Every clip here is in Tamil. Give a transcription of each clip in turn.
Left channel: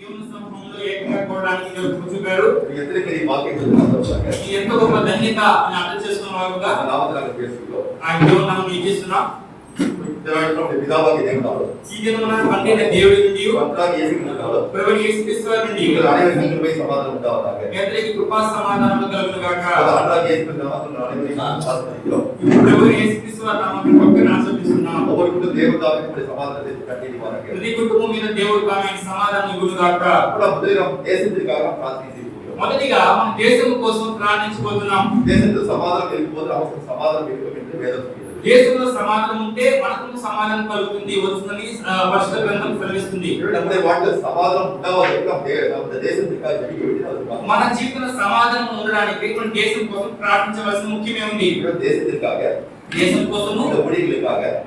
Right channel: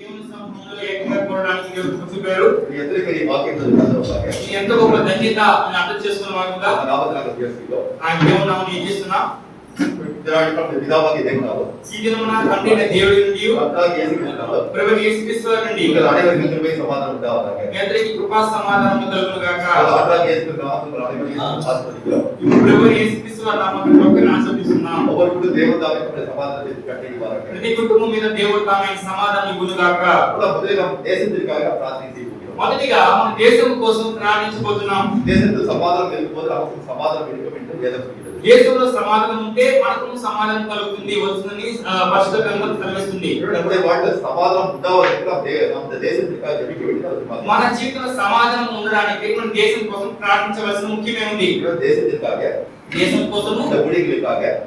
దేవుని సముఖంలో ఏకంగా కూడడానికి దేవుడు చూపారు. ఎదురుకని వాక్యం చదువుతాక ఇది ఎంత గొప్ప ధన్యత అని అర్థం చేసుకున్నవారుగా నామమున చేస్తున్నా ఆయన దేవుని నామమున చేస్తున్నా. పితావాకి దేవుడు ఈ దినమున తండ్రి దేవుడి నుండి కర్తాకి యేసుక్రీస్తు ప్రభు యేసుక్రీస్తు వారి నుండి ఇక్కడ అనేక సమాధానం ఉండాలి. మీ అందరికీ కృపా సమాధానము కలుగును గాక. కర్తాకి యేసుక్రీస్తు నామమున ఆశీర్వదించును. ప్రభు యేసుక్రీస్తు వారి నామమున ఒక్కరిని ఆశీర్వదిస్తున్నాం. ఒక్కొక్కరు దేవుడు తామే సమాధానం చేసి కట్టేకి వారకే ప్రతి కుటుంబం మీద దేవుడు తామే సమాధానం ఇవ్వును గాక. మొదటిగా దేశందిరికాయ ప్రార్థించి మొదటిగా మన దేశం కోసం ప్రార్థించబోతున్నాం. దేశంతో సమాధానం వెళ్ళిపోతే అవసరం సమాధానం వెళ్ళిపోయింది వేదం దేశంలో సమాధానం ఉంటే మనకు సమాధానం కలుగుతుంది వస్తుందని పరిశుద్ధ గ్రంథం సెలవిస్తుంది. వాటిలో సమాధానం ఉండవాలి దేశం మన జీవితంలో సమాధానం ఉండడానికి మన దేశం కోసం ప్రార్థించవలసిన ముఖ్యమే ఉంది. దేశం కోసము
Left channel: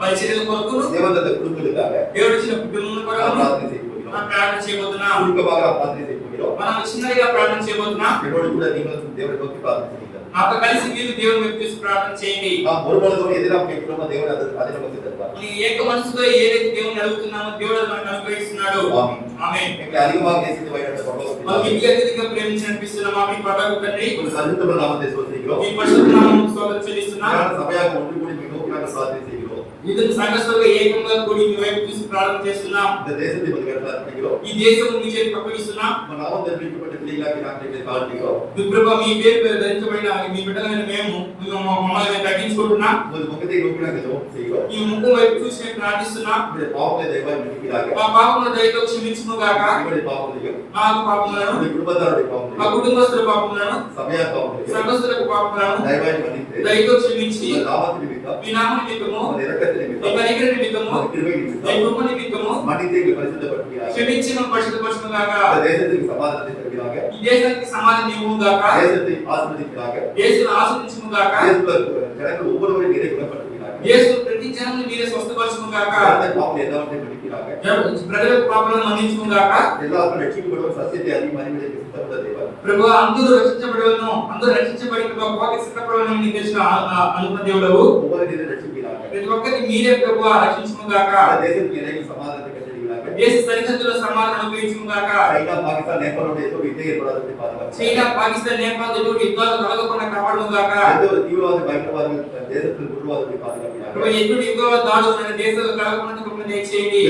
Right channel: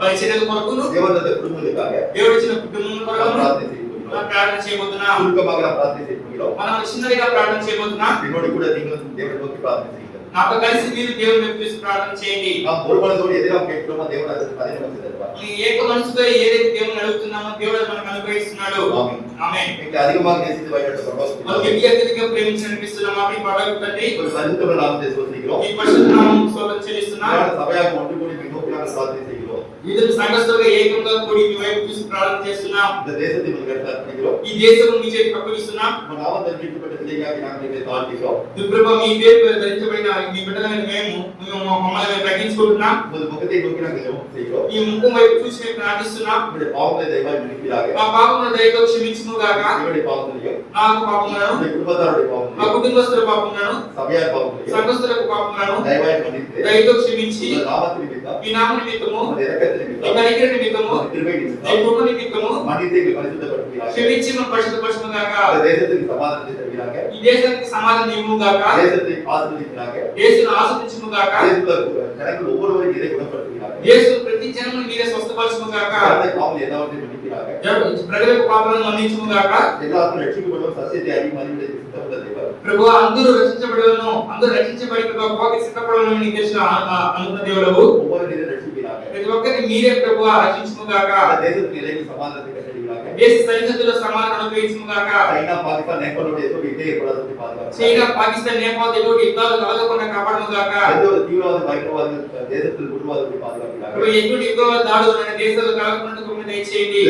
పరిచర్యల కొరకు దేవదత్త కుటుంబాలుగా దేవుడు ఇచ్చిన కుటుంబం కొరకు ప్రార్థన చేయబోతున్నాం. మనం చిన్నగా ప్రార్థన చేయబోతున్నాం. దేవుడి ప్రార్థన నాతో కలిసి మీరు దేవుని వైపు ప్రార్థన చేయండి. ఈ ఏక మనసుతో ఏదైతే దేవుని అడుగుతున్నామో దేవుడు మనకు అనుగ్రహిస్తున్నాడు. ఆమేన్. అత్యధికంగా ప్రేమించి అనిపిస్తున్నాం. ఆమేన్. ప్రభు తండ్రి ఈ పరిశుద్ధ నామముకు స్తోత్రం చెల్లిస్తున్నాం. ఇద్దరు సంఘస్థులుగా ఏకంగా కూడి మీ వైపు చూసి ప్రార్థన చేస్తున్నాం. ఈ దేశం మీ చేతికి అప్పగిస్తున్నాం. ప్రభు మీ పేరు ధరించబడిన మీ బిడ్డలైన మేము మమ్మల్ని తగ్గించుకుంటున్నాం. ఈ ముఖం వైపు చూసి మేము ప్రార్థిస్తున్నాం. మా పాపములను దయతో క్షమించును గాక. నాకు పాపములను మా కుటుంబస్తుల పాపములను సంఘస్థులకు పాపములను దయతో క్షమించి మీ నామ నిమిత్తము కనికర నిమిత్తము కృప నిమిత్తము క్షమించిన పరిశుద్ధపరచును గాక. ఈ దేశానికి సమాధానం ఇవ్వును గాక. దేశం ఆస్వాదించును గాక. దేశం ప్రతి జనమును మీరే స్వస్థపరచును గాక. ప్రజలకు పాపాలను మన్నించును గాక. ప్రభు అందరూ రక్షించబడలను అందరూ రక్షించబడి ప్రభువుకి సిద్ధపడలను నీకు తెలుసు అనుకున్న దేవుడవు. ప్రతి ఒక్కరిని మీరే ప్రభు రక్షించును గాక. దేశ సరిహద్దుల సమాధానం ఉపయోగించును గాక. చైనా పాకిస్తాన్ నేపాల్ లో ఎటువంటి యుద్ధం ఏర్పడదు పాదక చైనా పాకిస్తాన్ నేపాల్ ఎటువంటి యుద్ధాలు కలగకుండా కాపాడును గాక. తీవ్రవాద భయంకరవాద దేశస్తుల గురువాదుని పాదక ఎటువంటి యుద్ధాలు దాడులు ఉన్న దేశాలు కలగకుండా దయచేయండి.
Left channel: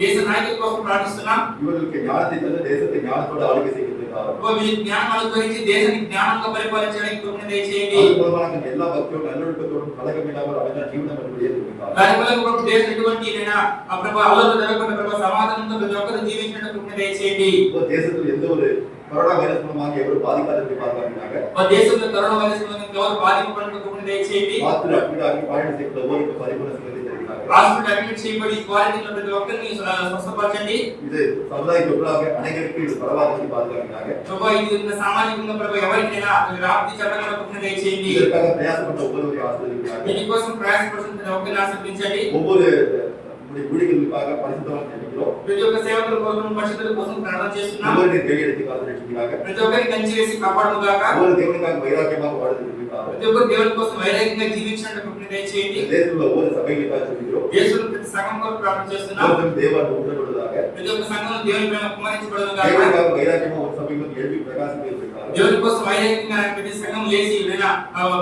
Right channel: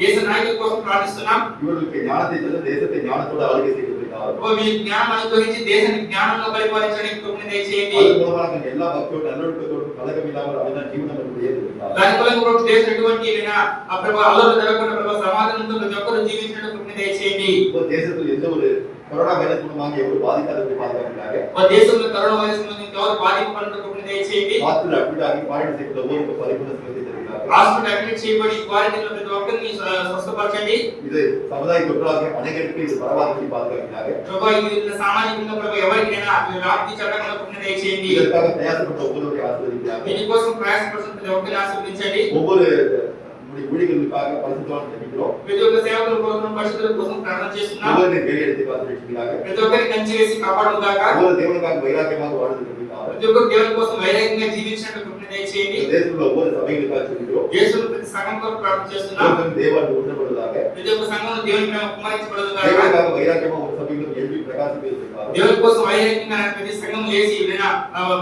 దేశ నాయకుల కోసం ప్రార్థిస్తున్నాం. ఇవరికి జ్ఞానతీతలు దేశത്തെ జ్ఞానతోడ ఆளுகை செய்யப்படுகிறார். మీరు జ్ఞానం అనుగ్రహించి దేశాన్ని జ్ఞానంగా పరిపాలించడానికి కృపణ దయచేయండి. అందువలన எல்லா భక్తులు నలుడుతో కలగమిలావరు అవిన జీవనం అనుభవిస్తారు. దానివల్ల కూడా దేశం ఎటువంటి ప్రభు అల్లర్లు జరగకుండా ప్రభు సమాధానంతో ప్రతి ఒక్కరు జీవించడానికి కృపణ దయచేయండి. దేశంలో ఎంతో కరోనా వైరస్ మూలంగా ఎవరు బాధికారు పాదక దేశంలో కరోనా వైరస్ మూలంగా ఎవరు బాధింపబడిన కృపణ దయచేయండి. మాత్రం అడ్మిట్ పాయింట్ చెప్తారు పరిపూర్ణ హాస్పిటల్ అడ్మిట్ చేయబడి క్వారంటైన్ లో ప్రతి ఒక్కరిని స్వస్థపరచండి. ఇది సముదాయ గురువులకు అనేకరికి పరవాదికి బాధకరంగా ప్రభు ఇది సామాన్యంగా ప్రభు ఎవరికైనా రాత్రి చట్టంలో కృపణ దయచేయండి. இதற்காக பிரயாசப்பட்ட ஒவ்வொருவரை ஆசீர்வதிக்கிறார். దీనికోసం ప్రయాసపడుతున్న ప్రతి ఒక్కరిని ఆశీర్వదించండి. ஒவ்வொரு ஊழியர்களுக்காக பரிசுத்தவான் ஜெபிக்கிறோம். ప్రతి ఒక్క సేవకుల కోసం పరిశుద్ధుల కోసం ప్రార్థన చేస్తున్నాం. ஒவ்வொரு கையெடுத்து காத்துக்கிட்டாங்க. ప్రతి ఒక్కరిని కంచి వేసి కాపాడును గాక. ஒவ்வொரு தேவனுக்காக வைராக்கியமாக வாழுகிறது. ప్రతి ఒక్కరు దేవుని కోసం వైరాగ్యంగా జీవించడానికి కృపణ దయచేయండి. దేశంలో ஒவ்வொரு సభைகளுக்காக జెబిக்கிறோம். దేశంలో ప్రతి సంఘం కోసం ప్రార్థన చేస్తున్నాం. தேவன் ஊற்றப்படுவதாக. ప్రతి ఒక్క సంఘంలో దేవుని ప్రేమ కుమ్మరించబడును గాక. దేవునికాக వైరాగ్యமாக ஒரு సభைలో எழுப்பி ప్రకాశింపజేస్తారు. దేవుని కోసం వైరాగ్యంగా ప్రతి సంఘం లేచి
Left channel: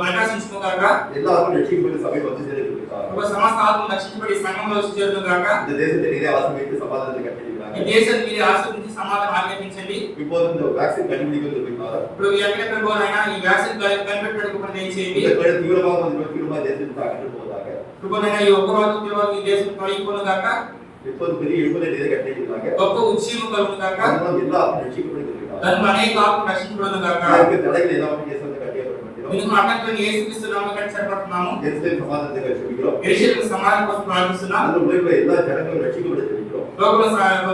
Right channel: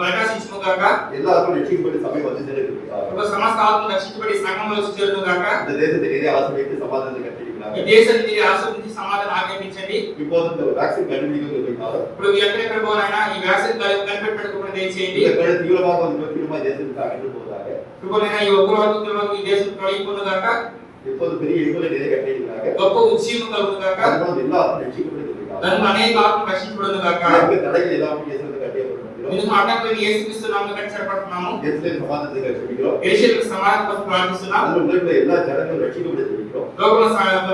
ప్రకాశించును గాక. எல்லாரும் ரட்சிக்கப்பட்டு சபை வந்து சேருகிறார்கள். ప్రభు సమస్త ఆత్మలు రక్షించబడి సంఘంలో వచ్చి చేరును గాక. இந்த தேசத்தை நீரே ஆசீர்வதித்து சமாதானத்தை கட்டளையிடுகிறாங்க. ఈ దేశాన్ని మీరే ఆశీర్వదించి సమాధానం ఆజ్ఞాపించండి. இப்போது இந்த வேக்சின் கண்டுபிடிக்கிறது இருக்கிறார். ఇప్పుడు ఎక్కడ ప్రభువైనా ఈ వ్యాక్సిన్ కనిపెట్టడానికి కూడా దయచేయండి. இந்த తీవ్రமாக తీవ్రமாக దేశం తాకిட்டு పోదాక. ప్రభువైనా ఈ ఉగ్రవాదుల ఈ దేశం తొలగిపోను గాక. இப்போது பெரிய எழுபது நீரே கட்டளையிடுகிறாங்க. గొప్ప ఉజ్జీవం కలుగును గాక. అందులో எல்லாரும் రక్షించబడుతున్నారు. దాని అనేక ఆత్మలు రక్షించబడును గాక. இந்த தடைகள் எல்லாம் இயேசுவுக்கு கட்டளையிடப்படுகிறது. మేము అడ్డంకులను యేసుక్రీస్తు నామములో కట్టబడుతున్నాము. எருசலேம் సమాధానத்தை కట్టబడుகிறோம். యెరూషలేము సమాధానం కోసం ప్రార్థిస్తున్నాము. అందులో ఉన్న எல்லா జనங்களும் రక్షించబడుతున్నారు. లోకంలో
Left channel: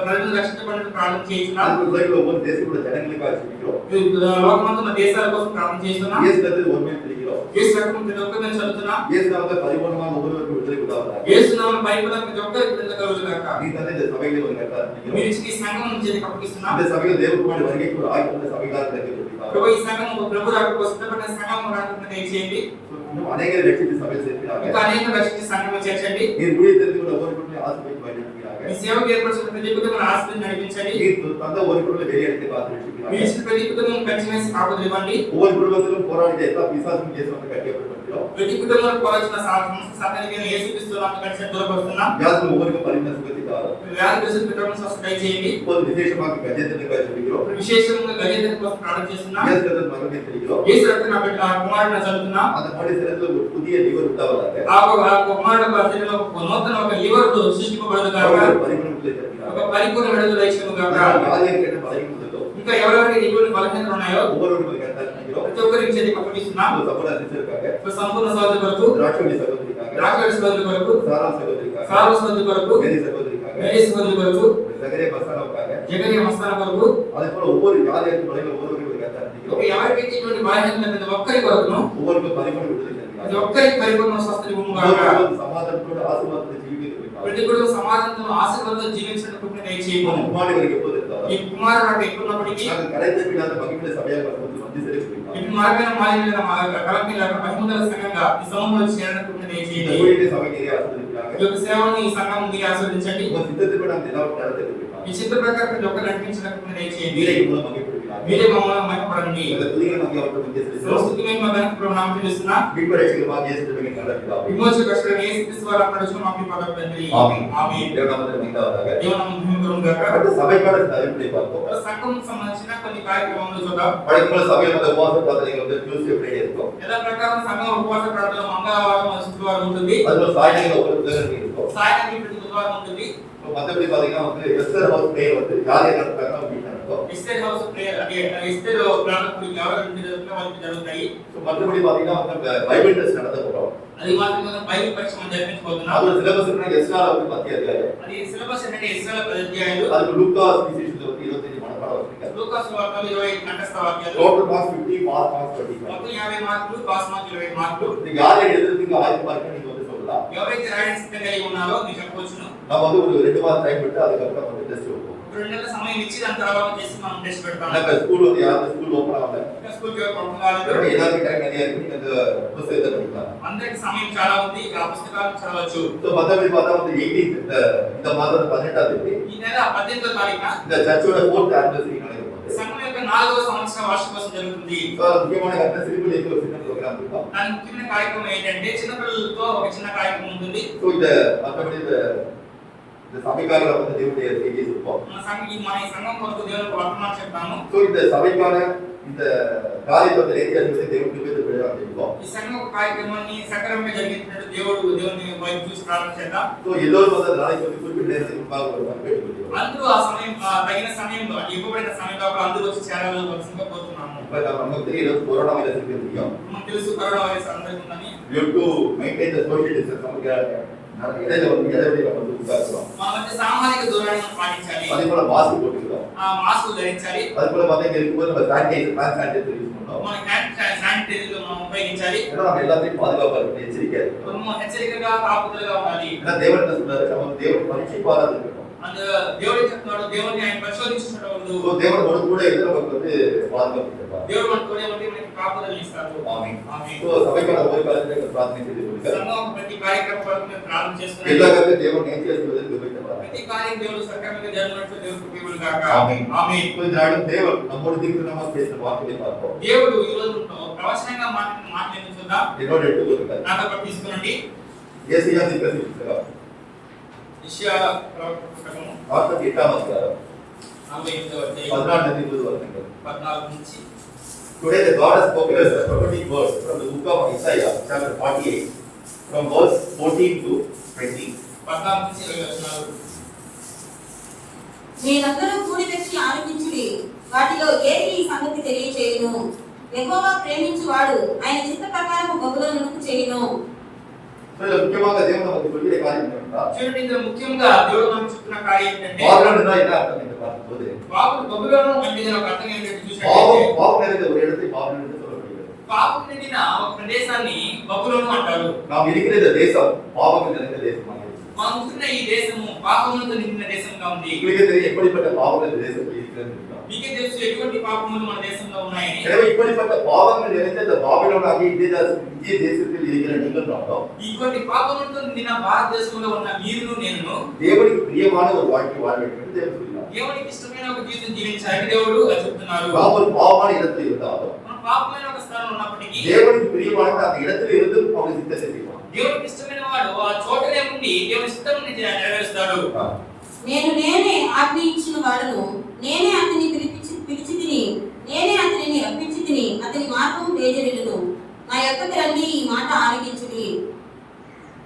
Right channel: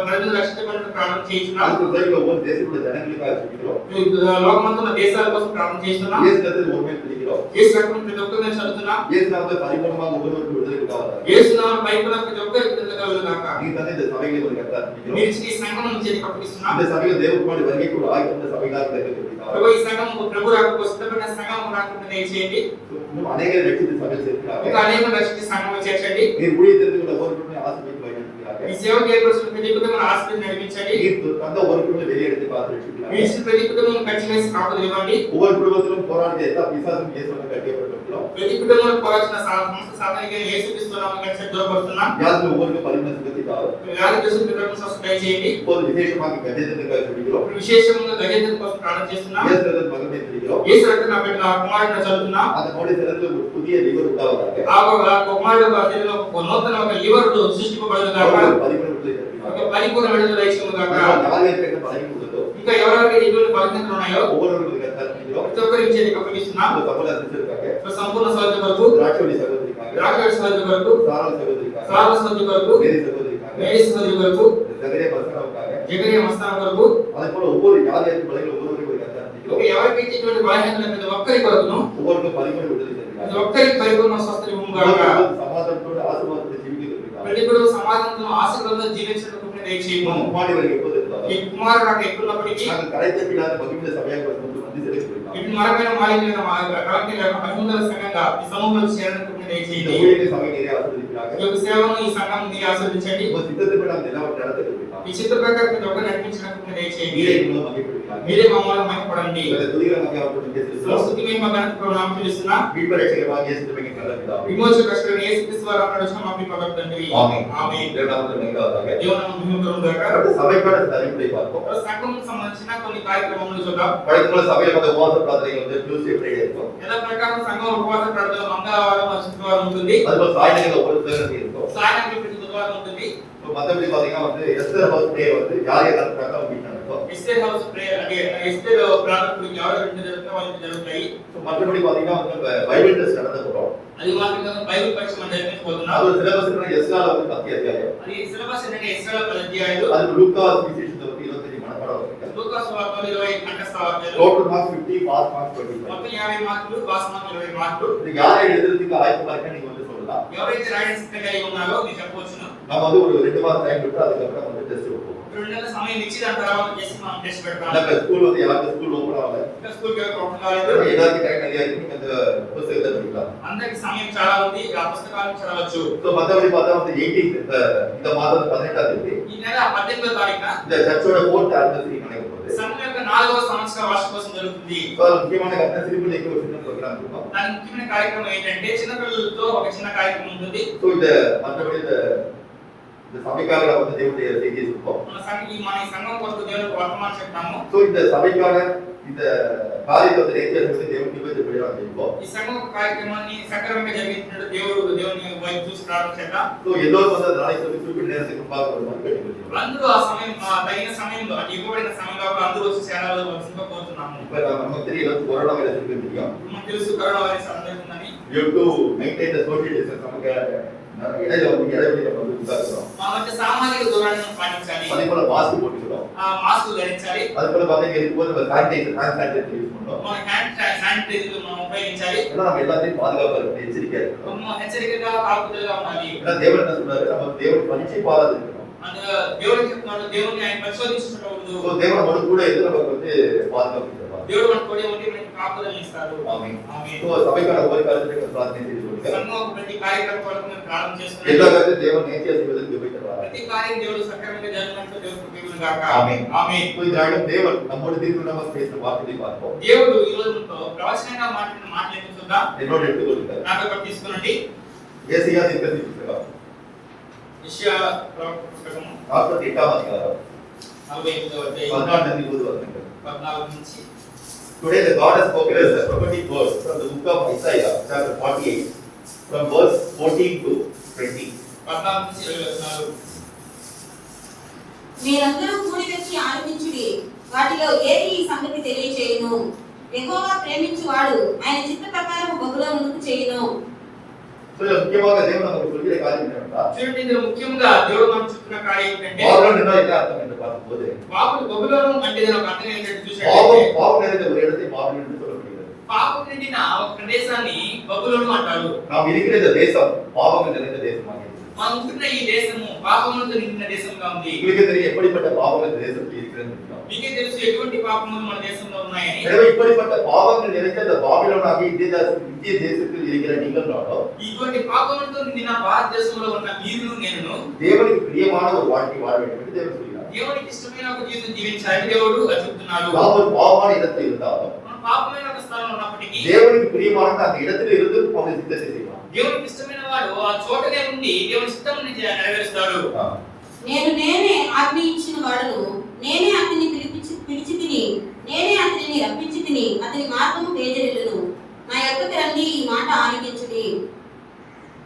ప్రజలు రక్షించబడడానికి ప్రార్థన చేస్తున్నాము. అందులో ஒவ்வொரு தேசத்தோட ஜனங்களுக்காக ஜெபிக்கிறோம். లోకమంతా ఉన్న దేశాల కోసం ప్రార్థన చేస్తున్నాము. இயேசு கர்த்தர் ஒருமை பிடிக்கிறோம். యేసు రక్తం ప్రతి ఒక్కరిని చదువుతున్నాము. இயேசு நாமத்தில் பரிபூர்ணமாக ஒவ்வொருவருக்கும் விடுதலை உண்டாவதாக. యేసు నామములో పరిపూర్ణంగా ప్రతి ఒక్కరికి విడుదల కలుగును గాక. நீங்க தந்தை இந்த சபைகளை ஒரு கர்த்தர் பிடிக்கிறோம். మీరు ఈ సంఘం నుంచి అప్పగిస్తున్నాము. இந்த சபையில் தேவகுமாரி வருகைக்கு ஒரு ஆயத்த சபைகளாக கிடைக்கிறது. ప్రభు ఈ సంఘం ప్రభు రాకకు సిద్ధపడిన సంఘం రాకుండా దయచేయండి. இன்னும் அநேகரை ரட்சித்து சபையில் சேர்க்கிறார்கள். ఇంకా అనేక రక్షించి సంఘంలో చేర్చండి. நீர் ஊழியத்திற்கு ஒவ்வொருவரையும் ஆசீர்வதித்து வழிநடத்துகிறார்கள். ఈ సేవకు ఏర్పరచిన ప్రతి కుటుంబాన్ని ఆశీర్వదించి నడిపించండి. நீர் தந்த ஒரு குடும்பத்தை வெளியெடுத்து பார்த்து ரட்சிக்கிறார். మీ ఇచ్చిన ప్రతి కుటుంబం ఖచ్చితంగా కాపుదల ఇవ్వండి. ஒவ்வொரு குடும்பத்திலும் போராடிய எல்லா பிசாசும் இயேசு வந்து கட்டியப்பட்டிருக்கிறோம். ప్రతి కుటుంబంలో పోరాడుతున్న సమస్త సాతానికి యేసుక్రీస్తు నామమున ఖచ్చితంగా దూరపరుస్తున్నాం. யாருக்கு ஒவ்வொருக்கு பரிபூர்ண சுகத்தை தாரும். వ్యాధి గ్రస్తుల కుటుంబం స్వస్థత దయచేయండి. இப்போது விசேஷமாக கஜேந்திரனுக்காக ஜெபிக்கிறோம். విశేషంగా గజేంద్ర కోసం ప్రార్థన చేస్తున్నాం. இயேசு ரத்தம் மகனை தெரிகிறோம். యేసు రక్తం నా బిడ్డ నా కుమారుని చదువుతున్నాం. அந்த மனித சரீரத்தில் ஒரு புதிய லிவர் உண்டாவதாக. ఆ కుమారుడు శరీరంలో ఒక నూతన ఒక లివర్ సృష్టింపబడును గాక. பரிபூர்ண விடுதலை தருகிறார். ఒక పరిపూర్ణ విడుదల దయచేయును గాక. யாருக்கு என்ன பலகீனம் உள்ளதோ ఇంకా ఎవరెవరికి ఎటువంటి బలహీనతలు ఉన్నాయో ஒவ்வொருவருக்கும் கர்த்தர் ప్రతి ఒక్కరికి చేతికి అప్పగిస్తున్నాం. சகோதர சிஸ்டருக்காக, సంపూర్ణ సహోదరి కొరకు, திராட்சை சகோதரிக்காக, ద్రాక్ష సహోదరి కొరకు, சாரா சகோதரிக்காக, సారా సహోదరి కొరకు, மேரி சகோதரிக்காக, మేరీ సహోదరి కొరకు, சகரே மசாலாவுக்காக, జగரிய మస్తాన కొరకు, அதே போல ஒவ்வொரு யாருக்கு பலகீனம் ஒவ்வொருவருக்கும் கர்த்தர் ఇంకా ఎవరికి ఎటువంటి బలహీనతలు ప్రతి ఒక్కరి కొరకును ஒவ்வொருவருக்கும் பரிபூர்ண விடுதலை ప్రతి தருகிறார். ఒక్కరికి పరిపూర్ణ స్వస్థత ఇవ్వును గాక. சமாதானத்தோடு ஆசீர்வாதத்தோடு ஜீவிக்கிறதுக்காக ప్రతి కూడా సమాధానంతో ఆశీర్వాదంతో జీవించడానికి దయచేయము. முன்னாடி வரைக்கும் எப்போது இருந்தாலும் ఈ కుమారుడు నాకు ఎక్కున్నప్పటికీ நாங்கள் கரைத்த பின்னாத மகிமையில சபையாக வந்து வந்து செலுத்திருக்கிறோம். ఇటు మార్గమైన మాదిరిగా కలెక్టర్ మహిమందల సంఘంగా ఈ సమూహంలో చేరడానికి இந்த దయచేయండి. ஊழியத்தை சபை நிறைய ஆசீர்வதிக்கிறாங்க. ఈ యొక్క సేవను ఈ సంఘం మీరు ఆశీర్వదించండి. உங்க சித்தத்துக்கு நாம் எல்லாவற்றையும் நடத்திருக்கிறோம். ఈ చిత్ర ప్రకారం ప్రతి ఒక్కరు నడిపించడానికి దయచేయండి. நீரை மூலம் மகிழ்ப்படுகிறாங்க. మీరే మమ్మల్ని మహిమపడండి. இந்த துதிகளை நாங்கள் அவர்கள் வந்து செலுத்துகிறோம். సంస్కృతి మహిమ గణపతిలో నామం తెలుస్తున్నా மீட்பு ரட்சகராகிய இயேசு கிறிஸ்துவின் நல்ல பிதாவே. విమోచక రక్షకుడైన యేసుక్రీస్తు వారి నామమున వచ్చిన మా ప్రియ పరమ తండ్రి. ஆமென். ఆమేన్. தேவனாமத்தில் மகிழ்ந்தாவதாக. దేవుని మహిమ కలుగును గాక. அடுத்து சபைக்கான சில அறிவுரை பார்ப்போம். సంఘంకు సంబంధించిన కొన్ని కార్యక్రమాలు చూద్దాం. வழக்கம்போல சபையில் வந்து உபவாச பிரார்த்தனைகள் வந்து Tuesday Friday இருக்கும். యథా ప్రకారం సంఘం ఉపవాస ప్రార్థన మంగళవారం మరియు శుక్రవారం ఉంటుంది. அதுபோல சாயங்காலம் ஒவ்வொரு புத்தகங்கள் இருக்கும். సాయంత్రం ప్రతి బుధవారం ఉంటుంది. மற்றபடி பாத்தீங்கன்னா வந்து எஸ்தர் ஹவுஸ் டே வந்து யார் யார் நடத்துறாங்க அப்படின்னு நடக்கும். ఎస్టర్ హౌస్ ప్రేయర్ అంటే ఎస్టర్ ప్రార్థనలు ఎవరు ఇంటి జరుగుతాయో వాళ్ళకి జరుగుతాయి. மற்றபடி பாத்தீங்கன்னா வந்து பைபிள் டெஸ்ட் நடத்த போறோம். అది మాత్రమే బైబిల్ పరీక్ష మనం జరిపించబోతున్నాం. அது ஒரு சிலபஸ் இருக்கு. எஸ்ஆர் வந்து 10 அத்தியாயம். అది సిలబస్ ఏంటంటే ఎస్టర్ అధ్యాయాలు. அதுக்கு லூக்கா சுவிசேஷத்துல வந்து 25 மனப்பாடம் இருக்கு. లూకాసు వార్తలు 20 కంఠస్థ వాక్యాలు. Total marks 50, pass marks 25. మొత్తం 50 మార్కులు, పాస్ మార్కులు 20 మార్కులు. நீங்க யாரை எழுதுறதுக்கு ஆயத்தமா இருக்கா நீங்க வந்து சொல்லலாம். ఎవరైతే రాయడానికి సిద్ధంగా ఉన్నారో మీరు చెప్పవచ్చును. நம்ம வந்து ஒரு 2 மாசம் டைம் விட்டு அதுக்கு அப்புறம் வந்து டெஸ்ட் வைப்போம். 2 నెలల సమయం ఇచ్చి దాని తర్వాత చేసి మనం టెస్ట్ పెడతాం. நம்ம ஸ்கூல் வந்து யாருக்கு ஸ்கூல் ஓபன் ஆகல. ఇంకా స్కూల్ కి ఓపెన్ కాలేదు. எல்லாருக்கும் டைம் நிறைய இருக்கு. நீங்க அந்த புத்தகத்தை படிக்கலாம். అందరికి సమయం చాలా ఉంది. ఆ పుస్తకాలను చదవచ్చు. సో மத்தபடி பார்த்தா வந்து 18 இந்த மாதம் 18ஆம் தேதி ఈ నెల 18వ తారీఖున இந்த சர்ச்சோட 4th anniversary நடக்க போகுது. సంఘం యొక్క 4వ సంవత్సర వార్షికోత్సవం జరుగుతుంది. సో ముఖ్యమైన కన్నా సిరిపులకి ఒక చిన్న ప్రోగ్రామ్ இருக்கும். దాని ముఖ్యమైన కార్యక్రమం ఏంటంటే చిన్నపిల్లలతో ఒక చిన్న కార్యక్రమం ఉంటుంది. సో இந்த மத்தபடி இந்த சபைக்காரங்க வந்து தேவனுடைய செய்தியை சொல்லுவோம். మన ఈ సంఘం కొరకు దేవునికి వర్తమానం చెప్తాము. సో இந்த சபைக்கார இந்த காரியத்தை வந்து நேர்த்தியா செய்து தேவன் கிருபையை பெறலாம் செய்வோம். ఈ సంఘం కార్యక్రమాన్ని సక్రమంగా జరిగించినట్టు దేవుని వైపు చూసి ప్రార్థన చేద్దాం. సో எல்லோரும் வந்து நாளைக்கு வந்து குறிப்பிட்ட நேரத்துக்கு முன்பாக வருவாங்க கேட்டுக்கொள்கிறோம். అందరూ ఆ సమయం తగిన సమయంలో ఇవ్వబడిన సమయంలో అందరూ వచ్చి చేరాల్సిందిగా కోరుతున్నాము. இப்ப நமக்கு தெரியும் கொரோனா வைரஸ் இருக்கு தெரியும். మనకు తెలుసు కరోనా వైరస్ అందరికీ ఉందని. We have to maintain the social distance. நமக்கு இடையில வந்து இடைவெளி நம்ம வந்து உட்கார்றோம். మన మధ్య సామాజిక దూరాన్ని పాటించాలి. அதே போல மாஸ்க் போட்டுக்கிறோம். మాస్క్ ధరించాలి. அதே போல பாத்தீங்கன்னா இருக்கும்போது நம்ம சானிடைசர் யூஸ் பண்றோம். మన హ్యాండ్ శానిటైజర్ మనం ఉపయోగించాలి. ஏன்னா நம்ம எல்லாத்தையும் பாதுகாப்பா இருக்கணும், எச்சரிக்கையா இருக்கணும். మనం హెచ్చరికగా కాపుదలగా ఉండాలి. ஏன்னா தேவன் என்ன சொல்றாரு, நம்ம தேவன் பரீட்சை பாராது இருக்கணும். அந்த దేవుడు చెప్తున్నాడు దేవుని ఆయన పరిశోధించుటకు సో దేవుడు మనకు కూడా எது நமக்கு வந்து பாதுகாப்பு தருவார். దేవుడు మనకు తోడే ఉండి మనకి కాపుదల ఇస్తాడు. ஆமென். ఆమేన్. సో సభைக்கான ஒரு காரியத்தை பிரார்த்தனை செய்து கொள்ளுங்க. సంఘం ప్రతి కార్యక్రమం కొరకు మేము ప్రార్థన చేస్తున్నాము. எல்லா காரியத்தையும் தேவன் நேர்த்தியா செய்வதற்கு கிருபை தருவார். ప్రతి కార్యం దేవుడు సక్రమంగా జరిగినట్లు దేవుడు కృపను గాక. ஆமென். ఆమేన్. సో இதனால தேவன் நம்மோடு தீர்க்கமாக பேசின வார்த்தையை பார்ப்போம். దేవుడు ఈ రోజుతో ప్రవచనంగా మాట్లాడిన మాటలు ఏంటో చూద్దాం. என்னோட எடுத்துக்கொள்ளுங்க. నాతో పాటు తీసుకునండి. ஏசாயா தீர்க்கதரிசி புத்தகம் యెషయా ప్రవక్త పుస్తకము 48ஆம் அதிகாரம் 48వ అధ్యాయం 14 నుంచి 20 వచనங்கள். 14 నుంచి Today the God has spoken us a prophetic word from the book of Isaiah chapter 48 from verse 14 to 20. 14 నుంచి 20 వచనాలు. మీరందరూ కూడి వచ్చి ఆలకించుడి, వాటిలో ఏది ఈ సంగతి తెలియచేయును. యెహోవా ప్రేమించువాడు ఆయన చిత్త ప్రకారం బహుళమును చేయును. So முக்கியமாக தேவன் நமக்கு சொல்கிற காரியம் என்னன்னா, చూడండి ఇందులో ముఖ్యంగా దేవుడు మనకు చెప్తున్న కార్యం ఏంటంటే பாவம் என்றால் என்ன அர்த்தம் என்று பார்க்கும்போது బబులోను అంటే దాని అర్థం ఏంటంటే చూడండి பாவம் நிறைந்த ஒரு இடத்தை பாபிலோன் என்று சொல்லப்படுகிறது. పాపం నిండిన ఒక ప్రదేశాన్ని బబులోను అంటారు. நாம் இருக்கிற இந்த தேசம் பாவம் நிறைந்த தேசமாக இருக்கிறது. మనం ఉంటున్న ఈ దేశము పాపములతో నిండిన దేశంగా ఉంది. உங்களுக்கு தெரியும் எப்படிப்பட்ட பாவங்கள் இந்த தேசத்தில் இருக்கிறது. మీకే తెలుసు ఎటువంటి పాపములు మన దేశంలో ఉన్నాయని. எனவே இப்படிப்பட்ட பாவங்கள் நிறைந்த இந்த பாபிலோன் ஆகிய இந்திய தேசத்தில் இருக்கிற நீங்கள் நானும் ఇటువంటి పాపములతో నిండిన భారతదేశంలో ఉన్న మీరును నేనును தேவனுக்கு பிரியமான ஒரு வாழ்க்கை வாழ வேண்டும் என்று தேவன் சொல்கிறார். దేవునికి ఇష్టమైన ఒక జీవితం జీవించాలని దేవుడు చెప్తున్నారు. நாம் ஒரு பாவமான இடத்தில் இருந்தாலும் మనం పాపమైన ఒక స్థలంలో ఉన్నప్పటికీ தேவனுக்கு பிரியமான அந்த இடத்தில் இருந்து அவனை சித்தத்தை செய்வான். దేవునికి ఇష్టమైన వాడు ఆ చోటనే ఉండి దేవుని చిత్తమును నెరవేరుస్తాడు. నేనే ఆజ్ఞ ఇచ్చిన వాడును, నేనే అతని పిలిచి తిని, నేనే అతనిని రప్పించి తిని, అతని మార్గము తేజరిల్లును. నా యొక్కకు రండి, ఈ మాట ఆలకించుడి.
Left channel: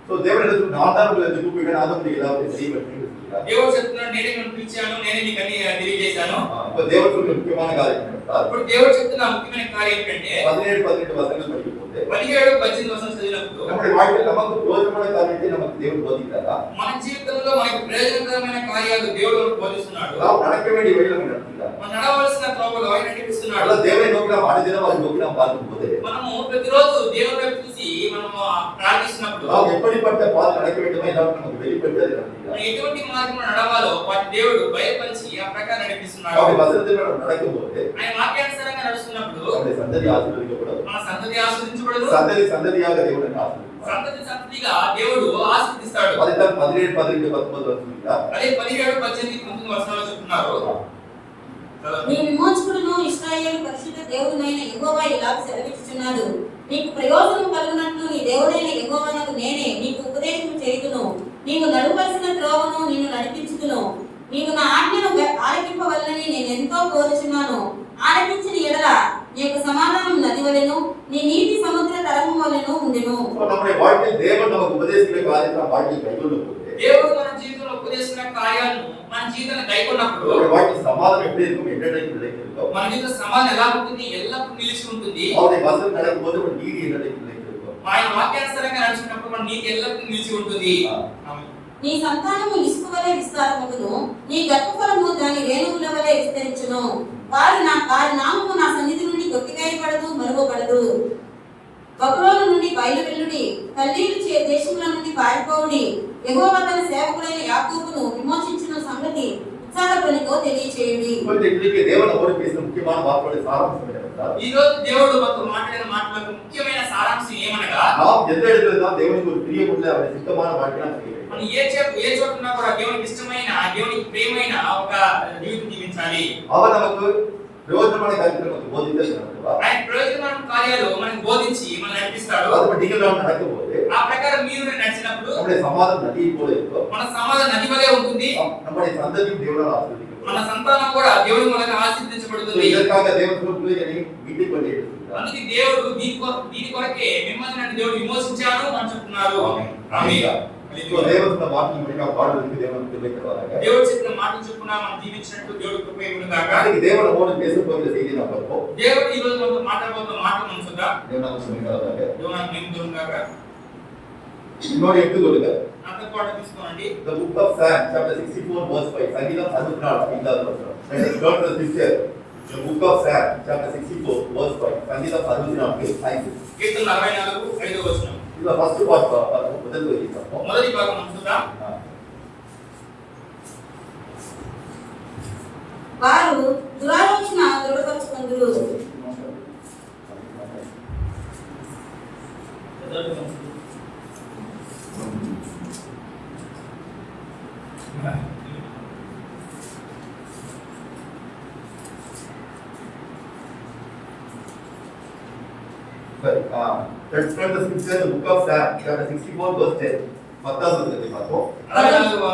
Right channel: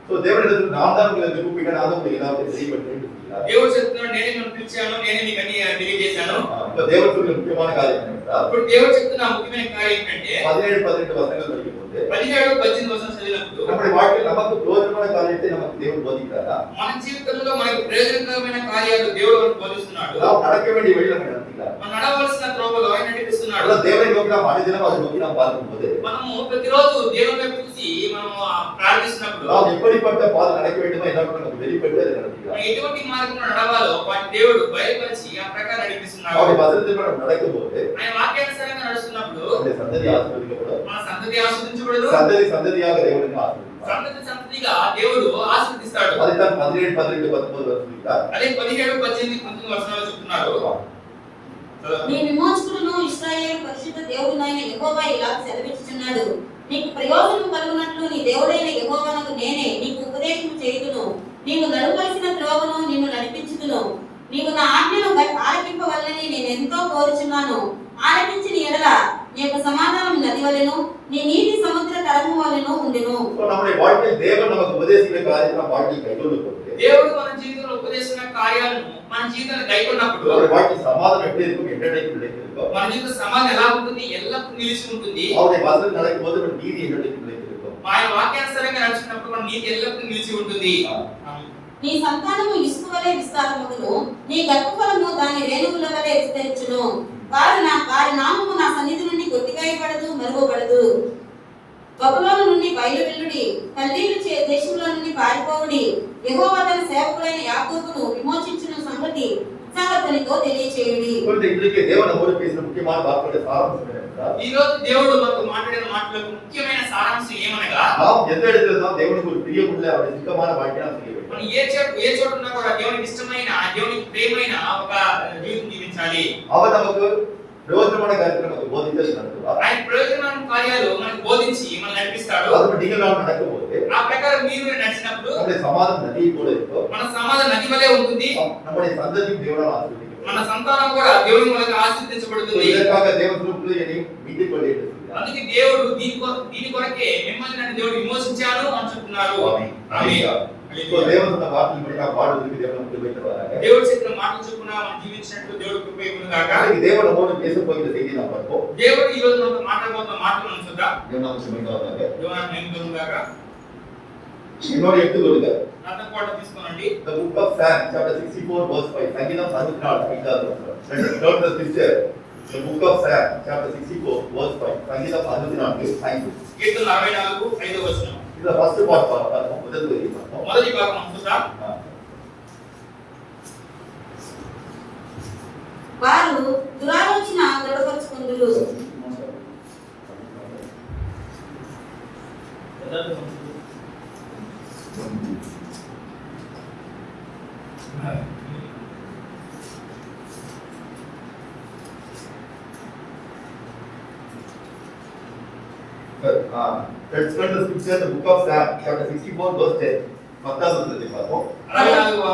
సో దేవుడిடத்தில் நான் தான் உங்களை கூப்பிட்டேன், நான் உங்களுக்கு எல்லாத்தையும் செய்யப்பட்டேன் என்று சொல்கிறார். దేవుడు చెప్తున్నాడు, నేనే మిమ్మల్ని పిలిచాను, నేనే మీకు అన్ని తెలియజేశాను. இப்போ தேவன் சொல்ற முக்கியமான காரியம் என்னவென்றால் ఇప్పుడు దేవుడు చెప్తున్న ముఖ్యమైన కార్యం ఏంటంటే 17-18 వచనங்கள் படிக்கும்போது 17-18 వచనం చదివినప్పుడు நம்முடைய வாழ்க்கையில் நமக்கு பிரயோஜனமான காரியத்தை நமக்கு தேவன் போதிக்கிறாரா? మన జీవితంలో మనకు ప్రయోజనకరమైన కార్యాలు దేవుడు మనకు బోధిస్తున్నాడు. நாம் நடக்க வேண்டிய வழியில் நம்ம நடக்கிறார். మనం నడవలసిన త్రోవలో ఆయన నడిపిస్తున్నాడు. అలా దేవుని నోకి நாம் అనుదినం అది నోకి நாம் பார்க்கும்போது మనము ప్రతిరోజు దేవుని వైపు చూసి మనము ప్రార్థిస్తున్నప్పుడు நாம் எப்படிப்பட்ட பாதை நடக்க வேண்டுமோ எல்லாரும் நமக்கு வெளிப்பட்டு அதை நடக்கிறார். ఎటువంటి మార్గంలో నడవాలో వాటి దేవుడు బయలుపరిచి ఆ ప్రకారం నడిపిస్తున్నాడు. அவருடைய வசனத்தில் நம்ம நடக்கும்போது ఆయన వాక్యానుసారంగా నడుస్తున్నప్పుడు நம்முடைய சந்ததி ஆசீர்வதிக்கப்படும். మన సంతతి ఆశీర్వదించబడదు. சந்ததி சந்ததியாக தேவனுக்கு ஆசீர்வதிப்பார். సంతతి సంతతిగా దేవుడు ఆశీర్వదిస్తాడు. அதுதான் 17-18-19 சொல்கிறார். అదే 17-18-19 వచనాల్లో చెప్తున్నారు. నీ విమోచకుడును ఇశ్రాయేలు పరిశుద్ధ దేవుడైన యెహోవా ఇలా సెలవిచ్చుచున్నాడు. నీకు ప్రయోజనం కలుగునట్లు నీ దేవుడైన యెహోవానకు నేనే నీకు ఉపదేశం చేయుదును. నీవు నడవలసిన త్రోవను నిన్ను నడిపించుదును. నీవు నా ఆజ్ఞను ఆలకింపవలనని నేను ఎంతో కోరుచున్నాను. ఆలకించిన ఎడల నీ యొక్క సమాధానం నది వలెను, నీ నీటి సముద్ర తరంగం వలెను ఉండెను. நம்முடைய வாழ்க்கையில் தேவன் நமக்கு உபதேசிக்கிற காரியத்தை நாம் வாழ்க்கையில் கைக்கொண்டு போது దేవుడు మన జీవితంలో ఉపదేశించిన కార్యాలను మన జీవితంలో కైకొన్నప్పుడు நம்முடைய வாழ்க்கை சமாதானம் எப்படி இருக்கும், என்னென்னைக்கு நிலைத்திருக்கும், మన జీవిత సమాధానం ఎలా ఉంటుంది, ఎల్లప్పుడూ నిలిచి ఉంటుంది. அவருடைய வசனம் நடக்கும்போது ஒரு நீதி என்னென்னைக்கு நிலைத்திருக்கும். ఆయన వాక్యానుసారంగా నడుచుకున్నప్పుడు మన నీతి ఎల్లప్పుడూ నిలిచి ఉంటుంది. నీ సంతానము ఇసుక వలె విస్తారమగును, నీ గర్భఫలము దాని రేణువుల వలె విస్తరించును. వారి నామము నా సన్నిధి నుండి కొట్టివేయబడదు, మరువబడదు. బబులోను నుండి బయలువెల్లుడి, కల్దీయుల దేశముల నుండి పారిపోవుడి. యెహోవా తన సేవకుడైన యాకోబును విమోచించిన సంగతి ఉత్సాహధ్వనితో తెలియచేయుడి. இன்றைக்கு தேவன் நம்மோடு பேசின முக்கியமான வார்த்தையோட சாராம்சம் என்னவென்றால் ఈ రోజు దేవుడు మనతో మాట్లాడిన మాటలకు ముఖ్యమైన సారాంశం ఏమనగా நாம் எந்த இடத்துல தான் தேவனுக்கு ஒரு பிரியமுள்ள அவருடைய சித்தமான வாழ்க்கையை நாம் செய்ய வேண்டும். మనం ఏ చోట ఉన్నా కూడా దేవునికి ఇష్టమైన దేవునికి ప్రియమైన ఒక జీవితం జీవించాలి. அவர் நமக்கு பிரயோஜனமான காரியத்தை நமக்கு போதித்து நடத்துவார். ఆయన ప్రయోజనమైన కార్యాలు మనకు బోధించి మనల్ని నడిపిస్తాడు. அது நீங்கள் நாம் நடக்கும்போது ఆ ప్రకారం మీరు నడిచినప్పుడు நம்முடைய சமாதானம் நதியை போல இருக்கும். మన సమాధానం నది వలె ఉంటుంది. நம்முடைய சந்ததியும் தேவனால் ஆசீர்வதிக்கப்படும். మన సంతానం కూడా దేవుని మూలంగా ఆశీర్వదించబడుతుంది. இதற்காக தேவன் சொல்லும்போது என்னை மீட்டுக் கொண்டே இருக்கிறார். అందుకే దేవుడు దీని కొరకే మిమ్మల్ని నన్ను దేవుడు విమోచించాను అని చెప్తున్నారు. ఆమేన్. இப்போ தேவன் சொன்ன வார்த்தையின்படி நாம் வாழ்வதற்கு தேவன் நமக்கு கிருபை தருவாராக. దేవుడు చెప్పిన మాటలు చొప్పున మనం జీవించినట్టు దేవుడు కృప ఇవ్వను గాక. இன்னைக்கு தேவன் நம்மோடு பேச போகிற செய்தியை நாம் பார்ப்போம். దేవుడు ఈ రోజు మనతో మాట్లాడబోతున్న మాటలు మనం చూద్దాం. தேவன் நமக்கு மகிமையாக దేవుడు నాకు నియమించును గాక. இன்னொரு எடுத்துக்கொள்ளுங்க. నాతో పాటు తీసుకోనండి. The book of Psalm chapter 64 verse 5. சங்கீதம் 64 ஐந்தாவது வசனம். Let us turn to the scripture. The book of Psalm chapter 64 verse 5. சங்கீதம் 64 5. కీర్తన 64 5వ వచనం. இது ஃபர்ஸ்ட் பார்ட் பார்ப்போம். முதல் வரி பார்ப்போம். మొదటి భాగం మనం చూద్దాం. వారు దురాలోచన దృఢపరచుకొందురు. Let's turn the scripture, the book of Psalm chapter 64 verse 10. 10வது வசனத்தை பார்ப்போம். 64వ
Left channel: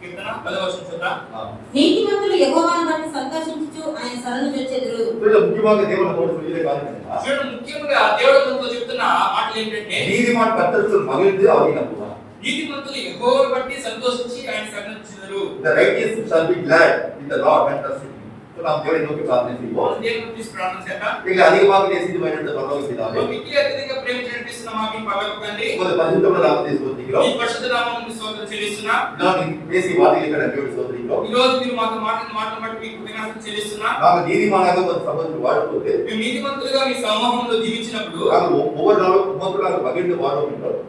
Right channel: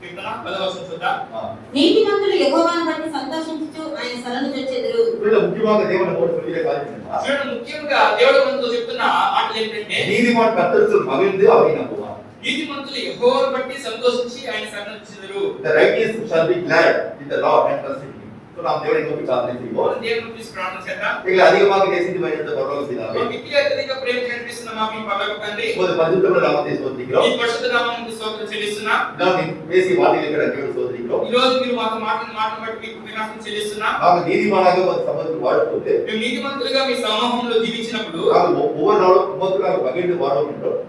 కీర్తన 10వ వచనం చూద్దాం. నీతిమంతులు యెహోవాను బట్టి సంతోషించుచు ఆయన శరణు జొచ్చెదరు. இதுல முக்கியமாக தேவன் நம்மோடு சொல்கிற காரியம் என்னன்னா, చూడండి, ముఖ్యంగా దేవుడు మనతో చెప్తున్న మాటలు ఏంటంటే நீதிமான் கர்த்தருக்குள் மகிழ்ந்து அவரை நம்புவான். నీతిమంతులు యెహోవాను బట్టి సంతోషించి ఆయన శరణుజొచ్చెదరు. The righteous shall be glad in the Lord and trust in him. So நாம் தேவனை நோக்கி பிரார்த்தனை செய்வோம். మనం దేవుని గురించి ప్రార్థన చేద్దాం. எங்களை அதிகமாக நேசித்து வழிநடத்த பரலோக பிதாவே, మిక్కిలి అత్యధిక ప్రేమ చూపిస్తున్న మా మీ పరలోక తండ్రి, உமது பரிசுத்தமுள்ள நாமத்தை ஸ்தோத்திரிக்கிறோம். ఈ పరిశుద్ధ నామమునకు స్తోత్రం చెల్లిస్తున్నా. நாம் நீ பேசிய வார்த்தைகளுக்கு நன்றியோடு ஸ்தோத்திரிக்கிறோம். ఈ రోజు మీరు మాతో మాటను బట్టి మీకు కృతజ్ఞతలు చెల్లిస్తున్నా. நாங்கள் நீதிமானாக உமது சமூகத்தில் வாழும்போது మేము నీతిమంతులుగా మీ సమూహంలో జీవించినప్పుడు நாங்கள் ஒவ்வொரு நாளும் உமக்குள்ளாக மகிழ்ந்து வாழும் என்றோம்.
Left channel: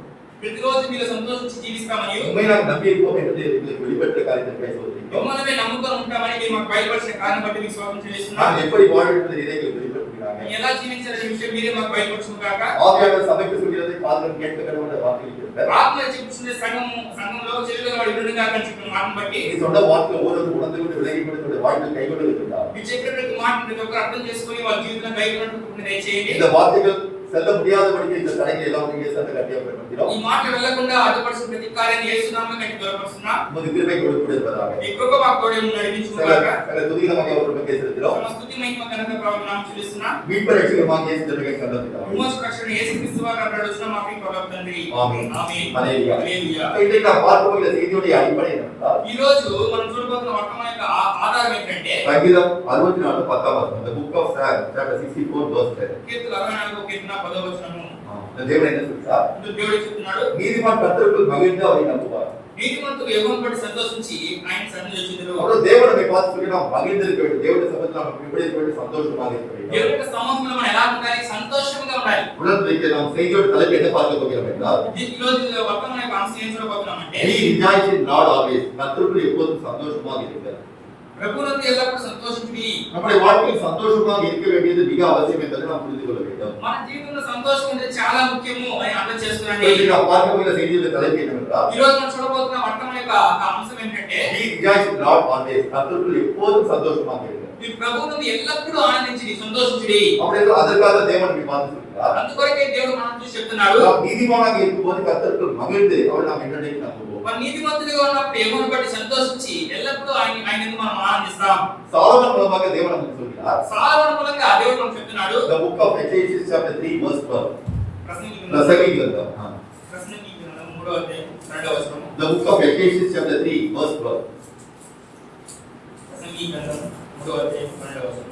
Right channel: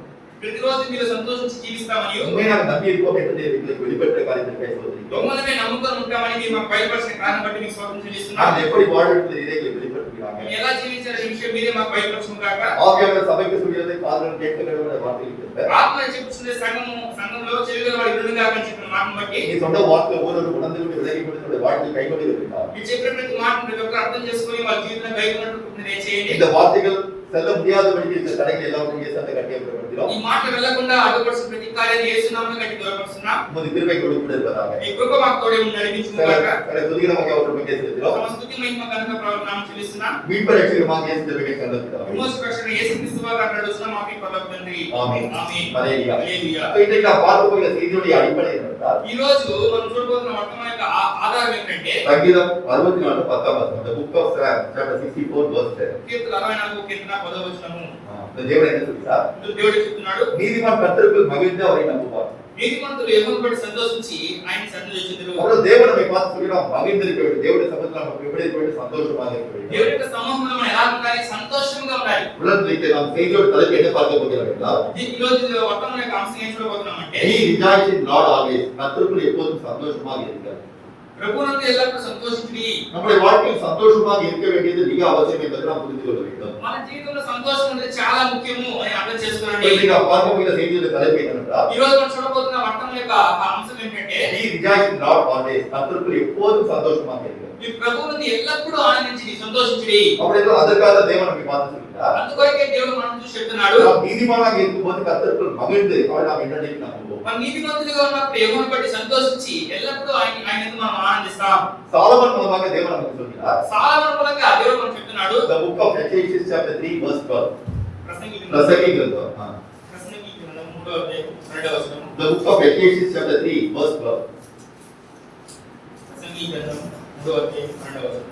ప్రతిరోజు మీలో సంతోషించి జీవిస్తామని உண்மையாக நம்பி இருப்போம் என்று எங்களுக்கு வெளிப்பட்ட காரியத்திற்காக சோதரிக்கிறோம். మిమ్మల్ని నమ్ముకొని ఉంటామని మీరు మాకు బయలుపరిచిన కారణం బట్టి మీకు స్తోత్రం చెల్లిస్తున్నాం. நான் எப்படி வாழ்வது இதை எங்களுக்கு வெளிப்படுத்துகிறாங்க. మేము ఎలా జీవించాలనే విషయం మీరే మాకు బయలుపరచును గాక. ஆவியானவர் சபைக்கு சொல்கிறதை காதுடன் கேட்க கடவுளுடைய வார்த்தை இருக்கிறது. ఆత్మ చెప్పుచున్న సంఘంలో చెవిలో వాడు ఇరుడును గాక అని చెప్పిన మాటను బట్టి நீ சொன்ன வார்த்தை ஒவ்வொரு உணர்ந்து கொண்டு விலகிப்படுத்த வாழ்க்கையில் கைகொண்டு இருக்கிறார். మీరు చెప్పిన ప్రతి మాటను ప్రతి ఒక్కరు అర్థం చేసుకొని వాళ్ళ జీవితంలో కైకొన్నట్టు దయచేయండి. இந்த வார்த்தைகள் செல்ல முடியாதபடிக்கு இந்த தடைகளை எல்லாம் இங்கே சேர்ந்து கட்டியப்படுகிறோம். ఈ మాట వెళ్ళకుండా అడ్డుపరిచిన ప్రతి కార్యాన్ని యేసు నామములో కట్టి దూరపరుస్తున్నాం. உமது கிருபை கொடுத்து இருப்பதாக. ఈ కృప మాకు తోడే ఉండి నడిపించును గాక. துதிகரமாக அவர்கள் பற்றி செலுத்துகிறோம். సమస్తుతి మహిమ కనుక ప్రభునామం చెల్లిస్తున్నాం. மீட்பு ரட்சகமாக இயேசு கிருபையை கண்டோம். విమోచకరక్షణ యేసుక్రీస్తు వారు అన్నాడుచున్న మా ప్రియ పరలోక తండ్రి. ఆమేన్. ఆమేన్. హల్లెలూయా. హల్లెలూయా. இன்றைக்கு நாம் பார்க்க போகிற செய்தியுடைய அடிப்படை என்னவென்றால் ఈ రోజు మనం చూడబోతున్న వర్తమాన యొక్క ఆధారం ఏంటంటే சங்கீதம் 64:10 the book of Psalm chapter 64 verse 10. కీర్తన 64 కీర్తన 10వ వచనము. இந்த தேவன் என்ன சொல்கிறார்? దేవుడు చెప్తున్నాడు, நீதிமான் கர்த்தருக்குள் மகிழ்ந்து அவரை நம்புவார். నీతిమంతులు యెహోవాను బట్టి సంతోషించి ఆయన సన్నిధిలో చేతురు. அப்போ தேவன் நம்மை பார்த்து சொல்கிறார் மகிழ்ந்திருக்க வேண்டும். தேவனுடைய சமூகத்தில் நாம் எப்படி இருக்க வேண்டும்? சந்தோஷமாக இருக்க வேண்டும். దేవుని యొక్క సమూహంలో మనం ఎలా ఉండాలి? సంతోషంగా ఉండాలి. உலகத்தில் நாம் செய்தியோட தலைப்பு என்ன பார்க்க போகிறோம் என்றால் ఈ రోజు వర్తమాన యొక్క అంశం ఏం చూడబోతున్నామంటే He rejoices in Lord always. கர்த்தருக்குள் எப்போதும் சந்தோஷமாக இருங்கள். ప్రభువునందు ఎల్లప్పుడూ సంతోషించుడి. நம்முடைய வாழ்க்கையில் சந்தோஷமாக இருக்க வேண்டியது மிக அவசியம் என்பதை நாம் புரிந்து கொள்ள வேண்டும். మన జీవితంలో సంతోషం అనేది చాలా ముఖ్యము అని అర్థం చేసుకోండి. இன்றைக்கு நாம் பார்க்க போகிற செய்தியோட தலைப்பு என்னவென்றால் ఈ రోజు మనం చూడబోతున్న వర్తమాన యొక్క అంశం ఏంటంటే He rejoices in Lord always. கர்த்தருக்குள் எப்போதும் சந்தோஷமாக இருங்கள். ఈ ప్రభువునందు ఎల్లప్పుడూ ఆనందించి సంతోషించుడి. அப்படியே அதற்காக தேவன் நம்மை பார்த்து சொல்கிறார் అందుకొరకే దేవుడు మనం చూసి చెప్తున్నాడు, நாம் நீதிமானாக இருக்கும்போது கர்த்தருக்குள் மகிழ்ந்து அவரை நாம் என்னென்னைக்கு நம்புவோம். మన నీతిమంతులుగా ఉన్నప్పుడు యెహోవాను బట్టి సంతోషించి ఎల్లప్పుడూ ఆయనను మనం ఆనందిస్తాం. சாலமன் மூலமாக தேவன் நமக்கு சொல்கிறார். సాలొమోను మూలంగా దేవుడు మనకు చెప్తున్నాడు. The book of Ecclesiastes chapter 3 verse 12. ప్రసంగి பிரசங்கி கிரந்தம். గ్రంథం 3వ అధ్యాయం 2వ వచనం. The book of Ecclesiastes chapter 3 verse 12. ప్రసంగి గ్రంథం 3వ అధ్యాయం 2వ వచనం.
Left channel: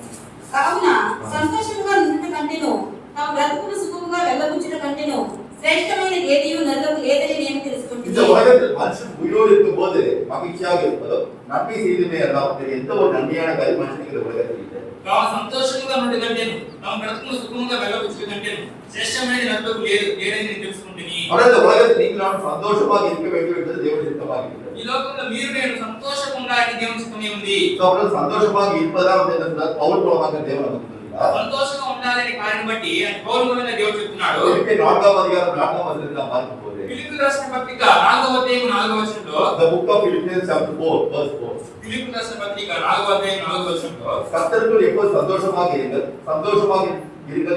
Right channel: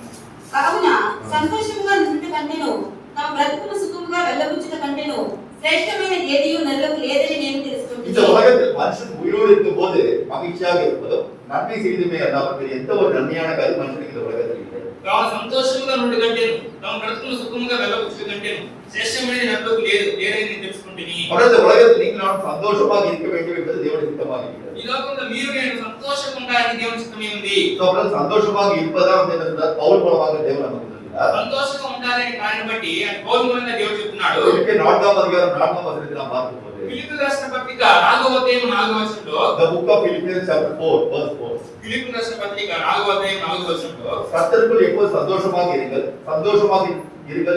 కావున సంతోషముగా నుండి కంటెను తమ బ్రతుకును సుఖముగా వెళ్ళబుచ్చుట కంటెను శ్రేష్టమైన ఏదియు నరులకు లేదని నేను இந்த తెలుసుకుంటున్నాను. உலகத்தில் மனுஷன் உயிரோடு இருக்கும்போது மகிழ்ச்சியாக இருப்பதும் நன்மை செய்துமே அல்லாமல் எந்த ஒரு நன்மையான காரியம் மனுஷனுக்கு இந்த உலகத்தில் இல்லை. కావున సంతోషముగా నుండి కంటేను తమ బ్రతుకును సుఖముగా వెళ్ళబుచ్చుట కంటేను శ్రేష్టమైనది నరులకు లేదని నేను తెలుసుకుంటుని. ஆனால் இந்த உலகத்தில் நீங்கள் நானும் சந்தோஷமாக இருக்க வேண்டும் என்பது தேவனுடைய சித்தமாக இருக்கிறது. ఈ లోకంలో మీరు నేను సంతోషంగా ఉండాలని దేవుని చిత్తమే ఉంది. அவர்கள் சந்தோஷமாக இருப்பதா வந்து என்ன சொன்னார்? பவுல் மூலமாக தேவன் நமக்கு சொல்கிறார். సంతోషంగా ఉండాలనే కార్యం బట్టి పౌలు మూలంగా దేవుడు చెప్తున్నాడు. பிலிப்பியர் 4ஆம் அதிகாரம் 4ஆம் வசனத்தில் நாம் பார்க்கும்போது ఫిలిప్పీయులకు రాసిన పత్రిక 4వ అధ్యాయం 4వ వచనంలో the book of Philippians chapter 4 verse 4. ఫిలిప్పీయులకు రాసిన పత్రిక 4వ అధ్యాయం 4వ వచనంలో கர்த்தருக்குள் எப்போது சந்தோஷமாக இருங்கள்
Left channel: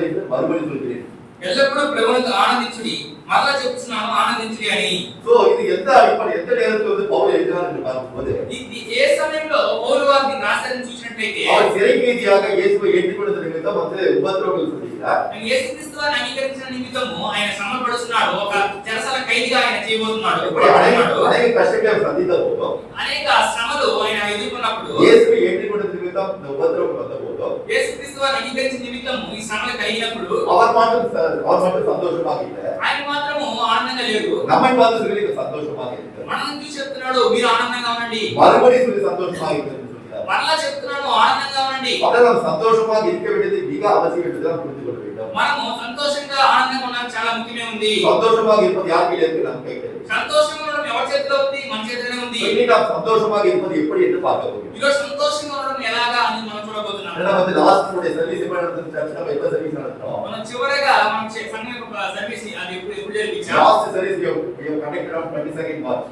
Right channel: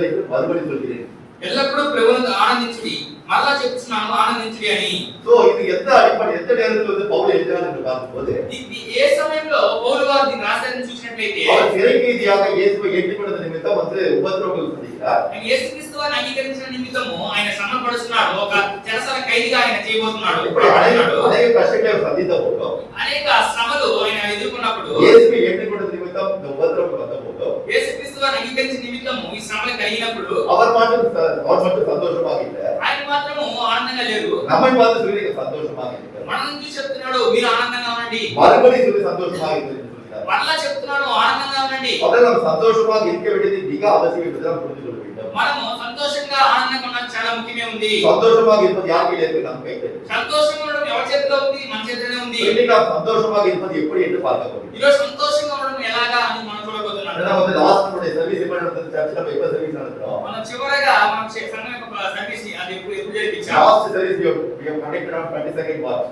என்று மறுபடியும் சொல்கிறேன். ఎల్లప్పుడూ ప్రభువునందు ఆనందించుడి. మరలా చెప్తున్నాను ఆనందించుడి అని. சோ இது எந்த அடிப்படை எந்த நேரத்தில் வந்து పౌలు எழுதினார் என்று பார்க்கும்போது ఇది ఏ సమయంలో పౌలు వారు దీన్ని రాశారని చూసినట్లయితే அவர் சிறை கைதியாக இயேசுவை ஏற்றுக்கொண்டது நிமித்தம் வந்து உபத்திரவங்கள் சந்திக்கிறார். ఆయన యేసుక్రీస్తు వారిని అంగీకరించిన నిమిత్తము ఆయన శ్రమపడుతున్నాడు. ఒక చెరసాల ఖైదీగా ఆయన చేయబోతున్నాడు. இப்படி அநேக கஷ்டங்களை அவர் சந்தித்த போதும் అనేక శ్రమలు ఆయన ఎదుర్కొన్నప్పుడు இயேசுவை ஏற்றுக்கொண்டது நிமித்தம் இந்த உபத்திரவங்கள் வந்த போதும் యేసుక్రీస్తు వారిని అంగీకరించిన నిమిత్తము ఈ శ్రమలు కలిగినప్పుడు அவர் மட்டும் சந்தோஷமாக இல்லை. ఆయన మాత్రము ఆనందంగా లేరు. நம்மை பார்த்து சொல்லி சந்தோஷமாக இருக்கிறார். మనం చూసి చెప్తున్నాడు మీరు ఆనందంగా ఉండండి. மறுபடியும் சொல்லி சந்தோஷமாக இருக்கிறது என்று சொல்கிறார். మరలా చెప్తున్నాను ఆనందంగా ఉండండి. அப்படியே நாம் சந்தோஷமாக இருக்க வேண்டியது மிக அவசியம் என்று நாம் புரிந்து கொள்ள வேண்டும். మనము సంతోషంగా ఆనందంగా ఉండడం చాలా ముఖ్యమే ఉంది. சந்தோஷமாக இருப்பது யார் கையில் இருக்கு? நம்ம கையில் இருக்கு. సంతోషంగా ఉండడం ఎవరి చేతిలో ఉంది? మన చేతిలోనే ఉంది. இன்னைக்கு நாம் சந்தோஷமாக இருப்பது எப்படி என்று பார்க்க போகிறோம். ఈరోజు సంతోషంగా ఉండడం ఎలాగా అని మనం చూడబోతున్నాం. நம்ம வந்து லாஸ்ட் சர்வீஸ் எப்ப நடந்தது? சர்ச் நம்ம எப்ப சர்வீஸ் நடத்துறோம்? మనం చివరగా మనం సంఘం యొక్క సర్వీస్ అది ఎప్పుడు జరిపించాం? Last service we have conducted on 22nd March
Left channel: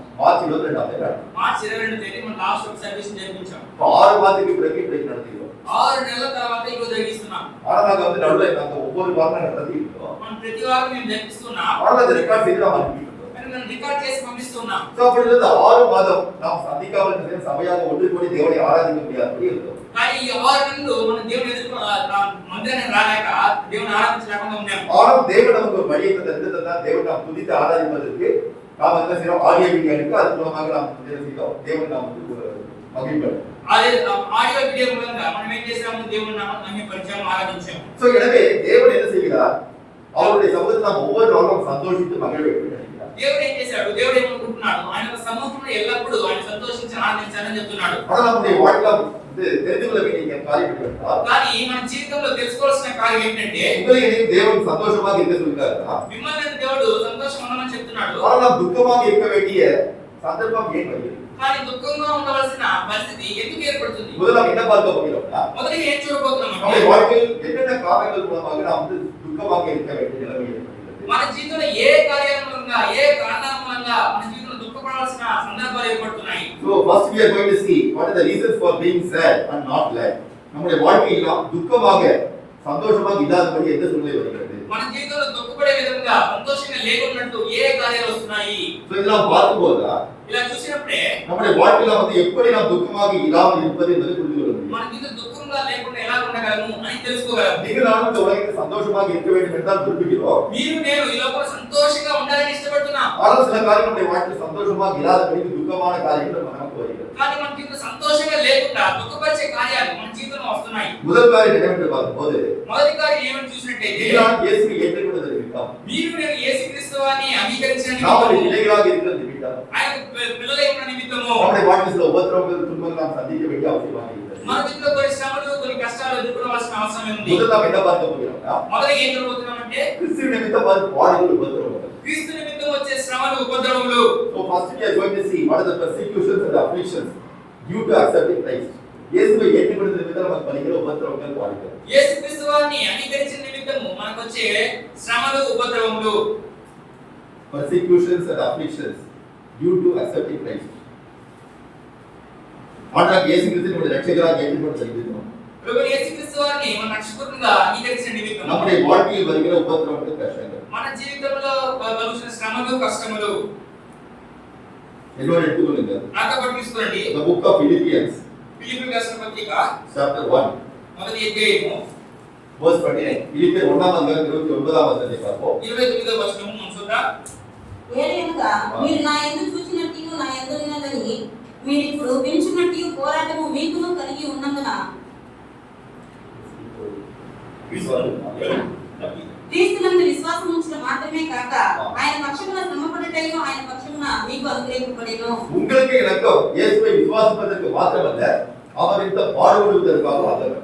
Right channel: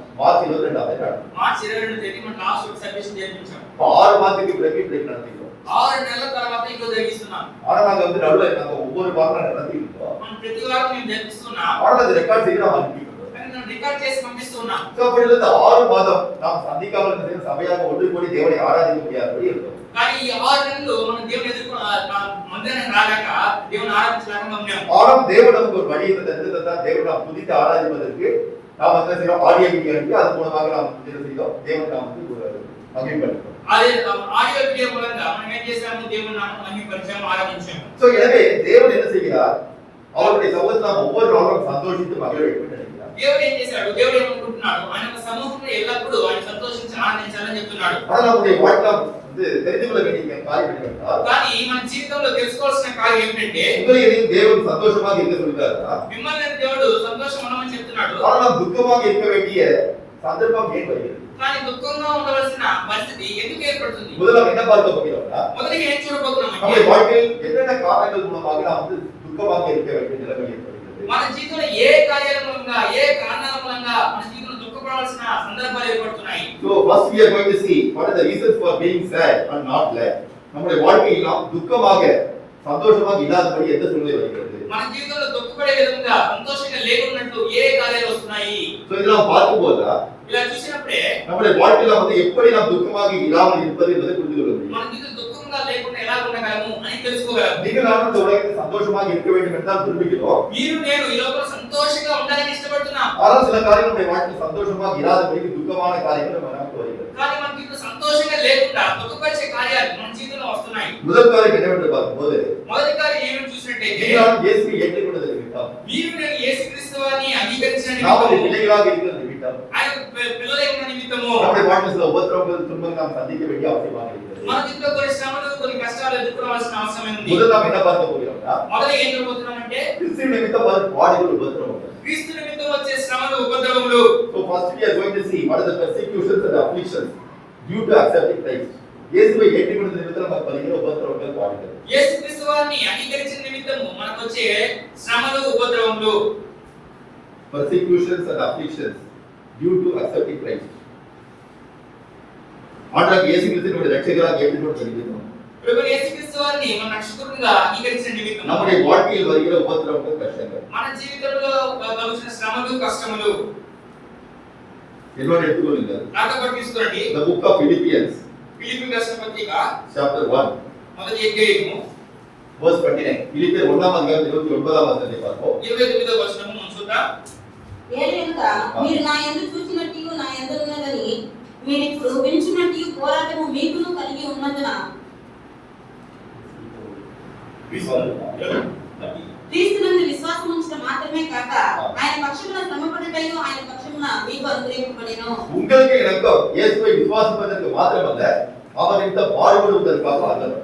22 ஆம் మార్చి 22వ తేదీ మనం లాస్ట్ ఒక సర్వీస్ జరిపించాం. 6 மாதத்துக்கு பிறகு இப்படி நடத்திட்டோம். 6 నెలల తర్వాత ఈరోజు జరిగిస్తున్నాం. ஆனா நாங்க வந்து நடுவுல நாங்க ஒவ்வொரு வாரம் நடத்திட்டோம். మనం ప్రతి వారం మేము జరిపిస్తున్నాం. ஆனா அது ரெக்கார்ட் செய்து நாம் அனுப்பிட்டோம். కానీ మనం రికార్డ్ చేసి పంపిస్తున్నాం. சோ அப்படி இருந்த 6 மாதம் நாம் சந்திக்காமல் இருந்த சபையாக ஒன்று கூடி தேவனை ஆராதிக்க முடியாதபடி இருந்தோம். కానీ ఈ 6 నెలలు మనం దేవుని ఎదుర్కొ మందిరానికి రాలేక దేవుని ఆరాధించలేకుండా ఉన్నాం. ஆனால் தேவன் நமக்கு ஒரு வழியை தந்திருந்தார். தேவன் நாம் துதித்து ஆராதிப்பதற்கு நாம் என்ன செய்யறோம்? ஆடியோ வீடியோ அனுப்பி அது மூலமாக நாம் என்ன செய்தோம்? தேவனை நாம் வந்து மகிழ்ப்படுத்தோம். అదే ఆడియో వీడియో మూలంగా మనం ఏం చేసాము? దేవుని నామమును మహిమపరిచాము, ఆరాధించాము. சோ எனவே தேவன் என்ன செய்கிறார்? அவருடைய சமூகத்தில் நாம் ஒவ்வொரு நாளும் சந்தோஷித்து மகிழ வேண்டும் என்று நினைக்கிறார். దేవుడు ఏం చేశాడు? దేవుడు ఏమనుకుంటున్నాడు? ఆయన సమూహంలో ఎల్లప్పుడూ ఆయన సంతోషించి ఆనందించాలని చెప్తున్నాడు. ஆனால் நம்முடைய வாழ்க்கை வந்து தெரிந்து கொள்ள வேண்டிய காரியம் என்னவென்றால், కానీ మన జీవితంలో తెలుసుకోవాల్సిన కార్యం ఏంటంటే உங்களை தேவன் சந்தோஷமாக இருக்க சொல்லிட்டாருன்னா, మిమ్మల్ని దేవుడు సంతోషం ఉండమని చెప్తున్నాడు. ஆனால் நாம் துக்கமாக இருக்க வேண்டிய சந்தர்ப்பம் ஏன் வருகிறது? కానీ దుఃఖంగా ఉండవలసిన పరిస్థితి ఎందుకు ఏర్పడుతుంది? முதல்ல என்ன பார்க்க போகிறோம்னா, మొదటిగా ఏం చూడబోతున్నాం நம்முடைய అంటే வாழ்க்கையில் என்னென்ன காரணங்கள் மூலமாக நாம் வந்து துக்கமாக இருக்க வேண்டிய நிலைமை ஏற்படுகிறது. మన జీవితంలో ఏ కార్యాల మూలంగా ఏ కారణాల మూలంగా మన జీవితంలో దుఃఖపడాల్సిన సందర్భాలు ఏర్పడుతున్నాయి. So first we are going to see what are the reasons for being sad and not glad. நம்முடைய வாழ்க்கையில் நாம் துக்கமாக சந்தோஷமாக இல்லாதபடி எந்த சூழ்நிலை வருகிறது? మన జీవితంలో దుఃఖపడే విధంగా సంతోషంగా లేకున్నట్లు ఏ కార్యాలు వస్తున్నాయి? So இதெல்லாம் பார்க்கும்போது ఇలా చూసినప్పుడే நம்முடைய வாழ்க்கையில வந்து எப்படி நாம் துக்கமாக இல்லாமல் இருப்பது என்பதை புரிந்து கொள்ள முடியும். మన జీవితం దుఃఖంగా లేకుండా ఎలా ఉండగలము అని తెలుసుకోగలము. நீங்கள் நானும் இந்த உலகத்தில் சந்தோஷமாக இருக்க வேண்டும் என்று தான் விரும்புகிறோம். మీరు నేను ఈ లోపల సంతోషంగా ఉండాలని ఇష్టపడుతున్నాం. ஆனால் சில காரியங்கள் நம்முடைய வாழ்க்கையில் சந்தோஷமாக இராதபடி துக்கமான காரியங்கள் நமக்கு வருகிறது. కానీ మన జీవితం సంతోషంగా లేకుండా దుఃఖపరిచే కార్యాలు మన జీవితంలో వస్తున్నాయి. முதல் காரியம் என்னவென்று பார்க்கும்போது, మొదటి కార్యం ఏమని చూసినట్టయితే நீங்கள் நானும் இயேசுவை ஏற்றுக்கொண்டதை விட்டோம். మీరు నేను యేసుక్రీస్తు వారిని అంగీకరించిన நாம் ஒரு నిమిత్తము பிள்ளைகளாக இருக்கிறதை விட்டோம். ఆయన పిల్లలై ఉన్న నిమిత్తము நம்முடைய வாழ்க்கையில் சில உபத்திரவங்கள் துன்பங்கள் நாம் சந்திக்க வேண்டிய அவசியமாக இருக்கிறது. మన జీవితంలో కొన్ని శ్రమలు కొన్ని కష్టాలు ఎదుర్కోవాల్సిన అవసరం ఉంది. முதல் நாம் என்ன பார்க்க போகிறோம்னா, మొదట ఏం చూడబోతున్నామంటే கிறிஸ்து நிமித்தம் பாடுகள் உபத்திரவங்கள். క్రీస్తు నిమిత్తం వచ్చే శ్రమలు ఉపద్రవములు. So first we are going to see what are the persecutions and afflictions due to accepting Christ. இயேசுவை ஏற்றுக்கொண்ட நிமித்தம் நமக்கு வருகிற உபத்திரவங்கள் பாடுகள். యేసుక్రీస్తు వారిని అంగీకరించిన నిమిత్తము మనకు వచ్చే శ్రమలు ఉపద్రవములు. Persecutions and afflictions due to accepting Christ. ஆண்டவராகிய இயேசு கிறிஸ்துவை நம்முடைய இரட்சகராக ஏற்றுக்கொண்ட நிமித்தம் ప్రభు యేసుక్రీస్తు వారిని మన రక్షకుడిగా అంగీకరించిన నిమిత్తము நம்முடைய வாழ்க்கையில் வருகிற உபத்திரவங்கள் கஷ்டங்கள். మన జీవితంలో కలుగుతున్న శ్రమలు కష్టములు. என்னோட எடுத்துக்கொள்ளுங்கள். నాతో పాటు తీసుకోండి. The book of Philippians ఫిలిప్పీయులకు రాసిన పత్రిక chapter 1 మొదటి అధ్యాయము verse 29. பிலிப்பியர் 1ஆம் அதிகாரம் 29ஆம் வசனத்தை பார்ப்போம். 29వ వచనము మనం చూద్దాం. ఏలయనగా మీరు నా యందు చూసినట్టు నా యందు ఉన్నదని మీరు ఇప్పుడు వినుచున్నట్టు పోరాటము మీకును కలిగి ఉన్నందున క్రీస్తునందు విశ్వాసం ఉంచడం మాత్రమే కాక ఆయన పక్షమున శ్రమపడుటయు ఆయన పక్షమున మీకు అనుగ్రహింపబడెను. உங்களுக்கு எனக்கும் இயேசுவை விசுவாசிப்பதற்கு மாத்திரமல்ல, அவர் நிமித்தம் பாடுபடுவதற்காக ஆதரவு.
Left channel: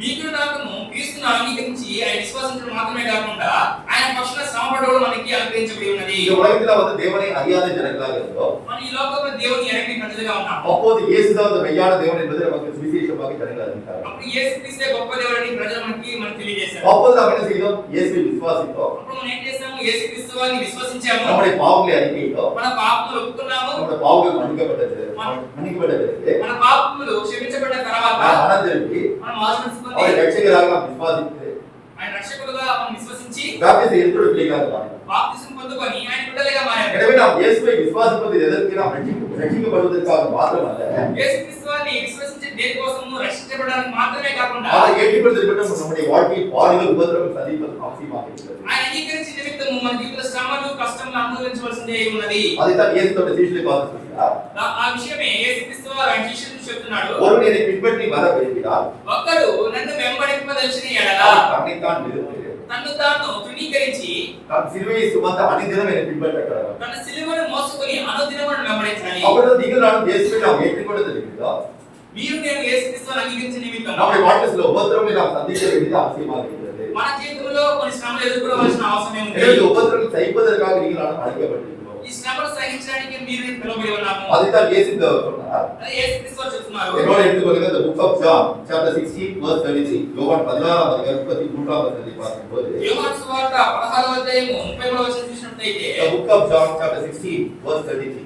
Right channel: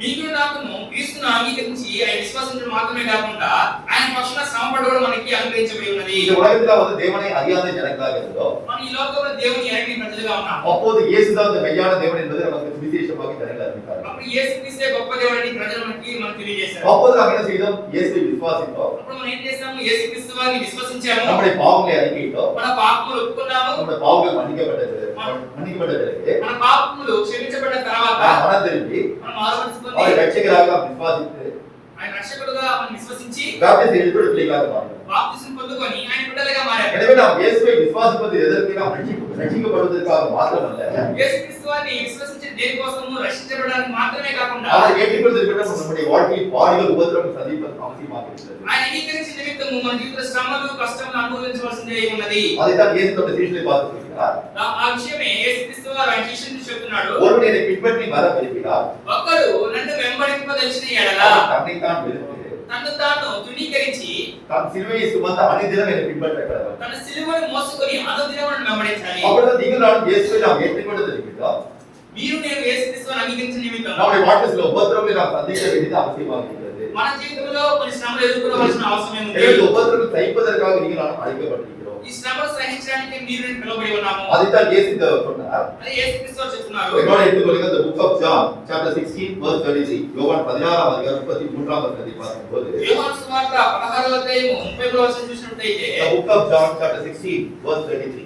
మీకు నాకును క్రీస్తును అంగీకరించి ఆయన విశ్వాసించడం మాత్రమే కాకుండా ఆయన పక్షాన శ్రమపడడం మనకి అనుగ్రహించబడి ఉన్నది. இந்த உலகத்துல வந்து தேவனை அறியாத ஜனங்களாக இருந்தோம். మన ఈ లోకంలో దేవుని ఎరగని ప్రజలుగా ఉన్నాము. அப்போது இயேசுதான் அந்த மெய்யான தேவன் என்பதை நமக்கு சுவிசேஷமாக ஜனங்கள் அறிவித்தார்கள். అప్పుడు యేసుక్రీస్తే గొప్ప దేవుడని ప్రజలు మనకు తెలియజేశారు. அப்போது நாம் என்ன செய்தோம்? இயேசுவை விசுவாசித்தோம். అప్పుడు మనం ఏం చేసాము? యేసుక్రీస్తు వారిని విశ్వసించాము. நம்முடைய பாவங்களை அறிக்கையிட்டோம். మన పాపములు ఒప్పుకున్నాము. நம்முடைய பாவங்கள் மன்னிக்கப்பட்டது. మన పాపములు క్షమించబడ్డ తర్వాత மனம் திரும்பி మనం మారుమనసుకొని அவரை இரட்சகராக நாம் விசுவாசித்து ఆయన రక్షకుడుగా మనం విశ్వసించి பாப்திஸ்மம் எடுத்துள்ள பிள்ளைகளாக மாறினோம். బాప్తిసం పొందుకొని ఆయన బిడ్డలుగా మారాము. எனவே நாம் இயேசுவை விசுவாசிப்பது எதற்கு? நாம் ரட்சிக்கப்படுவதற்காக மாத்திரமல்ல, యేసుక్రీస్తు వారిని విశ్వసించే దేనికోసము రక్షించబడడానికి మాత్రమే కాకుండా அவரை ஏற்றுக்கொள்வதற்கு நம்முடைய வாழ்க்கையில் பாடுகள் உபத்திரவம் சந்திப்பது அவசியமாக இருக்கிறது. ఆయన అంగీకరించిన నిమిత్తము మన జీవిత శ్రమలు కష్టములు అనుభవించవలసిందే ఉన్నది. அதைத்தான் இயேசு தம்முடைய சீஷர்களை பார்த்து சொல்கிறார். ఆ విషయమే యేసుక్రీస్తు వారు ఆయన శిష్యులకు చెప్తున్నాడు. ஒருவன் என்னை பின்பற்றி வர விரும்பினார், ఒక్కడు నన్ను వెంబడింపదలిచిన ఎడల தன்னைத்தான் வெறுத்து తన్ను తాను తృణీకరించి தன் சிலுவையை சுமந்த அனுதினம் என்னை பின்பற்ற கடவன். తన సిలువను మోసుకొని అనుదినమును వెంబడించాలి. அப்பொழுது நீங்கள் நானும் இயேசுவை நாம் ஏற்றுக்கொண்டது இருக்கிறோம். మీరు నేను యేసుక్రీస్తు వారిని అంగీకరించిన నిమిత్తము நம்முடைய வாழ்க்கையில் சில உபத்திரவங்களை நாம் சந்திக்க வேண்டியது அவசியமாக இருக்கிறது. మన జీవితంలో కొన్ని శ్రమలు ఎదుర్కోవాల్సిన అవసరం ఉంది. எனவே இந்த உபத்திரவங்களை சகிப்பதற்காக நீங்கள் நானும் அழைக்கப்பட்டிருக்கிறோம். ఈ శ్రమలు సహించడానికి మీరు నేను పిలువబడి ఉన్నాము. அதைத்தான் இயேசு சொன்னார். అదే యేసుక్రీస్తు వారు చెప్తున్నారు. என்னோட எடுத்துக்கொள்ளுங்க. the book of John chapter 16 verse 33. யோவான் 16ஆம் அதிகாரம் 33ஆம் வசனத்தை பார்க்கும்போது, యోహాను సువార్త 16వ అధ్యాయము 33వ వచనం చూసినట్లయితే the book of John chapter 16 verse 33.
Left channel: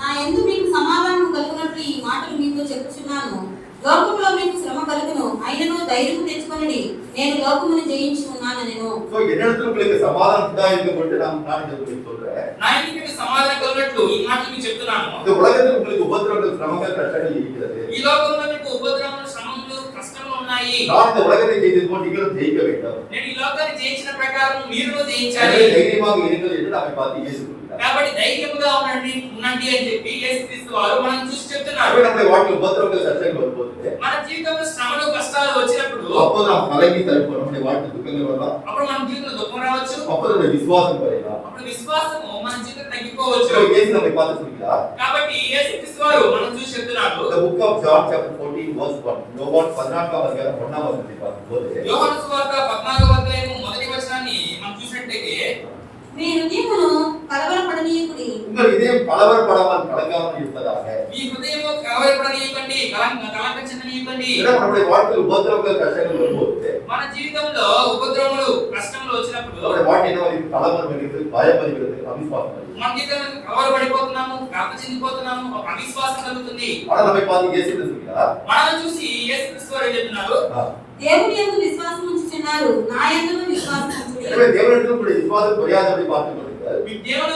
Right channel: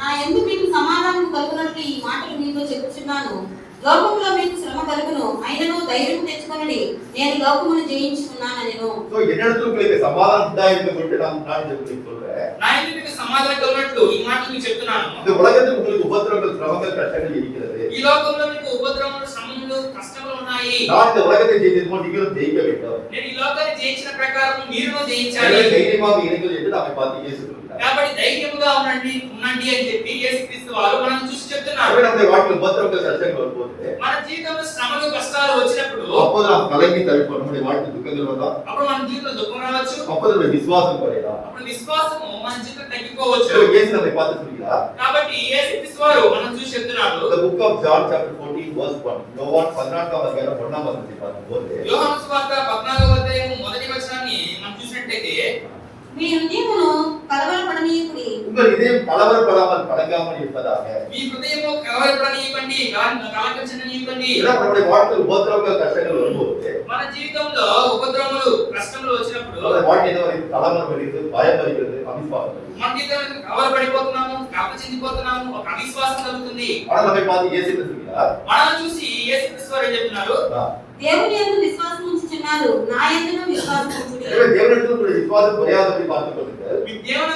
నా యందు మీకు సమాధానం కలుగునట్లు ఈ మాటలు మీతో చెప్పుచున్నాను. లోకములో మీకు శ్రమ కలుగును, అయినను ధైర్యం తెచ్చుకొనండి, నేను లోకమును జయించి ఉన్నానెను. சோ என்னிடத்தில் உங்களுக்கு சமாதானம் உண்டாயிருக்கும் என்று நான் இந்த உங்களுக்கு சொல்றேன். నా ఇంటి మీకు సమాధానం కలిగినట్లు ఈ మాటలు మీకు చెప్తున్నాను. இந்த உலகத்தில் உங்களுக்கு உபத்திரவங்கள், சிரமங்கள், கஷ்டங்கள் இருக்கிறது. ఈ లోకంలో మీకు ఉపద్రవములు, శ్రమలు, కష్టములు ఉన్నాయి. நான் இந்த உலகத்தை ஜெயித்தது போல் நீங்களும் ஜெயிக்க வேண்டும். నేను ఈ లోకాన్ని జయించిన ప్రకారం మీరును எனவே జయించాలి. தைரியமாக இருங்கள் என்று நம்மை பார்த்து இயேசு சொல்கிறார். కాబట్టి ధైర్యముగా ఉండండి అని చెప్పి యేసుక్రీస్తు వారు మనం చూసి చెప్తున్నారు. எனவே நம்முடைய வாழ்க்கையில் உபத்திரவங்கள், கஷ்டங்கள் வரும்போது మన జీవితంలో శ్రమలు కష్టాలు వచ్చినప్పుడు அப்போது நாம் கலங்கி தவிப்போம். நம்முடைய வாழ்க்கை துக்கங்கள் வந்தால் అప్పుడు మన జీవితంలో దుఃఖం రావచ్చు. அப்போது நம்முடைய விசுவாசம் குறையலாம். అప్పుడు విశ్వాసము మన జీవితం తగ్గిపోవచ్చు. So இயேசு நம்மை பார்த்து சொல்கிறார். కాబట్టి యేసుక్రీస్తు వారు మనం చూసి చెప్తున్నాడు. The book of John chapter 14 verse 1. யோவான் 14వ అధ్యాయం 1వ వచనం பார்க்கும்போது యోహాను సువార్త 14వ అధ్యాయం మొదటి వచనాన్ని మనం చూసినట్లయితే మీ హృదయమును కలవరపడనీయకుడి. உங்கள் இதயம் கலவரப்படாமல் கலங்காமல் இருப்பதாக. మీ హృదయము కలవరపడనీయకండి, కలక చెందనీయకండి. நம்முடைய வாழ்க்கையில் உபத்திரவங்கள் கஷ்டங்கள் வரும்போது మన జీవితంలో ఉపద్రవములు కష్టములు వచ్చినప్పుడు நம்முடைய வாழ்க்கை என்ன வருகிறது? கலவரம் வருகிறது, பயம் வருகிறது, அவிசுவாசம் வருகிறது. మన జీవితంలో కలవరపడిపోతున్నాము, కలక చెందిపోతున్నాము, ఒక అవిశ్వాసం కలుగుతుంది. ஆனால் நம்மை பார்த்து இயேசு என்ன சொல்கிறார்? మనల్ని చూసి యేసుక్రీస్తు వారు ఏం చెప్తున్నారు? దేవుని యందు విశ్వాసం ఉంచుచున్నారు, నా యందును విశ్వాసం ఉంచుడి. எனவே தேவனிடத்தில் உங்களுடைய விசுவாசம் குறையாதபடி பார்த்துக் கொள்ளுங்கள். మీ దేవుని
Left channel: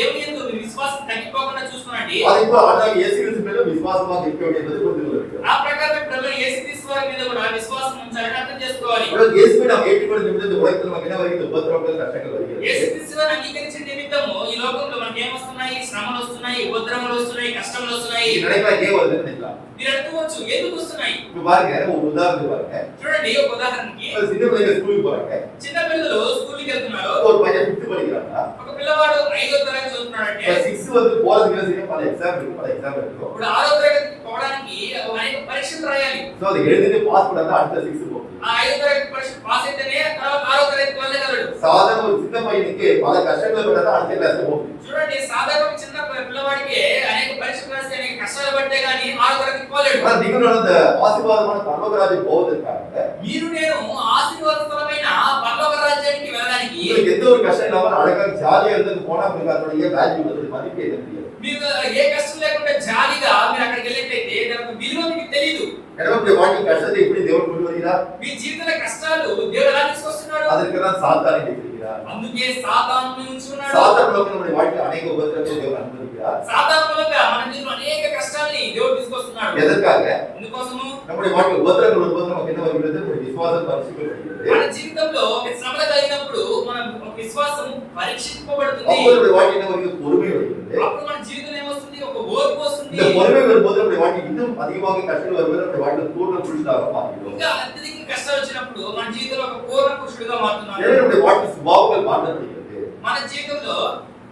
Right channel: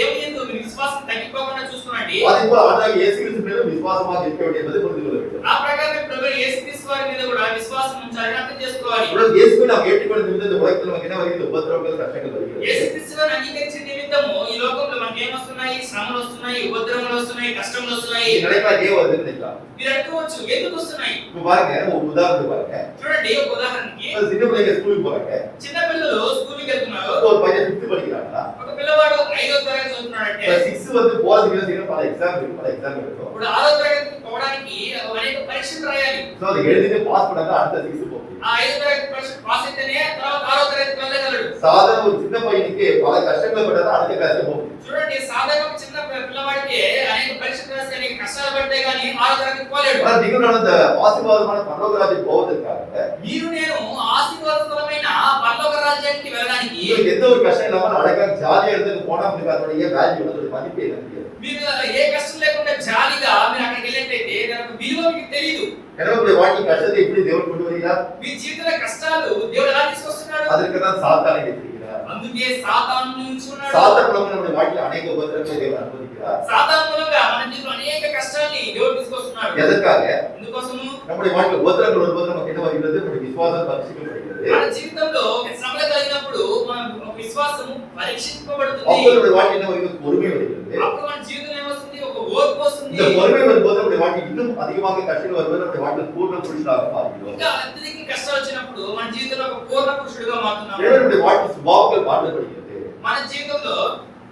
యందు మీ విశ్వాసం తగ్గిపోకుండా చూసుకోండి. அதேபோல் ஆண்டவராகிய இயேசு கிறிஸ்து மேலும் விசுவாசமாக இருக்க வேண்டும் என்பதை புரிந்து கொள்ள வேண்டும். ఆ ప్రకారం ప్రభు యేసుక్రీస్తు వారి మీద కూడా విశ్వాసం ఉంచాలని అర్థం చేసుకోవాలి. ఇప్పుడు இயேசுவை நாம் ஏற்றுக்கொண்ட நிமித்தம் இந்த உலகத்தில் நமக்கு என்ன வருகிறது? உபத்திரவங்கள் கஷ்டங்கள் வருகிறது. యేసుక్రీస్తు వారిని అంగీకరించిన నిమిత్తము ఈ లోకంలో మనకి ఏం వస్తున్నాయి? శ్రమలు వస్తున్నాయి, ఉపద్రవములు వస్తున్నాయి, కష్టములు వస్తున్నాయి. இது நினைக்கலாம் ஏன் வருதுன்னு நினைக்கலாம். మీరు అనుకోవచ్చు ఎందుకు వస్తున్నాయి? இப்ப பாருங்க ஒரு உதாரணத்துக்கு பாருங்க. చూడండి ఒక ఉదాహరణకి ஒரு சின்ன பிள்ளைங்க ஸ்கூலுக்கு போறாங்க. చిన్న పిల్లలు స్కూల్కి వెళ్తున్నారు. ஒரு பையன் 5th படிக்கிறானா. ఒక పిల్లవాడు 5వ తరగతి చదువుతున్నాడంటే 6 வந்து போறதுக்கு என்ன செய்யணும்? பல எக்ஸாம் இருக்கு, பல எக்ஸామ్ இருக்கும். ఇప్పుడు 6వ తరగతికి పోవడానికి అనేక పరీక్షలు రాయాలి. சோ அது எழுதிட்டு பாஸ் பண்ணா அடுத்த 6 போகும். ఆ 5వ తరగతి పరీక్ష పాస్ అయితేనే తర్వాత 6వ తరగతికి వెళ్ళగలడు. சாதாரண ஒரு சின்ன பையனுக்கு பல கஷ்டங்களை பட்டா அடுத்த கிளாஸ்க்கு போகும். చూడండి సాధారణ చిన్న పిల్లవాడికి అనేక పరీక్షలు రాసి అనేక కష్టాలు పడితే గానీ 6వ తరగతికి పోలేడు. ஆனா நீங்களும் அந்த ஆசீர்வாதமான பரலோக ராஜ்யம் போவதற்காக మీరు నేను ఆశీర్వాదకరమైన పరలోక రాజ్యానికి వెళ్ళడానికి உங்களுக்கு எந்த ஒரு கஷ்டம் இல்லாம அழகா ஜாலியா இருந்து போனா உங்களுக்கு அதோடைய வேல்யூ அதோட மதிப்பு என்ன தெரியாது. మీకు ఏ కష్టం లేకుండా జాలీగా మీరు అక్కడికి వెళ్ళినట్లయితే దానికి విలువ మీకు తెలియదు. எனவே உங்களுடைய வாழ்க்கை கஷ்டத்தை எப்படி தேவன் கொண்டு வருகிறார்? మీ జీవితంలో కష్టాలు దేవుడు ఎలా తీసుకొస్తున్నాడు? அதற்கு தான் சாத்தானை வைத்திருக்கிறார். అందుకే సాతానుని ఉంచున్నాడు. சாத்தான் மூலமா நம்முடைய வாழ்க்கையில் அநேக உபத்திரவங்களை தேவன் அனுமதிக்கிறார். సాతాను మూలంగా మన జీవితంలో అనేక కష్టాల్ని దేవుడు తీసుకొస్తున్నాడు. எதற்காக? ఎందుకోసము? நம்முடைய வாழ்க்கையில் உபத்திரவங்கள் வரும்போது நமக்கு என்ன வருகிறது? நம்முடைய விசுவாசம் பரீட்சிக்கப்படுகிறது. మన జీవితంలో శ్రమలు కలిగినప్పుడు మన విశ్వాసము పరీక్షింపబడుతుంది. அப்போது நம்முடைய வாழ்க்கை என்ன வருகிறது? பொறுமை வருகிறது. అప్పుడు మన జీవితంలో ఏమొస్తుంది? ఒక ఓర్పు వస్తుంది. இந்த பொறுமை வரும்போது நம்முடைய வாழ்க்கை இன்னும் அதிகமாக கஷ்டங்கள் வரும்போது நம்முடைய வாழ்க்கை பூர்ண புருஷனாக மாறுகிறோம். ఇంకా అత్యధిక కష్టాలు వచ్చినప్పుడు మన జీవితంలో ఒక పూర్ణ పురుషుడిగా మారుతున్నాము. எனவே நம்முடைய வாழ்க்கை சுபாவங்கள் மாற்றப்படுகிறது. మన జీవితంలో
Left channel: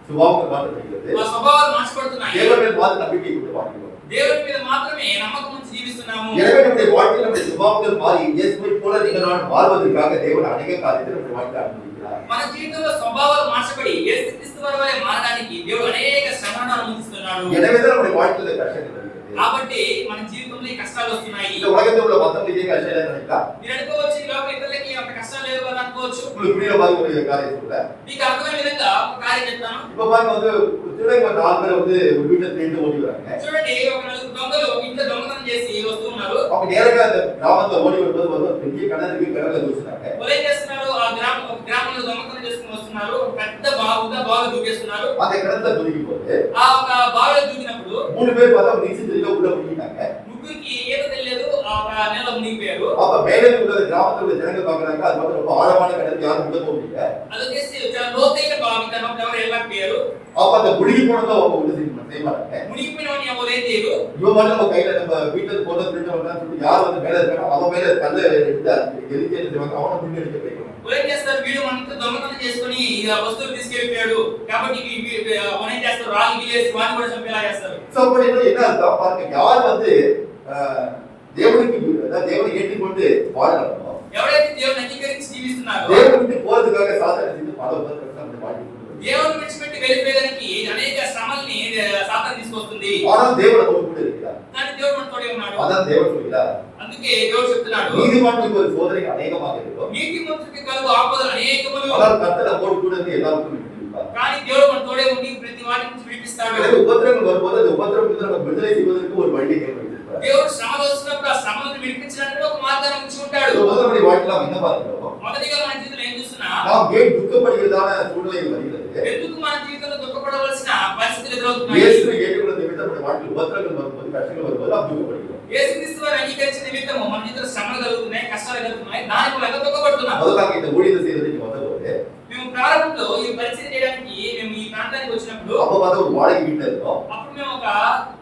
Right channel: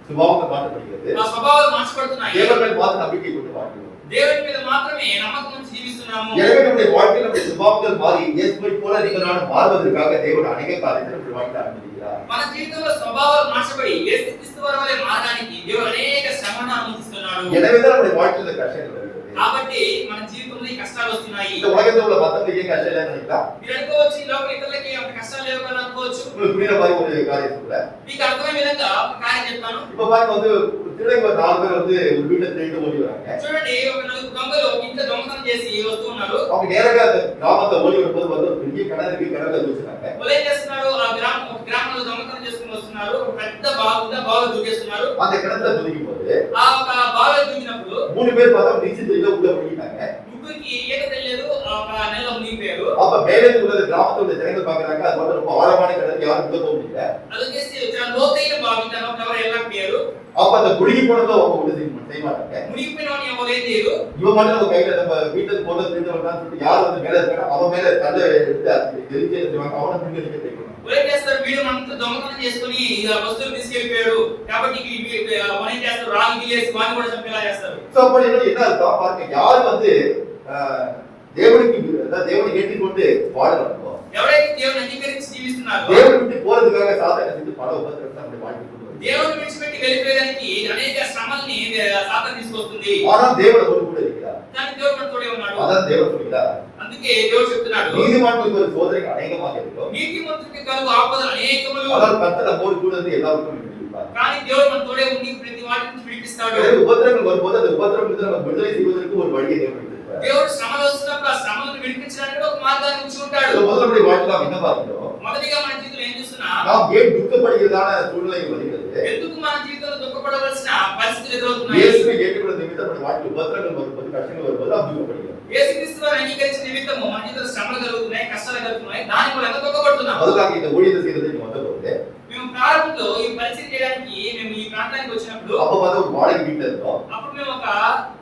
சுபாவங்கள் மாற்றப்படுகிறது. మా స్వభావాలు మార్చబడుతున్నాయి. தேவன் மேல் மாத்திர நம்பிக்கை கொண்டு வாழ்கிறோம். దేవుని మీద మాత్రమే నమ్మకం ఉంచి జీవిస్తున్నాము. எனவே நம்முடைய வாழ்க்கையில் நம்முடைய சுபாவங்கள் மாறி இயேசுவை போல நீங்கள் நான் மாறுவதற்காக தேவன் அநேக காரியத்தை நம்முடைய வாழ்க்கையில் அனுமதிக்கிறார். మన జీవితంలో స్వభావాలు మార్చబడి యేసుక్రీస్తు వారి వలె మారడానికి దేవుడు అనేక శ్రమలను అనుమతిస్తున్నాడు. எனவே தான் நம்முடைய வாழ்க்கையில் கஷ்டங்கள் வருகிறது. కాబట్టి మన జీవితంలో ఈ కష్టాలు వస్తున్నాయి. இந்த உலகத்தில் உள்ள மத்தவங்களுக்கு கஷ்டம் இல்லைன்னு நினைக்கலாம். మీరు అనుకోవచ్చు ఈ లోక ఇతరులకి అంత కష్టాలు లేవు కదా అనుకోవచ్చు. உங்களுக்கு புரியுற மாதிரி ஒரு காரியம் சொல்றேன். మీకు అర్థమయ్యే విధంగా ఒక కార్యం చెప్తాను. இப்ப பாருங்க வந்து திருடங்க ஒரு 4 பேர் வந்து ஒரு வீட்டுல திருட்டு ஓடி வராங்க. చూడండి ఒక నలుగురు దొంగలు ఒక ఇంట్లో దొంగతనం చేసి వస్తూ ఉన్నారు. அவங்க நேரா அந்த கிராமத்துல ஓடி வரும்போது வந்து ஒரு பெரிய கிணறு இருக்கு, கிணறுல தூசுறாங்க. వాళ్ళు ఏం చేస్తున్నారు? ఆ గ్రామంలో దొంగతనం చేసుకుని వస్తున్నారు. ఒక పెద్ద బావిలో దూకేస్తున్నారు. அந்த கிணத்துல துதிக்கும் போது ఆ ఒక బావిలో దూకినప్పుడు 3 பேர் பார்த்தா நீச்சல் தெரியல உள்ள முழுகிட்டாங்க. ముగ్గురికి ఈత తెలియదు. ఆ ఒక నెలలో మునిగిపోయారు. அப்ப மேலே உள்ள கிராமத்துல உள்ள ஜனங்கள் பாக்குறாங்க அது மட்டும் ரொம்ப ஆழமான கிணறு, யாரும் உள்ள போக முடியல. అది వచ్చేసి చాలా లోతైన బావి, దాంట్లో ఎవరు వెళ్ళకపోయారు. அப்ப அந்த முழுகி போனதும் அவங்க உள்ள செய்ய மாட்டாங்க. మునిగిపోయిన వాడిని ఎవరు ఏం చేయరు. இவன் மட்டும் நம்ம கையில நம்ம வீட்டுல போன திருடவங்க சொல்லிட்டு யார் வந்து மேல இருக்கானோ அவன் மேல தள்ள எடுத்து எரிஞ்சு எடுத்துவாங்க. அவனை பின்னடிக்க போய்க்கணும். ఏం చేస్తారు? వీడు మనతో దొంగతనం చేసుకుని ఇక వస్తువులు తీసుకెళ్ళిపోయాడు కాబట్టి మనం ఏం చేస్తారు? రాగి గిలేసి వాడిని కూడా చంపేలా చేస్తారు. சோ அப்ப என்ன அர்த்தம் பாருங்க, யார் வந்து தேவனுக்கு அதாவது தேவனை ஏற்றுக்கொண்டு வாழறாங்களோ, ఎవరైతే దేవుని అంగీకరించి జీవిస్తున్నారో தேவனை விட்டு போறதுக்காக சாத்தானை செஞ்சு பல உபத்திரவங்களை நம்முடைய வாழ்க்கைக்கு கொண்டு வருது. దేవుని విడిచిపెట్టి వెళ్ళిపోయేదానికి అనేక శ్రమల్ని సాతాను తీసుకొస్తుంది. ஆனால் தேவன் நம்மோடு கூட இருக்கிறார். కానీ దేవుడు మనతోనే ఉన్నాడు. அதான் தேவன் சொல்கிறார். అందుకే దేవుడు చెప్తున్నాడు, நீதிமானுக்கு ஒரு சோதனை அநேகமாக இருக்கும், నీతిమంతుడికి కలుగు ఆపదలు అనేకములు, ஆனால் கர்த்தர் நம்மோடு கூட இருந்து எல்லாருக்கும் விடுவிப்பார். కానీ దేవుడు మనతోనే ఉండి ప్రతి వాటి నుంచి విడిపిస్తాడు. எனவே உபத்திரவங்கள் வரும்போது அந்த உபத்திரவத்தை நம்ம விடுதலை செய்வதற்கு ஒரு வழியை தேவன் வைத்திருக்கிறார். దేవుడు శ్రమలు వస్తున్నప్పుడు ఆ శ్రమలను విడిపించడానికి ఒక మార్గాన్ని ఉంచి ఉంటాడు. முதல்ல நம்முடைய வாழ்க்கையில நாம் என்ன பார்க்கிறோம்? మొదటిగా మన జీవితంలో ఏం చూస్తున్నా, நாம் ஏன் துக்கப்படுகிறதான சூழ்நிலை வருகிறது? ఎందుకు మన జీవితంలో దుఃఖపడవలసిన పరిస్థితులు ఎదురవుతున్నాయి? இயேசுவை ஏற்றுக்கொண்ட நிமித்தம் நம்முடைய வாழ்க்கையில் உபத்திரவங்கள் வரும்போது, கஷ்டங்கள் வரும்போது நாம் துக்கப்படுகிறோம். యేసుక్రీస్తు వారిని అంగీకరించిన నిమిత్తము మన జీవితంలో శ్రమలు కలుగుతున్నాయి, కష్టాలు కలుగుతున్నాయి, దాని మూలంగా దుఃఖపడుతున్నాం. முதலாக இந்த ஊழியத்தை செய்யறதுக்கு வந்தபோது మేము ప్రారంభంలో ఈ పరిచయం చేయడానికి మేము ఈ ప్రాంతానికి వచ్చినప్పుడు அப்ப பார்த்தா ஒரு வாடகை வீட்டுல இருந்தோம். అప్పుడు మేము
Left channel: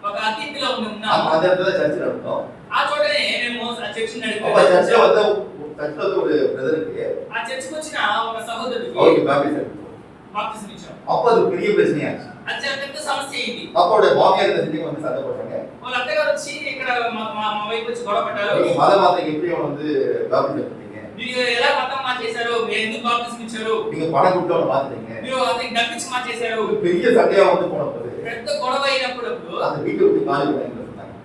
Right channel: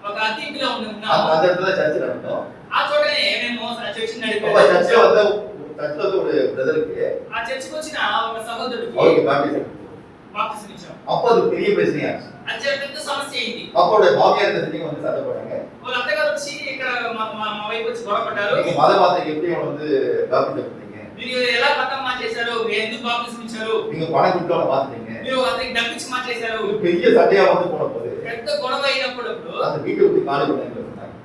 ఒక అతిథిలో ఉన్నాము. அந்த இடத்துல சர்ச் நடந்தோம். ఆ చోటనే మేము చర్చ్ அப்ப నడిపాము. சர்ச்ல வந்து ஒரு பிரதருக்கு ఆ చర్చికి వచ్చిన ఒక సహోదరుడికి அவருக்கு பேப்டிசம் బాప్తిసం ఇచ్చాం. அப்ப அது பெரிய பிரச்சனையாச்சு. అది పెద్ద సమస్య అయింది. அப்போட மாமியார் என்ன செஞ்சு வந்து சண்டை போட்டாங்க. వాళ్ళ అత్తగారు వచ్చి ఇక్కడ మా వైపు వచ్చి గొడవ పడ్డారు. நீங்க மத மாத்திரைக்கு எப்படி அவனை வந்து பாப்திசம் பண்ணீங்க? మీరు ఎలా మతం మార్చేశారు? ఎందుకు బాప్తిసం ఇచ్చారు? நீங்க பணம் கொடுத்து அவனை மாத்திட்டீங்க. మీరు అతనికి డబ్బిచ్చి మార్చేశారు. பெரிய சண்டையா வந்து போன போது పెద్ద గొడవ అయినప్పుడు அந்த வீட்டை விட்டு காலி பண்ணாங்க.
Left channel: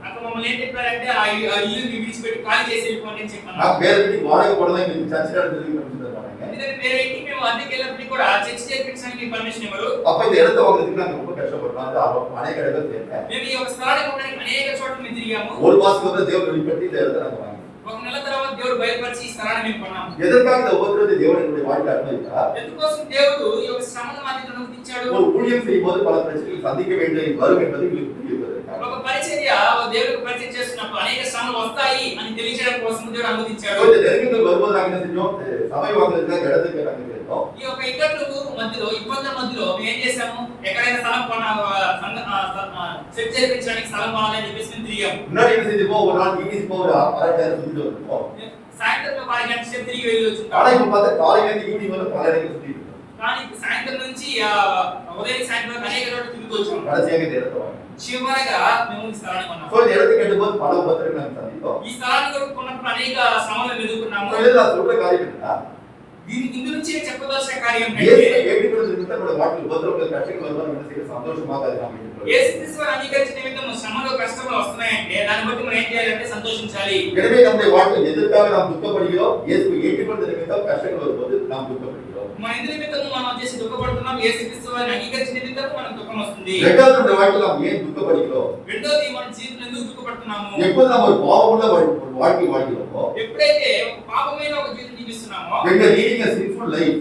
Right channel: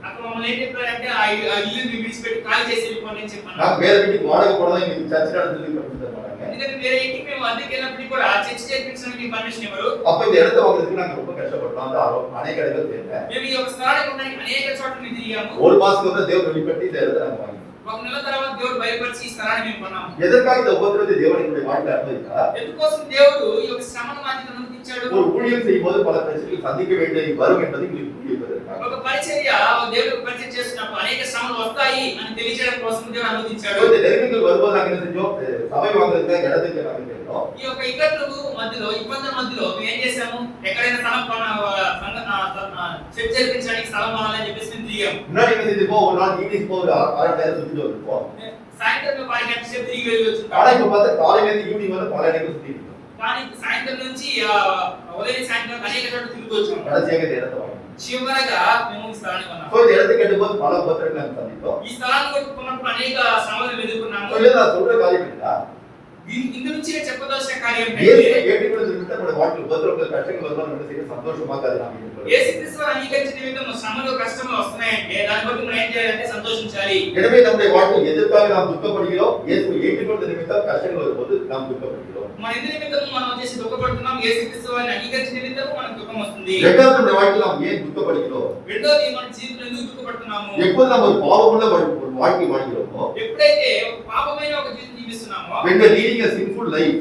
అక్కడ మమ్మల్ని ఏం చెప్పారంటే ఆ ఇల్లు విడిచిపెట్టి ఖాళీ చేసి వెళ్ళిపోండి అని చెప్పాను. நான் வேற வீட்டுக்கு வாடகை போடலாம் இங்க சர்ச் நடந்துருக்கு அப்படின்னு சொன்னாங்க. ఎందుకంటే వేరే ఇంటికి మేము అద్దెకి వెళ్ళినప్పుడు కూడా చర్చ్ చేర్పించడానికి పర్మిషన్ ఇవ్వరు. அப்ப இந்த இடத்த வாங்குறதுக்கு நாங்க ரொம்ப கஷ்டப்பட்டோம். அது அநேக இடங்கள் தேவை. మేము ఈ ఒక స్థలానికి ఉండడానికి అనేక చోట్ల మేము తిరిగాము. ஒரு மாசத்துக்கு வந்து தேவன் வெளிப்பட்டு இந்த இடத்த நாங்க வாங்கினோம். ఒక నెల తర్వాత దేవుడు బయలుపరిచి ఈ స్థలాన్ని మేము కొన్నాము. எதற்காக இந்த உபத்திரவத்தை தேவன் என்னுடைய வாழ்க்கை அனுமதித்தார்? ఎందుకోసం దేవుడు ఈ ఒక శ్రమను మా జీవితంలో అనుమతించాడు? ஒரு ஊழியம் செய்யும்போது பல பிரச்சனைகள் சந்திக்க வேண்டிய வரும் என்பதை உங்களுக்கு புரியுவதற்காக. ఒక పరిచర్య దేవుడికి పరిచయం చేస్తున్నప్పుడు అనేక శ్రమలు వస్తాయి అని తెలియజేయడం కోసం దేవుడు అనుమతించాడు. இந்த நெருக்கங்கள் வரும்போது நாங்க என்ன செஞ்சோம்? சபை வாங்குறதுக்காக இடத்துக்கு நாங்க கேட்டோம். ఈ యొక్క ఇబ్బందుల మధ్యలో మేము ఏం చేసాము? ఎక్కడైనా స్థలం చర్చ్ జరిపించడానికి స్థలం కొనాలని చెప్పేసి మేము తిరిగాము. முன்னாடி என்ன செஞ்சிருப்போம்? ஒரு நாள் ஈவினிங் ஒரு அரை நேரம் சுத்திட்டு வருவோம். సాయంత్రం ఒక అరగంట సేపు తిరిగి వెళ్ళి వచ్చుంటాం. ஆனா இப்ப பார்த்தா காலையில இருந்து ஈவினிங் வந்து பல இடங்கள் சுத்திட்டு இருக்கோம். కానీ సాయంత్రం నుంచి ఉదయం సాయంత్రం అనేక చోట్ల తిరుగుతూ వచ్చాం. கடைசியாக இந்த இடத்தை வாங்கினோம். చివరగా మేము ఈ స్థలాన్ని కొన్నాము. இந்த இடத்துக்கு கட்டும்போது பல உபத்திரங்கள் நாங்க சந்தித்தோம். ఈ స్థలాన్ని కొనుక్కున్నప్పుడు అనేక శ్రమలను ఎదుర్కొన్నాము. நான் சொல்ற காரியம் என்னன்னா, ఇందు నుంచి చెప్పదలసిన కార్యం ஏற்றுக்கொள்வது நிமித்தம் நம்முடைய வாழ்க்கையில் உபத்திரங்கள் கஷ்டங்கள் வரும்போது நம்ம என்ன செய்யணும்? சந்தோஷமாக அதை நாம் ஏற்றுக்கொள்ளணும். యేసుక్రీస్తుని అంగీకరించిన నిమిత్తం శ్రమలు కష్టములు వస్తున్నాయంటే దాన్ని బట్టి మనం ఏం చేయాలంటే సంతోషించాలి. எனவே நம்முடைய வாழ்க்கையில் எதற்காக நாம் துக்கப்படுகிறோம்? இயேசுவை ஏற்றுக்கொள்வது நிமித்தம் கஷ்டங்கள் வரும்போது நாம் துக்கப்படுகிறோம். మన ఇందు నిమిత్తం మనం వచ్చేసి దుఃఖపడుతున్నాం. యేసుక్రీస్తుని అంగీకరించిన నిమిత్తం మనకు దుఃఖం వస్తుంది. இரண்டாவது நம்முடைய வாழ்க்கையில் நாம் ஏன் துக்கப்படுகிறோம்? రెండోది మన జీవితంలో ఎందుకు దుఃఖపడుతున్నాము? எப்போது நாம் ஒரு பாவமுள்ள ஒரு வாழ்க்கை வாழ்கிறோமோ, ఎప్పుడైతే ఒక పాపమైన ఒక జీవితం జీవిస్తున్నామో, when we are leading a sinful life,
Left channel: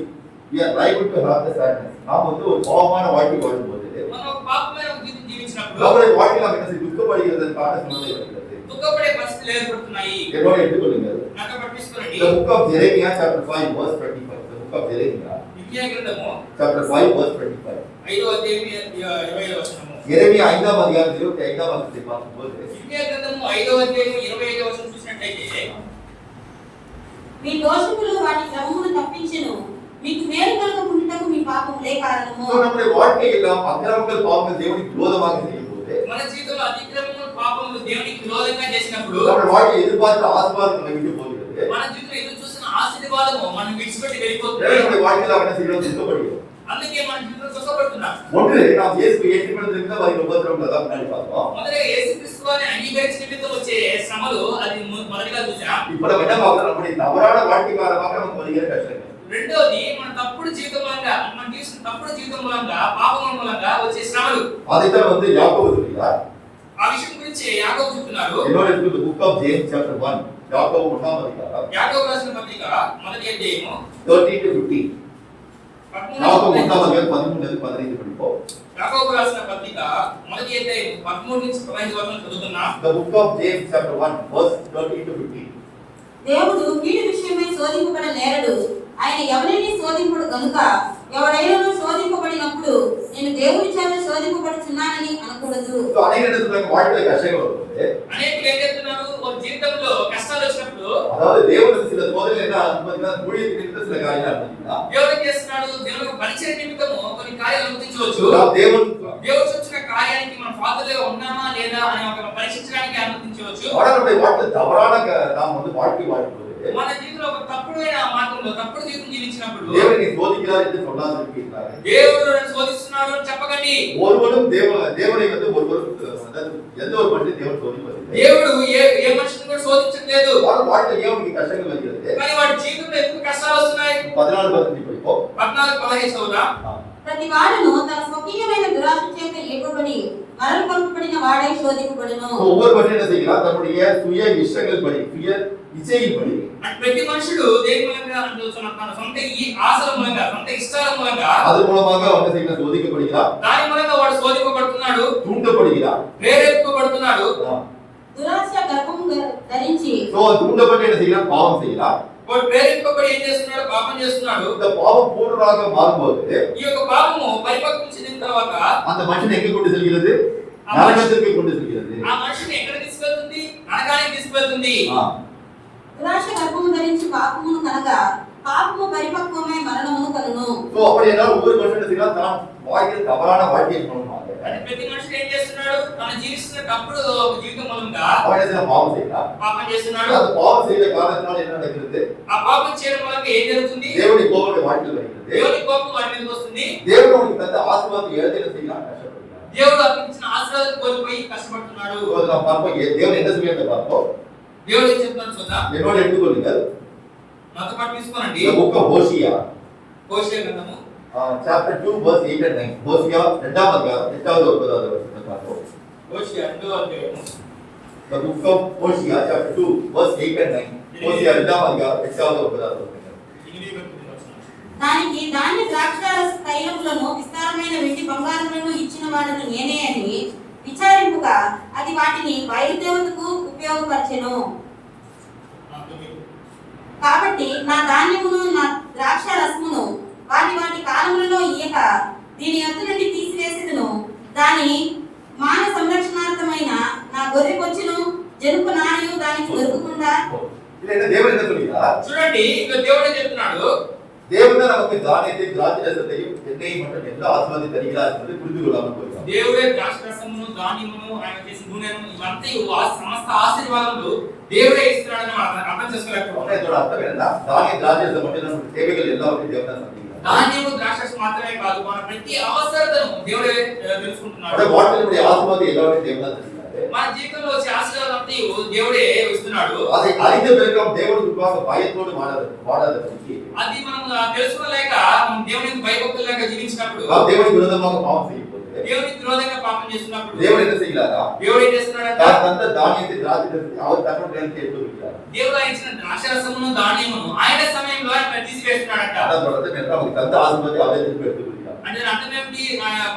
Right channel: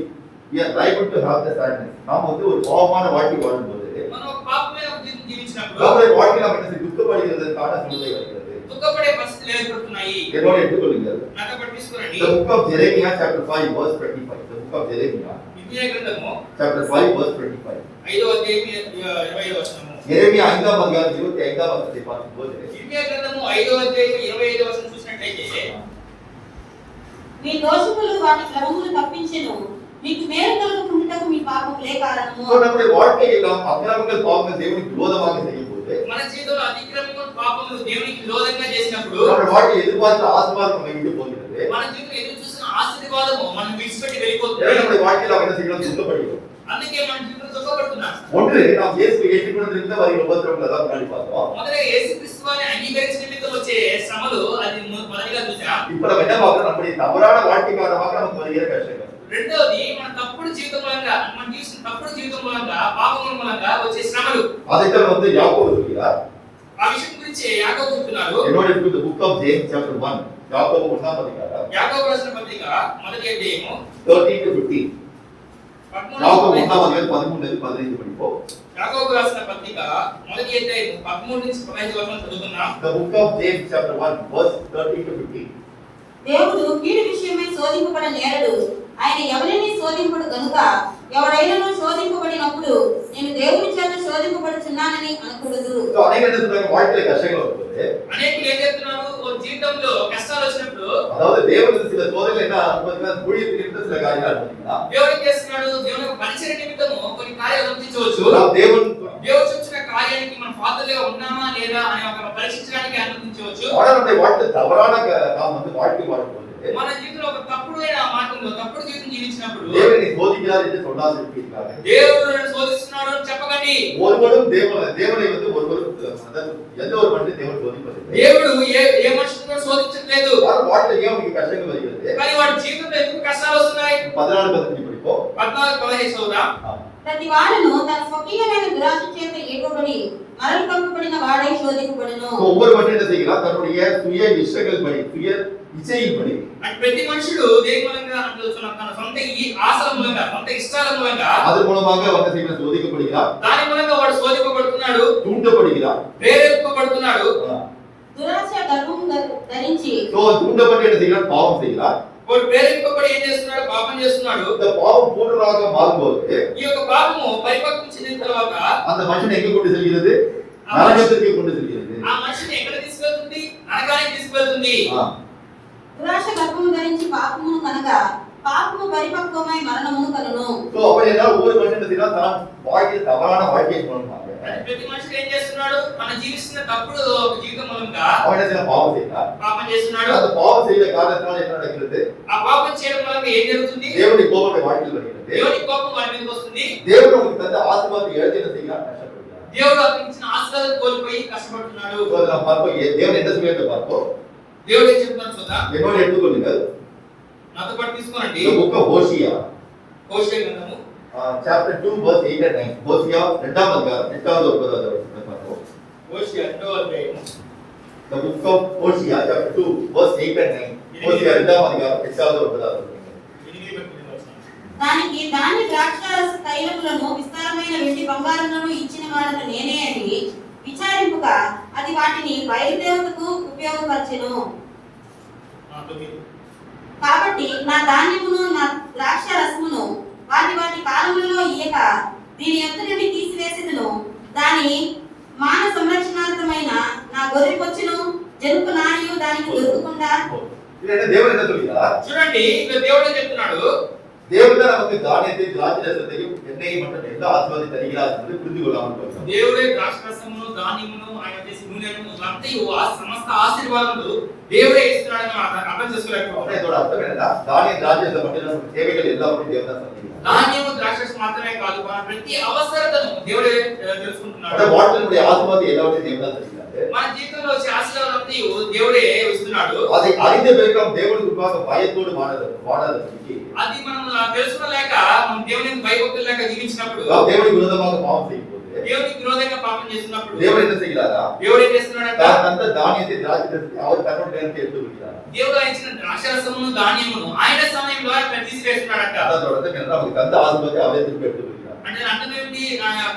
we are liable to have the sadness. நாம் வந்து ஒரு பாவமான வாழ்க்கை வாழும்போது మనం ఒక పాపమైన ఒక జీవితం జీవించినప్పుడు நம்முடைய வாழ்க்கையில் நாம் என்ன செய்ய துக்கப்படுகிறதற்கான சூழ்நிலை வருகிறது. దుఃఖపడే పరిస్థితులు ఏర్పడుతున్నాయి. என்னோட எடுத்துக்கொள்ளுங்கள். నాతో పట్టించుకోండి. The book of Jeremiah chapter 5 verse 25. The book of Jeremiah ఇర్మియా గ్రంథము chapter 5 verse 25. 5వ అధ్యాయం 25వ వచనము. எரேமியா 5ஆம் அதிகாரம் 25ஆம் வசனத்தை பார்க்கும்போது ఇర్మియా గ్రంథము 5వ అధ్యాయం 25వ వచనం చూసినట్లయితే, మీ దోషములు వాటి క్రమమును తప్పించెను, మీకు మేలు కలుగుటకు మీ పాపములే కారణము. நம்முடைய வாழ்க்கையில் நாம் அக்கிரமங்கள் பாவங்கள் தேவனுக்கு விரோதமாக செய்யும்போது మన జీవితంలో అతిక్రమములు పాపములు దేవునికి విరోధంగా చేసినప్పుడు நம்முடைய வாழ்க்கை எதிர்பார்த்த ஆசீர்வாதம் நம்மை விட்டு போகிறது. మన జీవితంలో ఎదురు చూసిన ఆశీర్వాదము మనం విడిచిపెట్టి వెళ్ళిపోతుంది. நம்முடைய வாழ்க்கையில் நாம் என்ன செய்யணும்? துக்கப்படுகிறோம். అందుకే మన జీవితంలో దుఃఖపడుతున్నాం. ஒன்று நாம் இயேசுவை ஏற்றுக்கொண்டிருந்த வரை உபத்திரவங்கள் தான் முன்னாடி பார்த்தோம். మొదటగా యేసుక్రీస్తుని అంగీకరించిన నిమిత్తం వచ్చే శ్రమలు అది మొదటిగా చూసాం. இப்போ நம்ம என்ன பார்க்கிறோம்? நம்முடைய தவறான வாழ்க்கை காரணமாக நமக்கு வருகிற கஷ்டங்கள். రెండోది మన తప్పుడు జీవితం మూలంగా, మన జీవితం తప్పుడు జీవితం మూలంగా, పాపం మూలంగా వచ్చే శ్రమలు. அதைத்தான் வந்து யாக்கோபு சொல்கிறார். ఆ విషయం గురించి యాకోబు చెప్తున్నారు. என்னோட இருக்கு the book of James chapter 1. யாக்கோபு 1ஆம் அதிகாரம் యాకోబు రాసిన పత్రిక మొదటి అధ్యాయము 13 to 15. யாக்கோபு 1ஆம் 13 அதிகாரம் 13 to 15 படிப்போம். యాకోబు రాసిన పత్రిక మొదటి అధ్యాయం 13 నుంచి 15 వరకు చదువుతున్నాం. The book of James chapter 1 verse 13 to 15. దేవుడు కీడు విషయమై శోధింపబడ నేరడు, ఆయన ఎవరిని శోధింపడు గనుక ఎవరైనా శోధింపబడినప్పుడు నేను దేవుని చేత శోధింపబడుచున్నానని అనకూడదు. సో అనేక என்ன சொல்றாங்க? வாழ்க்கையில கஷ்டங்கள் வரும்போது అనేకులు ఏం చెప్తున్నారు? ఒక జీవితంలో కష్టాలు వచ్చినప్పుడు அதாவது தேவன் சில சோதனைகள் என்ன அனுமதிக்கிறார்? ஊழியத்தின் நிமித்தம் சில காரியங்கள் அனுமதிக்கிறார். దేవుడు ఏం చేస్తున్నాడు? దేవునికి పరిచర్య నిమిత్తము కొన్ని కార్యాలు అనుమతించవచ్చు. దేవుడు చెప్తున్న కార్యానికి మనం పాత్రలుగా ఉన్నామా లేదా అని ఒక పరీక్షించడానికి అనుమతించవచ్చు. நம்முடைய வாழ்க்கை தவறான நாம் வந்து வாழ்க்கை வாழும்போது మన జీవితంలో ఒక తప్పుడైన మార్గంలో తప్పుడు జీవితం జీవించినప్పుడు தேவனை சோதிக்கிறார் என்று சொல்லாது இருக்கிறார்கள். దేవుడు నన్ను శోధిస్తున్నాడు అని చెప్పకండి. ஒருவரும் தேவனை வந்து ஒருவரும் எந்த ஒரு மனிதன் தேவன் சோதிப்பதில்லை. దేవుడు ఏ మనిషిని కూడా శోధించట్లేదు. அவர் வாழ்க்கையில் அவருக்கு கஷ்டங்கள் வருகிறது. కానీ వాడి జీవితంలో ఎందుకు కష్టాలు వస్తున్నాయి? 14-15 படிப்போம். 14-15 చదువుదాం. ప్రతి వాడును తన స్వకీయమైన దురాశ చేత ఏర్పడి మరలు పంపబడిన వాడై శోధింపబడును. ஒவ்வொரு மனிதன் என்ன செய்கிறார்? தன்னுடைய சுய இஷ்டங்கள் படி, சுய இச்சையின் படி. అంటే ప్రతి మనుషుడు దేని మూలంగా అంటే తన సొంత ఆశల మూలంగా, సొంత ఇష్టాల మూలంగా அது மூலமாக அவன் செய்கிறார், சோதிக்கப்படுகிறார். దాని మూలంగా వాడు శోధింపబడుతున్నాడు, தூண்டப்படுகிறார், ప్రేరేపింపబడుతున్నాడు. దురాశ గర్భం ధరించి தூண்டப்பட்டு என்ன செய்கிறார்? பாவம் செய்கிறார். వాడు ప్రేరేపింపబడి ఏం చేస్తున్నాడు? పాపం చేస్తున్నాడు. இந்த பாவம் பூர்ணமாக மாறும்போது ఈ యొక్క పాపము పరిపక్వం చెందిన తర్వాత அந்த மனுஷன் எங்க கொண்டு செல்கிறது? நரகத்திற்கு கொண்டு செல்கிறது. ఆ మనిషిని ఎక్కడ తీసుకెళ్తుంది? నరకానికి తీసుకెళ్తుంది. దురాశ గర్భము ధరించి పాపమును కనుక பாவము పరిపక్వమై మరణమును కలును. సో அப்படி என்றால் ஒவ்வொரு மனுஷனும் செய்யலாம் தான் வாழ்க்கையில் தவறான வாழ்க்கையை சொல்லணுமாங்க. అంటే ప్రతి మనిషి ఏం చేస్తున్నాడు? మనం జీవిస్తున్న తప్పుడు జీవితం మూలంగా அவன் என்ன செய்யலாம்? பாவம் செய்யலாம். పాపం చేస్తున్నాడు. அந்த பாவம் செய்த காரணத்தினால என்ன நடக்கிறது? ఆ పాపం చేయడం వల్ల ఏం జరుగుతుంది? தேவனுடைய கோபம் வாழ்க்கையில் வருகிறது. దేవుని కోపం వారి మీదకి వస్తుంది. தேவன் உனக்கு தந்த ஆசீர்வாதத்தை இழந்து என்ன செய்யலாம்? கஷ்டப்படுகிறார். దేవుడు అతనికి ఆశీర్వాదాలు కోల్పోయి కష్టపడుతున్నాడు. సో நாம் பார்ப்போம் தேவன் என்ன சொல்லிட்டு பார்ப்போம். దేవుడు ఏం చెప్తున్నాడు చూద్దాం. என்னோட எடுத்துக்கொள்ளுங்கள். నాతో పాటు తీసుకోండి. The book of Hosea. హోషేయ గ్రంథము chapter 2 verse 8 and 9. Hosea 2వ అధ్యాయం 8వ 9వ వచనం பார்ப்போம். హోషేయ 2వ అధ్యాయం. The book of Hosea chapter 2 verse 8 and 9. Hosea 2వ అధ్యాయం 8వ 9వ వచనం. దానికి దాని ద్రాక్షారస తైలములను విస్తారమైన వెండి బంగారములను ఇచ్చిన వాడను నేనే అని విచారింపుగా అది వాటిని బయలుదేవతకు ఉపయోగపరచెను. కాబట్టి నా ధాన్యమును నా ద్రాక్ష రసమును వాటి వాటి కాలములలో ఇయ్యక దీని యొద్ద నుండి తీసివేసేదను. దాని మాన సంరక్షణార్థమైన నా గొర్రె కొచ్చును జనుపు నాణ్యు దానికి దొరకకుండా. ఇదేంటి దేవుడు என்ன சொல்றார்? చూడండి ఇక్కడ దేవుడు ఏం చెప్తున్నాడు? தேவன் நமக்கு தானியத்தை திராட்சரசத்தையும் எண்ணெயை மற்றும் எல்லா ஆசீர்வாதத்தை தருகிறார் என்று புரிந்து கொள்ளாமல் போகிறார். దేవుడే ద్రాక్షరసమును దానిమును ఆయన చేసి నూనెను ఇవంతా సమస్త ఆశీర్వాదములు దేవుడే ఇస్తున్నాడని మనం అర్థం చేసుకోలేకపోతున్నాం. இதோட அர்த்தம் என்ன? தானிய திராட்சரசம் மட்டும் நமக்கு தேவைகள் எல்லாவற்றையும் தேவன் தான் சந்திக்கிறார். ధాన్యము ద్రాక్షరసం మాత్రమే కాదు మన ప్రతి అవసరతను దేవుడే తెలుసుకుంటున్నాడు. అంటే వాటిలో ఆశీర్వాదం எல்லாவற்றையும் தேவன் தான் தருகிறார். మన జీవితంలో వచ్చే ఆశీర్వాదాన్ని దేవుడే ఇస్తున్నాడు. அதை அறிந்த பிறகு நாம் தேவனுக்கு முன்பாக பயத்தோடு வாடாதபடிக்கு అది మనం తెలుసుకోలేక మనం దేవునికి భయభక్తులు లేక జీవించినప్పుడు நாம் தேவனுக்கு விரோதமாக பாவம் செய்யும்போது దేవునికి విరోధంగా పాపం చేస్తున్నప్పుడు தேவன் என்ன செய்கிறாரா? దేవుడు ఏం చేస్తున్నాడంట? தான் தந்த தானியத்தை திராட்சரசத்தை அவர் தன்னுடைய எடுத்து விடுகிறார். దేవుడు ఆయన ఇచ్చిన ద్రాక్షరసమును దానియమును ఆయన సమయంలో ఆయన తీసివేస్తున్నాడంట. அதோட அர்த்தம் என்ன? நமக்கு தந்த ஆசீர்வாதத்தை அவரே திருப்பி எடுத்து விடுகிறார். అంటే అర్థం ఏమిటి?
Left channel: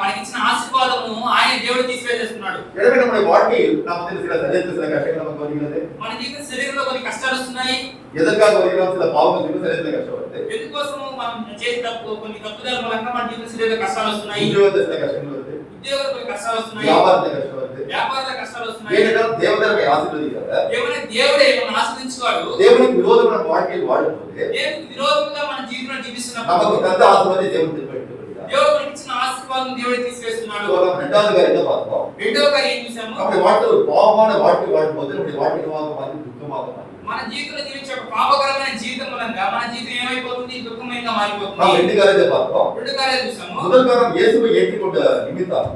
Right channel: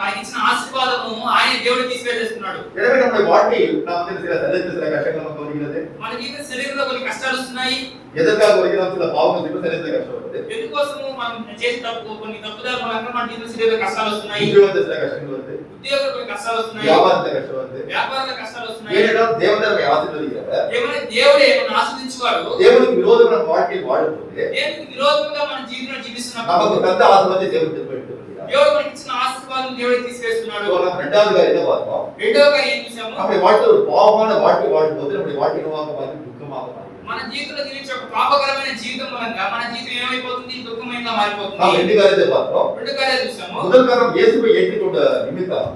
మనకి ఇచ్చిన ఆశీర్వాదము ఆయన దేవుడు తీసివేసేస్తున్నాడు. எனவே நம்முடைய வாழ்க்கையில் நாம் வந்து சில சரீரத்தில் சில கஷ்டங்கள் நமக்கு வருகிறது. మన జీవిత శరీరంలో కొన్ని కష్టాలు వస్తున్నాయి. எதற்காக வருகிறோம்? சில பாவங்கள் செய்து சரீரத்தில் கஷ்டம் வருது. ఎందుకోసం మనం చేసే కొన్ని తప్పుదాల మూలంగా మన జీవిత శరీరంలో కష్టాలు వస్తున్నాయి. உத்தியோகத்தில் சில கஷ்டங்கள் வருது. ఉద్యోగంలో కొన్ని కష్టాలు వస్తున్నాయి. வியாபாரத்தில் கஷ்டம் வருது. వ్యాపారంలో కష్టాలు వస్తున్నాయి. ஏனென்றால் தேவன் நம்மை ஆசீர்வதிக்கிறார். ఏమైనా దేవుడే మనం ఆశీర్వదించేవాడు. தேவனுக்கு விரோதமான நம்ம வாழ்க்கையில் வாழும்போது దేవునికి విరోధంగా మన జీవితంలో జీవిస్తున్నప్పుడు நமக்கு தந்த ஆசீர்வாதத்தை தேவன் திருப்பி எடுத்து விடுகிறார். దేవుడు మనకి ఇచ్చిన ఆశీర్వాదం దేవుడే తీసివేస్తున్నాడు. நாம் இரண்டாவது காரியத்தை பார்த்தோம். రెండవ కార్యం ఏం చూసాము? நம்முடைய வாழ்க்கையில் ஒரு பாவமான வாழ்க்கை வாழும்போது நம்முடைய வாழ்க்கை மாறி துக்கமாக மாறுகிறது. మన జీవితంలో జీవించే ఒక పాపకరమైన జీవితం మూలంగా మన జీవితం ఏమైపోతుంది? దుఃఖమయంగా நாம் మారిపోతుంది. ரெண்டு காரியத்தை பார்த்தோம். రెండు కార్యాలు చూసాము. முதல் காரணம் இயேசுவை ஏற்றுக்கொண்ட நிமித்தம்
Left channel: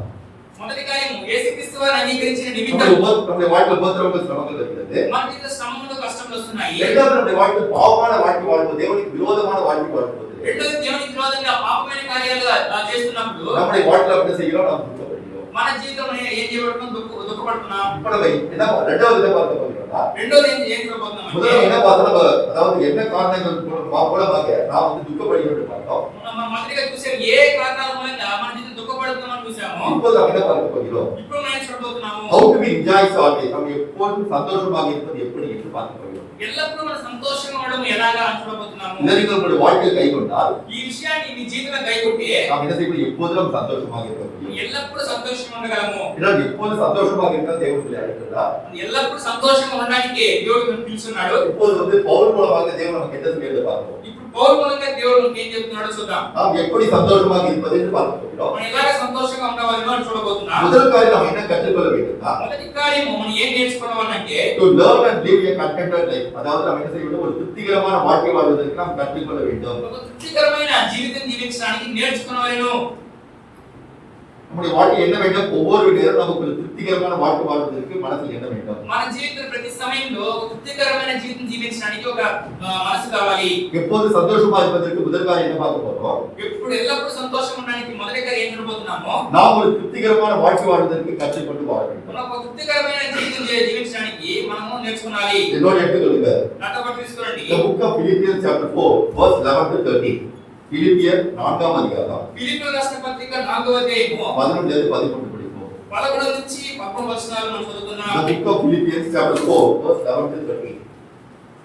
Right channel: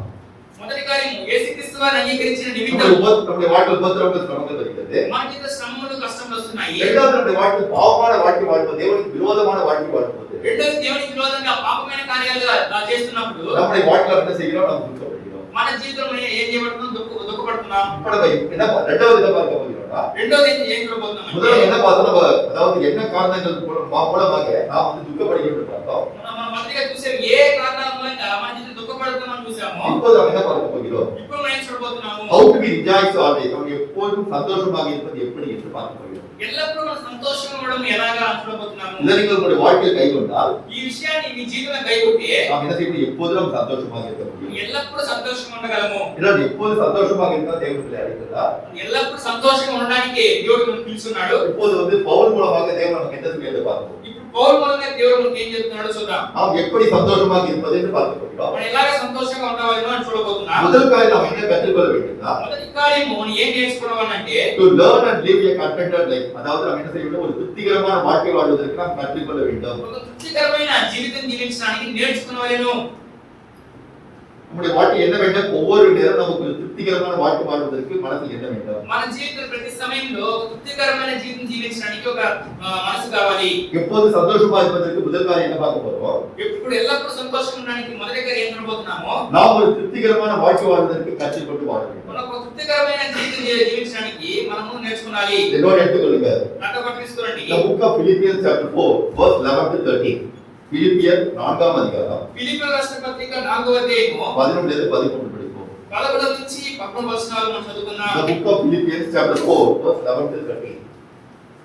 మొదటి కార్యం యేసుక్రీస్తు వారిని అంగీకరించిన నిమిత్తం நம்முடைய வாழ்க்கையில் உபத்திரவங்கள் சிரமங்கள் வருகிறது. మన జీవిత శ్రమలు కష్టములు వస్తున్నాయి. இரண்டாவது நம்முடைய வாழ்க்கையில் பாவமான வாழ்க்கை வாழ்வோம், தேவனுக்கு விரோதமான வாழ்க்கை வாழ்வோது రెండోది దేవునికి విరోధంగా పాపమైన కార్యాలు చేస్తున్నప్పుడు நம்முடைய வாழ்க்கையில என்ன செய்கிறோம்? நாம் துக்கப்படுகிறோம். మన జీవితంలో ఏం చేయబడుతున్నాం? దుఃఖపడుతున్నాం. இப்ப நம்ம என்ன ரெண்டாவது என்ன பார்க்க போகிறோம்னா, రెండోది ఏం చూడబోతున్నాం முதல்ல అంటే என்ன பார்த்தோம்? நம்ம அதாவது என்ன காரணங்கள் மூலமாக நாம் வந்து துக்கப்படுகிறோம் பார்த்தோம். మనం మొదటిగా చూసాం ఏ కారణాల మూలంగా మన జీవితం దుఃఖపడుతున్నామని చూసాము. இப்போது நாம் என்ன பார்க்க போகிறோம்? ఇప్పుడు మనం ఏం చూడబోతున్నాము? How to be rejoice always. நாம் எப்போதும் சந்தோஷமாக இருப்பது எப்படி என்று பார்க்க போகிறோம். ఎల్లప్పుడూ మనం సంతోషంగా ఉండడం ఎలాగా అని చూడబోతున్నాము. இதை நீங்கள் உங்களுடைய வாழ்க்கையை கைக்கொண்டால் ఈ విషయాన్ని మీ జీవితంలో కైకొట్టి நாம் என்ன செய்யணும்? எப்போதும் நாம் சந்தோஷமாக இருக்க முடியும். ఎల్లప్పుడూ సంతోషంగా ఉండగలము. இதனால் எப்போது சந்தோஷமாக இருக்க தேவனுடைய அழைக்கிறதா? ఎల్లప్పుడూ సంతోషంగా ఉండడానికి దేవుడు మనల్ని పిలుస్తున్నాడు. இப்போது வந்து பவுல் மூலமாக தேவன் நமக்கு என்ன செய்யறது பார்ப்போம். ఇప్పుడు పౌలు మూలంగా దేవుడు మనకి ఏం చెప్తున్నాడో చూద్దాం. நாம் எப்படி சந்தோஷமாக இருப்பது என்று பார்க்க போகிறோம். మనం ఎలాగ సంతోషంగా ఉండవాలో అని చూడబోతున్నాం. முதல் காரியம் நாம் என்ன கற்றுக்கொள்ள வேண்டும்னா, మొదటి కార్యము మనం ఏం నేర్చుకోవాలంటే to learn and live a contented life. அதாவது நாம் என்ன செய்ய வேண்டும்? ஒரு திருப்திகரமான வாழ்க்கை வாழ்வதற்கு நாம் கற்றுக்கொள்ள வேண்டும். ఒక తృప్తికరమైన జీవితం జీవించడానికి నేర్చుకునేవారు. நம்முடைய வாழ்க்கை என்ன வேண்டும்? ஒவ்வொரு நேரம் நமக்கு ஒரு திருப்திகரமான வாழ்க்கை வாழ்வதற்கு மனதில் என்ன வேண்டும்? మన జీవితం ప్రతి సమయంలో ఒక తృప్తికరమైన జీవితం జీవించడానికి ఒక మనసు కావాలి. எப்போது சந்தோஷமா இருப்பதற்கு முதல் காரியம் என்ன பார்க்க போறோம்? ఎప్పుడు ఎల్లప్పుడూ సంతోషంగా ఉండడానికి మొదటి కార్యం ఏం చూడబోతున్నామో நாம் ஒரு திருப்திகரமான வாழ்க்கை வாழ்வதற்கு கற்றுக்கொண்டு வாழ வேண்டும். మనం ఒక తృప్తికరమైన జీవితం జీవించడానికి మనము నేర్చుకోవాలి. எல்லோரும் எடுத்துக்கொள்ளுங்க. నాతో పాటు తీసుకోండి. The book of Philippians chapter 4 verse 11 to 13. பிலிப்பியர் 4ஆம் அதிகாரம் ఫిలిప్పీయుల రాసిన పత్రిక 4వ అధ్యాయము 11 నుండి 13 படிப்போம். 11 నుంచి 11 వచనాలు మనం చదువుకుందాం. The book of Philippians chapter 4 verse 11 to 13.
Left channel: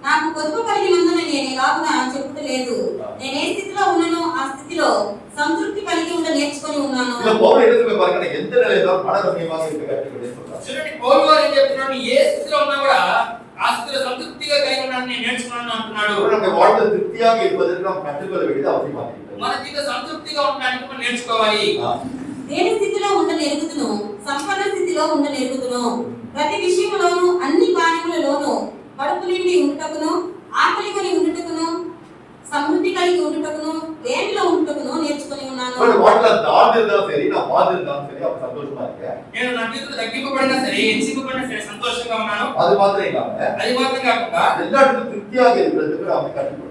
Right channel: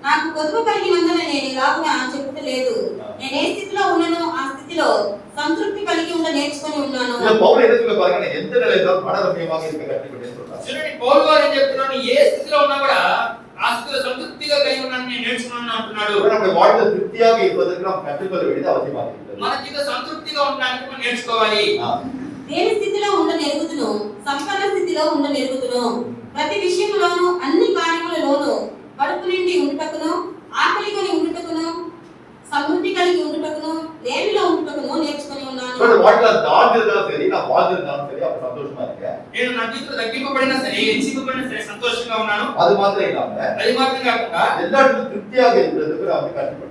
నాకు పొదుపు కలిగినందున నేను ఇలాగున చెప్పుటలేదు. నేను ఏ స్థితిలో ఉన్నానో ఆ స్థితిలో సంతృప్తి కలిగి ఉండ నేర్చుకొని ఉన్నాను. இல்ல பவுல் என்ன சொல்ல பாருங்க, எந்த நிலையில மனரம்யமாக இருக்க கற்றுக்கொண்டே சொல்றார். చూడండి పౌలు గారు ఏం చెప్తున్నాడు? ఏ స్థితిలో ఉన్నా కూడా ఆ స్థితిలో సంతృప్తిగా కలిగి ఉన్నానని నేను నేర్చుకున్నాను అంటున్నాడు. நம்முடைய வாழ்க்கை திருப்தியாக இருப்பதற்கு நாம் கற்றுக்கொள்ள வேண்டியது அவசியமாக இருக்கிறது. మన జీవితం సంతృప్తిగా ఉండడానికి మనం నేర్చుకోవాలి. దేని స్థితిలో ఉండనెరుగుదును, సంపన్న స్థితిలో ఉండనెరుగుదును, ప్రతి విషయములోను అన్ని కార్యములలోను కడుపు నిండి ఉండుటకును, ఆకలి కొని ఉండుటకును, సమృద్ధి కలిగి ఉండుటకును, లేమిలో ఉండుటకును నేర్చుకొని ఉన్నాను. வாழ்க்கையில தாழ்ந்து இருந்தாலும் சரி, நான் வாழ்ந்து இருந்தாலும் சரி, அப்ப சந்தோஷமா இருக்கேன். నేను నా జీవితంలో తగ్గింపబడినా సరే, హెచ్చింపబడినా సరే సంతోషంగా ఉన్నాను. அது மாத்திரம் இல்லாம అది మాత్రం కాకుండా எல்லா இடத்துலயும் திருப்தியாக இருக்கிறதுக்கு நான் கற்றுக்கொண்டிருக்கேன்.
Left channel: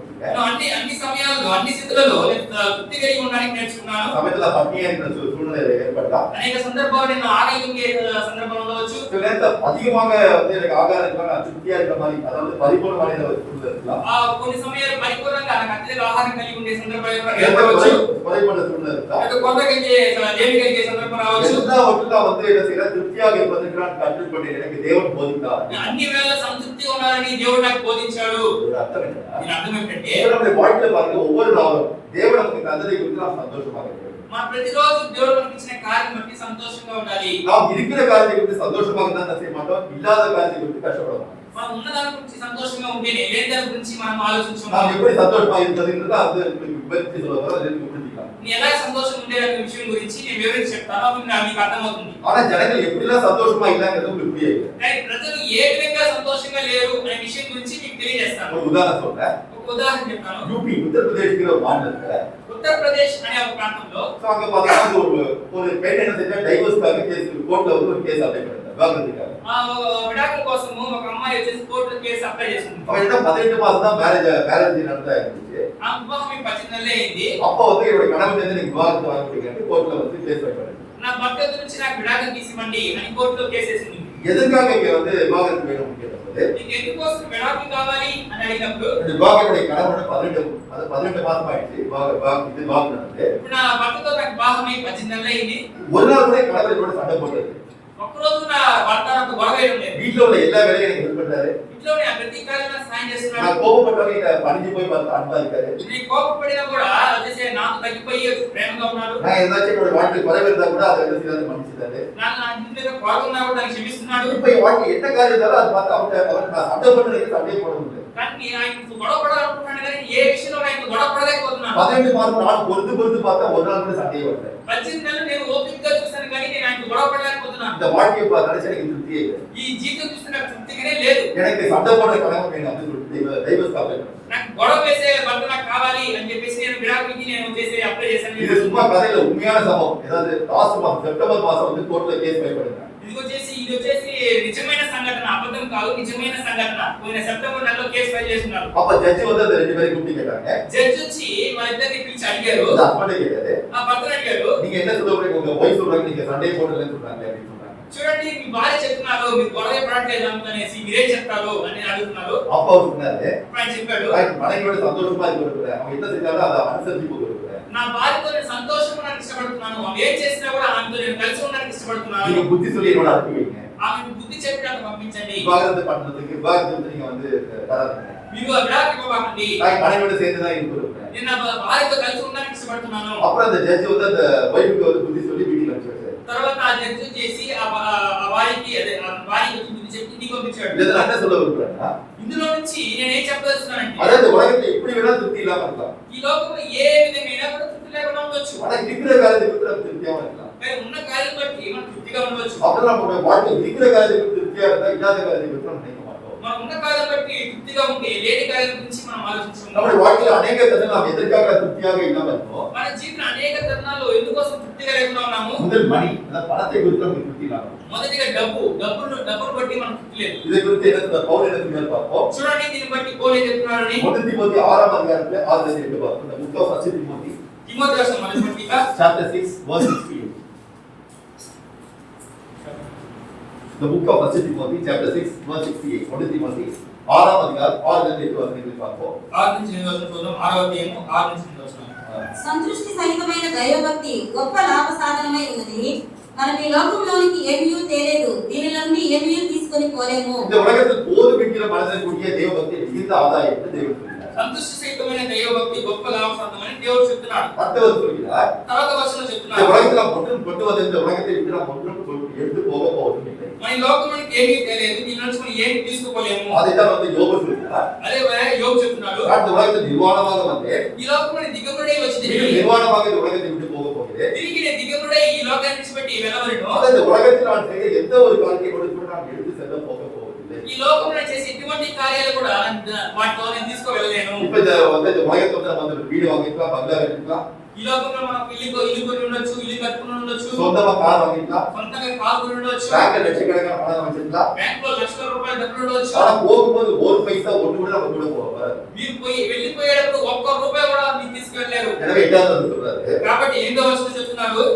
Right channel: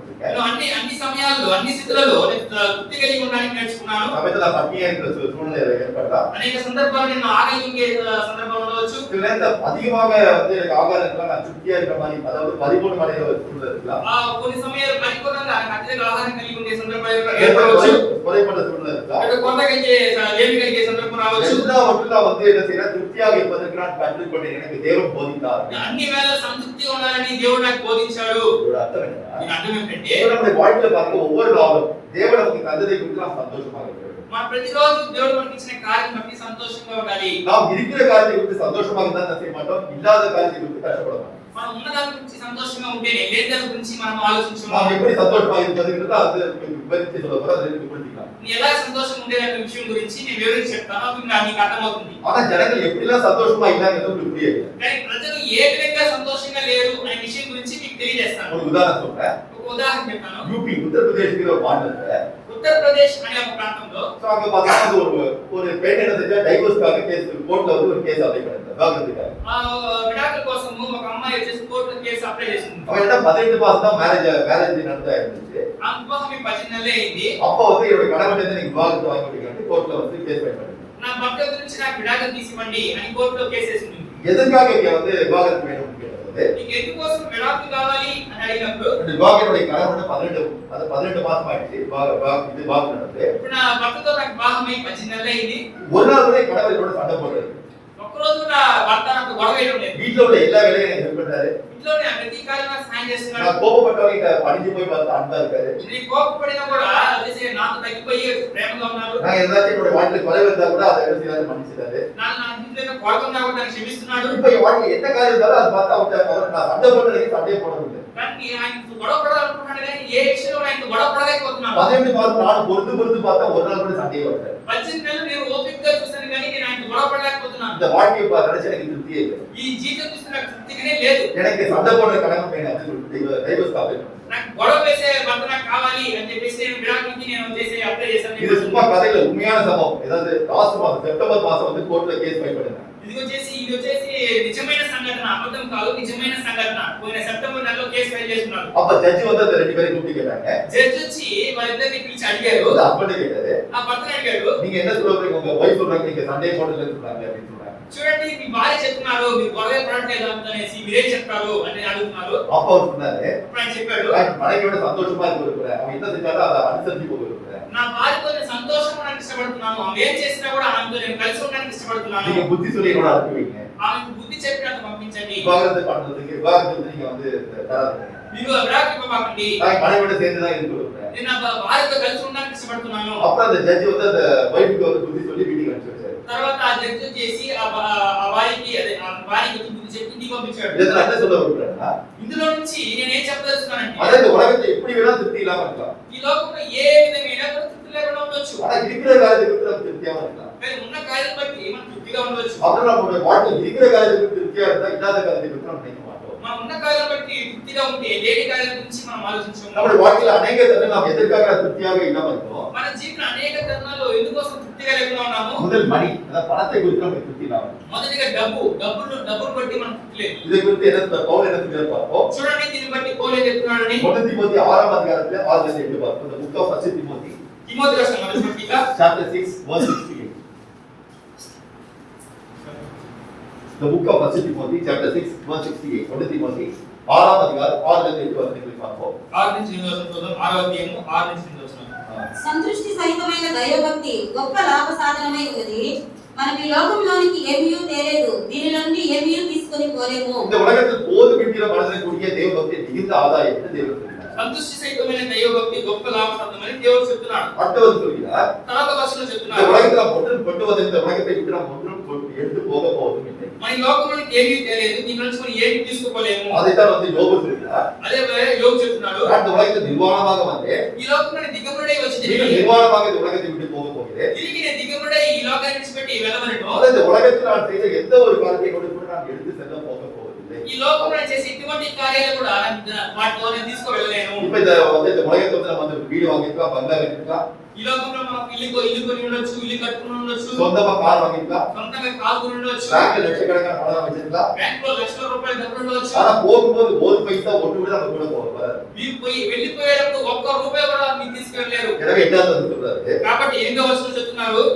నేను అన్ని సమయాల్లో అన్ని స్థితులలో నేను తృప్తి కలిగి ఉండడానికి నేర్చుకున్నాను. சமயத்துல பட்டினியா இருக்கிற சூழ்நிலை ஏற்படலாம். అనేక సందర్భాలు నేను ఆకలింగే సందర్భంలో వచ్చు. சில நேரத்துல அதிகமாக வந்து எனக்கு ஆகாரம் இருக்கலாம், நான் திருப்தியா இருக்கிற மாதிரி, அதாவது பரிபூர்ணமான ஒரு சூழ்நிலை இருக்கலாம். కొన్ని సమయాలు పరిపూర్ణంగా నాకు అత్యధిక ఆహారం కలిగి ఉండే సందర్భాలు ఏర్పడవచ్చు. குறைபட்ட சூழ்நிலை இருக்கலாம். కొంతకంటే లేమి కలిగే సందర్భం రావచ్చు. எல்லாவற்றிலும் வந்து என்ன செய்யறேன், திருப்தியாக இருப்பதற்கு நான் கற்றுக்கொண்டேன். எனக்கு தேவன் போதித்தார். అన్ని వేళ సంతృప్తిగా ఉండాలని దేవుడు నాకు బోధించాడు. இதோட அர்த்தம் என்னன்னா, దీని అర్థం ఏంటంటే நம்முடைய வாழ்க்கையில பாருங்க, ஒவ்வொரு நாளும் தேவன் நமக்கு தந்ததை குறித்து நாம் சந்தோஷமாக இருக்கிறோம். మన ప్రతిరోజు దేవుడు మనకి ఇచ్చిన కార్యం బట్టి సంతోషంగా ఉండాలి. நாம் இருக்கிற காரியத்தை குறித்து சந்தோஷமாக இருந்தா செய்ய மாட்டோம், இல்லாத காரியத்தை குறித்து கஷ்டப்பட மாட்டோம். మనం ఉన్న దాని గురించి సంతోషంగా ఉంటే లేని దాని గురించి మనం ఆలోచించము. நாம் எப்படி சந்தோஷமாக இருப்பதுங்கிறது அது விவரித்து சொல்ல போறோம், அதை நீங்க புரிஞ்சுக்கலாம். నీ ఎలా సంతోషంగా ఉండే అనే విషయం గురించి నేను వివరించి చెప్తాను, అప్పుడు నీకు అర్థమవుతుంది. ஆனா ஜனங்கள் எப்படிலாம் சந்தோஷமா இல்லங்கிறது உங்களுக்கு புரியல. కానీ ప్రజలు ఏ విధంగా సంతోషంగా లేరు అనే విషయం గురించి మీకు తెలియజేస్తాను. ஒரு உதாரணம் சொல்றேன். ఒక ఉదాహరణ చెప్తాను. யூபி உத்தரப்பிரதேஷ்ங்கிற ஒரு மாநிலத்துல ఉత్తరప్రదేశ్ అనే ఒక ప్రాంతంలో அங்க பார்த்தா ஒரு பெண் என்ன செஞ்சா, டைவர்ஸ்க்காக கேஸ் கோர்ட்ல வந்து ஒரு கேஸ் அப்ளை பண்ணாங்க, விவாகரத்துக்காக. విడాకుల కోసము ఒక అమ్మాయి వచ్చేసి కోర్టులో కేసు అప్లై చేసింది. அவன் என்ன 18 மாசம் தான் மேரேஜ் நடந்தா இருந்துச்சு. ఆ వివాహం 18 నెలలే అయింది. அப்ப வந்து என்னோட கணவன் வந்து எனக்கு விவாகரத்து வாங்கி கொடுக்கறது கோர்ட்ல வந்து கேஸ் ஃபைல் பண்ணாங்க. నా భర్త నుంచి నాకు విడాకులు తీసివ్వండి అని కోర్టులో కేసు వేసింది. எதற்காக இங்க வந்து விவாகரத்து வேணும்னு கேட்டபோது, నీకు ఎందుకోసం విడాకులు కావాలి అని అడిగినప్పుడు இந்த விவாகரத்துடைய கணவன் 18 மாசம் ஆயிடுச்சு விவாகம் நடந்து. ఇప్పుడు నా భర్తతో నాకు వివాహం అయి 18 నెలలు అయింది. ஒரு நாள் கூட கணவர் என்னோட சண்டை போடுறது, ఒక్కరోజు నా భర్త నాకు గొడవ వేయడం లేదు. வீட்டுல உள்ள எல்லா வேலையும் எனக்கு ஹெல்ப் பண்றாரு. ఇంట్లోనే ప్రతి కార్యంలో సహాయం చేస్తున్నాడు. நான் கோபப்பட்டவங்க பணிஞ்சு போய் பார்த்து அன்பா இருக்காரு. నీ కోపపడినా కూడా చేసే నాకు తగ్గిపోయి ప్రేమగా ఉన్నాడు. நான் ஏதாச்சும் என்னோட வாழ்க்கை குறைவு இருந்தா கூட அதை என்ன செய்யறாரு, மன்னிச்சிட்டாரு. నా జీవితంలో కొరకున్నా కూడా నాకు క్షమిస్తున్నాడు. இப்ப என் வாழ்க்கை என்ன காரியம் இருந்தாலும் அதை பார்த்து அவர் நான் சண்டை போடுறதுக்கு சண்டையே போட முடியல. కానీ ఆయనతో గొడవ పడాలనుకున్నాను కానీ ఏ విషయంలో ఆయనతో గొడవ పడలేకపోతున్నాను. 18 மாசம் நான் பொறுத்து பார்த்தா ஒரு நாள் கூட சண்டையே வரல. 18 నెలలు నేను ఓపికగా చూసాను కానీ నేను ఆయనతో గొడవ పడలేకపోతున్నాను. இந்த வாழ்க்கையை நினைச்சு எனக்கு திருப்தியே இல்லை. ఈ జీవితం చూస్తే నాకు తృప్తిగానే లేదు. எனக்கு சண்டை போடுற கணவன் வேணும் அப்படின்னு சொல்லிட்டு டைவர்ஸ் அப்ளை பண்ணேன். నాకు గొడవ వేసే భర్త నాకు కావాలి అని చెప్పేసి నేను విడాకులకి నేను చేసే అప్లై చేశాను. இது சும்மா கதையில உண்மையான சம்பவம். ஏதாவது லாஸ்ட் மாசம் செப்டம்பர் மாசம் வந்து கோர்ட்ல கேஸ் ஃபைல் பண்ணேன். ఇది వచ్చేసి నిజమైన సంఘటన, అబద్ధం కాదు, నిజమైన సంఘటన. పోయిన సెప్టెంబర్ నెలలో కేసు ఫైల్ చేస్తున్నారు. அப்ப ஜட்ஜ் வந்து அந்த ரெண்டு பேரையும் கூப்பிட்டு கேட்டாங்க. జడ్జి వచ్చి వాళ్ళిద్దరిని పిలిచి అడిగారు. அந்த ஹஸ்பண்ட் கேட்டாரு, ఆ భర్తను అడిగారు, நீங்க என்ன சொல்றீங்க, உங்க வைஃப் சொல்றாங்க நீங்க சண்டே போடலன்னு சொல்றாங்க அப்படின்னு சொன்னாங்க. చూడండి మీ భార్య చెప్తున్నారు మీరు గొడవ పడట్లేదు అనేసి మీరేం చెప్తారు అని అడుగుతున్నారు. அப்ப அவர் சொன்னாரு, అప్పుడు ఆయన చెప్పాడు, மனைவியோட சந்தோஷமா இருக்க அவன் என்ன செஞ்சாலும் அதை அனுசரிச்சு போக నా భార్యతో నేను సంతోషంగా ఉండడానికి ఇష్టపడుతున్నాను. ఆమె ఏం చేసినా కూడా ఆమెతో నేను కలిసి ఉండడానికి ఇష్టపడుతున్నాను. நீங்க புத்தி சொல்லி என்னோட அனுப்பி வைங்க. ఆమెకు బుద్ధి చెప్పి నాకు పంపించండి. விவாகரத்து பண்றதுக்கு விவாகரத்து வந்து நீங்க வந்து தராதீங்க. మీరు విడాకులు ఇవ్వకండి. நான் மனைவியோட சேர்ந்து தான் இருக்க விரும்புறேன். నేను నా భార్యతో కలిసి ఉండడానికి ఇష్టపడుతున్నాను. அப்புறம் அந்த ஜட்ஜ் வந்து அந்த வைஃப்க்கு வந்து புத்தி சொல்லி வீட்டுக்கு அனுப்பிச்சு வச்சாரு. తర్వాత ఆ జడ్జి చేసి ఆ భార్యకి బుద్ధి చెప్పి ఇంటికి పంపించాడు. இதுல என்ன சொல்ல விரும்புறேன்னா, ఇందులో నుంచి నేను ఏం చెప్పదలుచుకున్నానంటే, அதாவது உலகத்துல எப்படி வேணாலும் திருப்தி இல்லாம இருக்கலாம். ఈ లోకంలో ఏ విధమైన కూడా తృప్తి లేకుండా ఉండొచ్చు. ஆனா இருக்கிற காரியத்துக்கு நம்ம திருப்தியாம இருக்கலாம். మరి ఉన్న కార్యం బట్టి మనం తృప్తిగా ఉండవచ్చు. அப்புறம் நம்மளோட வாழ்க்கை இருக்கிற காரியத்துக்கு திருப்தியா இருந்தா இல்லாத காரியத்துக்கு நம்ம நினைக்க மாட்டோம். మనం ఉన్న కార్యం బట్టి తృప్తిగా ఉంటే లేని కార్యం గురించి మనం ఆలోచించము. நம்மளுடைய வாழ்க்கையில அநேக தருணம் நாம் எதற்காக திருப்தியாக இல்லாம இருக்கோம். మన జీవితంలో అనేక తరుణాల్లో ఎందుకోసం తృప్తిగా లేకుండా ఉన్నాము. முதல் மணி, அந்த பணத்தை குறித்து நமக்கு திருப்தி இல்லாம. మొదటిగా డబ్బును బట్టి మనం తృప్తి లేదు. இதை குறித்து என்ன பவுல் என்ன சொல்றாரு பார்ப்போம். చూడండి దీన్ని బట్టి పౌలు ఏం చెప్తున్నాడని 1 தீமோத்தேயு 6ஆம் அதிகாரத்துல 6-8 பார்ப்போம். The book of 1 Timothy Timothy రాసిన మొదటి పత్రిక chapter 6 verse 68. The book of 1 Timothy chapter 6 verse 68. 1 Timothy 6ஆம் அதிகாரம் 6-8 வசனங்களை பார்ப்போம். 6 నుంచి 8 వచనం చూద్దాం. 6వ అధ్యాయము 6 నుంచి 8 వచనం. సంతృష్టి సహితమైన దైవభక్తి గొప్ప లాభ సాధనమై ఉన్నది. మనకి లోకంలోనికి ఏమీయూ తేలేదు, దీనిలో నుండి ఏమీయూ తీసుకొని పోలేము. இந்த உலகத்தில் போதுமிக்கிற மனதிற்குரிய தேவபக்தி மிகுந்த ஆதாயம் என்று தேவன் சொல்கிறார். సంతుష్టి సహితమైన దైవభక్తి గొప్ప లాభసాధనమని దేవుడు చెప్తున్నాడు. அடுத்தவர் சொல்கிறார், తర్వాత వచనం இந்த చెప్తున్నాడు, உலகத்துல ஒன்றும் கொண்டு வந்து இந்த உலகத்தை விட்டு நாம் ஒன்றும் எடுத்து போக போவதும் இல்லை. మన ఈ లోకంలోకి ఏమీ తెలియదు, దీని నుంచి మనం ఏమీ తీసుకోలేము. அதைத்தான் வந்து யோபு சொல்கிறார். అదే యోబు చెప్తున్నాడు, இந்த உலகத்தில் நிர்வாணமாக வந்து ఈ లోకంలోని దిగబడే వచ్చి நிர்வாணமாக இந்த உலகத்தை விட்டு போக போகிறேன். తిరిగి నేను దిగబడే ఈ లోకాన్ని విడిచిపెట్టి వెళ్ళవలను. அதாவது இந்த உலகத்தில் நான் செய்த எந்த ஒரு காரியத்தை கூட நான் எடுத்து செல்ல போக போவதில்லை. ఈ లోకంలో చేసే ఎటువంటి కార్యాలు కూడా వాటితో నేను తీసుకువెళ్ళలేను. இப்ப இந்த வந்து இந்த உலகத்தை வந்து நம்ம வந்து வீடு வாங்கிக்கலாம், பங்களா கட்டிக்கலாம், ఈ లోకంలో మనం ఇల్లు కొని ఉండొచ్చు, ఇల్లు కట్టుకుని ఉండొచ్చు, சொந்தமா கார் வாங்கிக்கலாம், సొంతంగా కారు కొని ఉండొచ్చు, பேங்க்ல லட்சக்கணக்கான பணம் வச்சிருக்கலாம். బ్యాంకులో లక్షల రూపాయలు డబ్బులు ఉండొచ్చు. ஆனா போகும்போது ஒரு பைசா ஒன்று கூட நம்ம கூட போகாது. మీరు వెళ్ళిపోయేటప్పుడు ఒక్క రూపాయి కూడా మీరు తీసుకెళ్ళలేరు. எனவே எட்டாவது சொல்றாரு, కాబట్టి ఎనిమిదవ వచనం చెప్తున్నారు,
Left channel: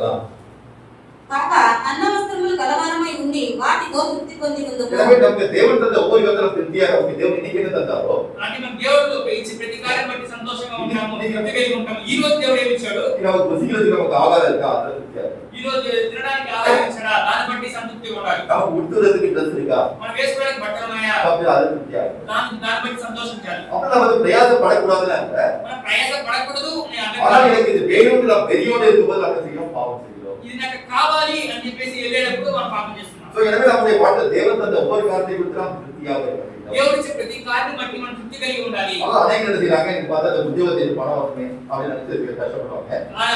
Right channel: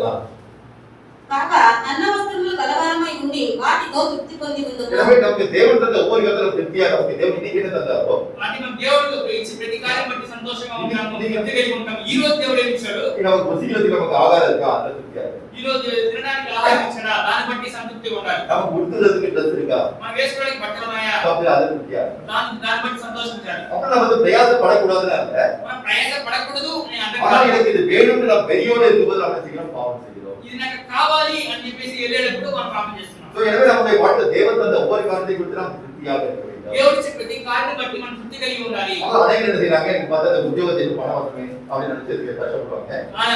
కాక అన్న వస్త్రములు కలవరమై ఉండి వాటితో తృప్తి పొంది ఉందుము. எனவே நமக்கு தேவன் தந்த ஒவ்வொரு விதத்திலும் திருப்தியாக நமக்கு தேவன் இன்னைக்கு என்ன தந்தாரோ అంటే మన దేవుడు ఇచ్చే ప్రతి కార్యం బట్టి సంతోషంగా ఉంటాము, తృప్తి కలిగి ఉంటాము. ఈ రోజు దేవుడు ఏమి ఇచ్చాడు? நமக்கு புசிக்கிறதுக்கு நமக்கு ஆகாரம் இருக்கா, அந்த திருப்தியாக. ఈ రోజు తినడానికి ఆహారం ఇచ్చాడా, దాన్ని బట్టి సంతృప్తిగా ఉండాలి. நமக்கு உடுத்துறதுக்கு ட்ரெஸ் இருக்கா, మనం వేసుకోవడానికి బట్టలు ఉన్నాయా, அப்படி அது திருப்தியாக. దాన్ని బట్టి సంతోషించాలి. அப்ப நம்ம வந்து பிரயாசப்படக்கூடாதுன்னு அல்ல. మనం ప్రయాస పడకూడదు అని ஆனா అంటే எனக்கு இது வேணும்னு நான் பெரியோடு இருக்கும்போது நம்ம செய்யறோம், பாவம் செய்கிறோம். ఇది నాకు కావాలి అని చెప్పేసి వెళ్ళేటప్పుడు మనం పాపం చేస్తున్నాం. So, எனவே நம்முடைய வாழ்க்கையில் தேவன் தந்த ஒவ்வொரு காரியத்தை குறித்து நாம் திருப்தியாக இருக்க வேண்டும். దేవుడు ఇచ్చే ప్రతి కార్యం బట్టి మనం తృప్తి కలిగి ఉండాలి. ஆனா அநேகர் என்ன செய்யறாங்க, எனக்கு பார்த்தா அந்த உத்தியோகத்தை பணம் வரணுமே அப்படின்னு நினைச்சதுக்கு கஷ்டப்படுவாங்க.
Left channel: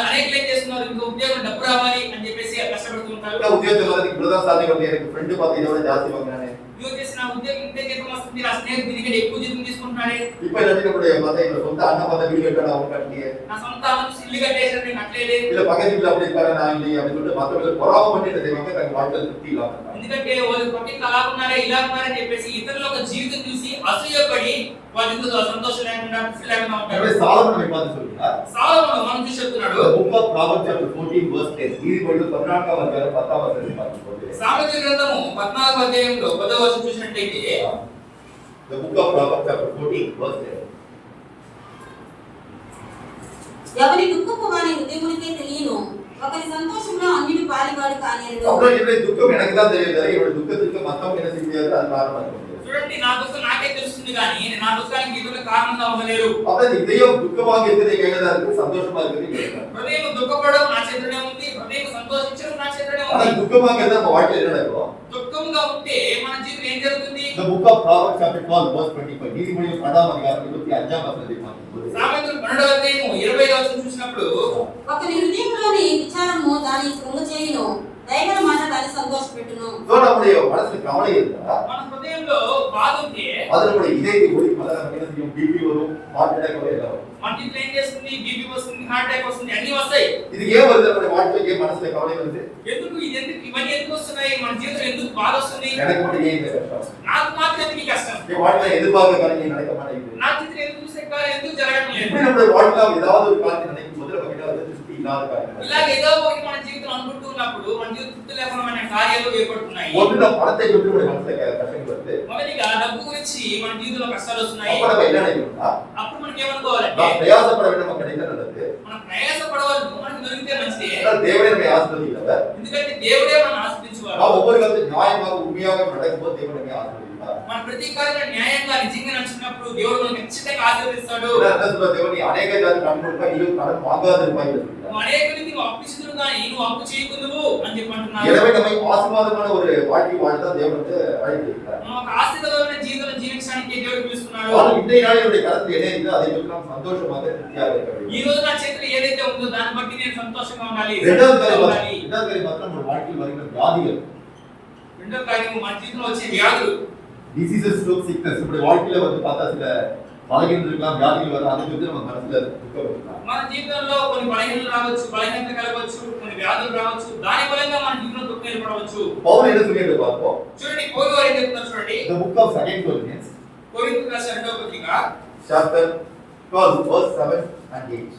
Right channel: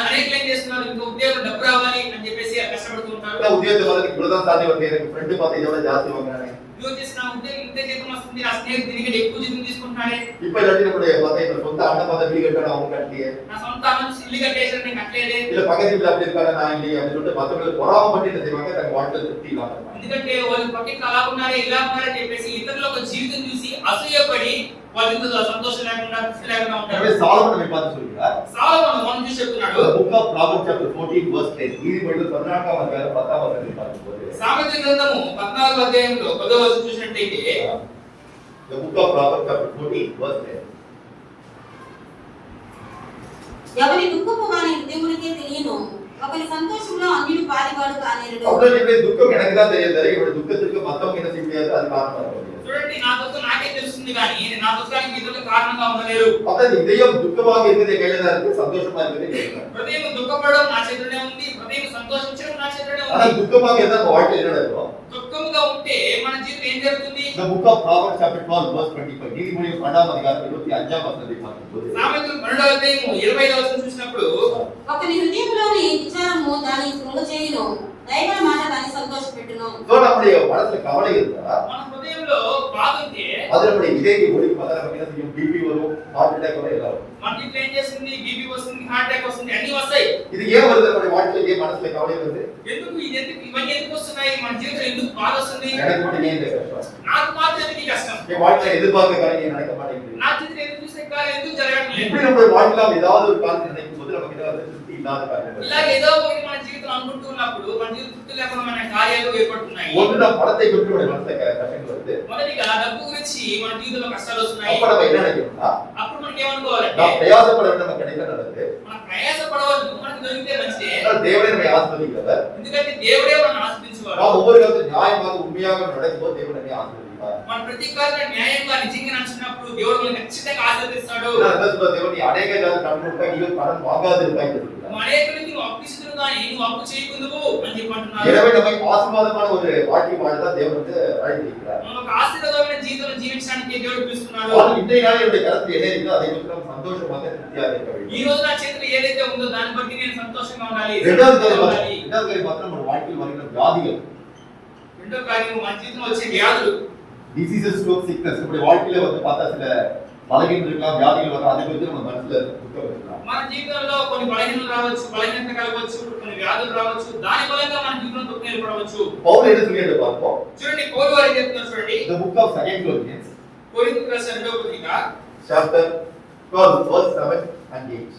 అనేకలు ఏం చేస్తున్నారు, ఇంకో ఉద్యోగం డబ్బు రావాలి అని చెప్పేసి కష్టపడుతూ ఉంటారు. இந்த உத்தியோகத்தை வந்து இவ்வளவுதான் சாதி வந்து எனக்கு ஃப்ரெண்டு பார்த்து இதோட ஜாஸ்தி வாங்கினானே, ఇదిగో చేసిన ఉద్యోగం ఇంత జీతం వస్తుంది, ఆ స్నేహితుడు దీనికంటే ఎక్కువ జీతం తీసుకుంటున్నాడే, இப்ப இல்லாட்டி நம்முடைய பார்த்தா இப்ப சொந்த அண்ணன் பார்த்தா வீடு கட்டணும், அவங்க கட்டலையே, నా సొంత అన్న ఇల్లు కట్టేసాడు నేను కట్టలేదే. இல்ல பக்கத்து வீட்டுல அப்படி இருக்காரு நான் இல்லையே அப்படின்னு சொல்லிட்டு மற்றவங்களுக்கு பொறாமப்பட்டு என்ன செய்வாங்க, தங்க வாழ்க்கையில் திருப்தி இல்லாம இருப்பாங்க. ఎందుకంటే వాళ్ళు పక్కకి అలా ఉన్నారే ఇలా ఉన్నారని చెప్పేసి ఇతరుల ఒక జీవితం చూసి అసూయపడి వాళ్ళు ఎందుకు సంతోషం లేకుండా తృప్తి లేకుండా ఉంటారు. எனவே சாலமன் நம்மை பார்த்து சொல்கிறார், సాలొమోను మనం చూసి చెప్తున్నాడు, Book of Proverbs chapter 14 verse 10, நீதிமொழிகள் 14ஆம் அதிகாரம் 10ஆம் வசனத்தை பார்க்கும்போது, సామెతల గ్రంథము 14వ అధ్యాయంలో 10వ వచనం చూసినట్లయితే, the Book of Proverbs chapter 14 verse 10, ఎవరి దుఃఖము వాని హృదయమునకే తెలియను, ఒకరి సంతోషంలో అన్యుడు పాలివాడు కానేరడు. அப்புறம் என்னுடைய துக்கம் எனக்கு தான் தெரியும், என்னுடைய துக்கத்துக்கு மத்தவங்க என்ன செய்ய முடியாது, அது காரணமா இருக்க முடியாது. చూడండి నా దుఃఖం నాకే తెలుస్తుంది కానీ నా దుఃఖానికి ఇతరులు కారణంగా ఉండలేరు. அப்புறம் இதயம் துக்கமாக இருக்கிறது கையில தான் இருக்கு, சந்தோஷமா இருக்கிறது கையில தான். హృదయం దుఃఖపడడం నా చేతిలోనే ఉంది, హృదయం సంతోషించడం నా చేతిలోనే ஆனா ఉంది. துக்கமாக இருந்தா நம்ம வாழ்க்கையில என்ன நடக்கும்? దుఃఖంగా ఉంటే మన జీవితం ఏం జరుగుతుంది? The Book of Proverbs chapter 12 verse 25, நீதிமொழிகள் 12ஆம் அதிகாரம் 25ஆம் வசனத்தை பார்க்கும்போது, సామెతలు 12వ అధ్యాయము 25వ వచనం చూసినప్పుడు, ఒకని హృదయంలోని విచారము దాని కృంగచేయును, దైవ మాట దాన్ని సంతోషపెట్టును. so நம்முடைய மனசுல கவலை இருந்தா మన హృదయంలో బాధ ఉంటే அது நம்முடைய இதயத்தை ஒடுக்கும், அதான் நமக்கு என்ன செய்யும், பிபி வரும், ஹார்ட் அட்டாக் வரும், எல்லாம் வரும். మన జీవితం ఏం చేస్తుంది? బీపీ వస్తుంది, హార్ట్ అటాక్ వస్తుంది, అన్ని వస్తాయి. இது ஏன் வருது, நம்முடைய வாழ்க்கையில ஏன் மனசுல கவலை வருது? ఎందుకు ఇవన్నీ ఎందుకు వస్తున్నాయి? మన జీవితం ఎందుకు బాధ వస్తుంది? எனக்கு மட்டும் ஏன் இந்த கஷ்டம்? నాకు మాత్రం ఎందుకు ఈ కష్టం? என் வாழ்க்கையில எதிர்பார்த்த காரியம் நடக்க மாட்டேங்குது. నా జీవితం ఎందుకు చూసే కార్యం ఎందుకు జరగడం లేదు? இப்படி நம்முடைய வாழ்க்கையில ஏதாவது ஒரு காரியத்தை நினைக்கும் போது நமக்கு ஏதாவது திருப்தி இல்லாத காரியம் ఇలా ఏదో ఒకటి మన జీవితం అనుకుంటూ ఉన్నప్పుడు మన జీవితం తృప్తి లేకుండా మన కార్యాలు ఏర్పడుతున్నాయి. ஒன்று நம்ம பணத்தை கொண்டு நம்முடைய மனசுல கஷ்டங்கள் வருது. మొదటిగా డబ్బు గురించి మన జీవితంలో కష్టాలు వస్తున్నాయి. அப்ப நம்ம என்ன நினைக்கணும்னா, అప్పుడు మనకి ఏమనుకోవాలంటే, நாம் பிரயாசப்பட வேண்டும், நமக்கு கிடைக்க நல்லது. మనం ప్రయాస పడవద్దు, మనకు దొరికితే మంచిదే. ஆனால் தேவனே நம்மை ஆசீர்வதிக்கிறவர். ఎందుకంటే దేవుడే మనల్ని ఆశీర్వదించేవాడు. நாம் ஒவ்வொரு காலத்தில் நியாயமாக உண்மையாக நடக்கும்போது தேவன் நம்மை ஆசீர்வதிப்பார். మన ప్రతి కార్యం న్యాయంగా నిజంగా నడిచినప్పుడు దేవుడు మనల్ని ఖచ్చితంగా ఆశీర్వదిస్తాడు. என்ன சொல்ற தேவன், நீ அநேக காலம் கடன் கொடுப்பாய், நீ கடன் வாங்காதிருப்பாய் என்று சொல்கிறார். నువ్వు అనేకులకి నువ్వు అప్పు ఇస్తుడు కానీ నువ్వు అప్పు చేయకుందువు అని చెప్పి అంటున్నాడు. எனவே நம்மை ஆசீர்வாதமான ஒரு வாழ்க்கை வாழதான் தேவன் வந்து அழைத்திருக்கிறார். మనం ఒక ఆశీర్వాదమైన జీవితం జీవించడానికి దేవుడు పిలుస్తున్నాడు. ஆனால் இன்றைய நாளில் என்னுடைய கருத்தில் என்ன இருக்கிறதோ அதை குறித்து நாம் சந்தோஷமாக திருப்தியாக இருக்க வேண்டும். ఈ రోజు నా చేతిలో ఏదైతే ఉందో దాన్ని బట్టి నేను సంతోషంగా ఉండాలి. இரண்டாவது காரியம் மாத்திரம் நம்ம வாழ்க்கையில் வருகிற வியாதிகள், రెండో కార్యం మన జీవితంలో వచ్చే వ్యాధులు, diseases, stroke, sickness, நம்முடைய வாழ்க்கையில வந்து பார்த்தா சில பலகீனங்கள் இருக்கலாம், வியாதிகள் வரும், அதை குறித்து நம்ம மனசுல துக்கம் இருக்கலாம். మన జీవితంలో కొన్ని బలహీనతలు రావచ్చు, బలహీనత కలగవచ్చు, కొన్ని వ్యాధులు రావచ్చు, దాని మూలంగా మన జీవితంలో దుఃఖం ఏర్పడవచ్చు. பவுல் என்ன சொல்லிட்டு பார்ப்போம். చూడండి పౌలు గారు ఏం చెప్తున్నారు చూడండి. The book of 2 Corinthians కొరింథీయులకు రాసిన రెండవ పత్రిక chapter 12 verse 7 and 8.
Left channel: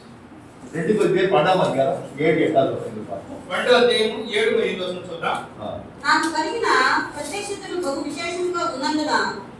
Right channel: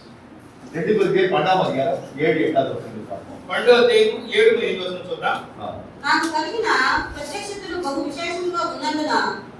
2 కొరింథీయులు 12వ అధ్యాయం 7 8వ వచనం பார்ப்போம். 2వ అధ్యాయం 7 8వ వచనం చూద్దాం. నాకు కలిగిన ప్రత్యక్షతలు బహు విశేషంగా ఉన్నందున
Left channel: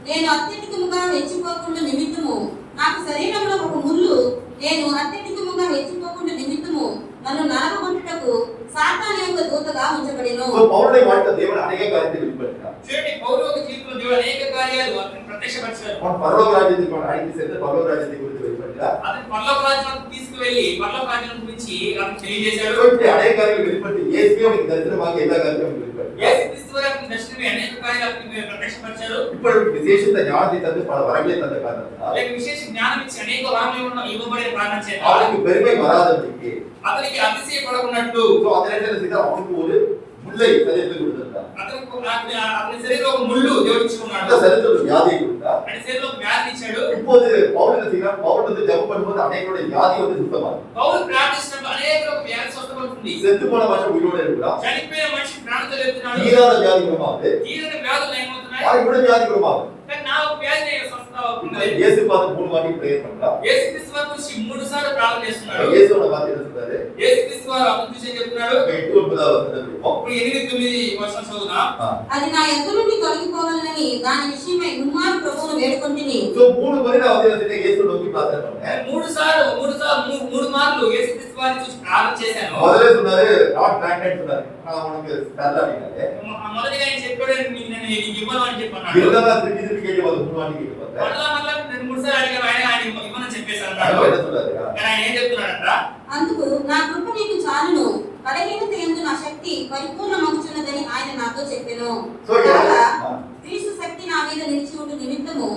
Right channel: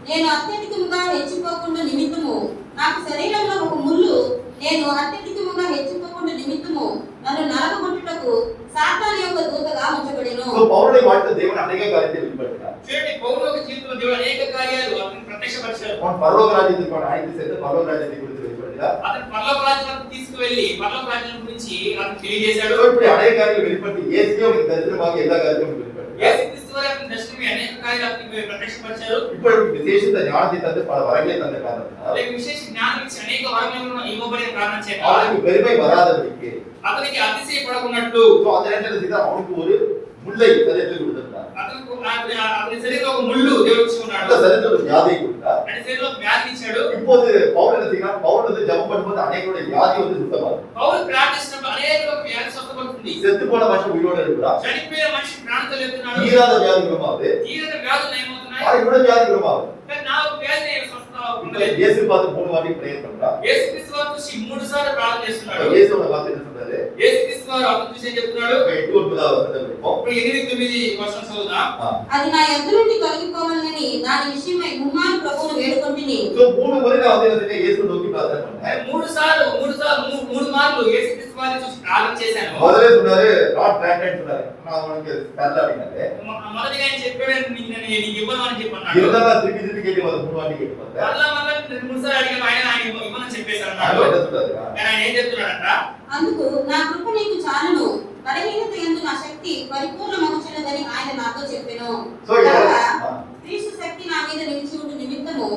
నేను అత్యధికముగా హెచ్చిపోకుండా నిమిత్తము, నాకు శరీరంలో ఒక ముళ్ళు నేను అత్యధికముగా హెచ్చిపోకుండా నిమిత్తము నన్ను నరకగొట్టుటకు సాతాను యొక్క దూతగా ఉంచబడెను. సో పౌలుடைய வாழ்க்கை தேவன் அநேக காரியத்தை வெளிப்படுத்தினார். చూడండి పౌలు యొక్క జీవితంలో దేవుడు అనేక కార్యాలు అతనికి ప్రత్యక్షపరిచారు. அவன் பரலோக ராஜ்யத்துக்கு அழைத்து சென்று பரலோக ராஜ்யத்தை குறித்து வெளிப்படுகிறார். అతను పరలోక రాజ్యానికి తీసుకువెళ్ళి పరలోక రాజ్యం గురించి అతను తెలియజేశాడు. So, இப்படி அநேக காரியங்கள் வெளிப்படுத்தி இயேசுவே உங்களுக்கு தரிசனமாக எல்லா காரியங்களும் வெளிப்படுகிறார். యేసుక్రీస్తు వారు అతని దర్శనమే అనేక కార్యాలను ప్రత్యక్షపరిచారు. இப்போ விசேஷித்த ஞானத்தை தந்து பல வரங்களை தந்த காரணத்தினால் లేక విశేష జ్ఞానం ఇచ్చి అనేక వరములు ఇవ్వబడిన కారణం చేత அவனுக்கு பெருமை வராதபடிக்கு అతనికి అతిశయపడకున్నట్టు so அந்த நேரத்தில் செய்த அவனுக்கு ஒரு முல்லை சரீரத்தில் கொடுத்திருந்தார். అతని శరీరంలో ఒక ముళ్ళు దేవుడు ఇచ్చుకున్నాడు. அந்த சரீரத்தில் ஒரு வியாதியை கொடுத்தார். అతని శరీరంలో వ్యాధి ఇచ్చాడు. இப்போது பவுல் என்ன செய்யலாம்? பவுல் வந்து ஜெபம் பண்ணும்போது அநேகருடைய வியாதி வந்து சுத்தமாகும். పౌలు ప్రార్థిస్తున్నప్పుడు అనేకులకు వ్యాధి స్వస్థపడుతుంది. செத்து போன மனுஷன் உயிரோடு இருக்கிறான். చనిపోయిన మనిషి ప్రాణంతో లేస్తున్నాడు. தீராத வியாதி குணமாகுது. తీరని వ్యాధులు నయమవుతున్నాయి. கூட வியாதி குணமாகுது. కానీ నా వ్యాధి స్వస్థ అవుతుంది. இயேசு பார்த்து 3 வாட்டி பிரேயர் பண்றான். యేసుక్రీస్తు వారు చూసి 3 సార్లు ప్రార్థన చేస్తున్నాడు. இயேசுவோட வார்த்தை என்ன சொல்றாரு? యేసుక్రీస్తు వారు అతను చూసి చెప్తున్నాడు. 8-9వ వచనం படிப்போம். ఇప్పుడు 8-9 వచనం చదువుదాం. అది నా యొద్ద నుండి తొలగిపోవాలని దాని విషయమై ముమ్మారు ప్రభువును వేడుకొంటిని. సో 3 முறை நான் வந்து என்ன இயேசு நோக்கி ప్రార్థన பண்ணேன். 3 మార్లు యేసుక్రీస్తు వారిని చూసి ప్రార్థన చేశాను. முதல்ல சொன்னாரு நாட் கிராண்டட் சொன்னாரு. நான் உனக்கு தரல அப்படினாலே. మొదటిగా ఆయన చెప్పాడు నీకు ఇవ్వను అని చెప్పన్నాడు. இருந்தா திருப்பி திருப்பி கேட்டு வந்து 3 வாட்டி கேட்டு பார்த்தேன். మళ్ళా 2-3 సార్లు అడిగా ఆయన ఇవ్వనని చెప్పేశారు అన్నాడు. அவர் என்ன சொல்றாரு? కానీ ఆయన ఏం చెప్తున్నాడంట? అందుకు నా కృప నీకు చాలును, బలహీనత యందు నా శక్తి పరిపూర్ణమగుచున్నదని ఆయన నాతో చెప్పెను. సో కాగా క్రీస్తు శక్తి నా మీద నిలిచి ఉండు నిమిత్తము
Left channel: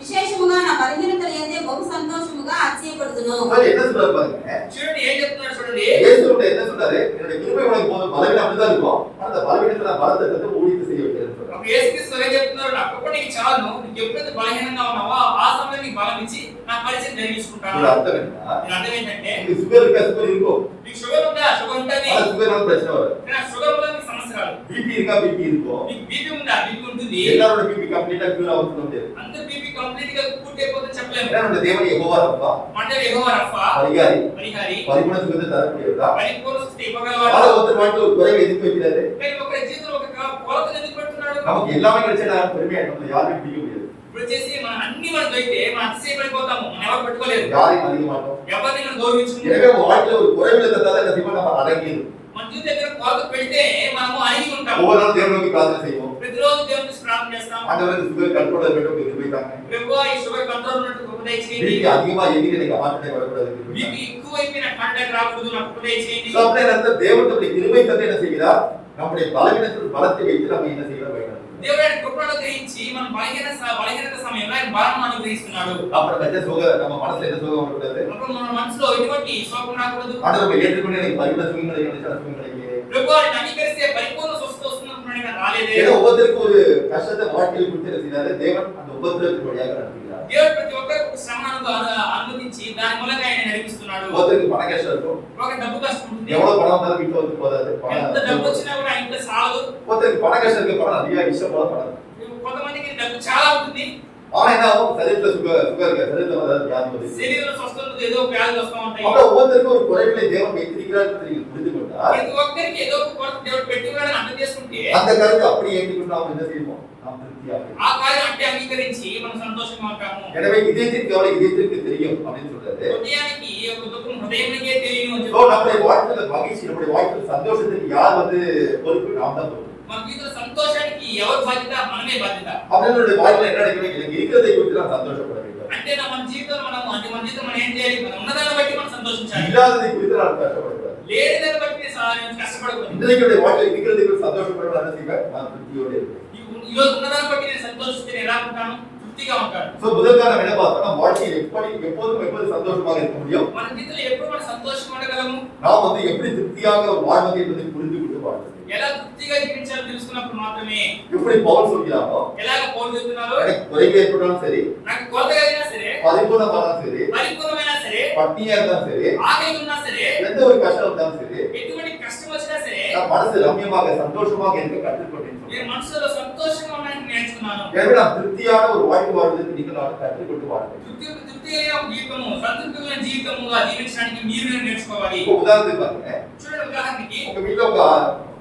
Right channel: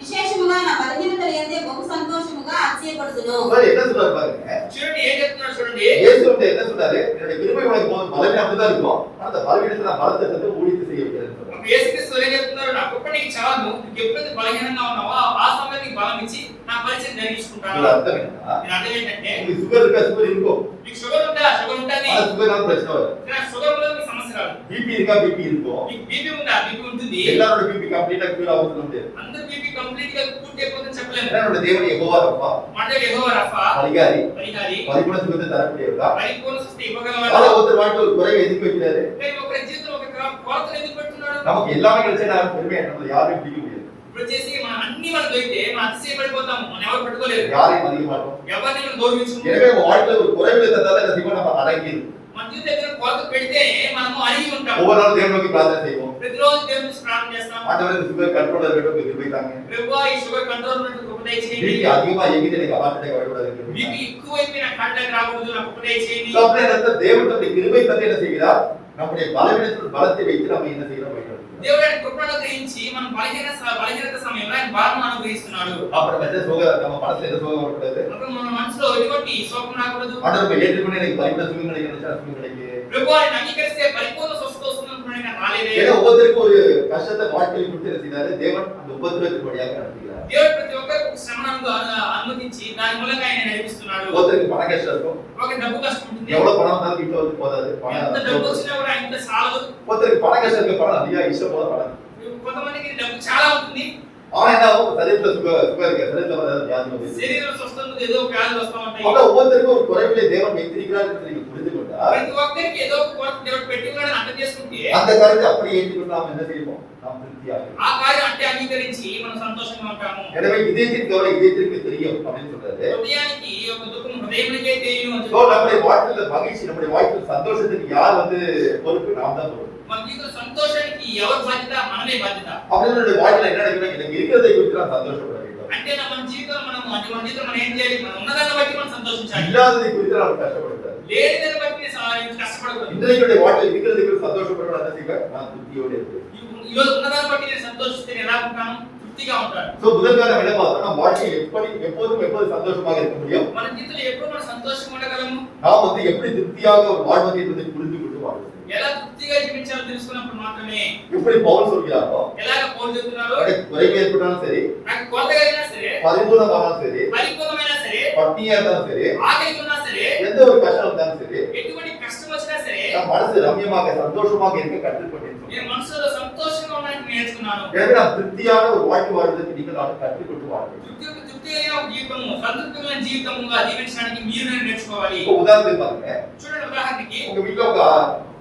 విశేషముగా నా బలహీనత యందే బహు సంతోషముగా ఆశ్చర్యపడుతును. சரி என்ன சொல்றாரு பாருங்க. చూడండి ఏం చెప్తున్నాడు చూడండి. இயேசு வந்து என்ன சொல்றாரு? என்னோட கிருபை உனக்கு போதும். பலவீனம் அப்படிதான் இருக்கும். அந்த பலவீனத்தை நான் பலத்தை தந்து ஊழியத்தை செய்ய வைக்கிறேன்னு சொல்றாரு. అప్పుడు యేసుక్రీస్తు వారు ఏం చెప్తున్నారు? నా కృప నీకు చాలును, నీకు ఎప్పుడైతే బలహీనంగా ఉన్నావో ఆ సమయంలో నీకు బలం ఇచ్చి నా పరిచయం జరిగించుకుంటాను. இதோட அர்த்தம் என்ன? దీని అర్థం ఏంటంటే உங்களுக்கு சுகர் இருக்கா? சுகர் இருக்கும். మీకు షుగర్ ఉందా? షుగర్ ఉంటుంది. ஆனா சுகர்னால பிரச்சனை வரும். కానీ షుగర్ వల్ల మీకు సమస్య రాదు. பிபி இருக்கா? பிபி இருக்கும். మీకు బీపీ ఉందా? బీపీ ఉంటుంది. எல்லாரோட பிபி கம்ப்ளீட்டா கியூர் ஆகும் சொல்ல முடியாது. అందరి బీపీ కంప్లీట్ గా పూర్తి అయిపోతుందని చెప్పలేము. என்னோட தேவன் யெகோவா ரப்பா, అంటే యెహోవా రఫా பரிகாரி, పరిహారి பரிபூர்ண சுகத்தை தரக்கூடியவரா. పరిపూర్ణ స్వస్థత ஆனா ఇవ్వగలవాడు. ஒருத்தர் வாட்டி ஒரு குறைவை எதுக்கு வைக்கிறாரு? కానీ ఒకరి జీవితంలో ఒక కొరతను ఎందుకు పెడుతున్నాడు? நமக்கு எல்லாமே கிடைச்சா நான் பெருமையா நம்ம யாரையும் பிடிக்க முடியாது. ఇప్పుడు చేసి మన అన్ని మనకు దొరికితే మనం అతిశయపడిపోతాము. మనం ఎవరు పట్టుకోలేరు. யாரையும் மதிக்க மாட்டோம். ఎవరిని మనం గౌరవించము. எனவே வாழ்க்கையில ஒரு குறைவில தந்தாலும் அந்த சிவன் நம்ம அடங்கிடும். మన జీవితం దగ్గర కొరత పెడితే మనము అణిగి ఉంటాము. ஒவ்வொரு நாளும் தேவன் நோக்கி பிரார்த்தனை செய்வோம். ప్రతిరోజు దేవుని చూసి ప్రార్థన చేస్తాం. ஆண்டவரே இந்த சுகர் கண்ட்ரோல் இருக்கட்டும் கிருபை தாங்க. ప్రభువా ఈ షుగర్ కంట్రోల్ ఉన్నట్టు కృప దయచేయండి. பிபி அதிகமா எங்கிட்ட நீங்க ஹார்ட் அட்டாக் வரக்கூடாது. బీపీ ఎక్కువైపోయి నాకు హార్ట్ అటాక్ రాకూడదు, నాకు కృప దయచేయండి. So, அப்படியே அந்த தேவன் தம்முடைய கிருபை தந்து என்ன செய்கிறார்? நம்முடைய பலவீனத்தில் பலத்தை வைத்து நம்ம என்ன செய்யறோம்? பயன்படுத்துகிறோம். దేవుడు ఆయన కృపను గ్రహించి మనం బలహీనత సమయంలో ఆయన బలం అనుగ్రహిస్తున్నాడు. அப்புறம் என்ன நம்ம மனசுல என்ன சுகம் வரக்கூடாது? అప్పుడు మన మనసులో ఎటువంటి శోకం రాకూడదు. ஆண்டவரை ஏற்றுக்கொண்டு எனக்கு பரிபூர்ண சுகம் கிடைக்கணும், சுகம் கிடைக்கல. ప్రభువా నేను అంగీకరిస్తే పరిపూర్ణ స్వస్థత వస్తుందనుకున్నాను, నాకు రాలేదే. ஏன்னா ஒவ்வொருத்தருக்கும் ஒரு கஷ்டத்தை வாழ்க்கையில் கொடுத்து என்ன செய்தாரு? தேவன் அந்த உபத்திரவத்தின் வழியாக நடத்துகிறார். దేవుడు ప్రతి ఒక్కరికి ఒక శ్రమను అనుమతించి దాని మూలంగా ఆయన నడిపిస్తున్నాడు. ஒருத்தருக்கு பண கஷ்டம் இருக்கும். ఒక డబ్బు కష్టం ఉంటుంది. எவ்வளவு பணம் வந்தாலும் வீட்டுல வந்து போதாது. ఎంత డబ్బు వచ్చినా కూడా ఇంట్లో చాలదు. ஒருத்தருக்கு பண கஷ்டம் இருக்கு, பணம் அதிகமா இஷ்டம் போல பணம். కొంతమందికి డబ్బు చాలా ఉంటుంది. ஆனா என்ன ஆகும்? சரீரத்துல சுகம் இருக்கு, சரீரத்துல வந்து வியாதி வந்து శరీరం స్వస్థత ఏదో వ్యాధులు వస్తూ ఉంటాయి. அப்ப ஒவ்வொருத்தருக்கும் ஒரு குறைவிலே தேவன் வைத்திருக்கிறார் என்று நீங்க புரிந்து கொண்டால் ప్రతి ఒక్కరికి ఏదో ఒక కొరత దేవుడు పెట్టి ఉన్నాడని అర్థం చేసుకుంటే அந்த கருத்தை அப்படியே ஏற்றுக்கொண்டு நாம் என்ன செய்வோம்? நாம் திருப்தியாக. ఆ కార్యం అంటే అంగీకరించి మనం సంతోషంగా ఉంటాము. எனவே இதயத்தின் கவலை இதயத்திற்கு தெரியும் அப்படின்னு சொல்றாரு. హృదయానికి ఒక దుఃఖం హృదయమునికే తెలియను అని சோ நம்முடைய வாழ்க்கையில மகிழ்ச்சி, நம்முடைய வாழ்க்கையில சந்தோஷத்துக்கு யார் வந்து பொறுப்பு? நாம் தான் பொறுப்பு. మన జీవితంలో సంతోషానికి ఎవరు బాధ్యత? మనమే బాధ్యత. அவர்களுடைய வாழ்க்கையில என்ன நடக்குது? எனக்கு இருக்கிறதை குறித்து நான் சந்தோஷப்பட வேண்டும். అంటే మన జీవితంలో మన జీవితం మనం ఏం చేయాలి? మనం ఉన్నదాన్ని బట్టి మనం సంతోషించాలి. இல்லாததை குறித்து நான் கஷ்டப்படக்கூடாது. లేని దాన్ని బట్టి కష్టపడకూడదు. இன்றைக்கு வாழ்க்கையில் இருக்கிறதை குறித்து சந்தோஷப்படணும். என்ன செய்வேன்? நான் திருப்தியோடு இருப்பேன். ఈ రోజు ఉన్నదాన్ని బట్టి నేను సంతోషిస్తే నేను ఎలా ఉంటాను? తృప్తిగా ఉంటాను. சோ முதல் காலம் என்ன பார்த்தோம்னா வாழ்க்கையில் எப்போது சந்தோஷமாக இருக்க முடியும்? మన జీవితంలో ఎప్పుడు మనం సంతోషంగా ఉండగలము? நாம் வந்து எப்படி திருப்தியாக ஒரு வாழ்வது என்பதை புரிந்து கொண்டு வாழ்வது. ఎలా తృప్తిగా జీవించాలో తెలుసుకున్నప్పుడు మాత్రమే. எப்படி பவுல் சொல்கிறாரோ, ఎలాగ పౌలు చెప్తున్నారు? எனக்கு குறைகள் ஏற்பட்டாலும் சரி, నాకు కొరతగా అయినా సరే, பரிபூர்ணமானாலும் சரி, పరిపూర్ణమైనా సరే, பட்டினியா இருந்தாலும் சரி, ఆకలి ఉన్నా సరే, எந்த ஒரு கஷ்டம் இருந்தாலும் சரி, ఎటువంటి కష్టం వచ్చినా సరే, நம் மனசு ரம்யமாக சந்தோஷமாக இருக்க கற்றுக்கொண்டேன். నేను మనసులో సంతోషంగా ఉండడానికి నేర్చుకున్నాను. எனவே நாம் திருப்தியான ஒரு வாழ்க்கை வாழ்வதற்கு நீங்கள் நாட்டு கற்றுக்கொண்டு வாழ்க்கை. తృప్తి అయిన ఒక జీవితము, సంతృప్తిమైన జీవితముగా జీవించడానికి మీరు నేర్చుకోవాలి. இப்போ உதாரணத்துக்கு பாருங்க. చూడండి ఉదాహరణకి, உங்க வீட்ல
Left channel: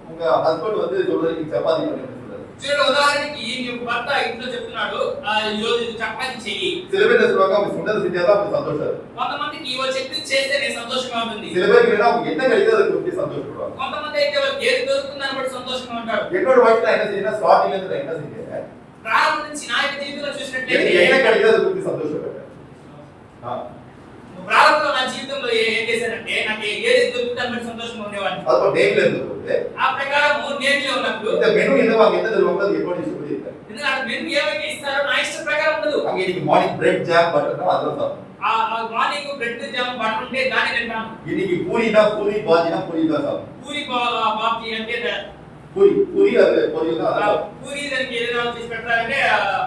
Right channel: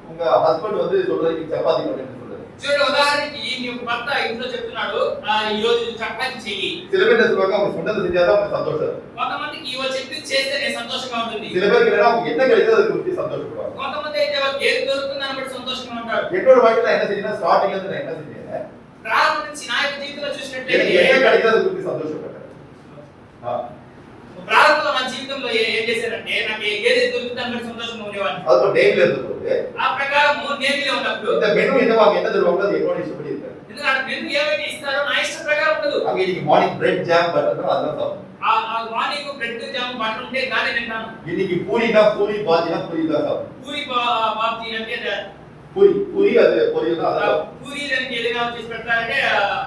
உங்க ஹஸ்பண்ட் வந்து சொல்றாரு நீ சப்பாத்தி பண்ணுன்னு சொல்றாரு. చూడండి ఉదాహరణకి నీ భర్త ఇంట్లో చెప్తున్నాడు ఈ రోజు చపాతీ చెయ్యి. சில பேர் என்ன சொல்லுவாங்க? அவங்க சொன்னதை செஞ்சாதான் அவங்க சந்தோஷம். కొంతమందికి ఇవాళ చెప్పింది చేస్తే నేను సంతోషంగా ఉంటుంది. சில பேருக்கு என்னன்னா அவங்க என்ன கிடைக்குதோ அதை குறித்து சந்தோஷப்படுவாங்க. కొంతమంది అయితే వాళ్ళకి ఏది దొరుకుతుందని బట్టి సంతోషంగా ఉంటారు. என்னோட வாழ்க்கையில என்ன செஞ்சேன்னா ஸ்டார்டிங்ல இருந்து நான் என்ன செஞ்சேன்? ప్రారంభం నుంచి నా యొక్క జీవితంలో எனக்கு చూసినట్లయితే என்ன கிடைக்குதோ அதை குறித்து சந்தோஷப்பட்டேன். ప్రారంభంలో నా జీవితంలో ఏం చేశానంటే నాకు ఏది దొరుకుతుందో దాని బట్టి సంతోషంగా ఉండేవాడిని. அது நேம்ல இருந்தது. ఆ ప్రకారం నేర్లో ఉన్నప్పుడు இந்த மெனு என்னவாங்க என்ன தருவாங்க அது என்னோட இஷ்டப்படி இருக்காது. ఎందుకంటే మెను ఏమైతే ఇస్తారో నా ఇష్ట ప్రకారం ఉండదు. அங்க இன்னைக்கு மார்னிங் பிரெட் ஜாம் பட்டர்னா அதெல்லாம் சாப்பிடுவோம். ఆ మార్నింగ్ బ్రెడ్ జామ్ బటర్ ఉంటే దాన్ని తింటాను. இன்னைக்கு பூரினா பூரி பாஜினா பூரி தான் சாப்பிடுவோம். పూరి బాప్తి అంటే பூரி அது பொரியல் தான் அதெல்லாம். పూరి దానికి ఏదైనా చేసి పెడతారంటే